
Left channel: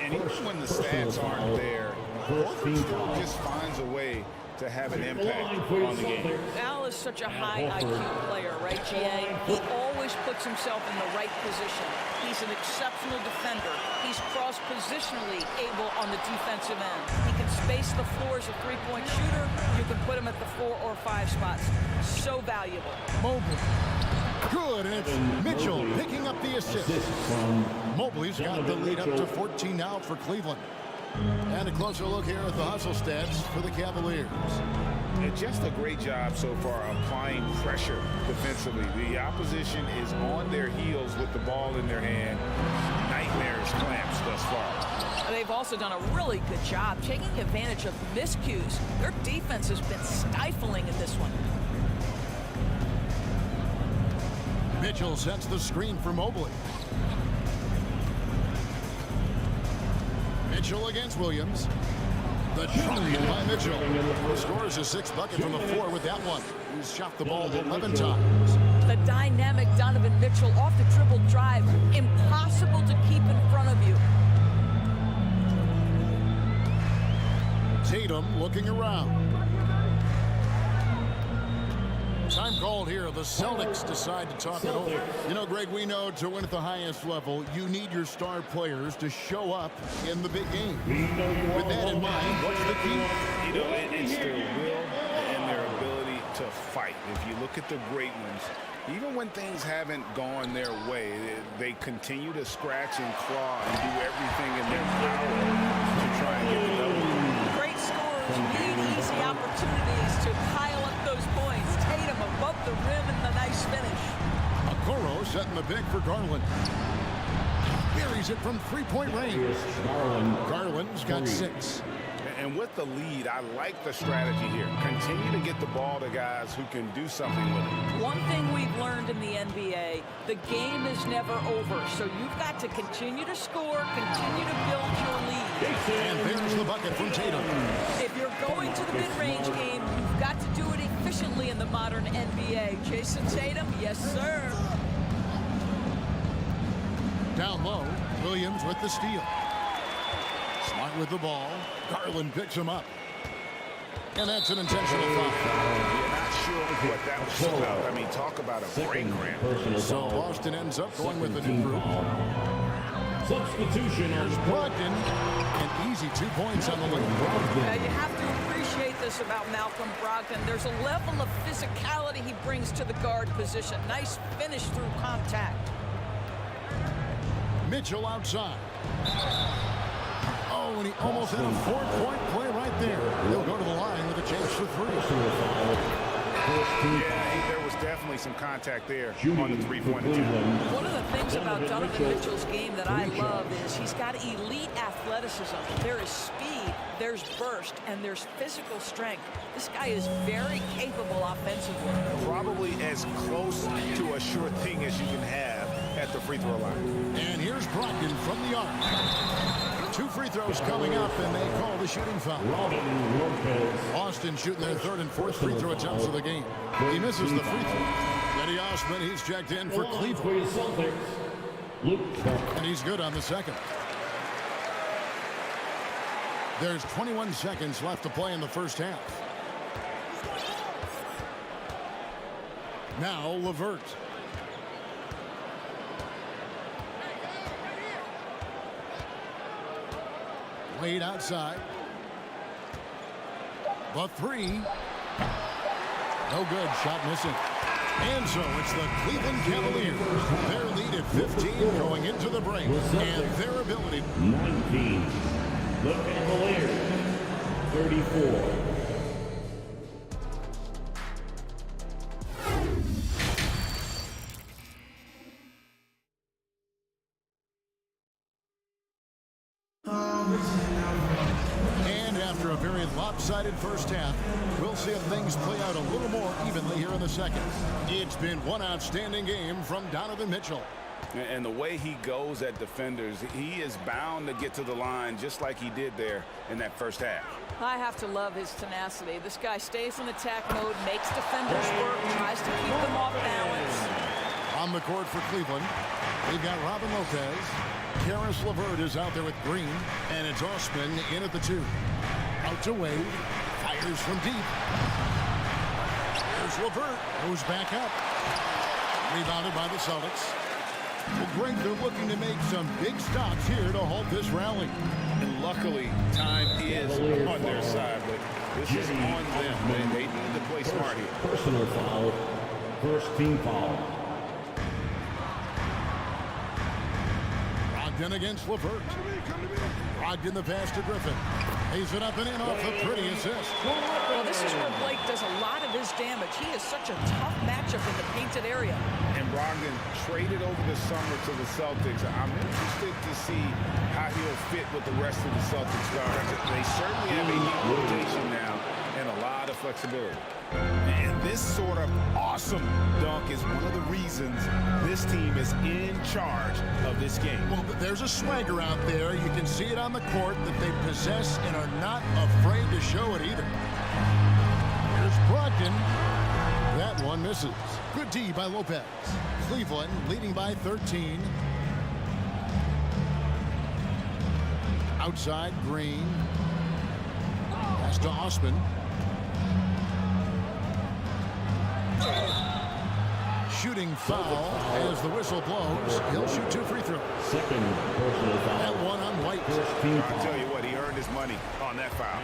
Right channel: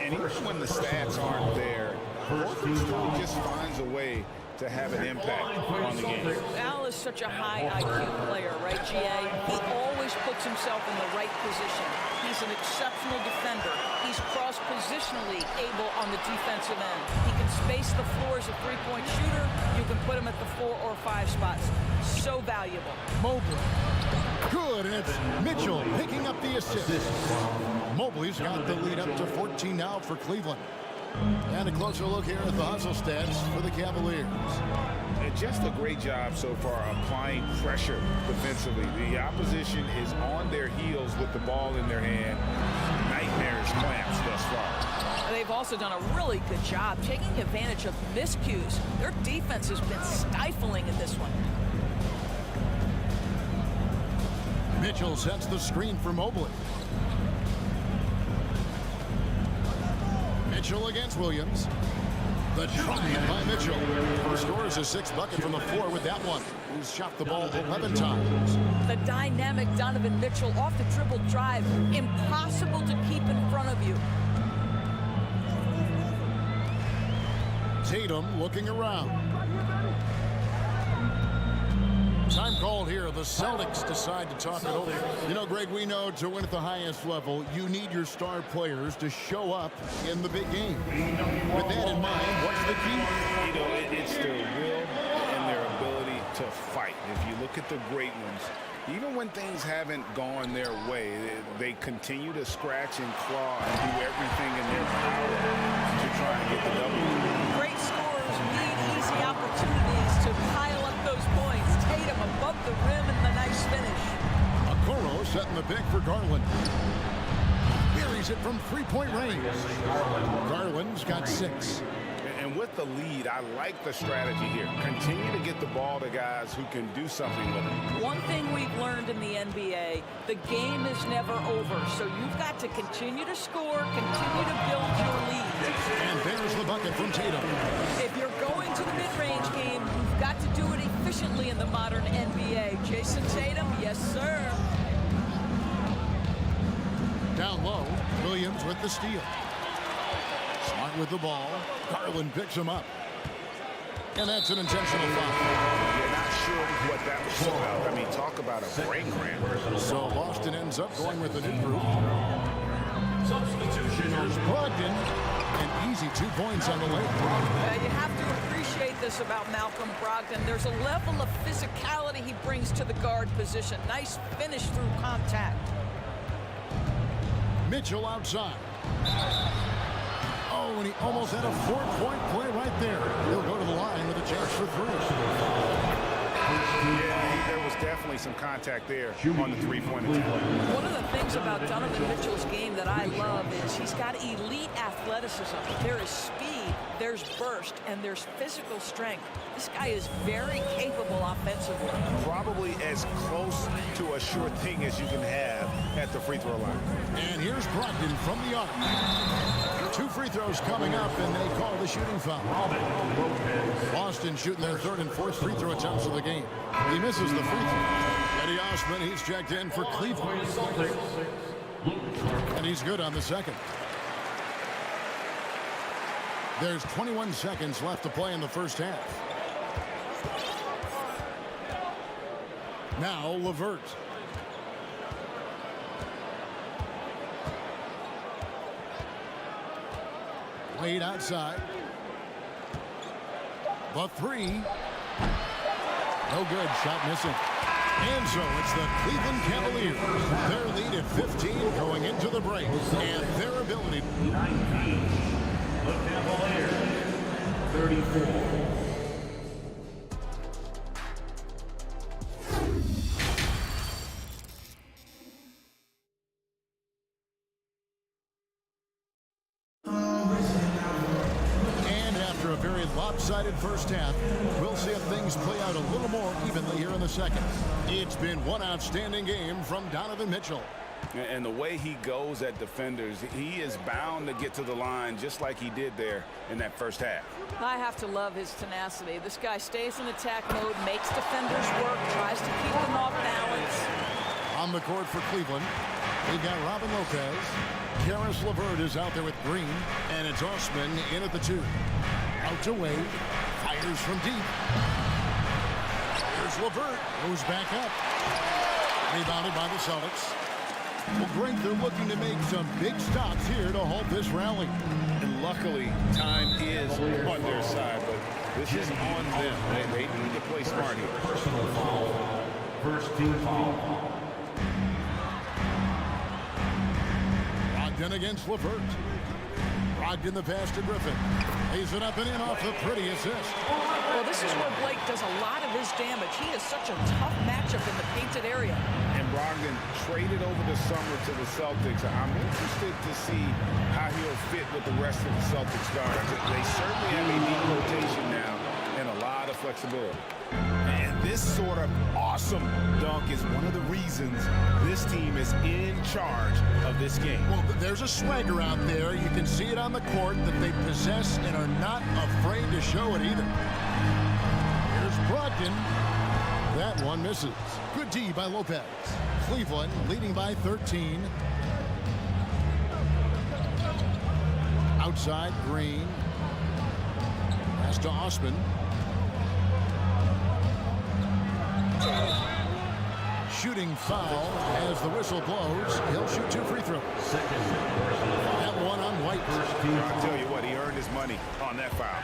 And even when the stats aren't there, Horford still just finds a way to have an impact on the game. Al is such a high IQ player, right, GA? He always puts himself in the right position. He's an exceptional defender. He's cross-positionally able on the defensive end. He can space the floor as a three-point shooter. You can put him at the 4 or 5 spots. So valuable. Mobley. Good, and it's Mitchell picking up the assist. Mobley's got the lead up to 14 now for Cleveland. And a closer look here at the hustle stats for the Cavaliers. And just a great job so far applying pressure defensively. The opposition is on their heels with the ball in their hand. Nightmarish clamps thus far. They've also done a really good job taking advantage of miscues. Their defense has been stifling in this one. Mitchell sets the screen for Mobley. Mitchell against Williams. The drive by Mitchell. Scores his 6th bucket from the floor with that one. He's shot the ball 11 times. The dynamic Donovan Mitchell off the dribble drive. Impossible to keep in front of you. Tatum looking around. Time called here. The Celtics decide to talk it over. You know, Greg, we know to win at the highest level, you need your star players to show up in the big game. With that in mind, what's the key? You know, it's their will and their ability to fight. If you look at the great ones, even when things haven't gone their way, they continue to scratch and claw and do everything in their power to try and get the W. Great scorers need easy opportunities to pile up those points. Tatum above the rim and the nice finish. Okoro setting the pick for Garland. Buries it from three-point range. Garland's got 6. And with the lead, I like the strategy here. Continue to get the ball to guys who can do something with it. One thing we've learned in the NBA, the game is never over. So you've got to continue to score, continue to build your lead. And there's the bucket from Tatum. If you're going to the mid-range game, you've got to do it efficiently in the modern NBA. Jason Tatum, yes, sir. Down low, Williams with the steal. Smart with the ball. Garland picks him up. And that's an intentional foul. You're not sure what that was about. I mean, talk about a brain cramp. So Boston ends up going with a new group. Substitution. Here's Brogdon. And easy 2 points on the way. You have to appreciate this about Malcolm Brogdon. There's a level of physicality he brings to the guard position. Nice finish through contact. Mitchell outside. Oh, and he almost had a 4-point play right there. He'll go to the line with a chance for 3. Yeah, there was definitely some contact there on the three-point attempt. One of the things about Donovan Mitchell's game that I love is he's got elite athleticism. There is speed, there's burst, and there's physical strength. This guy is very capable offensively. Probably as close to a sure thing as you can have at the free throw line. And here's Brogdon from the arc. 2 free throws coming up, and they call the shooting foul. Boston shooting their 3rd and 4th free throw attempts of the game. He misses the free throw. Eddie Osman, he's checked in for Cleveland. And he's good on the 2nd. There's 21 seconds left to play in the first half. Now LeVert. Wade outside. The 3. No good. Shot missing. And so it's the Cleveland Cavaliers. Their lead at 15 going into the break. And their ability. 19. The Cavaliers. 34. After a very lopsided first half, we'll see if things play out a little more evenly here in the second. It's been one outstanding game from Donovan Mitchell. And the way he goes at defenders, he is bound to get to the line just like he did there in that first half. I have to love his tenacity. This guy stays in attack mode, makes defenders work, tries to keep them off balance. On the court for Cleveland, they've got Robin Lopez. Karis LeVert is out there with Green, and it's Osman in at the 2. Out to Wade, fires from deep. Here's LeVert, goes back up. Rebounded by the Celtics. Well, Greg, they're looking to make some big stops here to halt this rally. And luckily, time is on their side, but this is on them. They need to play smart here. Personal foul. First team foul. Brogdon against LeVert. Brogdon the pass to Griffin. Lays it up and in off the pretty assist. Well, this is where Blake does a lot of his damage. He is such a tough matchup in the painted area. And Brogdon traded over the summer to the Celtics. I'm interested to see how he'll fit with the rest of the Celtics guards. They certainly have a neat rotation now and a lot of flexibility. And this sort of awesome dunk is one of the reasons this team is in charge of this game. Well, there's a swagger out there. You can see it on the court that they possess and are not afraid to show it either. Here's Brogdon. That one misses. Good D by Lopez. Cleveland leading by 13. Outside, Green. Pass to Osman. Shooting foul as the whistle blows. He'll shoot 2 free throws. Second personal foul. That one on White. I'll tell you what, he earned his money on that foul.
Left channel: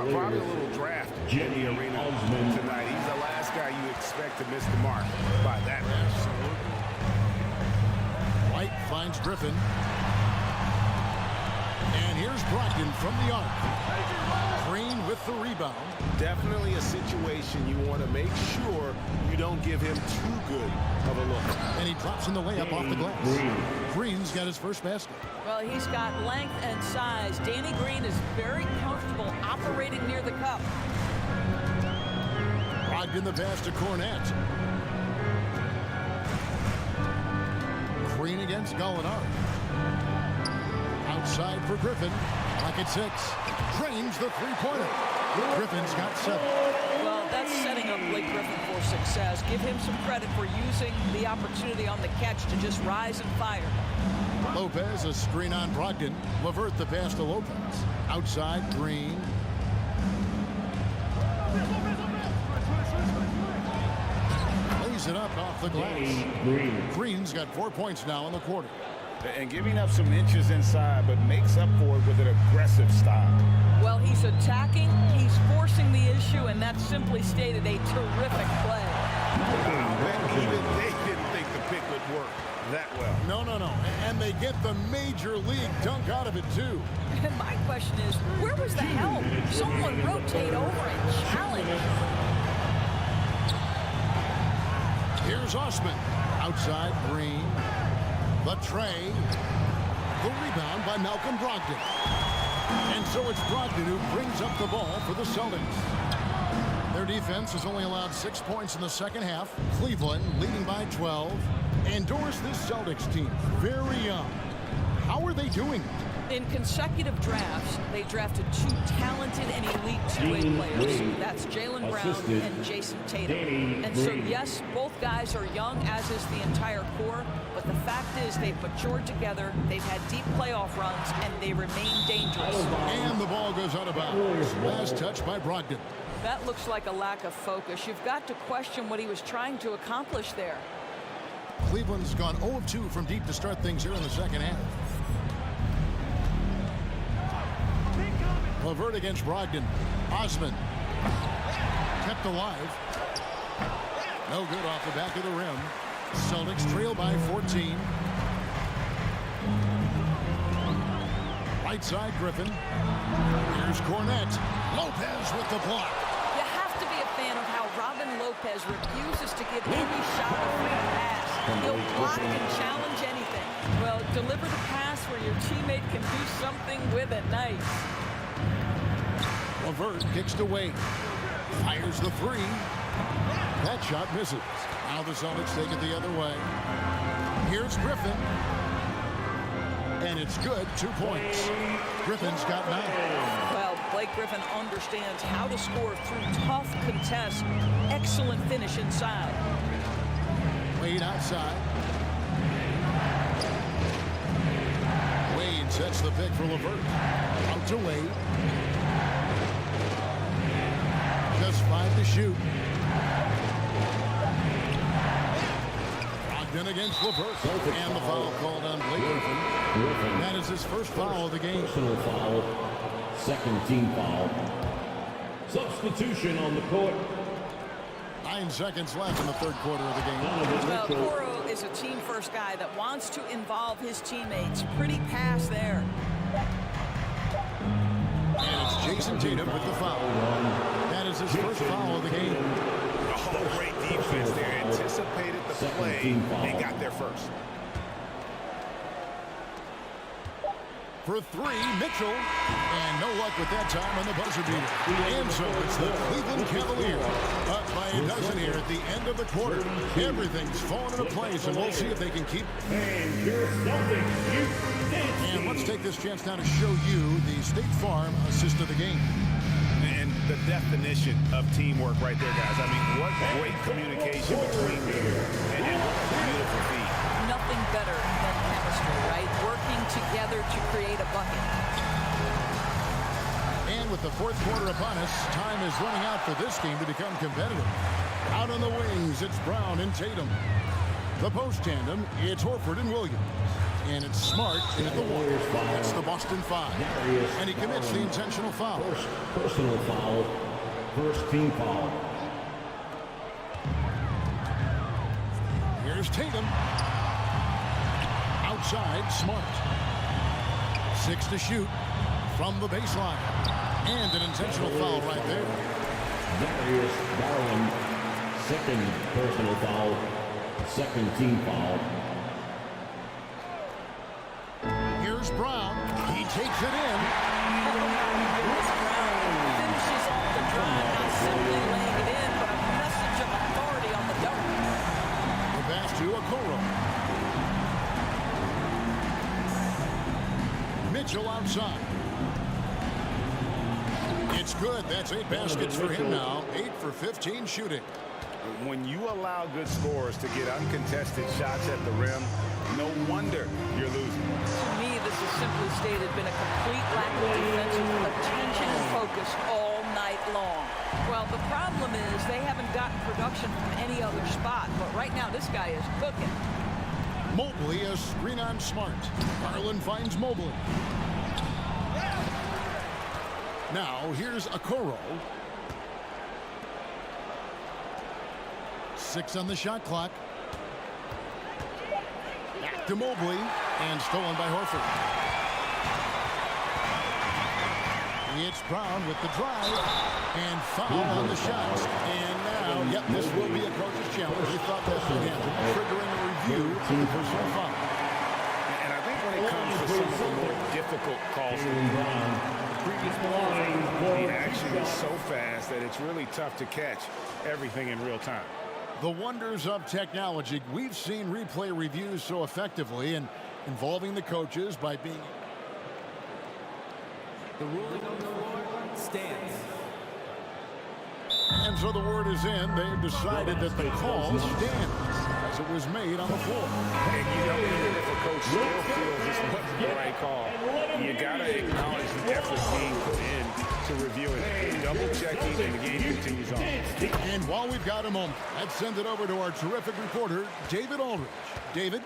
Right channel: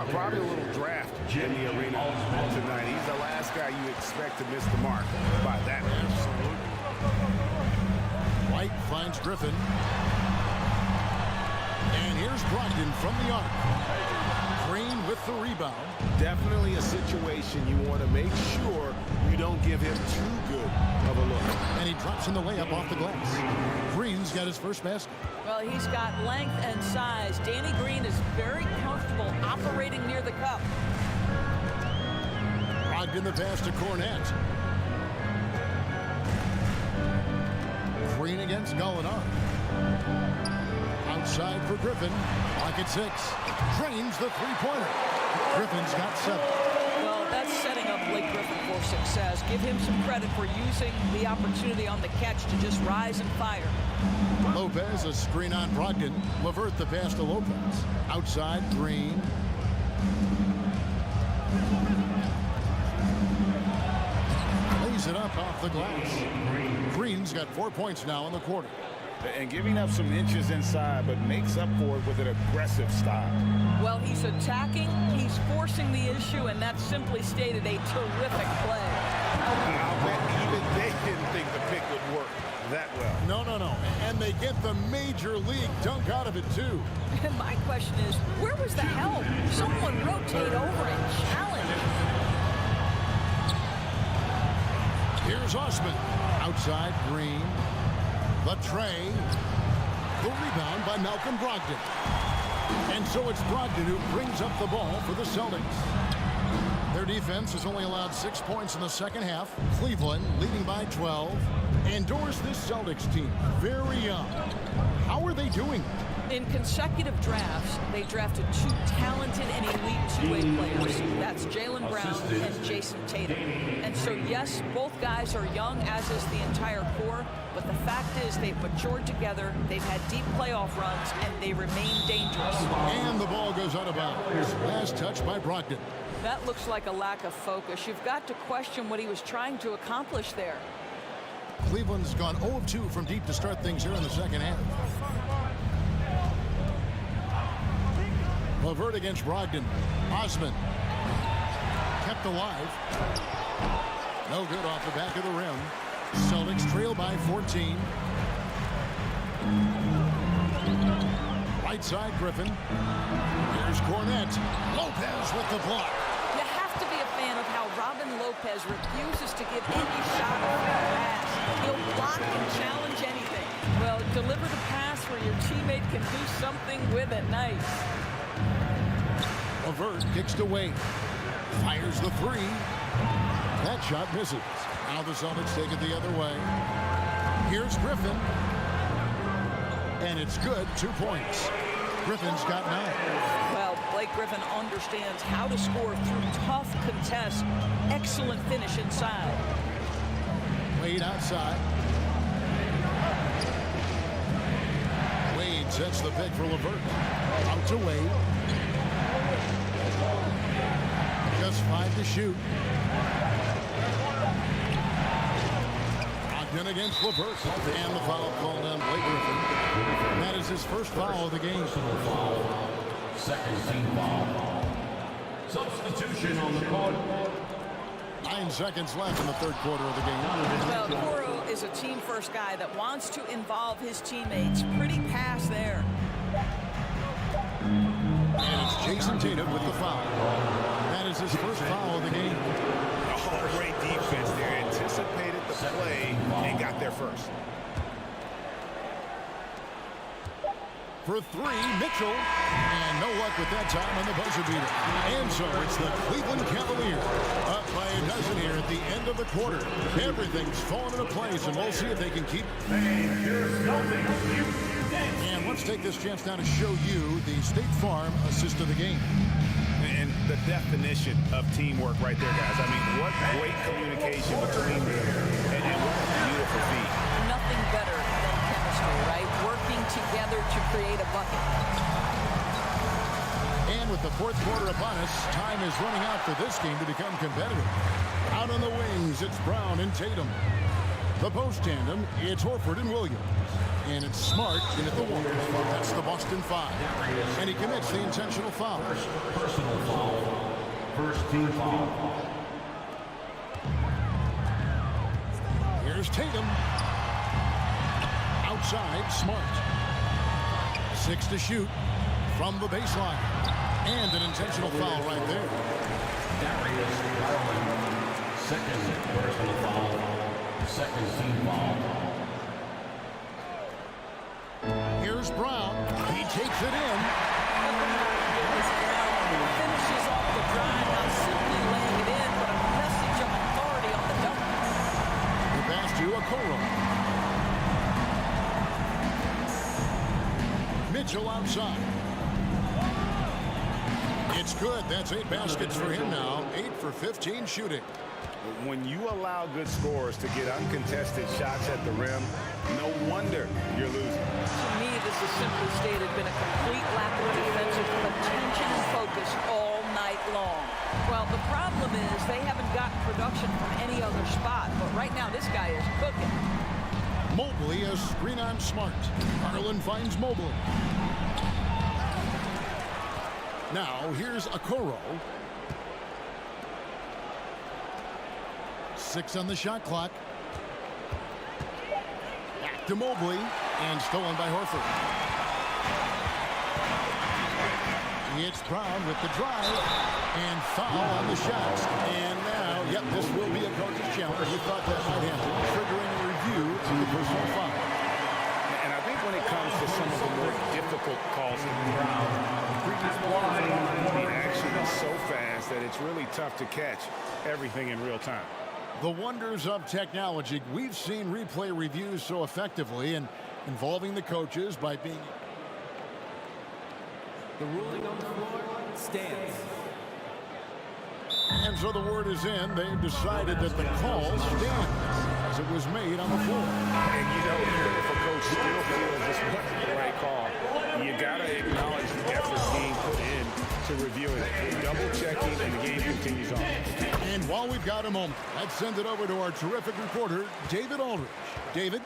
Probably a little draft in the arena tonight. He's the last guy you expect to miss the mark by that. Absolutely. White finds Griffin. And here's Brogdon from the arc. Green with the rebound. Definitely a situation you want to make sure you don't give him too good of a look. And he drops in the layup off the glass. Green's got his first basket. Well, he's got length and size. Danny Green is very comfortable operating near the cup. Brogdon the pass to Cornette. Green against Gallinari. Outside for Griffin. Clock at 6. Drains the three-pointer. Griffin's got 7. Well, that's setting up Blake Griffin for success. Give him some credit for using the opportunity on the catch to just rise and fire. Lopez, a screen on Brogdon. LeVert the pass to Lopez. Outside, Green. Lays it up off the glass. Green's got 4 points now in the quarter. And giving up some inches inside, but makes up for it with an aggressive stop. Well, he's attacking, he's forcing the issue, and that's simply stated a terrific play. I'll bet even they didn't think the pick would work that well. No. And they get the major league dunk out of it, too. And my question is, where was the help? Someone rotate over and challenge. Here's Osman. Outside, Green. The tray. The rebound by Malcolm Brogdon. And so it's Brogdon who brings up the ball for the Celtics. Their defense has only allowed 6 points in the second half. Cleveland leading by 12. Endorse this Celtics team. Very young. How are they doing? In consecutive drafts, they drafted 2 talented and elite two-way players. That's Jaylen Brown and Jason Tatum. And so, yes, both guys are young, as is the entire core. But the fact is they've matured together, they've had deep playoff runs, and they remain dangerous. And the ball goes out of bounds. Last touch by Brogdon. That looks like a lack of focus. You've got to question what he was trying to accomplish there. Cleveland's gone 0 of 2 from deep to start things here in the second half. LeVert against Brogdon. Osman kept alive. No good off the back of the rim. Celtics trail by 14. Right side, Griffin. Here's Cornette. Lopez with the block. You have to be a fan of how Robin Lopez refuses to give any shot a free pass. He'll block and challenge anything. Well, deliver the pass where your teammate can do something with it. Nice. LeVert kicks to Wade. Fires the 3. That shot misses. Now the Celtics take it the other way. Here's Griffin. And it's good. 2 points. Griffin's got 9. Well, Blake Griffin understands how to score through tough contests. Excellent finish inside. Wade outside. Wade sets the pick for LeVert. Out to Wade. Just 5 to shoot. Brogdon against LeVert. And the foul called on Blake Griffin. That is his first foul of the game. Personal foul. Second team foul. Substitution on the court. 9 seconds left in the third quarter of the game. Well, Coro is a team-first guy that wants to involve his teammates. Pretty pass there. And it's Jason Tatum with the foul. That is his first foul of the game. Oh, great defense there. Anticipated the play and got there first. For 3, Mitchell. And no luck with that time on the buzzer beater. And so it's the Cleveland Cavaliers up by a dozen here at the end of the quarter. Everything's fallen into place, and we'll see if they can keep. And let's take this chance now to show you the State Farm assist of the game. And the definition of teamwork right there, guys. I mean, what great communication between them. And what a beautiful feat. Nothing better than chemistry, right? Working together to create a bucket. And with the fourth quarter upon us, time is running out for this game to become competitive. Out on the wings, it's Brown and Tatum. The post tandem, it's Horford and Williams. And it's Smart in at the 1. That's the Boston 5. And he commits the intentional foul. First personal foul. First team foul. Here's Tatum. Outside, Smart. 6 to shoot from the baseline. And an intentional foul right there. Darius Garland. Second personal foul. Second team foul. Here's Brown. He takes it in. Oh, my goodness, Brown finishes off the drive, not simply laying it in, but a message of authority on the dunk. The pass to Okoro. Mitchell outside. It's good. That's 8 baskets for him now. 8 for 15 shooting. When you allow good scorers to get uncontested shots at the rim, no wonder you're losing. To me, this has simply stated been a complete lack of defensive attention and focus all night long. Well, the problem is they haven't gotten production from any other spot, but right now this guy is cooking. Mobley, a screen on Smart. Garland finds Mobley. Now, here's Okoro. 6 on the shot clock. Back to Mobley, and stolen by Horford. It's Brown with the drive, and foul on the shots. And now, yep, this will be a coach's challenge. He thought that might happen, triggering a review of the personal foul. And I think when it comes to some of the more difficult calls in Brown, the previous play, the action is so fast that it's really tough to catch everything in real time. The wonders of technology. We've seen replay reviews so effectively and involving the coaches by being... The ruling on the floor stands. And so the word is in. They've decided that the call stands as it was made on the floor. And you know, even if a coach still feels this wasn't the right call, you got to acknowledge the effort being put in to reviewing it, double checking, and the game continues on. And while we've got a moment, let's send it over to our terrific reporter, David Aldridge. David?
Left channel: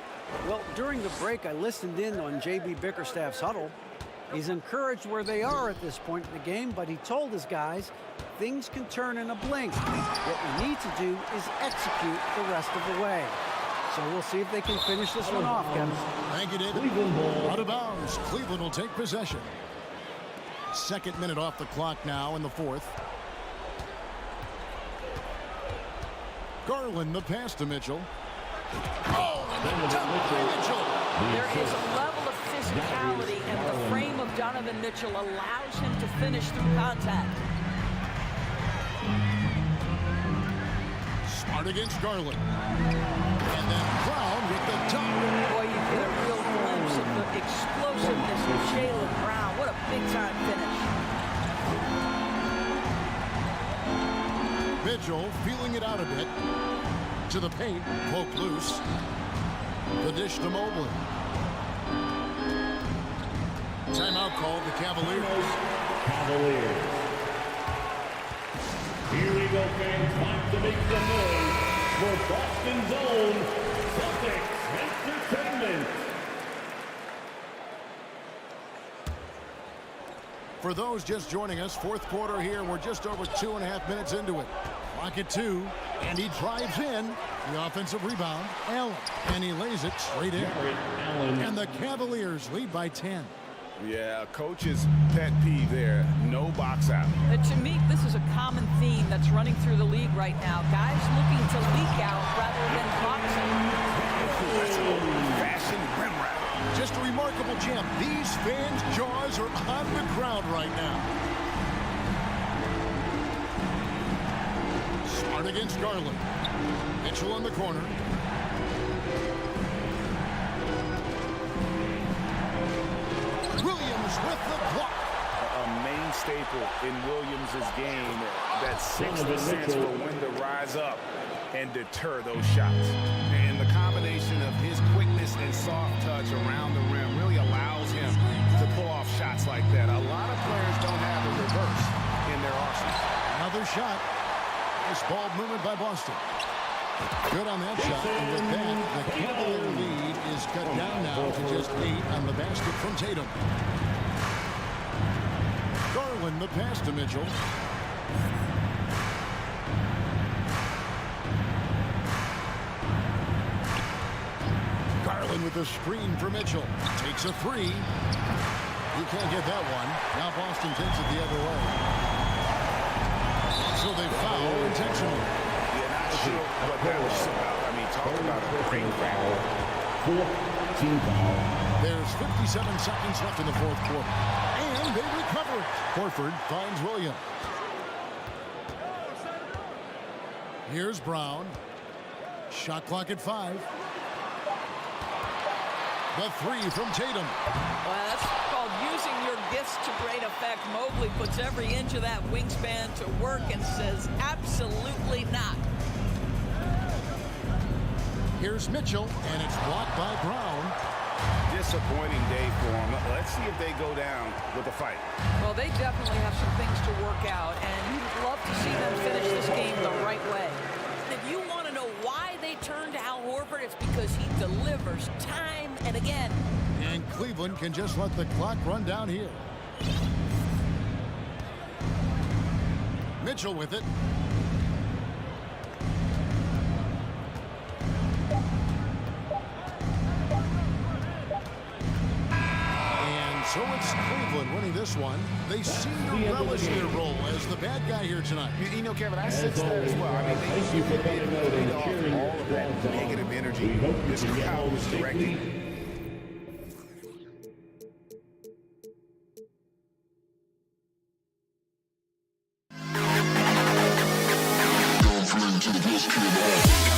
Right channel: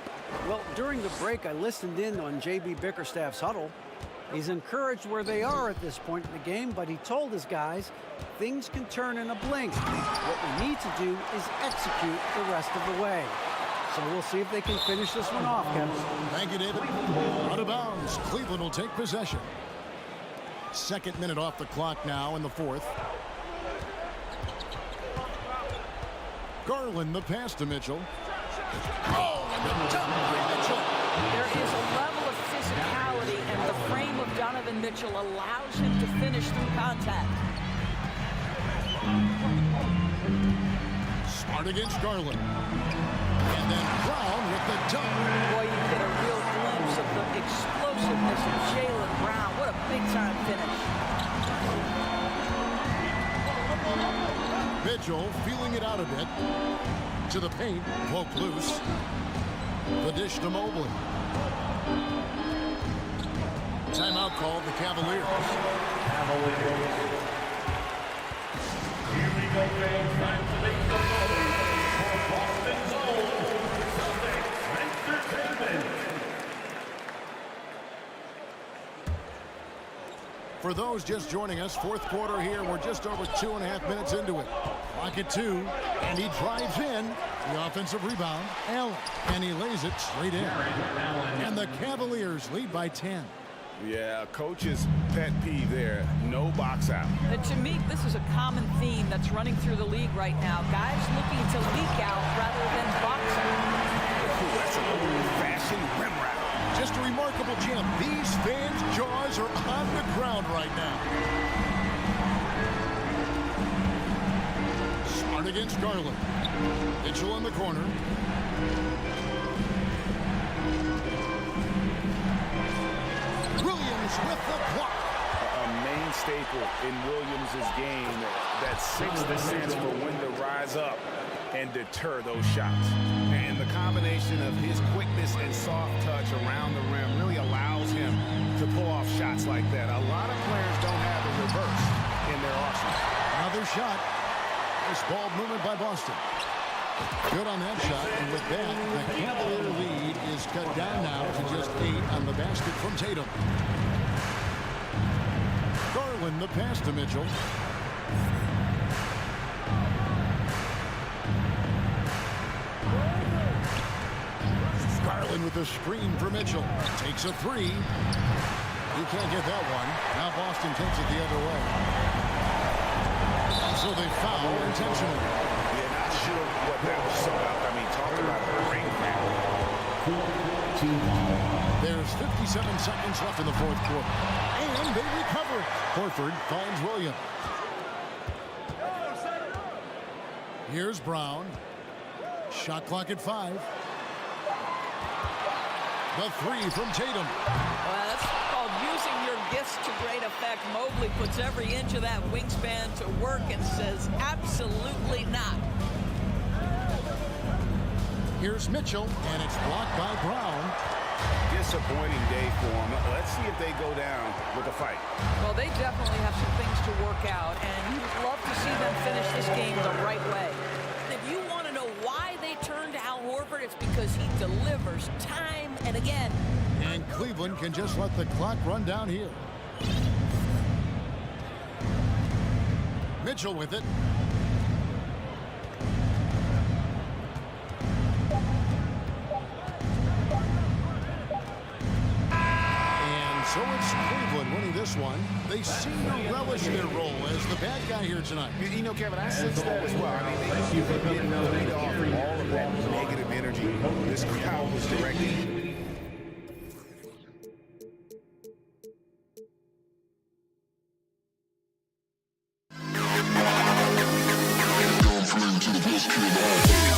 Well, during the break, I listened in on J.B. Bickerstaff's huddle. He's encouraged where they are at this point in the game, but he told his guys things can turn in a blink. What we need to do is execute the rest of the way. So we'll see if they can finish this one off, Kevin. Thank you, David. Out of bounds. Cleveland will take possession. 2nd minute off the clock now in the 4th. Garland, the pass to Mitchell. Oh, and the dunk by Mitchell. There is a level of physicality, and the frame of Donovan Mitchell allows him to finish through contact. Smart against Garland. And then Brown with the dunk. Boy, you get a real glimpse of the explosiveness of Jaylen Brown. What a big-time finish. Mitchell feeling it out a bit. To the paint, poked loose. The dish to Mobley. Timeout called the Cavaliers. Cavaliers. Here we go, fans. Time to make some noise for Boston's own Celtics Entertainment. For those just joining us, 4th quarter here. We're just over 2.5 minutes into it. Clock at 2, and he drives in. The offensive rebound, Allen, and he lays it straight in. And the Cavaliers lead by 10. Yeah, coach's pet peeve there. No box out. To me, this is a common theme that's running through the league right now. Guys looking to leak out rather than box out. That's an old-fashioned rim wrap. Just a remarkable jam. These fans' jaws are on the ground right now. Smart against Garland. Mitchell in the corner. Williams with the block. A main staple in Williams' game, that 6th sense for when to rise up and deter those shots. And the combination of his quickness and soft touch around the rim really allows him to pull off shots like that. A lot of players don't have the reverse in their arsenal. Another shot. Nice ball movement by Boston. Good on that shot, and with that, the Cavalier lead is cut down now to just 8 on the basket from Tatum. Garland the pass to Mitchell. Garland with a screen for Mitchell. Takes a three. He can't get that one. Now Boston takes it the other way. So they foul intentionally. Yeah, not sure what that was about. I mean, talk about a brain cramp. There's 57 seconds left in the fourth quarter. And they recover it. Horford finds Williams. Here's Brown. Shot clock at 5. The three from Tatum. Well, that's called using your gifts to great effect. Mobley puts every inch of that wingspan to work and says, absolutely not. Here's Mitchell, and it's blocked by Brown. Disappointing day for them. Let's see if they go down with a fight. Well, they definitely have some things to work out, and you'd love to see them finish this game the right way. If you want to know why they turn to Al Horford, it's because he delivers time and again. And Cleveland can just let the clock run down here. Mitchell with it. And so it's Cleveland winning this one. They seem to relish their role as the bad guy here tonight. You know, Kevin, I sense that as well. I mean, they didn't feed off all of that negative energy this crowd was directing. To the